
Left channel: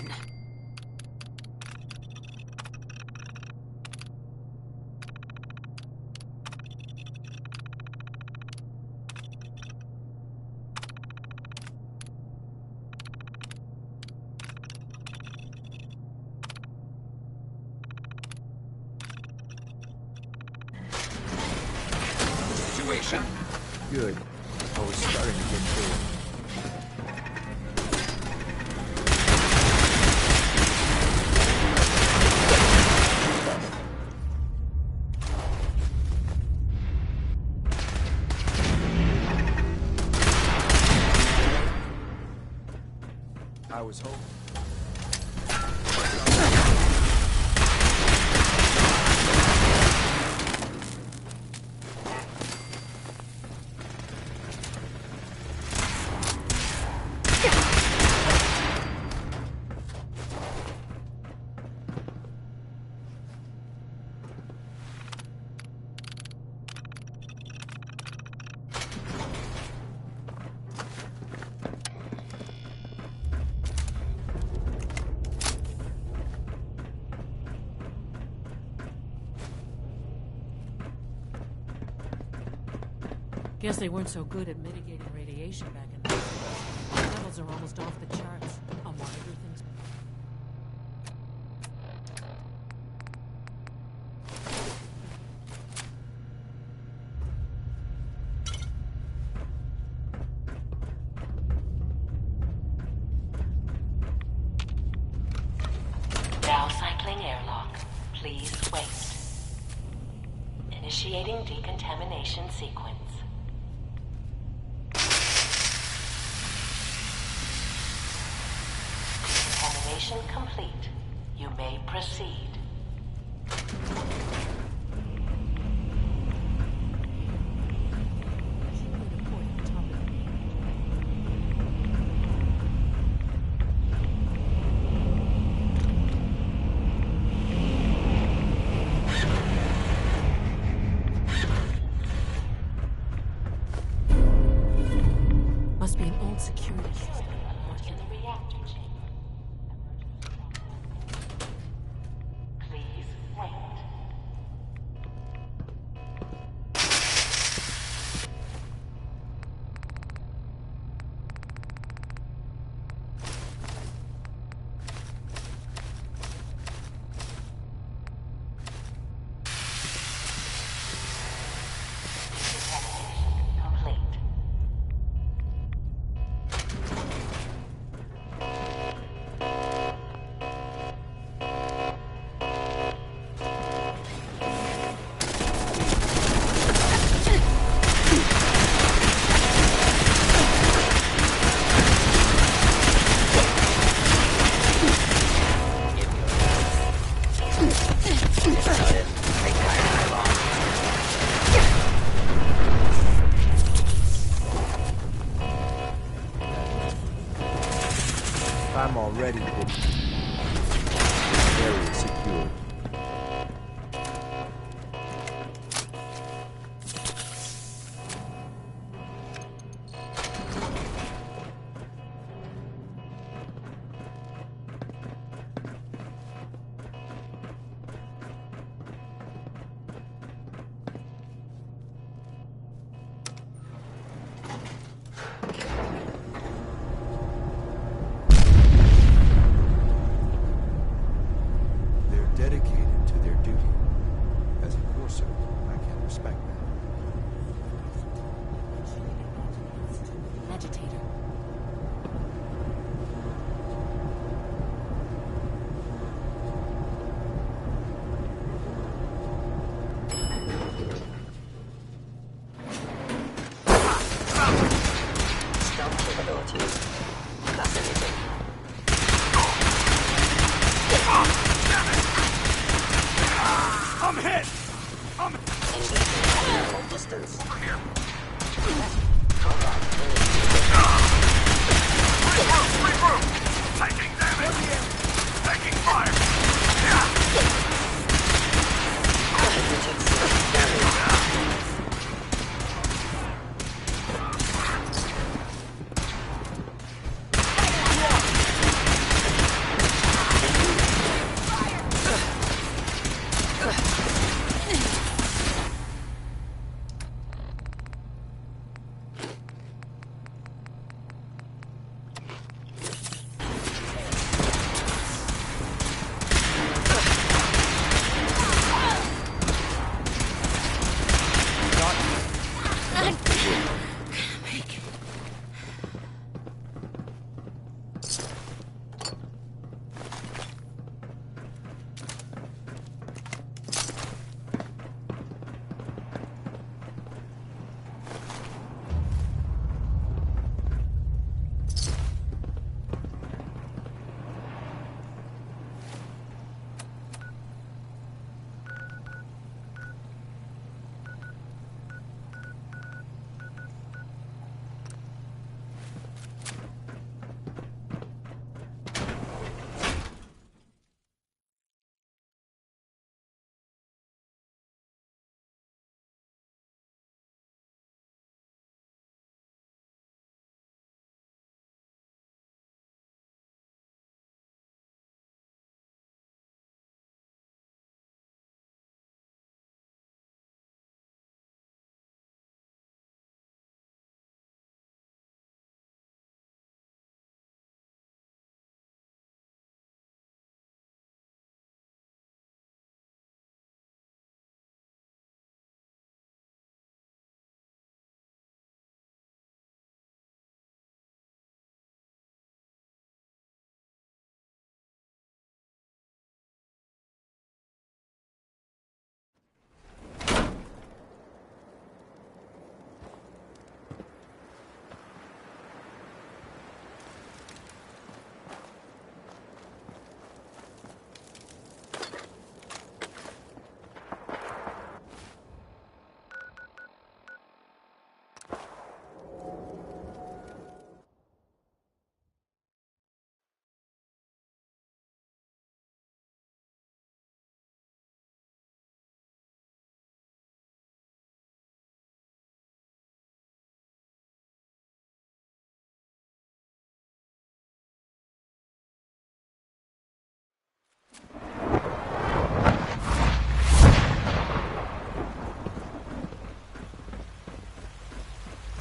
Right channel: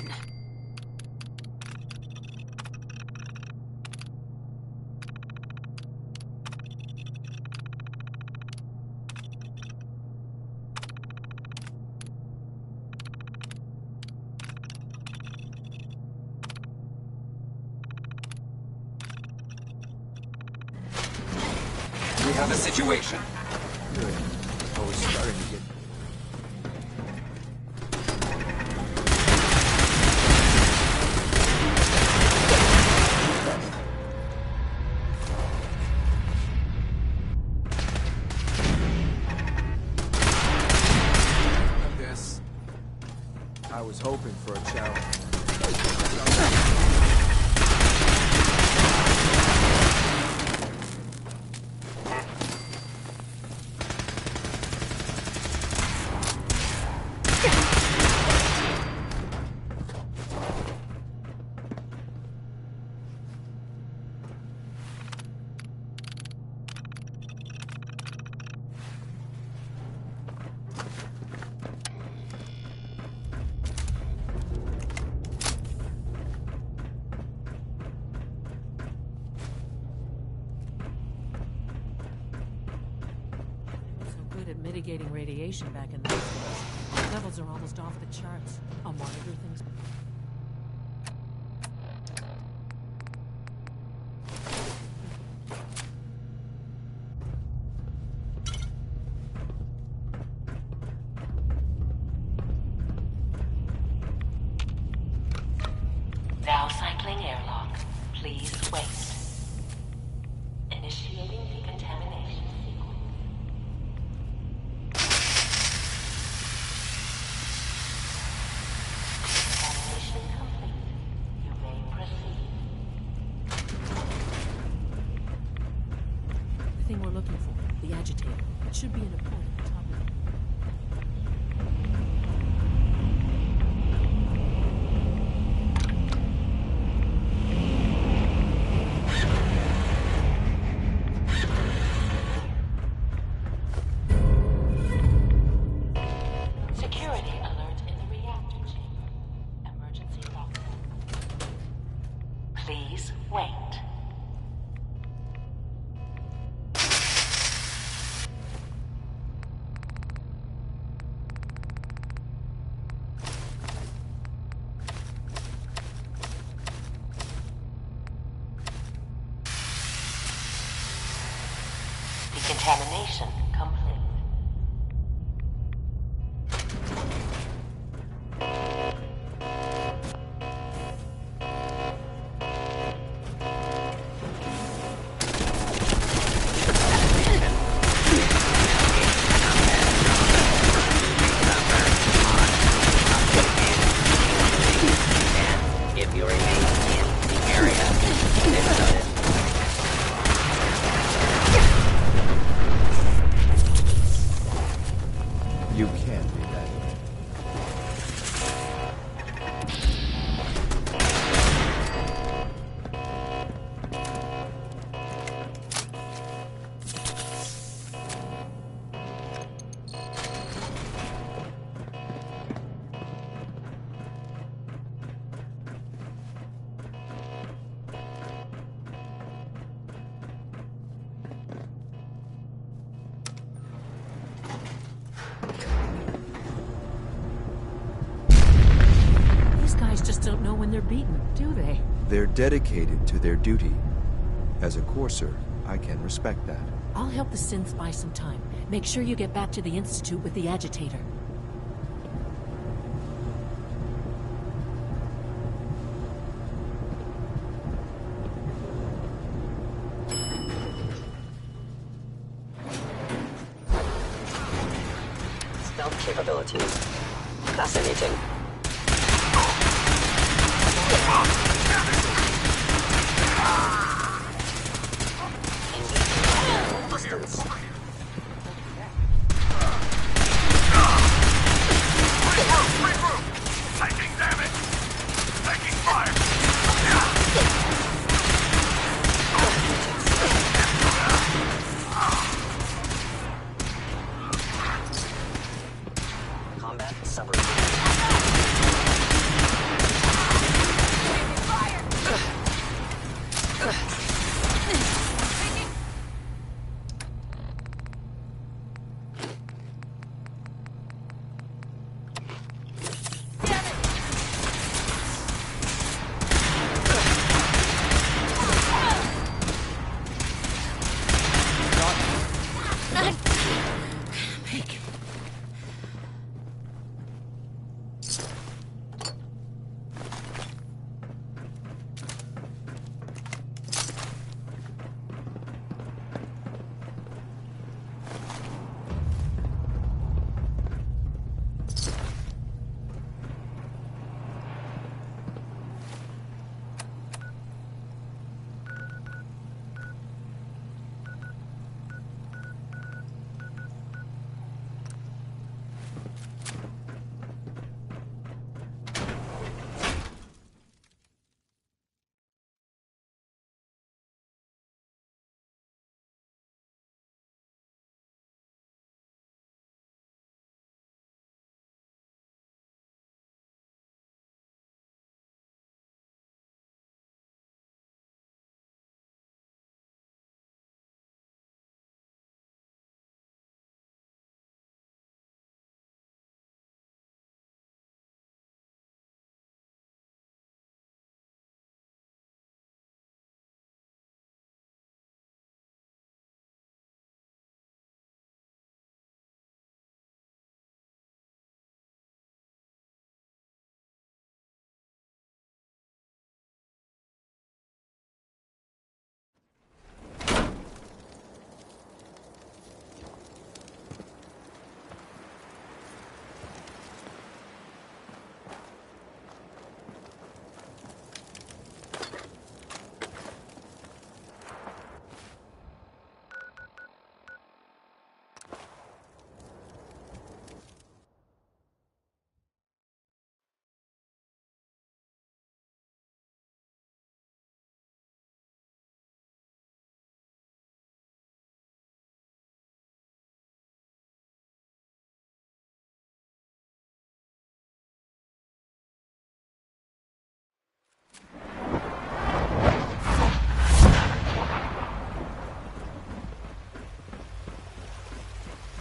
We have a situation. Good. I was starting to get bored. I was hoping for a challenge. Guess they weren't so good at mitigating radiation back in those days. Levels are almost off the charts. I'll monitor things. Now cycling airlock. Please wait. Initiating decontamination sequence. Decontamination complete. You may proceed. The thing we're looking for, the agitator. It should be in a port at the top of the must be an old security. Security alert in the reactor chamber. Emergency lockdown. Please wait. Decontamination complete. If you're in the area, it's noted. You can't be that way. I'm already secure. These guys just don't know when they're beaten, do they? They're dedicated to their duty. As a courser, I can respect that. I'll help the synths buy some time. Make sure you get back to the Institute with the agitator. Stealth capabilities. Fascinating. I'm hit! Inducing distance. Regroup! Taking damage! Taking fire! Combat submarine.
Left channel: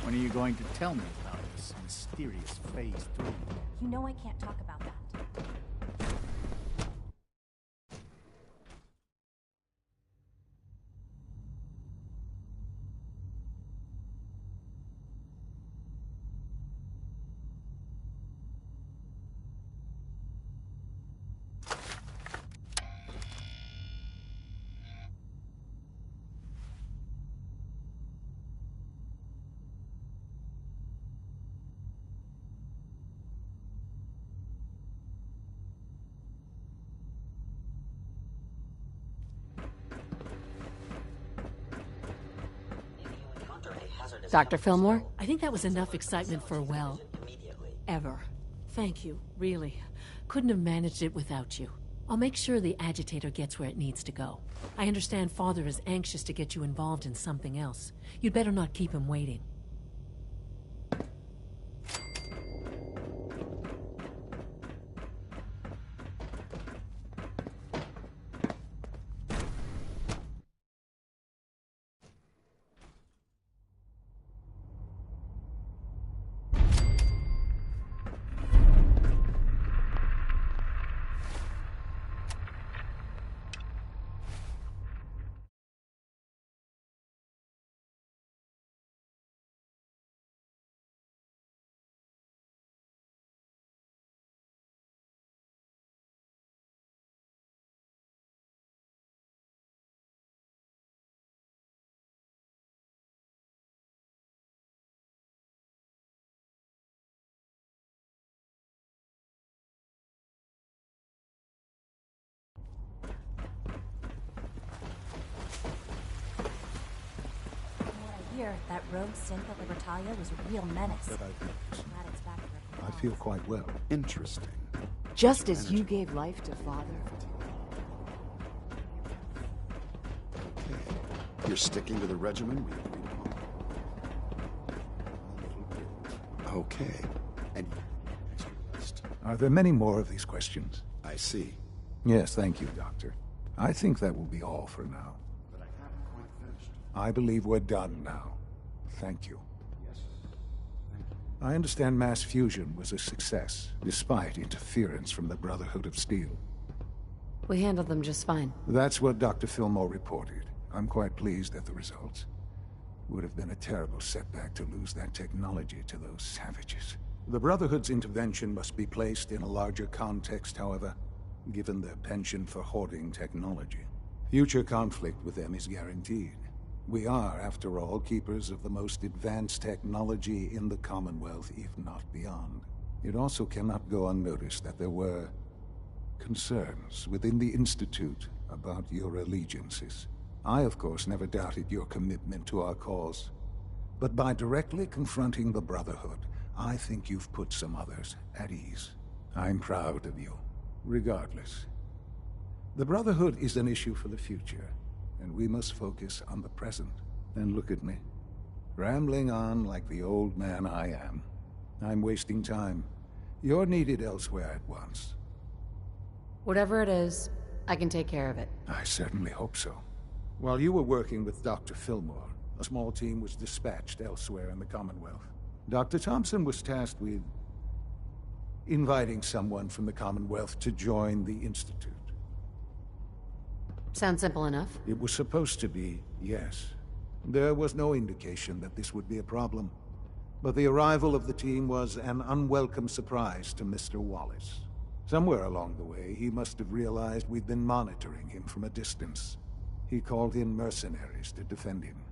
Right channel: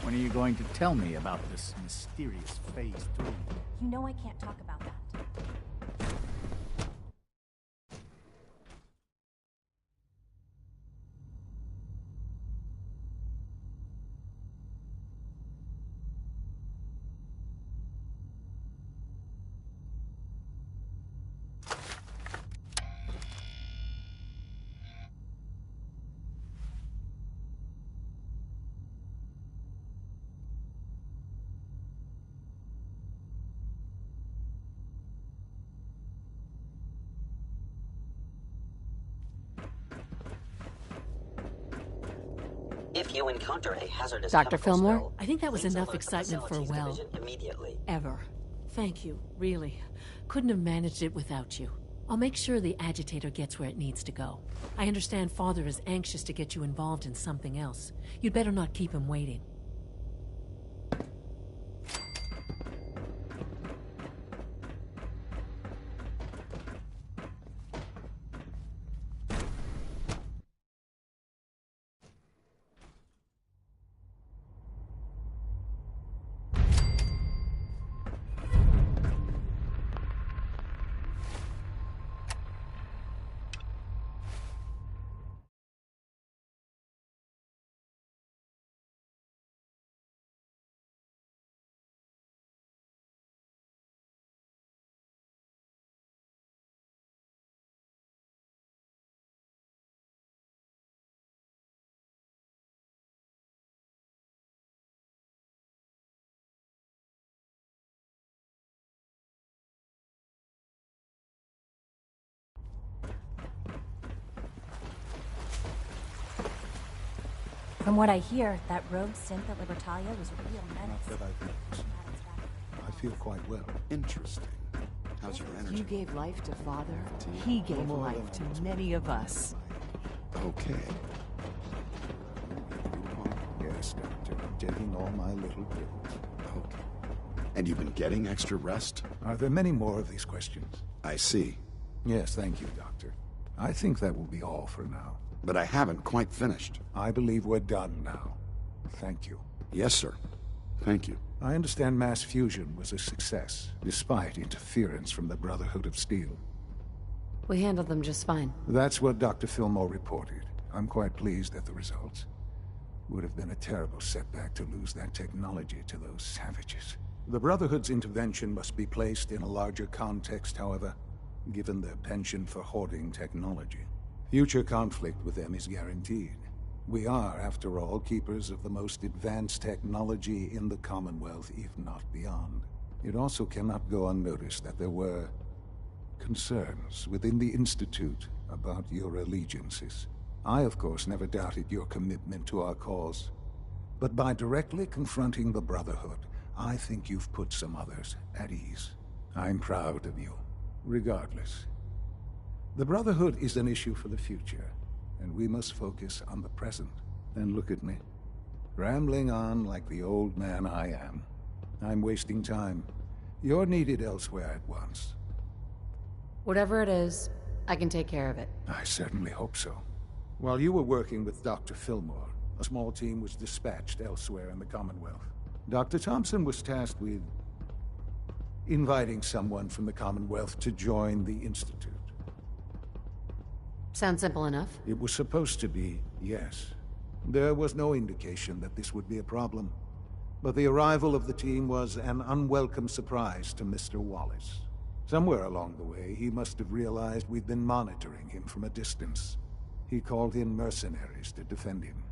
When are you going to tell me about this mysterious Phase 3? You know I can't talk about that. If you encounter a hazardous Dr. chemical Fillmore? spill, I think that was please enough alert the excitement for a facilities while. division immediately. Ever. Thank you, really. Couldn't have managed it without you. I'll make sure the agitator gets where it needs to go. I understand Father is anxious to get you involved in something else. You'd better not keep him waiting. From what I hear, that rogue synth at Libertalia was a real menace. That I've noticed. Glad it's back where it I feel quite well. Interesting. Just as you gave life to Father, he gave life to many of us. Okay. You're sticking to the regimen we agreed upon? Yes, Doctor. I'm taking all my little pills. Okay. And you've been getting extra rest? Are there many more of these questions? I see. Yes, thank you, Doctor. I think that will be all for now. But I haven't quite finished. I believe we're done now. Thank you. Yes, sir. Thank you. I understand mass fusion was a success, despite interference from the Brotherhood of Steel. We handled them just fine. That's what Dr. Fillmore reported. I'm quite pleased at the results. Would have been a terrible setback to lose that technology to those savages. The Brotherhood's intervention must be placed in a larger context, however, given their penchant for hoarding technology. Future conflict with them is guaranteed. We are, after all, keepers of the most advanced technology in the Commonwealth, if not beyond. It also cannot go unnoticed that there were concerns within the Institute about your allegiances. I, of course, never doubted your commitment to our cause. But by directly confronting the Brotherhood, I think you've put some others at ease. I'm proud of you, regardless. The Brotherhood is an issue for the future, and we must focus on the present. And look at me, rambling on like the old man I am. I'm wasting time. You're needed elsewhere at once. Whatever it is, I can take care of it. I certainly hope so. While you were working with Dr. Fillmore, a small team was dispatched elsewhere in the Commonwealth. Dr. Thompson was tasked with inviting someone from the Commonwealth to join the Institute. Sounds simple enough. It was supposed to be, yes. There was no indication that this would be a problem. But the arrival of the team was an unwelcome surprise to Mr. Wallace. Somewhere along the way, he must have realized we'd been monitoring him from a distance. He called in mercenaries to defend him.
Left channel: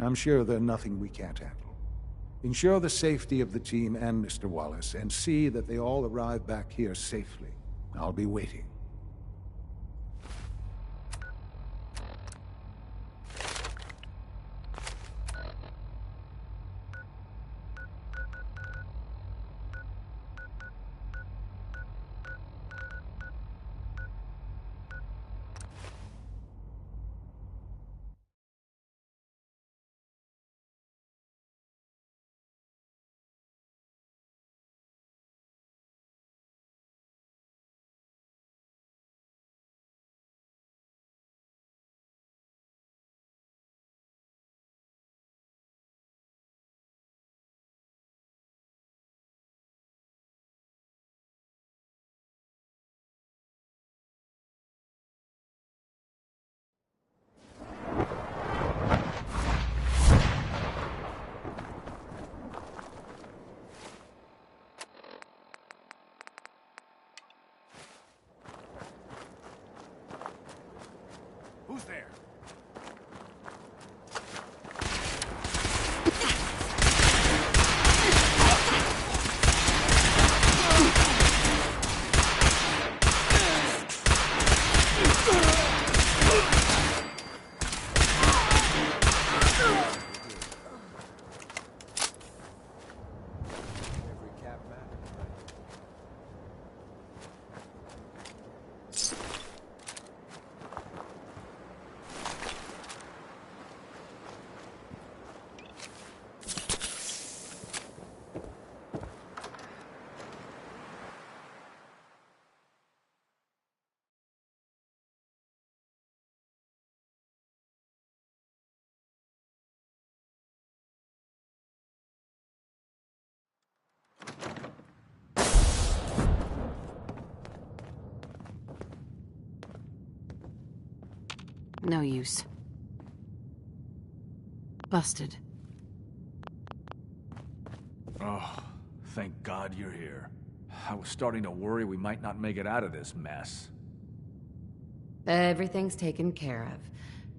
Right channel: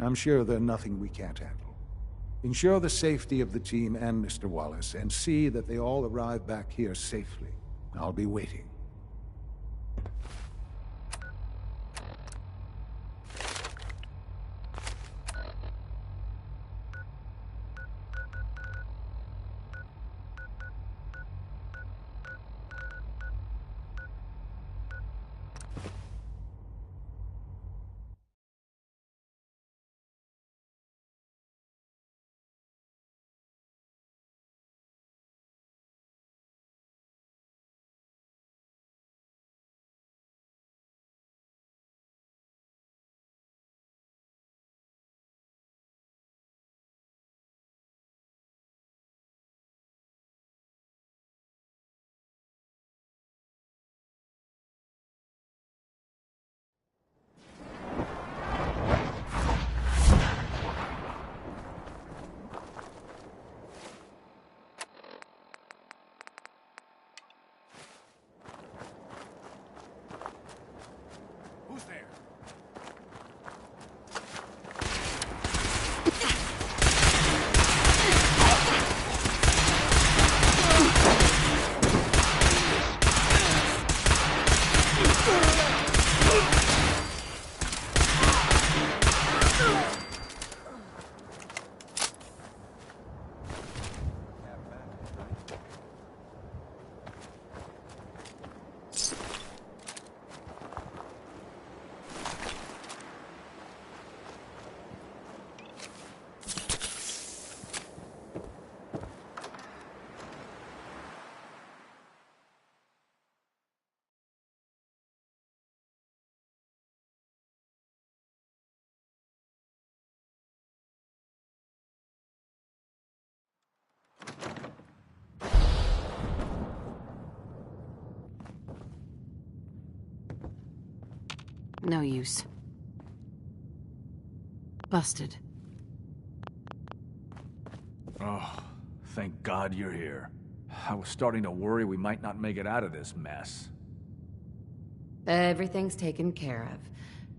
I'm sure they're nothing we can't handle. Ensure the safety of the team and Mr. Wallace, and see that they all arrive back here safely. I'll be waiting. No use. Busted. Oh, thank God you're here. I was starting to worry we might not make it out of this mess. Everything's taken care of.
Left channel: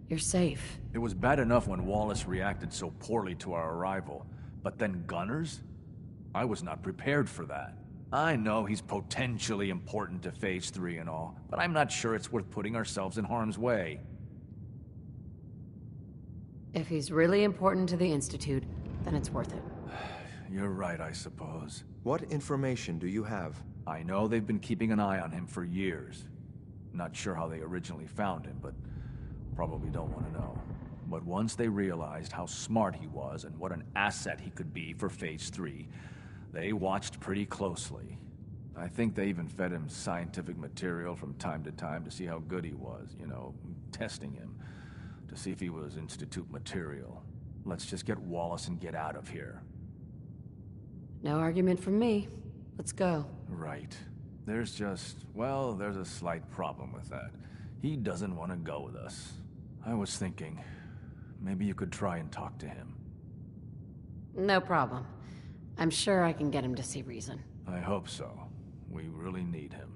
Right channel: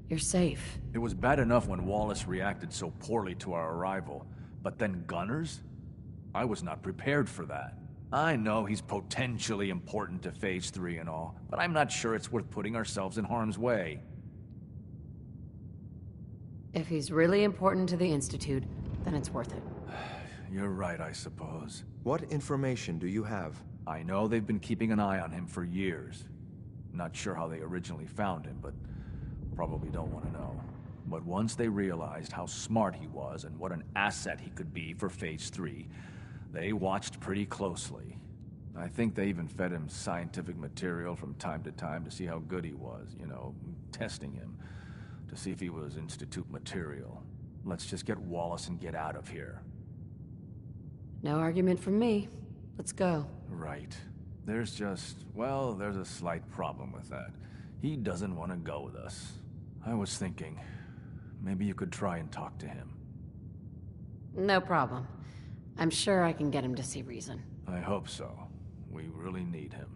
You're safe. It was bad enough when Wallace reacted so poorly to our arrival, but then Gunners? I was not prepared for that. I know he's potentially important to Phase 3 and all, but I'm not sure it's worth putting ourselves in harm's way. If he's really important to the Institute, then it's worth it. You're right, I suppose. What information do you have? I know they've been keeping an eye on him for years. Not sure how they originally found him, but probably don't want to know. But once they realized how smart he was and what an asset he could be for Phase 3, they watched pretty closely. I think they even fed him scientific material from time to time to see how good he was, you know, testing him, to see if he was Institute material. Let's just get Wallace and get out of here. No argument from me. Let's go. Right. There's a slight problem with that. He doesn't want to go with us. I was thinking, maybe you could try and talk to him. No problem. I'm sure I can get him to see reason. I hope so. We really need him.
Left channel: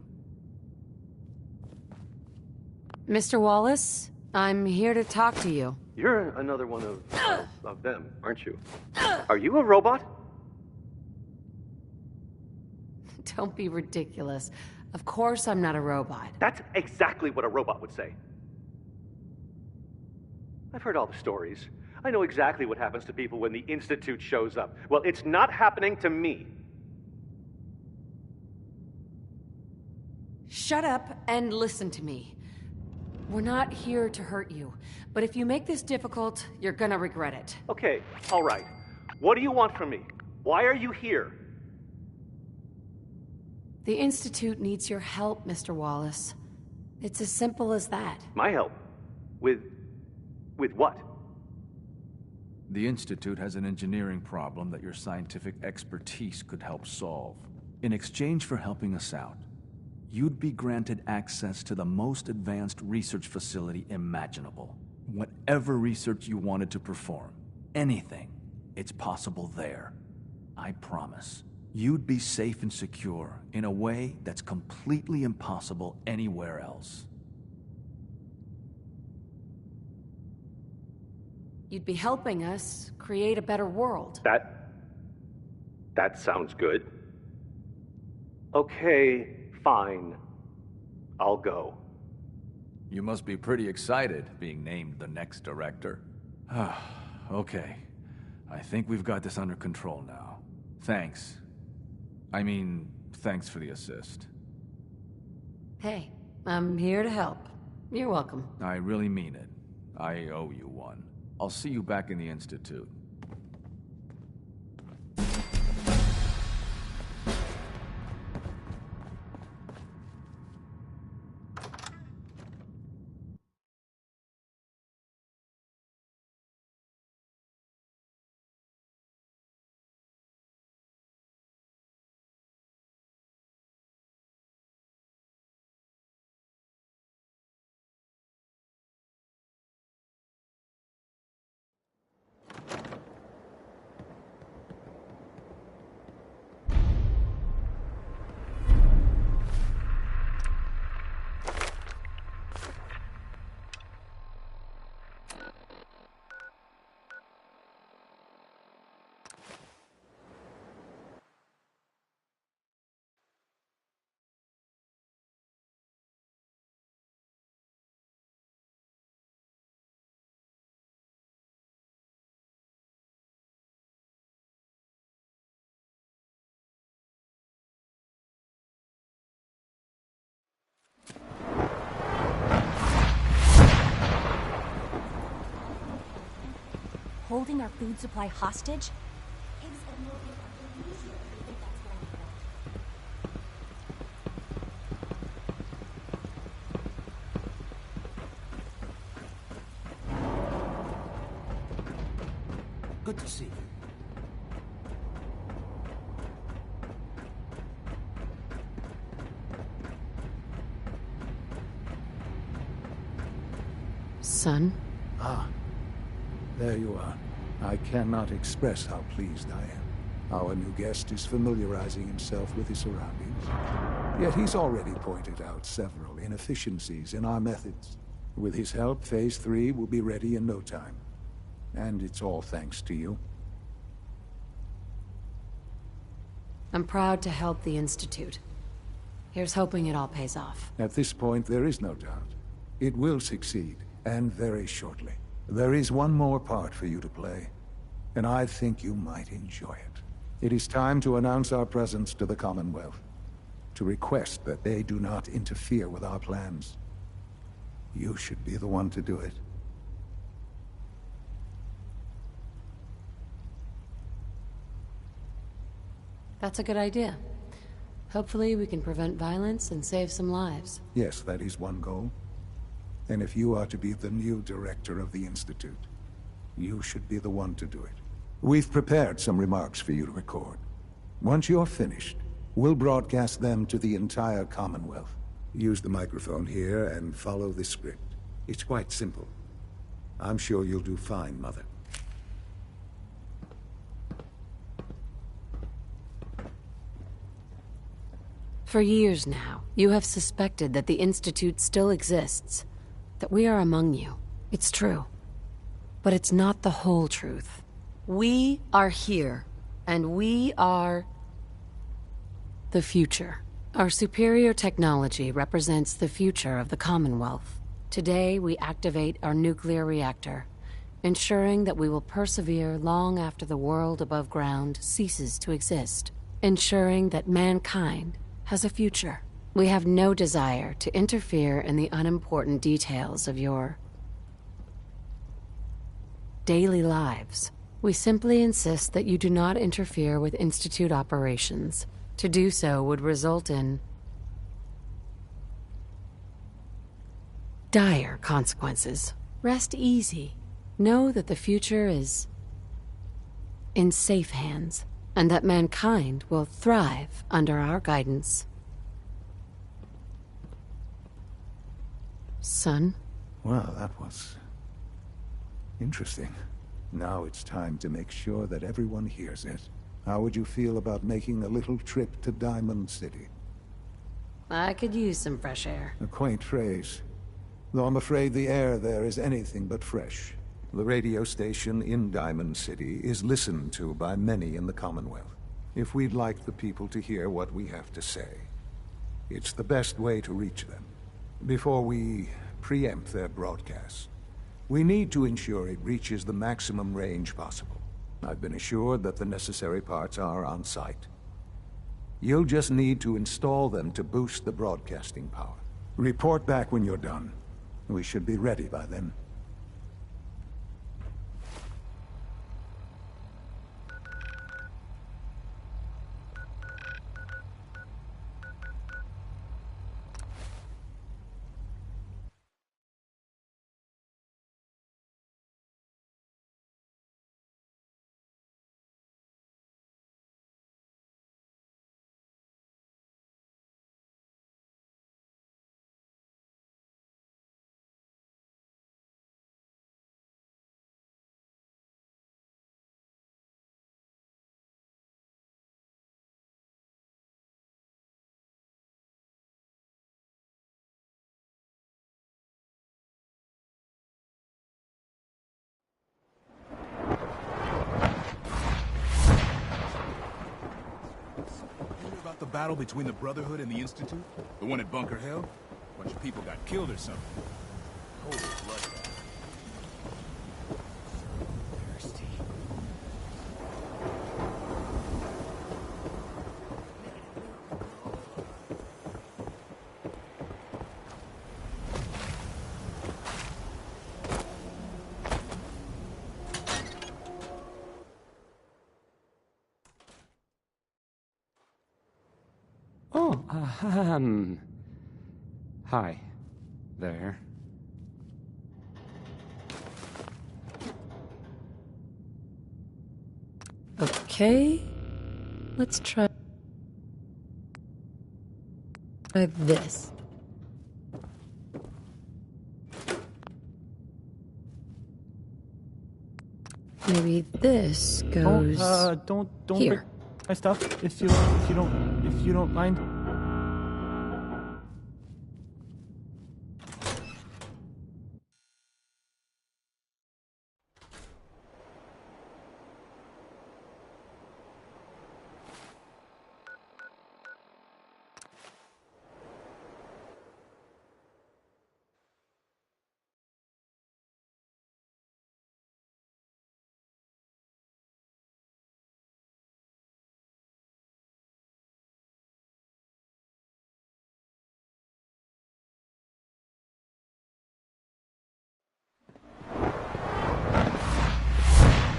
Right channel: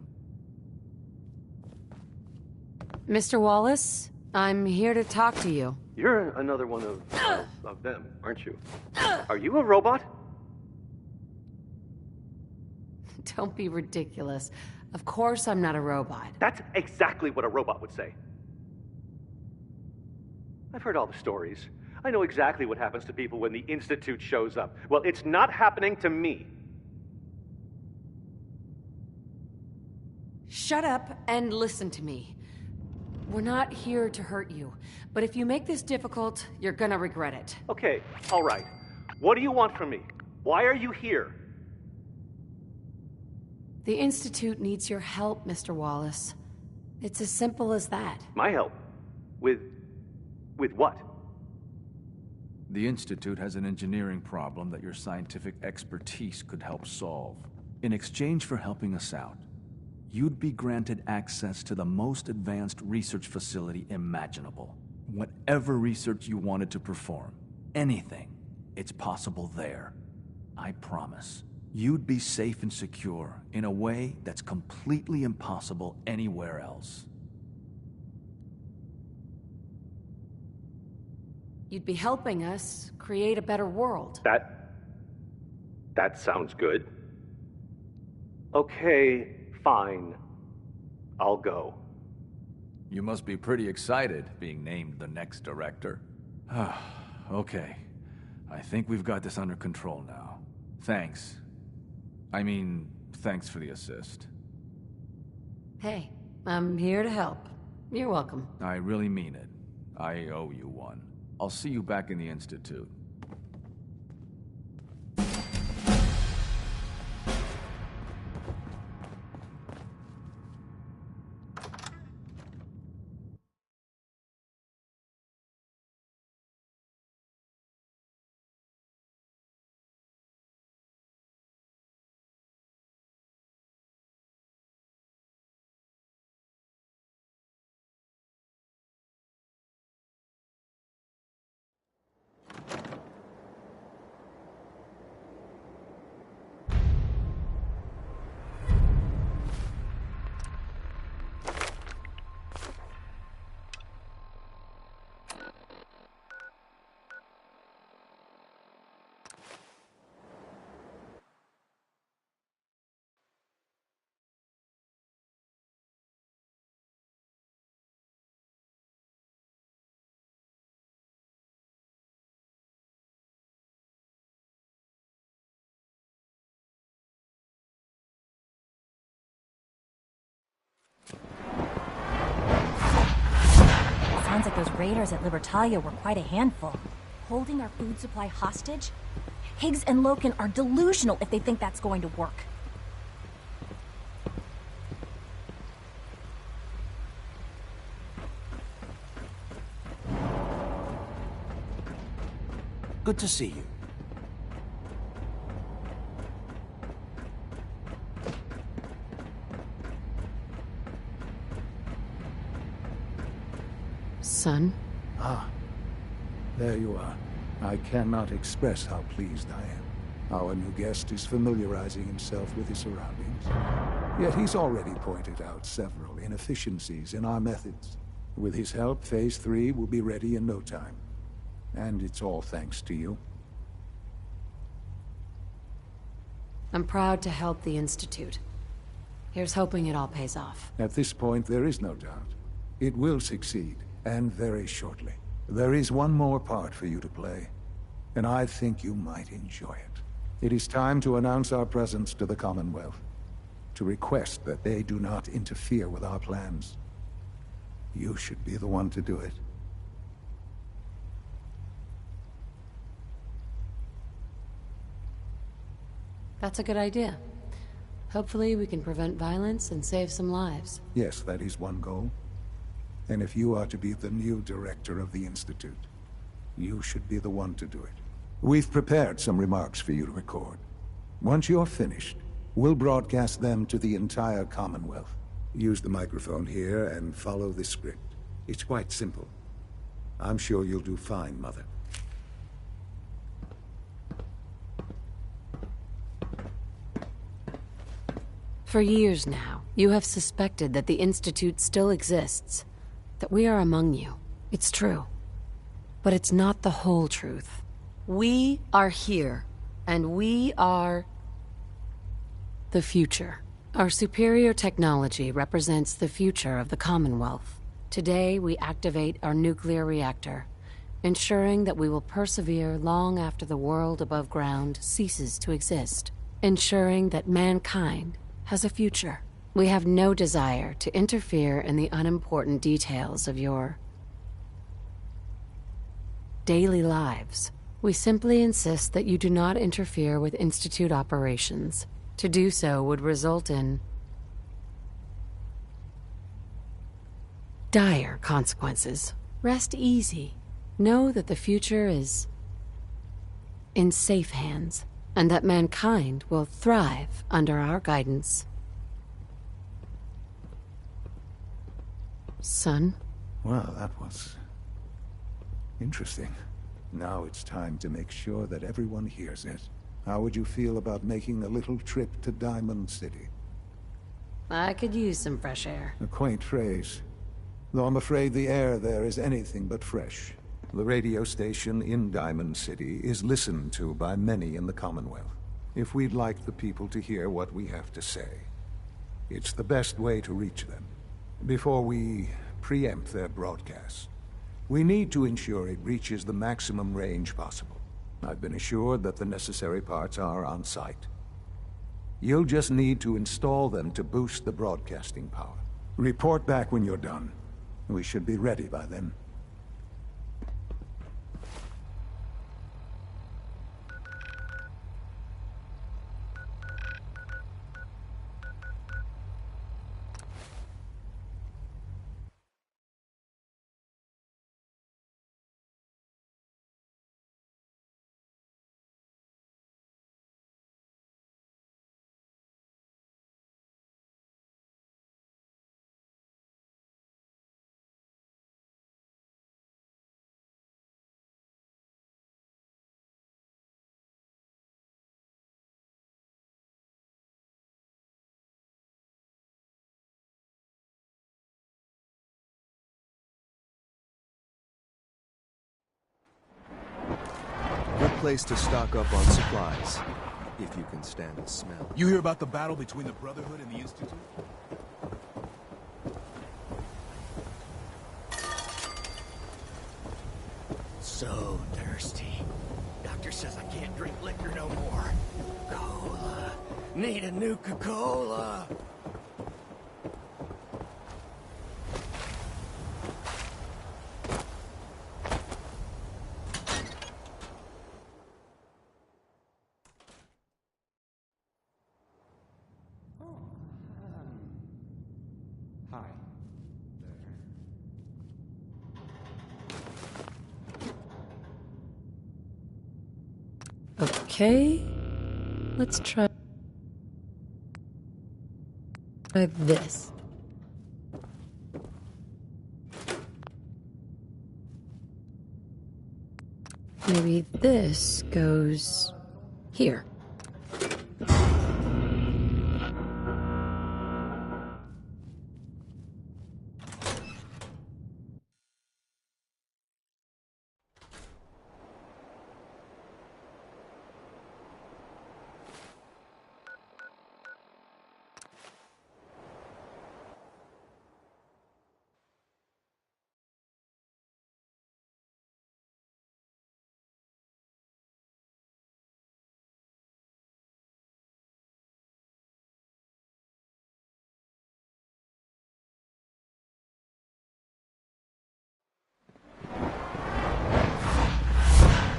Mr. Wallace, I'm here to talk to you. You're another one of them, aren't you? Are you a robot? Don't be ridiculous. Of course I'm not a robot. That's exactly what a robot would say. I've heard all the stories. I know exactly what happens to people when the Institute shows up. Well, it's not happening to me. Shut up and listen to me. We're not here to hurt you, but if you make this difficult, you're gonna regret it. Okay, all right. What do you want from me? Why are you here? The Institute needs your help, Mr. Wallace. It's as simple as that. My help? With what? The Institute has an engineering problem that your scientific expertise could help solve. In exchange for helping us out, you'd be granted access to the most advanced research facility imaginable. Whatever research you wanted to perform, anything, it's possible there. I promise. You'd be safe and secure in a way that's completely impossible anywhere else. You'd be helping us create a better world. That sounds good. Okay, fine. I'll go. You must be pretty excited being named the next director. Okay. I think we've got this under control now. Thanks. Thanks for the assist. Hey, I'm here to help. You're welcome. I really mean it. I owe you one. I'll see you back in the Institute. Raiders at Libertalia were quite a handful. Holding our food supply hostage? Higgs and Loken are delusional if they think that's going to work. Good to see you. Son? Ah, there you are. I cannot express how pleased I am. Our new guest is familiarizing himself with his surroundings. Yet he's already pointed out several inefficiencies in our methods. With his help, Phase 3 will be ready in no time. And it's all thanks to you. I'm proud to help the Institute. Here's hoping it all pays off. At this point, there is no doubt. It will succeed, and very shortly. There is one more part for you to play, and I think you might enjoy it. It is time to announce our presence to the Commonwealth, to request that they do not interfere with our plans. You should be the one to do it. That's a good idea. Hopefully we can prevent violence and save some lives. Yes, that is one goal. And if you are to be the new director of the Institute, you should be the one to do it. We've prepared some remarks for you to record. Once you're finished, we'll broadcast them to the entire Commonwealth. Use the microphone here and follow this script. It's quite simple. I'm sure you'll do fine, Mother. For years now, you have suspected that the Institute still exists, that we are among you. It's true. But it's not the whole truth. We are here, and we are the future. Our superior technology represents the future of the Commonwealth. Today, we activate our nuclear reactor, ensuring that we will persevere long after the world above ground ceases to exist, ensuring that mankind has a future. We have no desire to interfere in the unimportant details of your daily lives. We simply insist that you do not interfere with Institute operations. To do so would result in dire consequences. Rest easy. Know that the future is in safe hands, and that mankind will thrive under our guidance. Son? Well, that was interesting. Now it's time to make sure that everyone hears it. How would you feel about making a little trip to Diamond City? I could use some fresh air. A quaint phrase, though I'm afraid the air there is anything but fresh. The radio station in Diamond City is listened to by many in the Commonwealth. If we'd like the people to hear what we have to say, it's the best way to reach them. Before we preempt their broadcast, we need to ensure it reaches the maximum range possible. I've been assured that the necessary parts are on site. You'll just need to install them to boost the broadcasting power. Report back when you're done. We should be ready by then. Place to stock up on supplies, if you can stand the smell. You hear about the battle between the Brotherhood and the Institute? The one at Bunker Hill? A bunch of people got killed or something. So thirsty. Doctor says I can't drink liquor no more. Cola. Need a Nuka-Cola. Oh, hi there. Okay, let's try this. Maybe this goes don't here. break my stuff if you don't mind.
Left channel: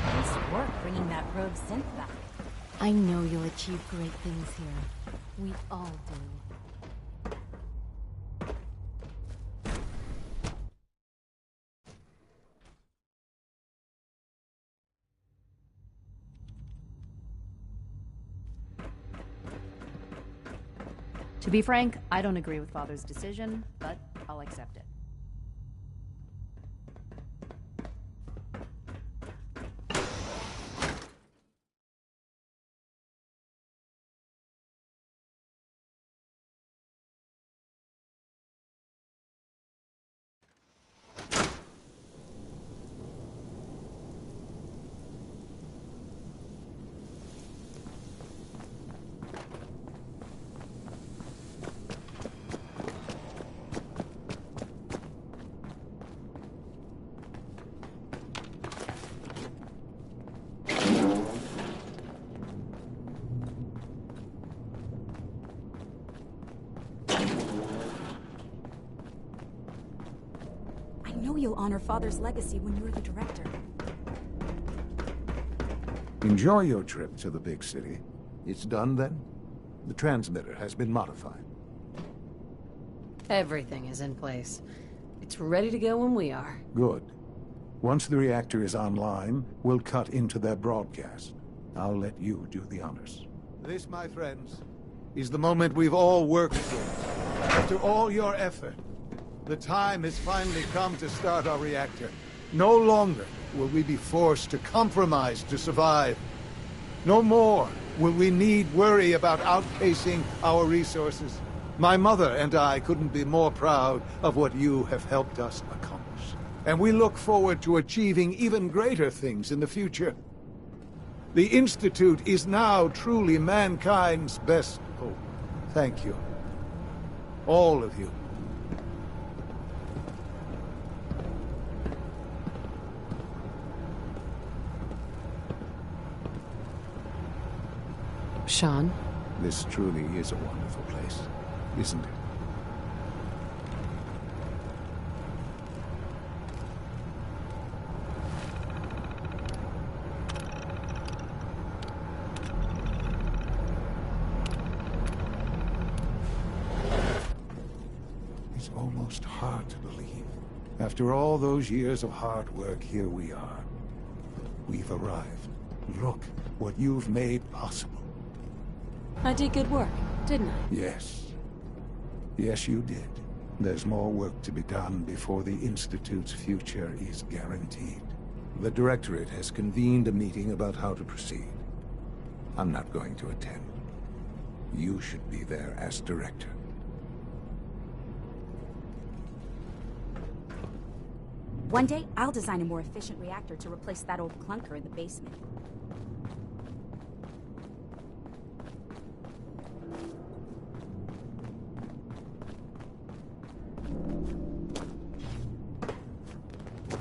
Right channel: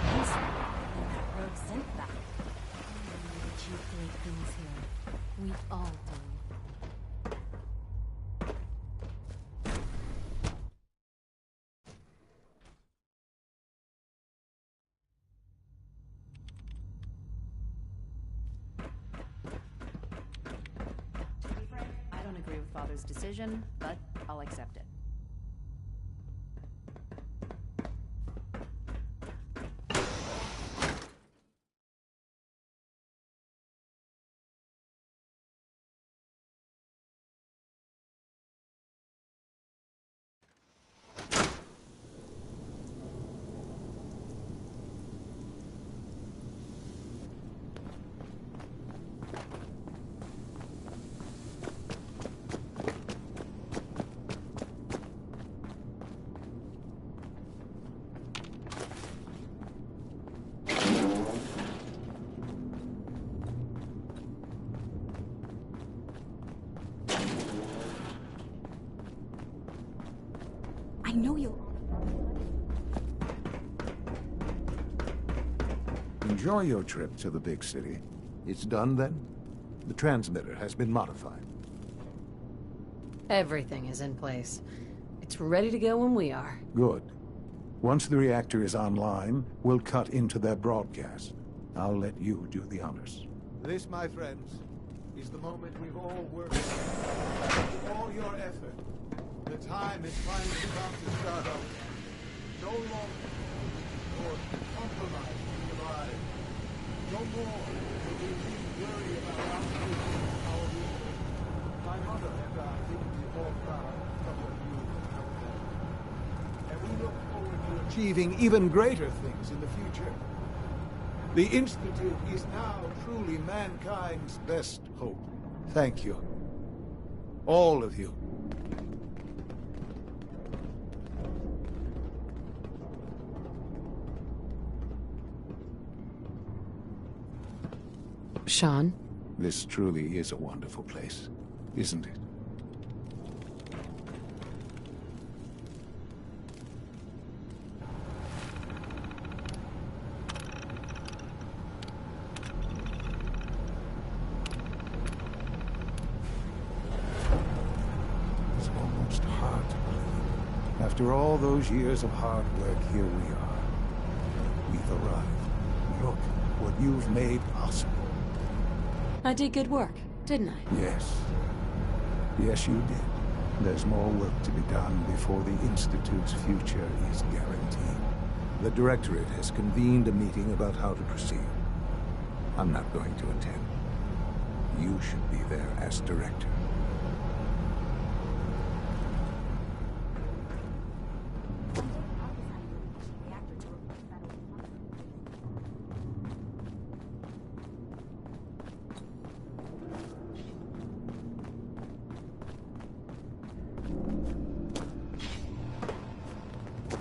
Nice work bringing that rogue synth back. I know you'll achieve great things here. We all do. To be frank, I don't agree with Father's decision, but I'll accept it. I know you'll honor Father's legacy when you're the director. Enjoy your trip to the big city. It's done then? The transmitter has been modified. Everything is in place. It's ready to go when we are. Good. Once the reactor is online, we'll cut into their broadcast. I'll let you do the honors. This, my friends, is the moment we've all worked for. After all your effort, the time has finally come to start our reactor. No longer will we be forced to compromise to survive. No more will we need worry about outpacing our resources. My mother and I couldn't be more proud of what you have helped us accomplish. And we look forward to achieving even greater things in the future. The Institute is now truly mankind's best hope. Thank you. All of you. Sean? This truly is a wonderful place, isn't it? It's almost hard to believe. After all those years of hard work, here we are. We've arrived. Look what you've made possible. I did good work, didn't I? Yes. Yes, you did. There's more work to be done before the Institute's future is guaranteed. The Directorate has convened a meeting about how to proceed. I'm not going to attend. You should be there as Director. One day, I'll design a more efficient reactor to replace that old clunker in the basement.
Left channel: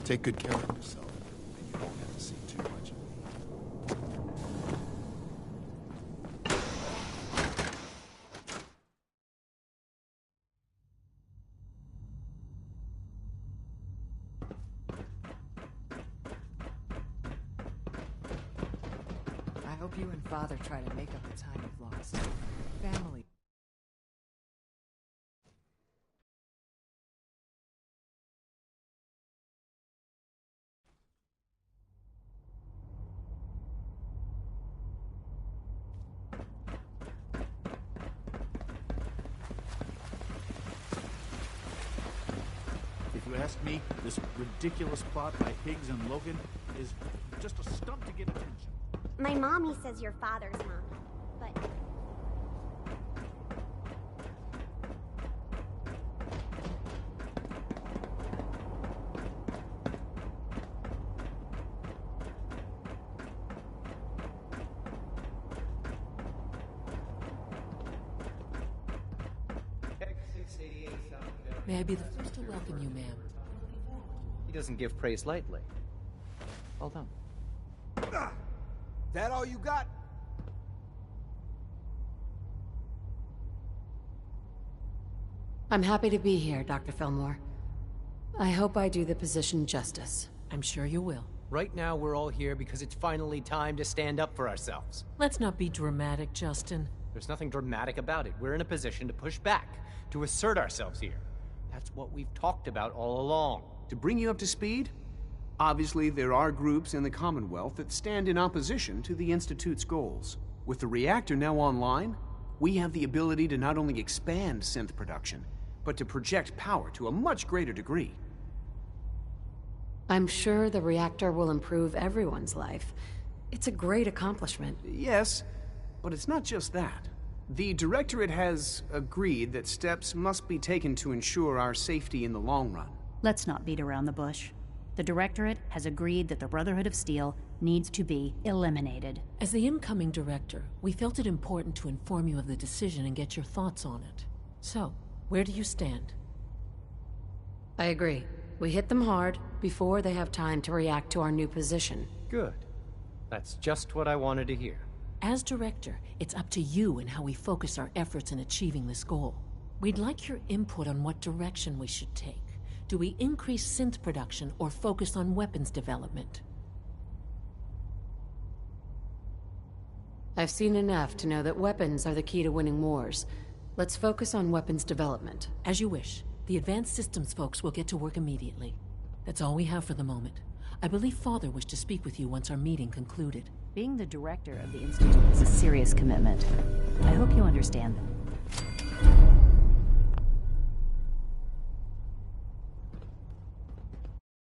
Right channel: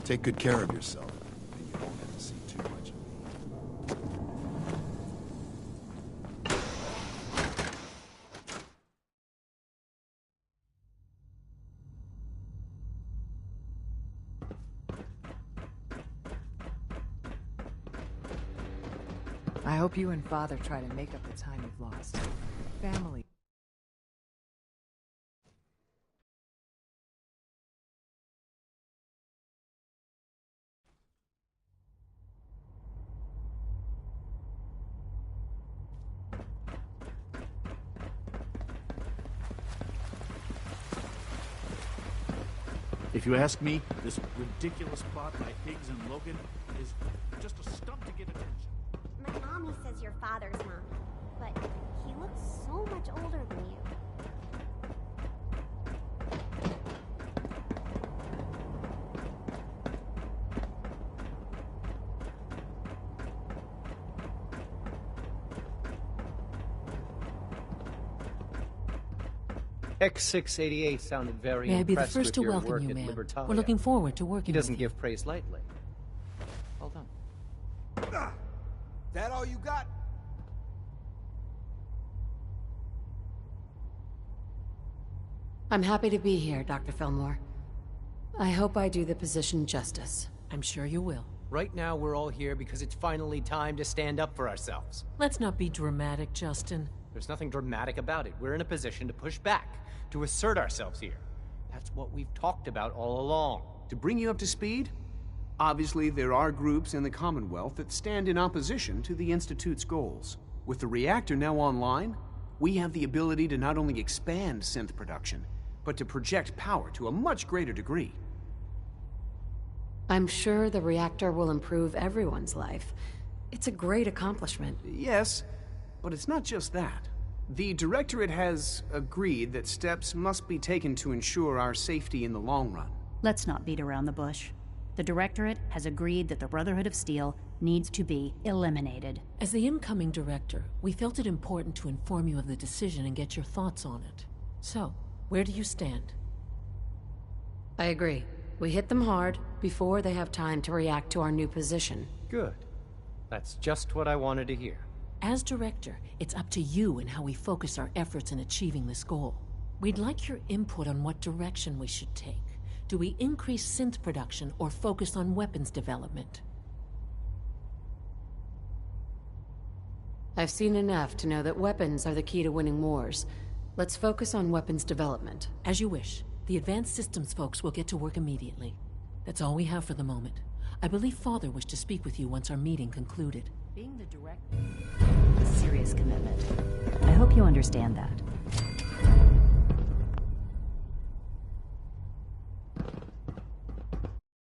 Take good care of yourself, and you won't have to see too much of me. I hope you and Father try to make up the time you've lost. Family. If you ask me, this ridiculous plot by Higgs and Logan is just a stunt to get attention. My mommy says your father's mommy, but he looks so much older than you. X688 sounded very May I be the impressed first with to your welcome work you, at ma'am. Libertalia. We're looking forward to working He doesn't give praise lightly. Well done. That all you got? I'm happy to be here, Dr. Fillmore. I hope I do the position justice. I'm sure you will. Right now, we're all here because it's finally time to stand up for ourselves. Let's not be dramatic, Justin. There's nothing dramatic about it. We're in a position to push back, to assert ourselves here. That's what we've talked about all along. To bring you up to speed, obviously there are groups in the Commonwealth that stand in opposition to the Institute's goals. With the reactor now online, we have the ability to not only expand synth production, but to project power to a much greater degree. I'm sure the reactor will improve everyone's life. It's a great accomplishment. Yes, but it's not just that. The Directorate has agreed that steps must be taken to ensure our safety in the long run. Let's not beat around the bush. The Directorate has agreed that the Brotherhood of Steel needs to be eliminated. As the incoming director, we felt it important to inform you of the decision and get your thoughts on it. So, where do you stand? I agree. We hit them hard before they have time to react to our new position. Good. That's just what I wanted to hear. As director, it's up to you and how we focus our efforts in achieving this goal. We'd like your input on what direction we should take. Do we increase synth production or focus on weapons development? I've seen enough to know that weapons are the key to winning wars. Let's focus on weapons development. As you wish. The advanced systems folks will get to work immediately. That's all we have for the moment. I believe Father wished to speak with you once our meeting concluded. Being the director of the Institute is a serious commitment. I hope you understand that.